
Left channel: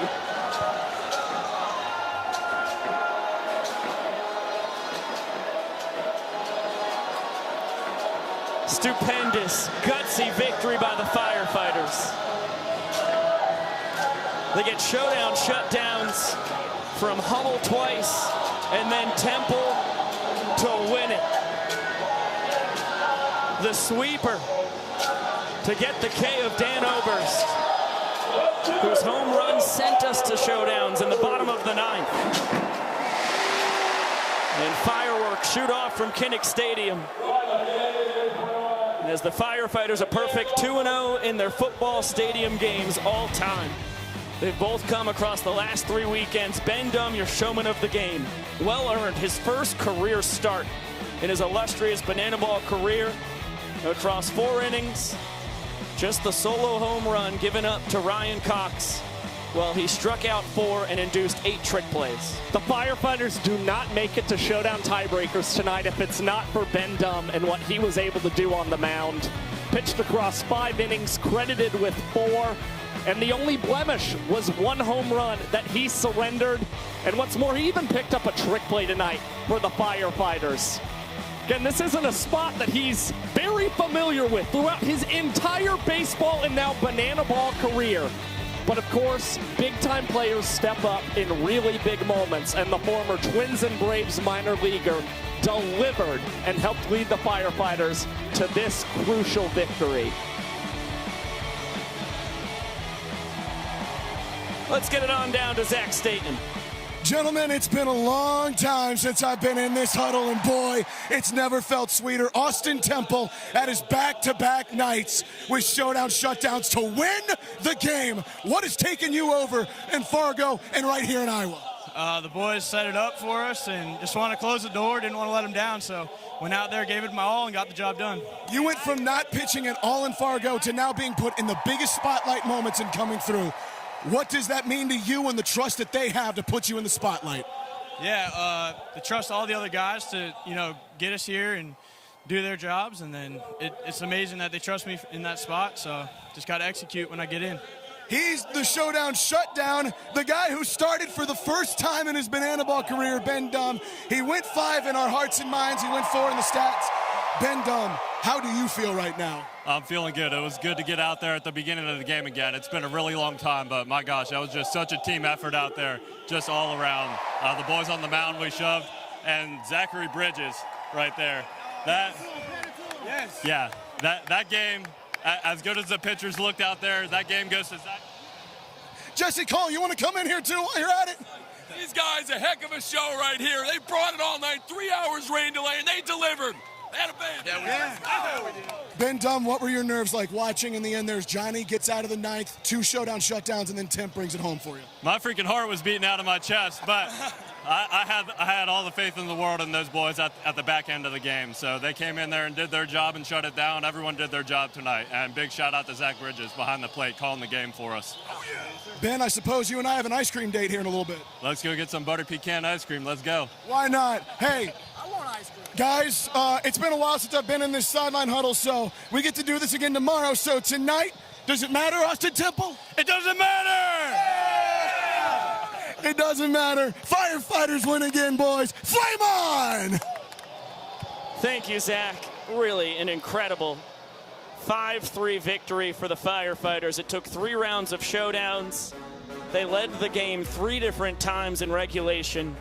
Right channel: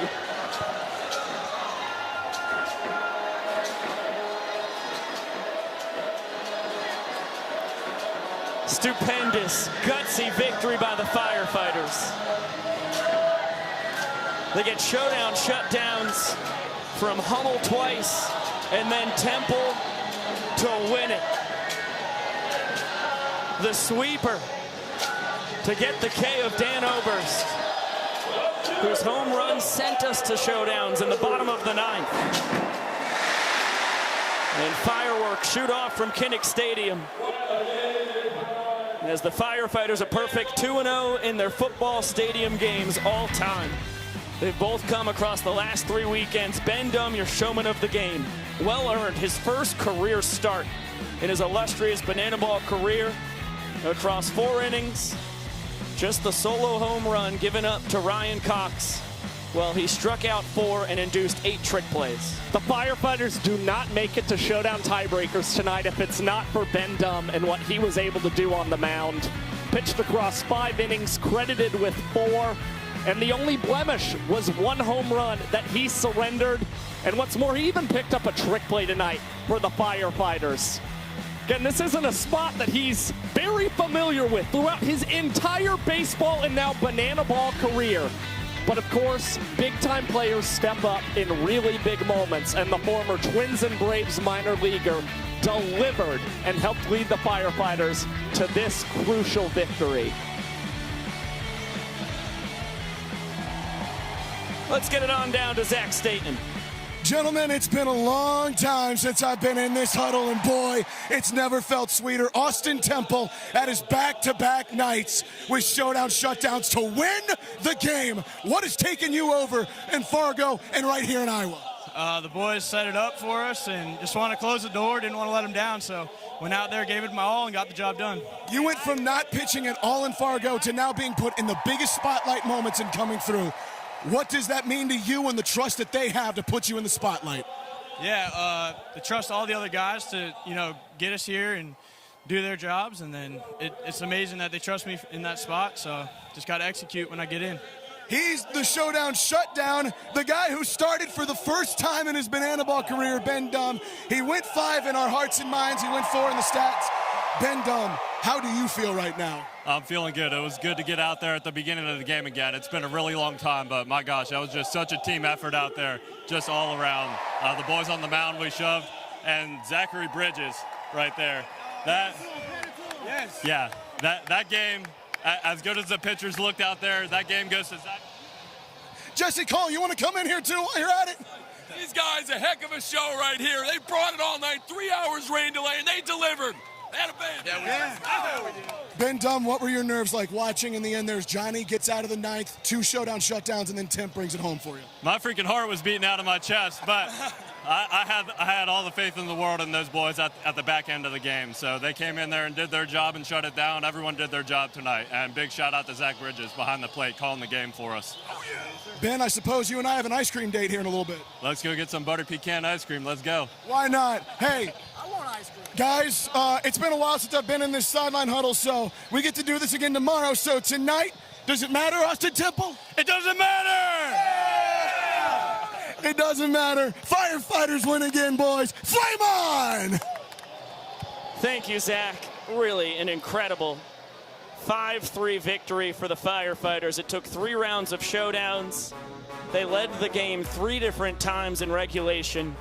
Stupendous, gutsy victory by the Firefighters. They get showdown shutdowns from Hummel twice, and then Temple to win it. The sweeper to get the K of Dan Oberst, whose home run sent us to showdowns in the bottom of the 9th. And fireworks shoot off from Kinnick Stadium as the Firefighters a perfect 2-0 in their football stadium games all time. They've both come across the last 3 weekends. Ben Dum, your showman of the game, well earned his first career start in his illustrious banana ball career across 4 innings. Just the solo home run given up to Ryan Cox. Well, he struck out 4 and induced 8 trick plays. The Firefighters do not make it to showdown tiebreakers tonight if it's not for Ben Dum and what he was able to do on the mound. Pitched across 5 innings, credited with 4, and the only blemish was 1 home run that he surrendered. And what's more, he even picked up a trick play tonight for the Firefighters. Again, this isn't a spot that he's very familiar with throughout his entire baseball and now banana ball career. But of course, big-time players step up in really big moments, and the former Twins and Braves minor leaguer delivered and helped lead the Firefighters to this crucial victory. Let's get it on down to Zach Staten. Gentlemen, it's been a long time since I've been in this huddle, and boy, it's never felt sweeter. Austin Temple at his back-to-back nights with showdown shutdowns to win the game. What has taken you over in Fargo and right here in Iowa? The boys set it up for us and just wanted to close the door, didn't want to let them down, so went out there, gave it my all, and got the job done. You went from not pitching at all in Fargo to now being put in the biggest spotlight moments and coming through. What does that mean to you and the trust that they have to put you in the spotlight? Yeah, to trust all the other guys to, get us here and do their jobs, and then it's amazing that they trust me in that spot, so just got to execute when I get in. He's the showdown shutdown, the guy who started for the first time in his banana ball career, Ben Dum. He went 5 in our hearts and minds. He went 4 in the stats. Ben Dum, how do you feel right now? I'm feeling good. It was good to get out there at the beginning of the game again. It's been a really long time, but my gosh, that was just such a team effort out there, just all around. The boys on the mound we shoved, and Zachary Bridges right there. That game, as good as the pitchers looked out there, that game goes to Zach. Jesse Cole, you want to come in here too while you're at it? These guys, a heck of a show right here. They brought it all night, 3 hours rain delay, and they delivered. Ben Dum, what were your nerves like watching? In the end, there's Johnny gets out of the 9th, 2 showdown shutdowns, and then Temp brings it home for you. My freaking heart was beating out of my chest, but I had all the faith in the world in those boys at the back end of the game. So they came in there and did their job and shut it down. Everyone did their job tonight. And big shout out to Zach Bridges behind the plate calling the game for us. Ben, I suppose you and I have an ice cream date here in a little bit. Let's go get some butter pecan ice cream. Let's go. Why not? Hey, I want ice cream. Guys, it's been a while since I've been in this sideline huddle, so we get to do this again tomorrow. So tonight, does it matter, Austin Temple? It doesn't matter! Yeah! It doesn't matter. Firefighters win again, boys. Flame on! Thank you, Zach. Really an incredible 5-3 victory for the Firefighters. It took 3 rounds of showdowns. They led the game 3 different times in regulation,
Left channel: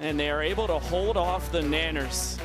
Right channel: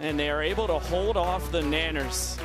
and they are able to hold off the Nanners.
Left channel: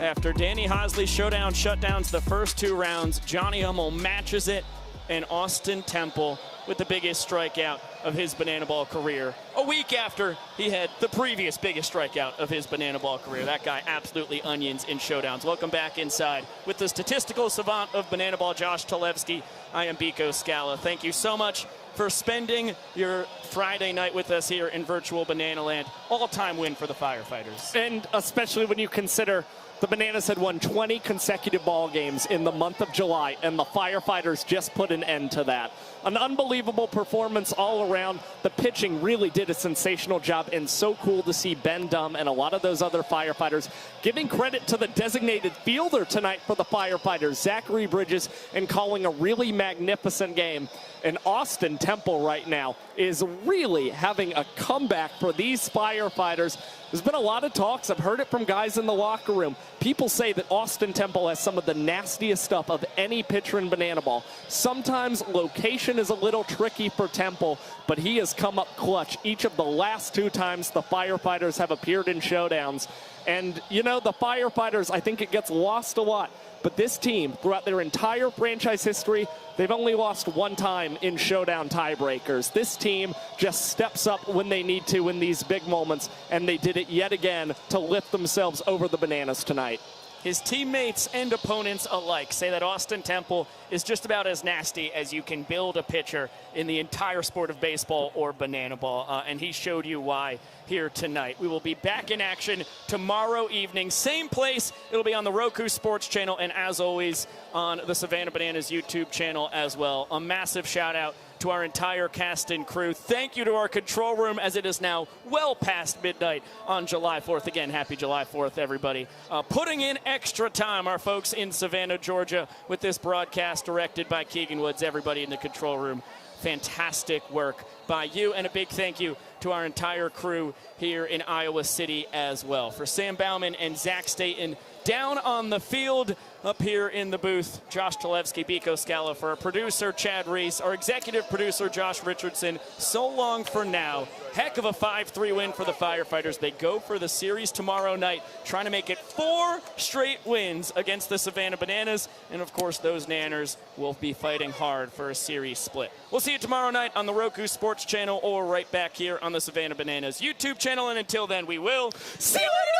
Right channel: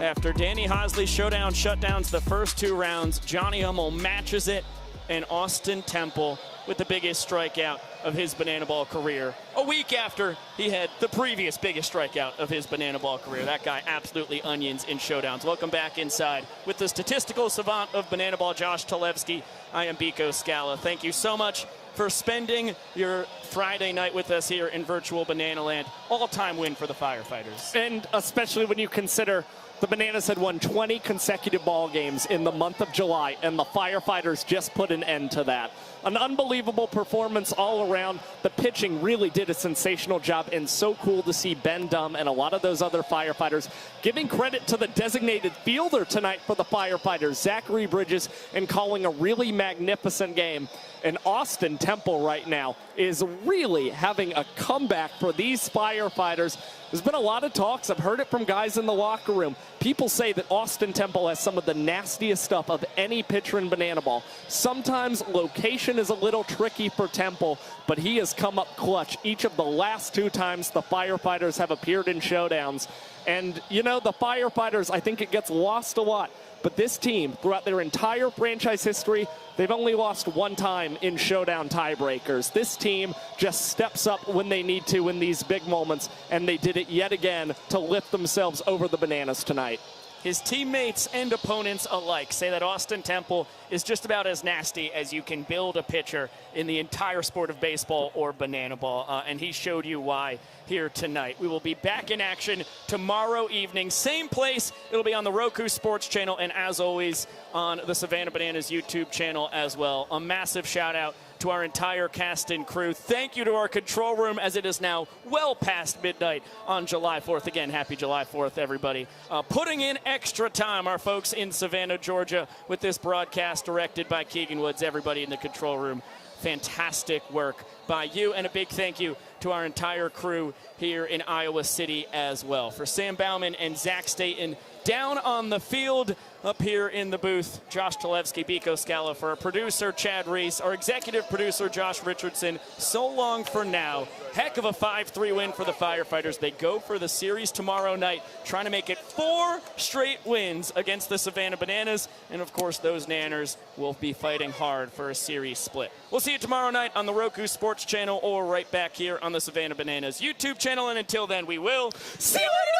After Danny Hosley showdown shutdowns the first 2 rounds, Johnny Hummel matches it, and Austin Temple with the biggest strikeout of his banana ball career. A week after he had the previous biggest strikeout of his banana ball career. That guy absolutely onions in showdowns. Welcome back inside with the statistical savant of banana ball, Josh Talevsky. I am Biko Scala. Thank you so much for spending your Friday night with us here in virtual Banana Land. All-time win for the Firefighters. And especially when you consider the Bananas had won 20 consecutive ball games in the month of July, and the Firefighters just put an end to that. An unbelievable performance all around. The pitching really did a sensational job, and so cool to see Ben Dumm and a lot of those other Firefighters giving credit to the designated fielder tonight for the Firefighters, Zachary Bridges, and calling a really magnificent game. And Austin Temple right now is really having a comeback for these Firefighters. There's been a lot of talks. I've heard it from guys in the locker room. People say that Austin Temple has some of the nastiest stuff of any pitcher in banana ball. Sometimes location is a little tricky for Temple, but he has come up clutch each of the last 2 times the Firefighters have appeared in showdowns. And, you know, the Firefighters, I think it gets lost a lot. But this team, throughout their entire franchise history, they've only lost 1 time in showdown tiebreakers. This team just steps up when they need to in these big moments, and they did it yet again to lift themselves over the Bananas tonight. His teammates and opponents alike say that Austin Temple is just about as nasty as you can build a pitcher in the entire sport of baseball or banana ball, and he showed you why here tonight. We will be back in action tomorrow evening, same place. It'll be on the Roku Sports channel, and as always on the Savannah Bananas YouTube channel as well. A massive shout out to our entire cast and crew. Thank you to our control room, as it is now well past midnight on July 4th. Again, happy July 4th, everybody. Putting in extra time, our folks in Savannah, Georgia, with this broadcast directed by Keegan Woods. Everybody in the control room, fantastic work by you, and a big thank you to our entire crew here in Iowa City as well. For Sam Bauman and Zach Staten down on the field, up here in the booth, Josh Talevsky, Biko Scala, for our producer, Chad Reese, our executive producer, Josh Richardson. So long for now. Heck of a 5-3 win for the Firefighters. They go for the series tomorrow night, trying to make it 4 straight wins against the Savannah Bananas. And, of course, those Nanners will be fighting hard for a series split. We'll see you tomorrow night on the Roku Sports channel or right back here on the Savannah Bananas YouTube channel. And until then, we will see you later!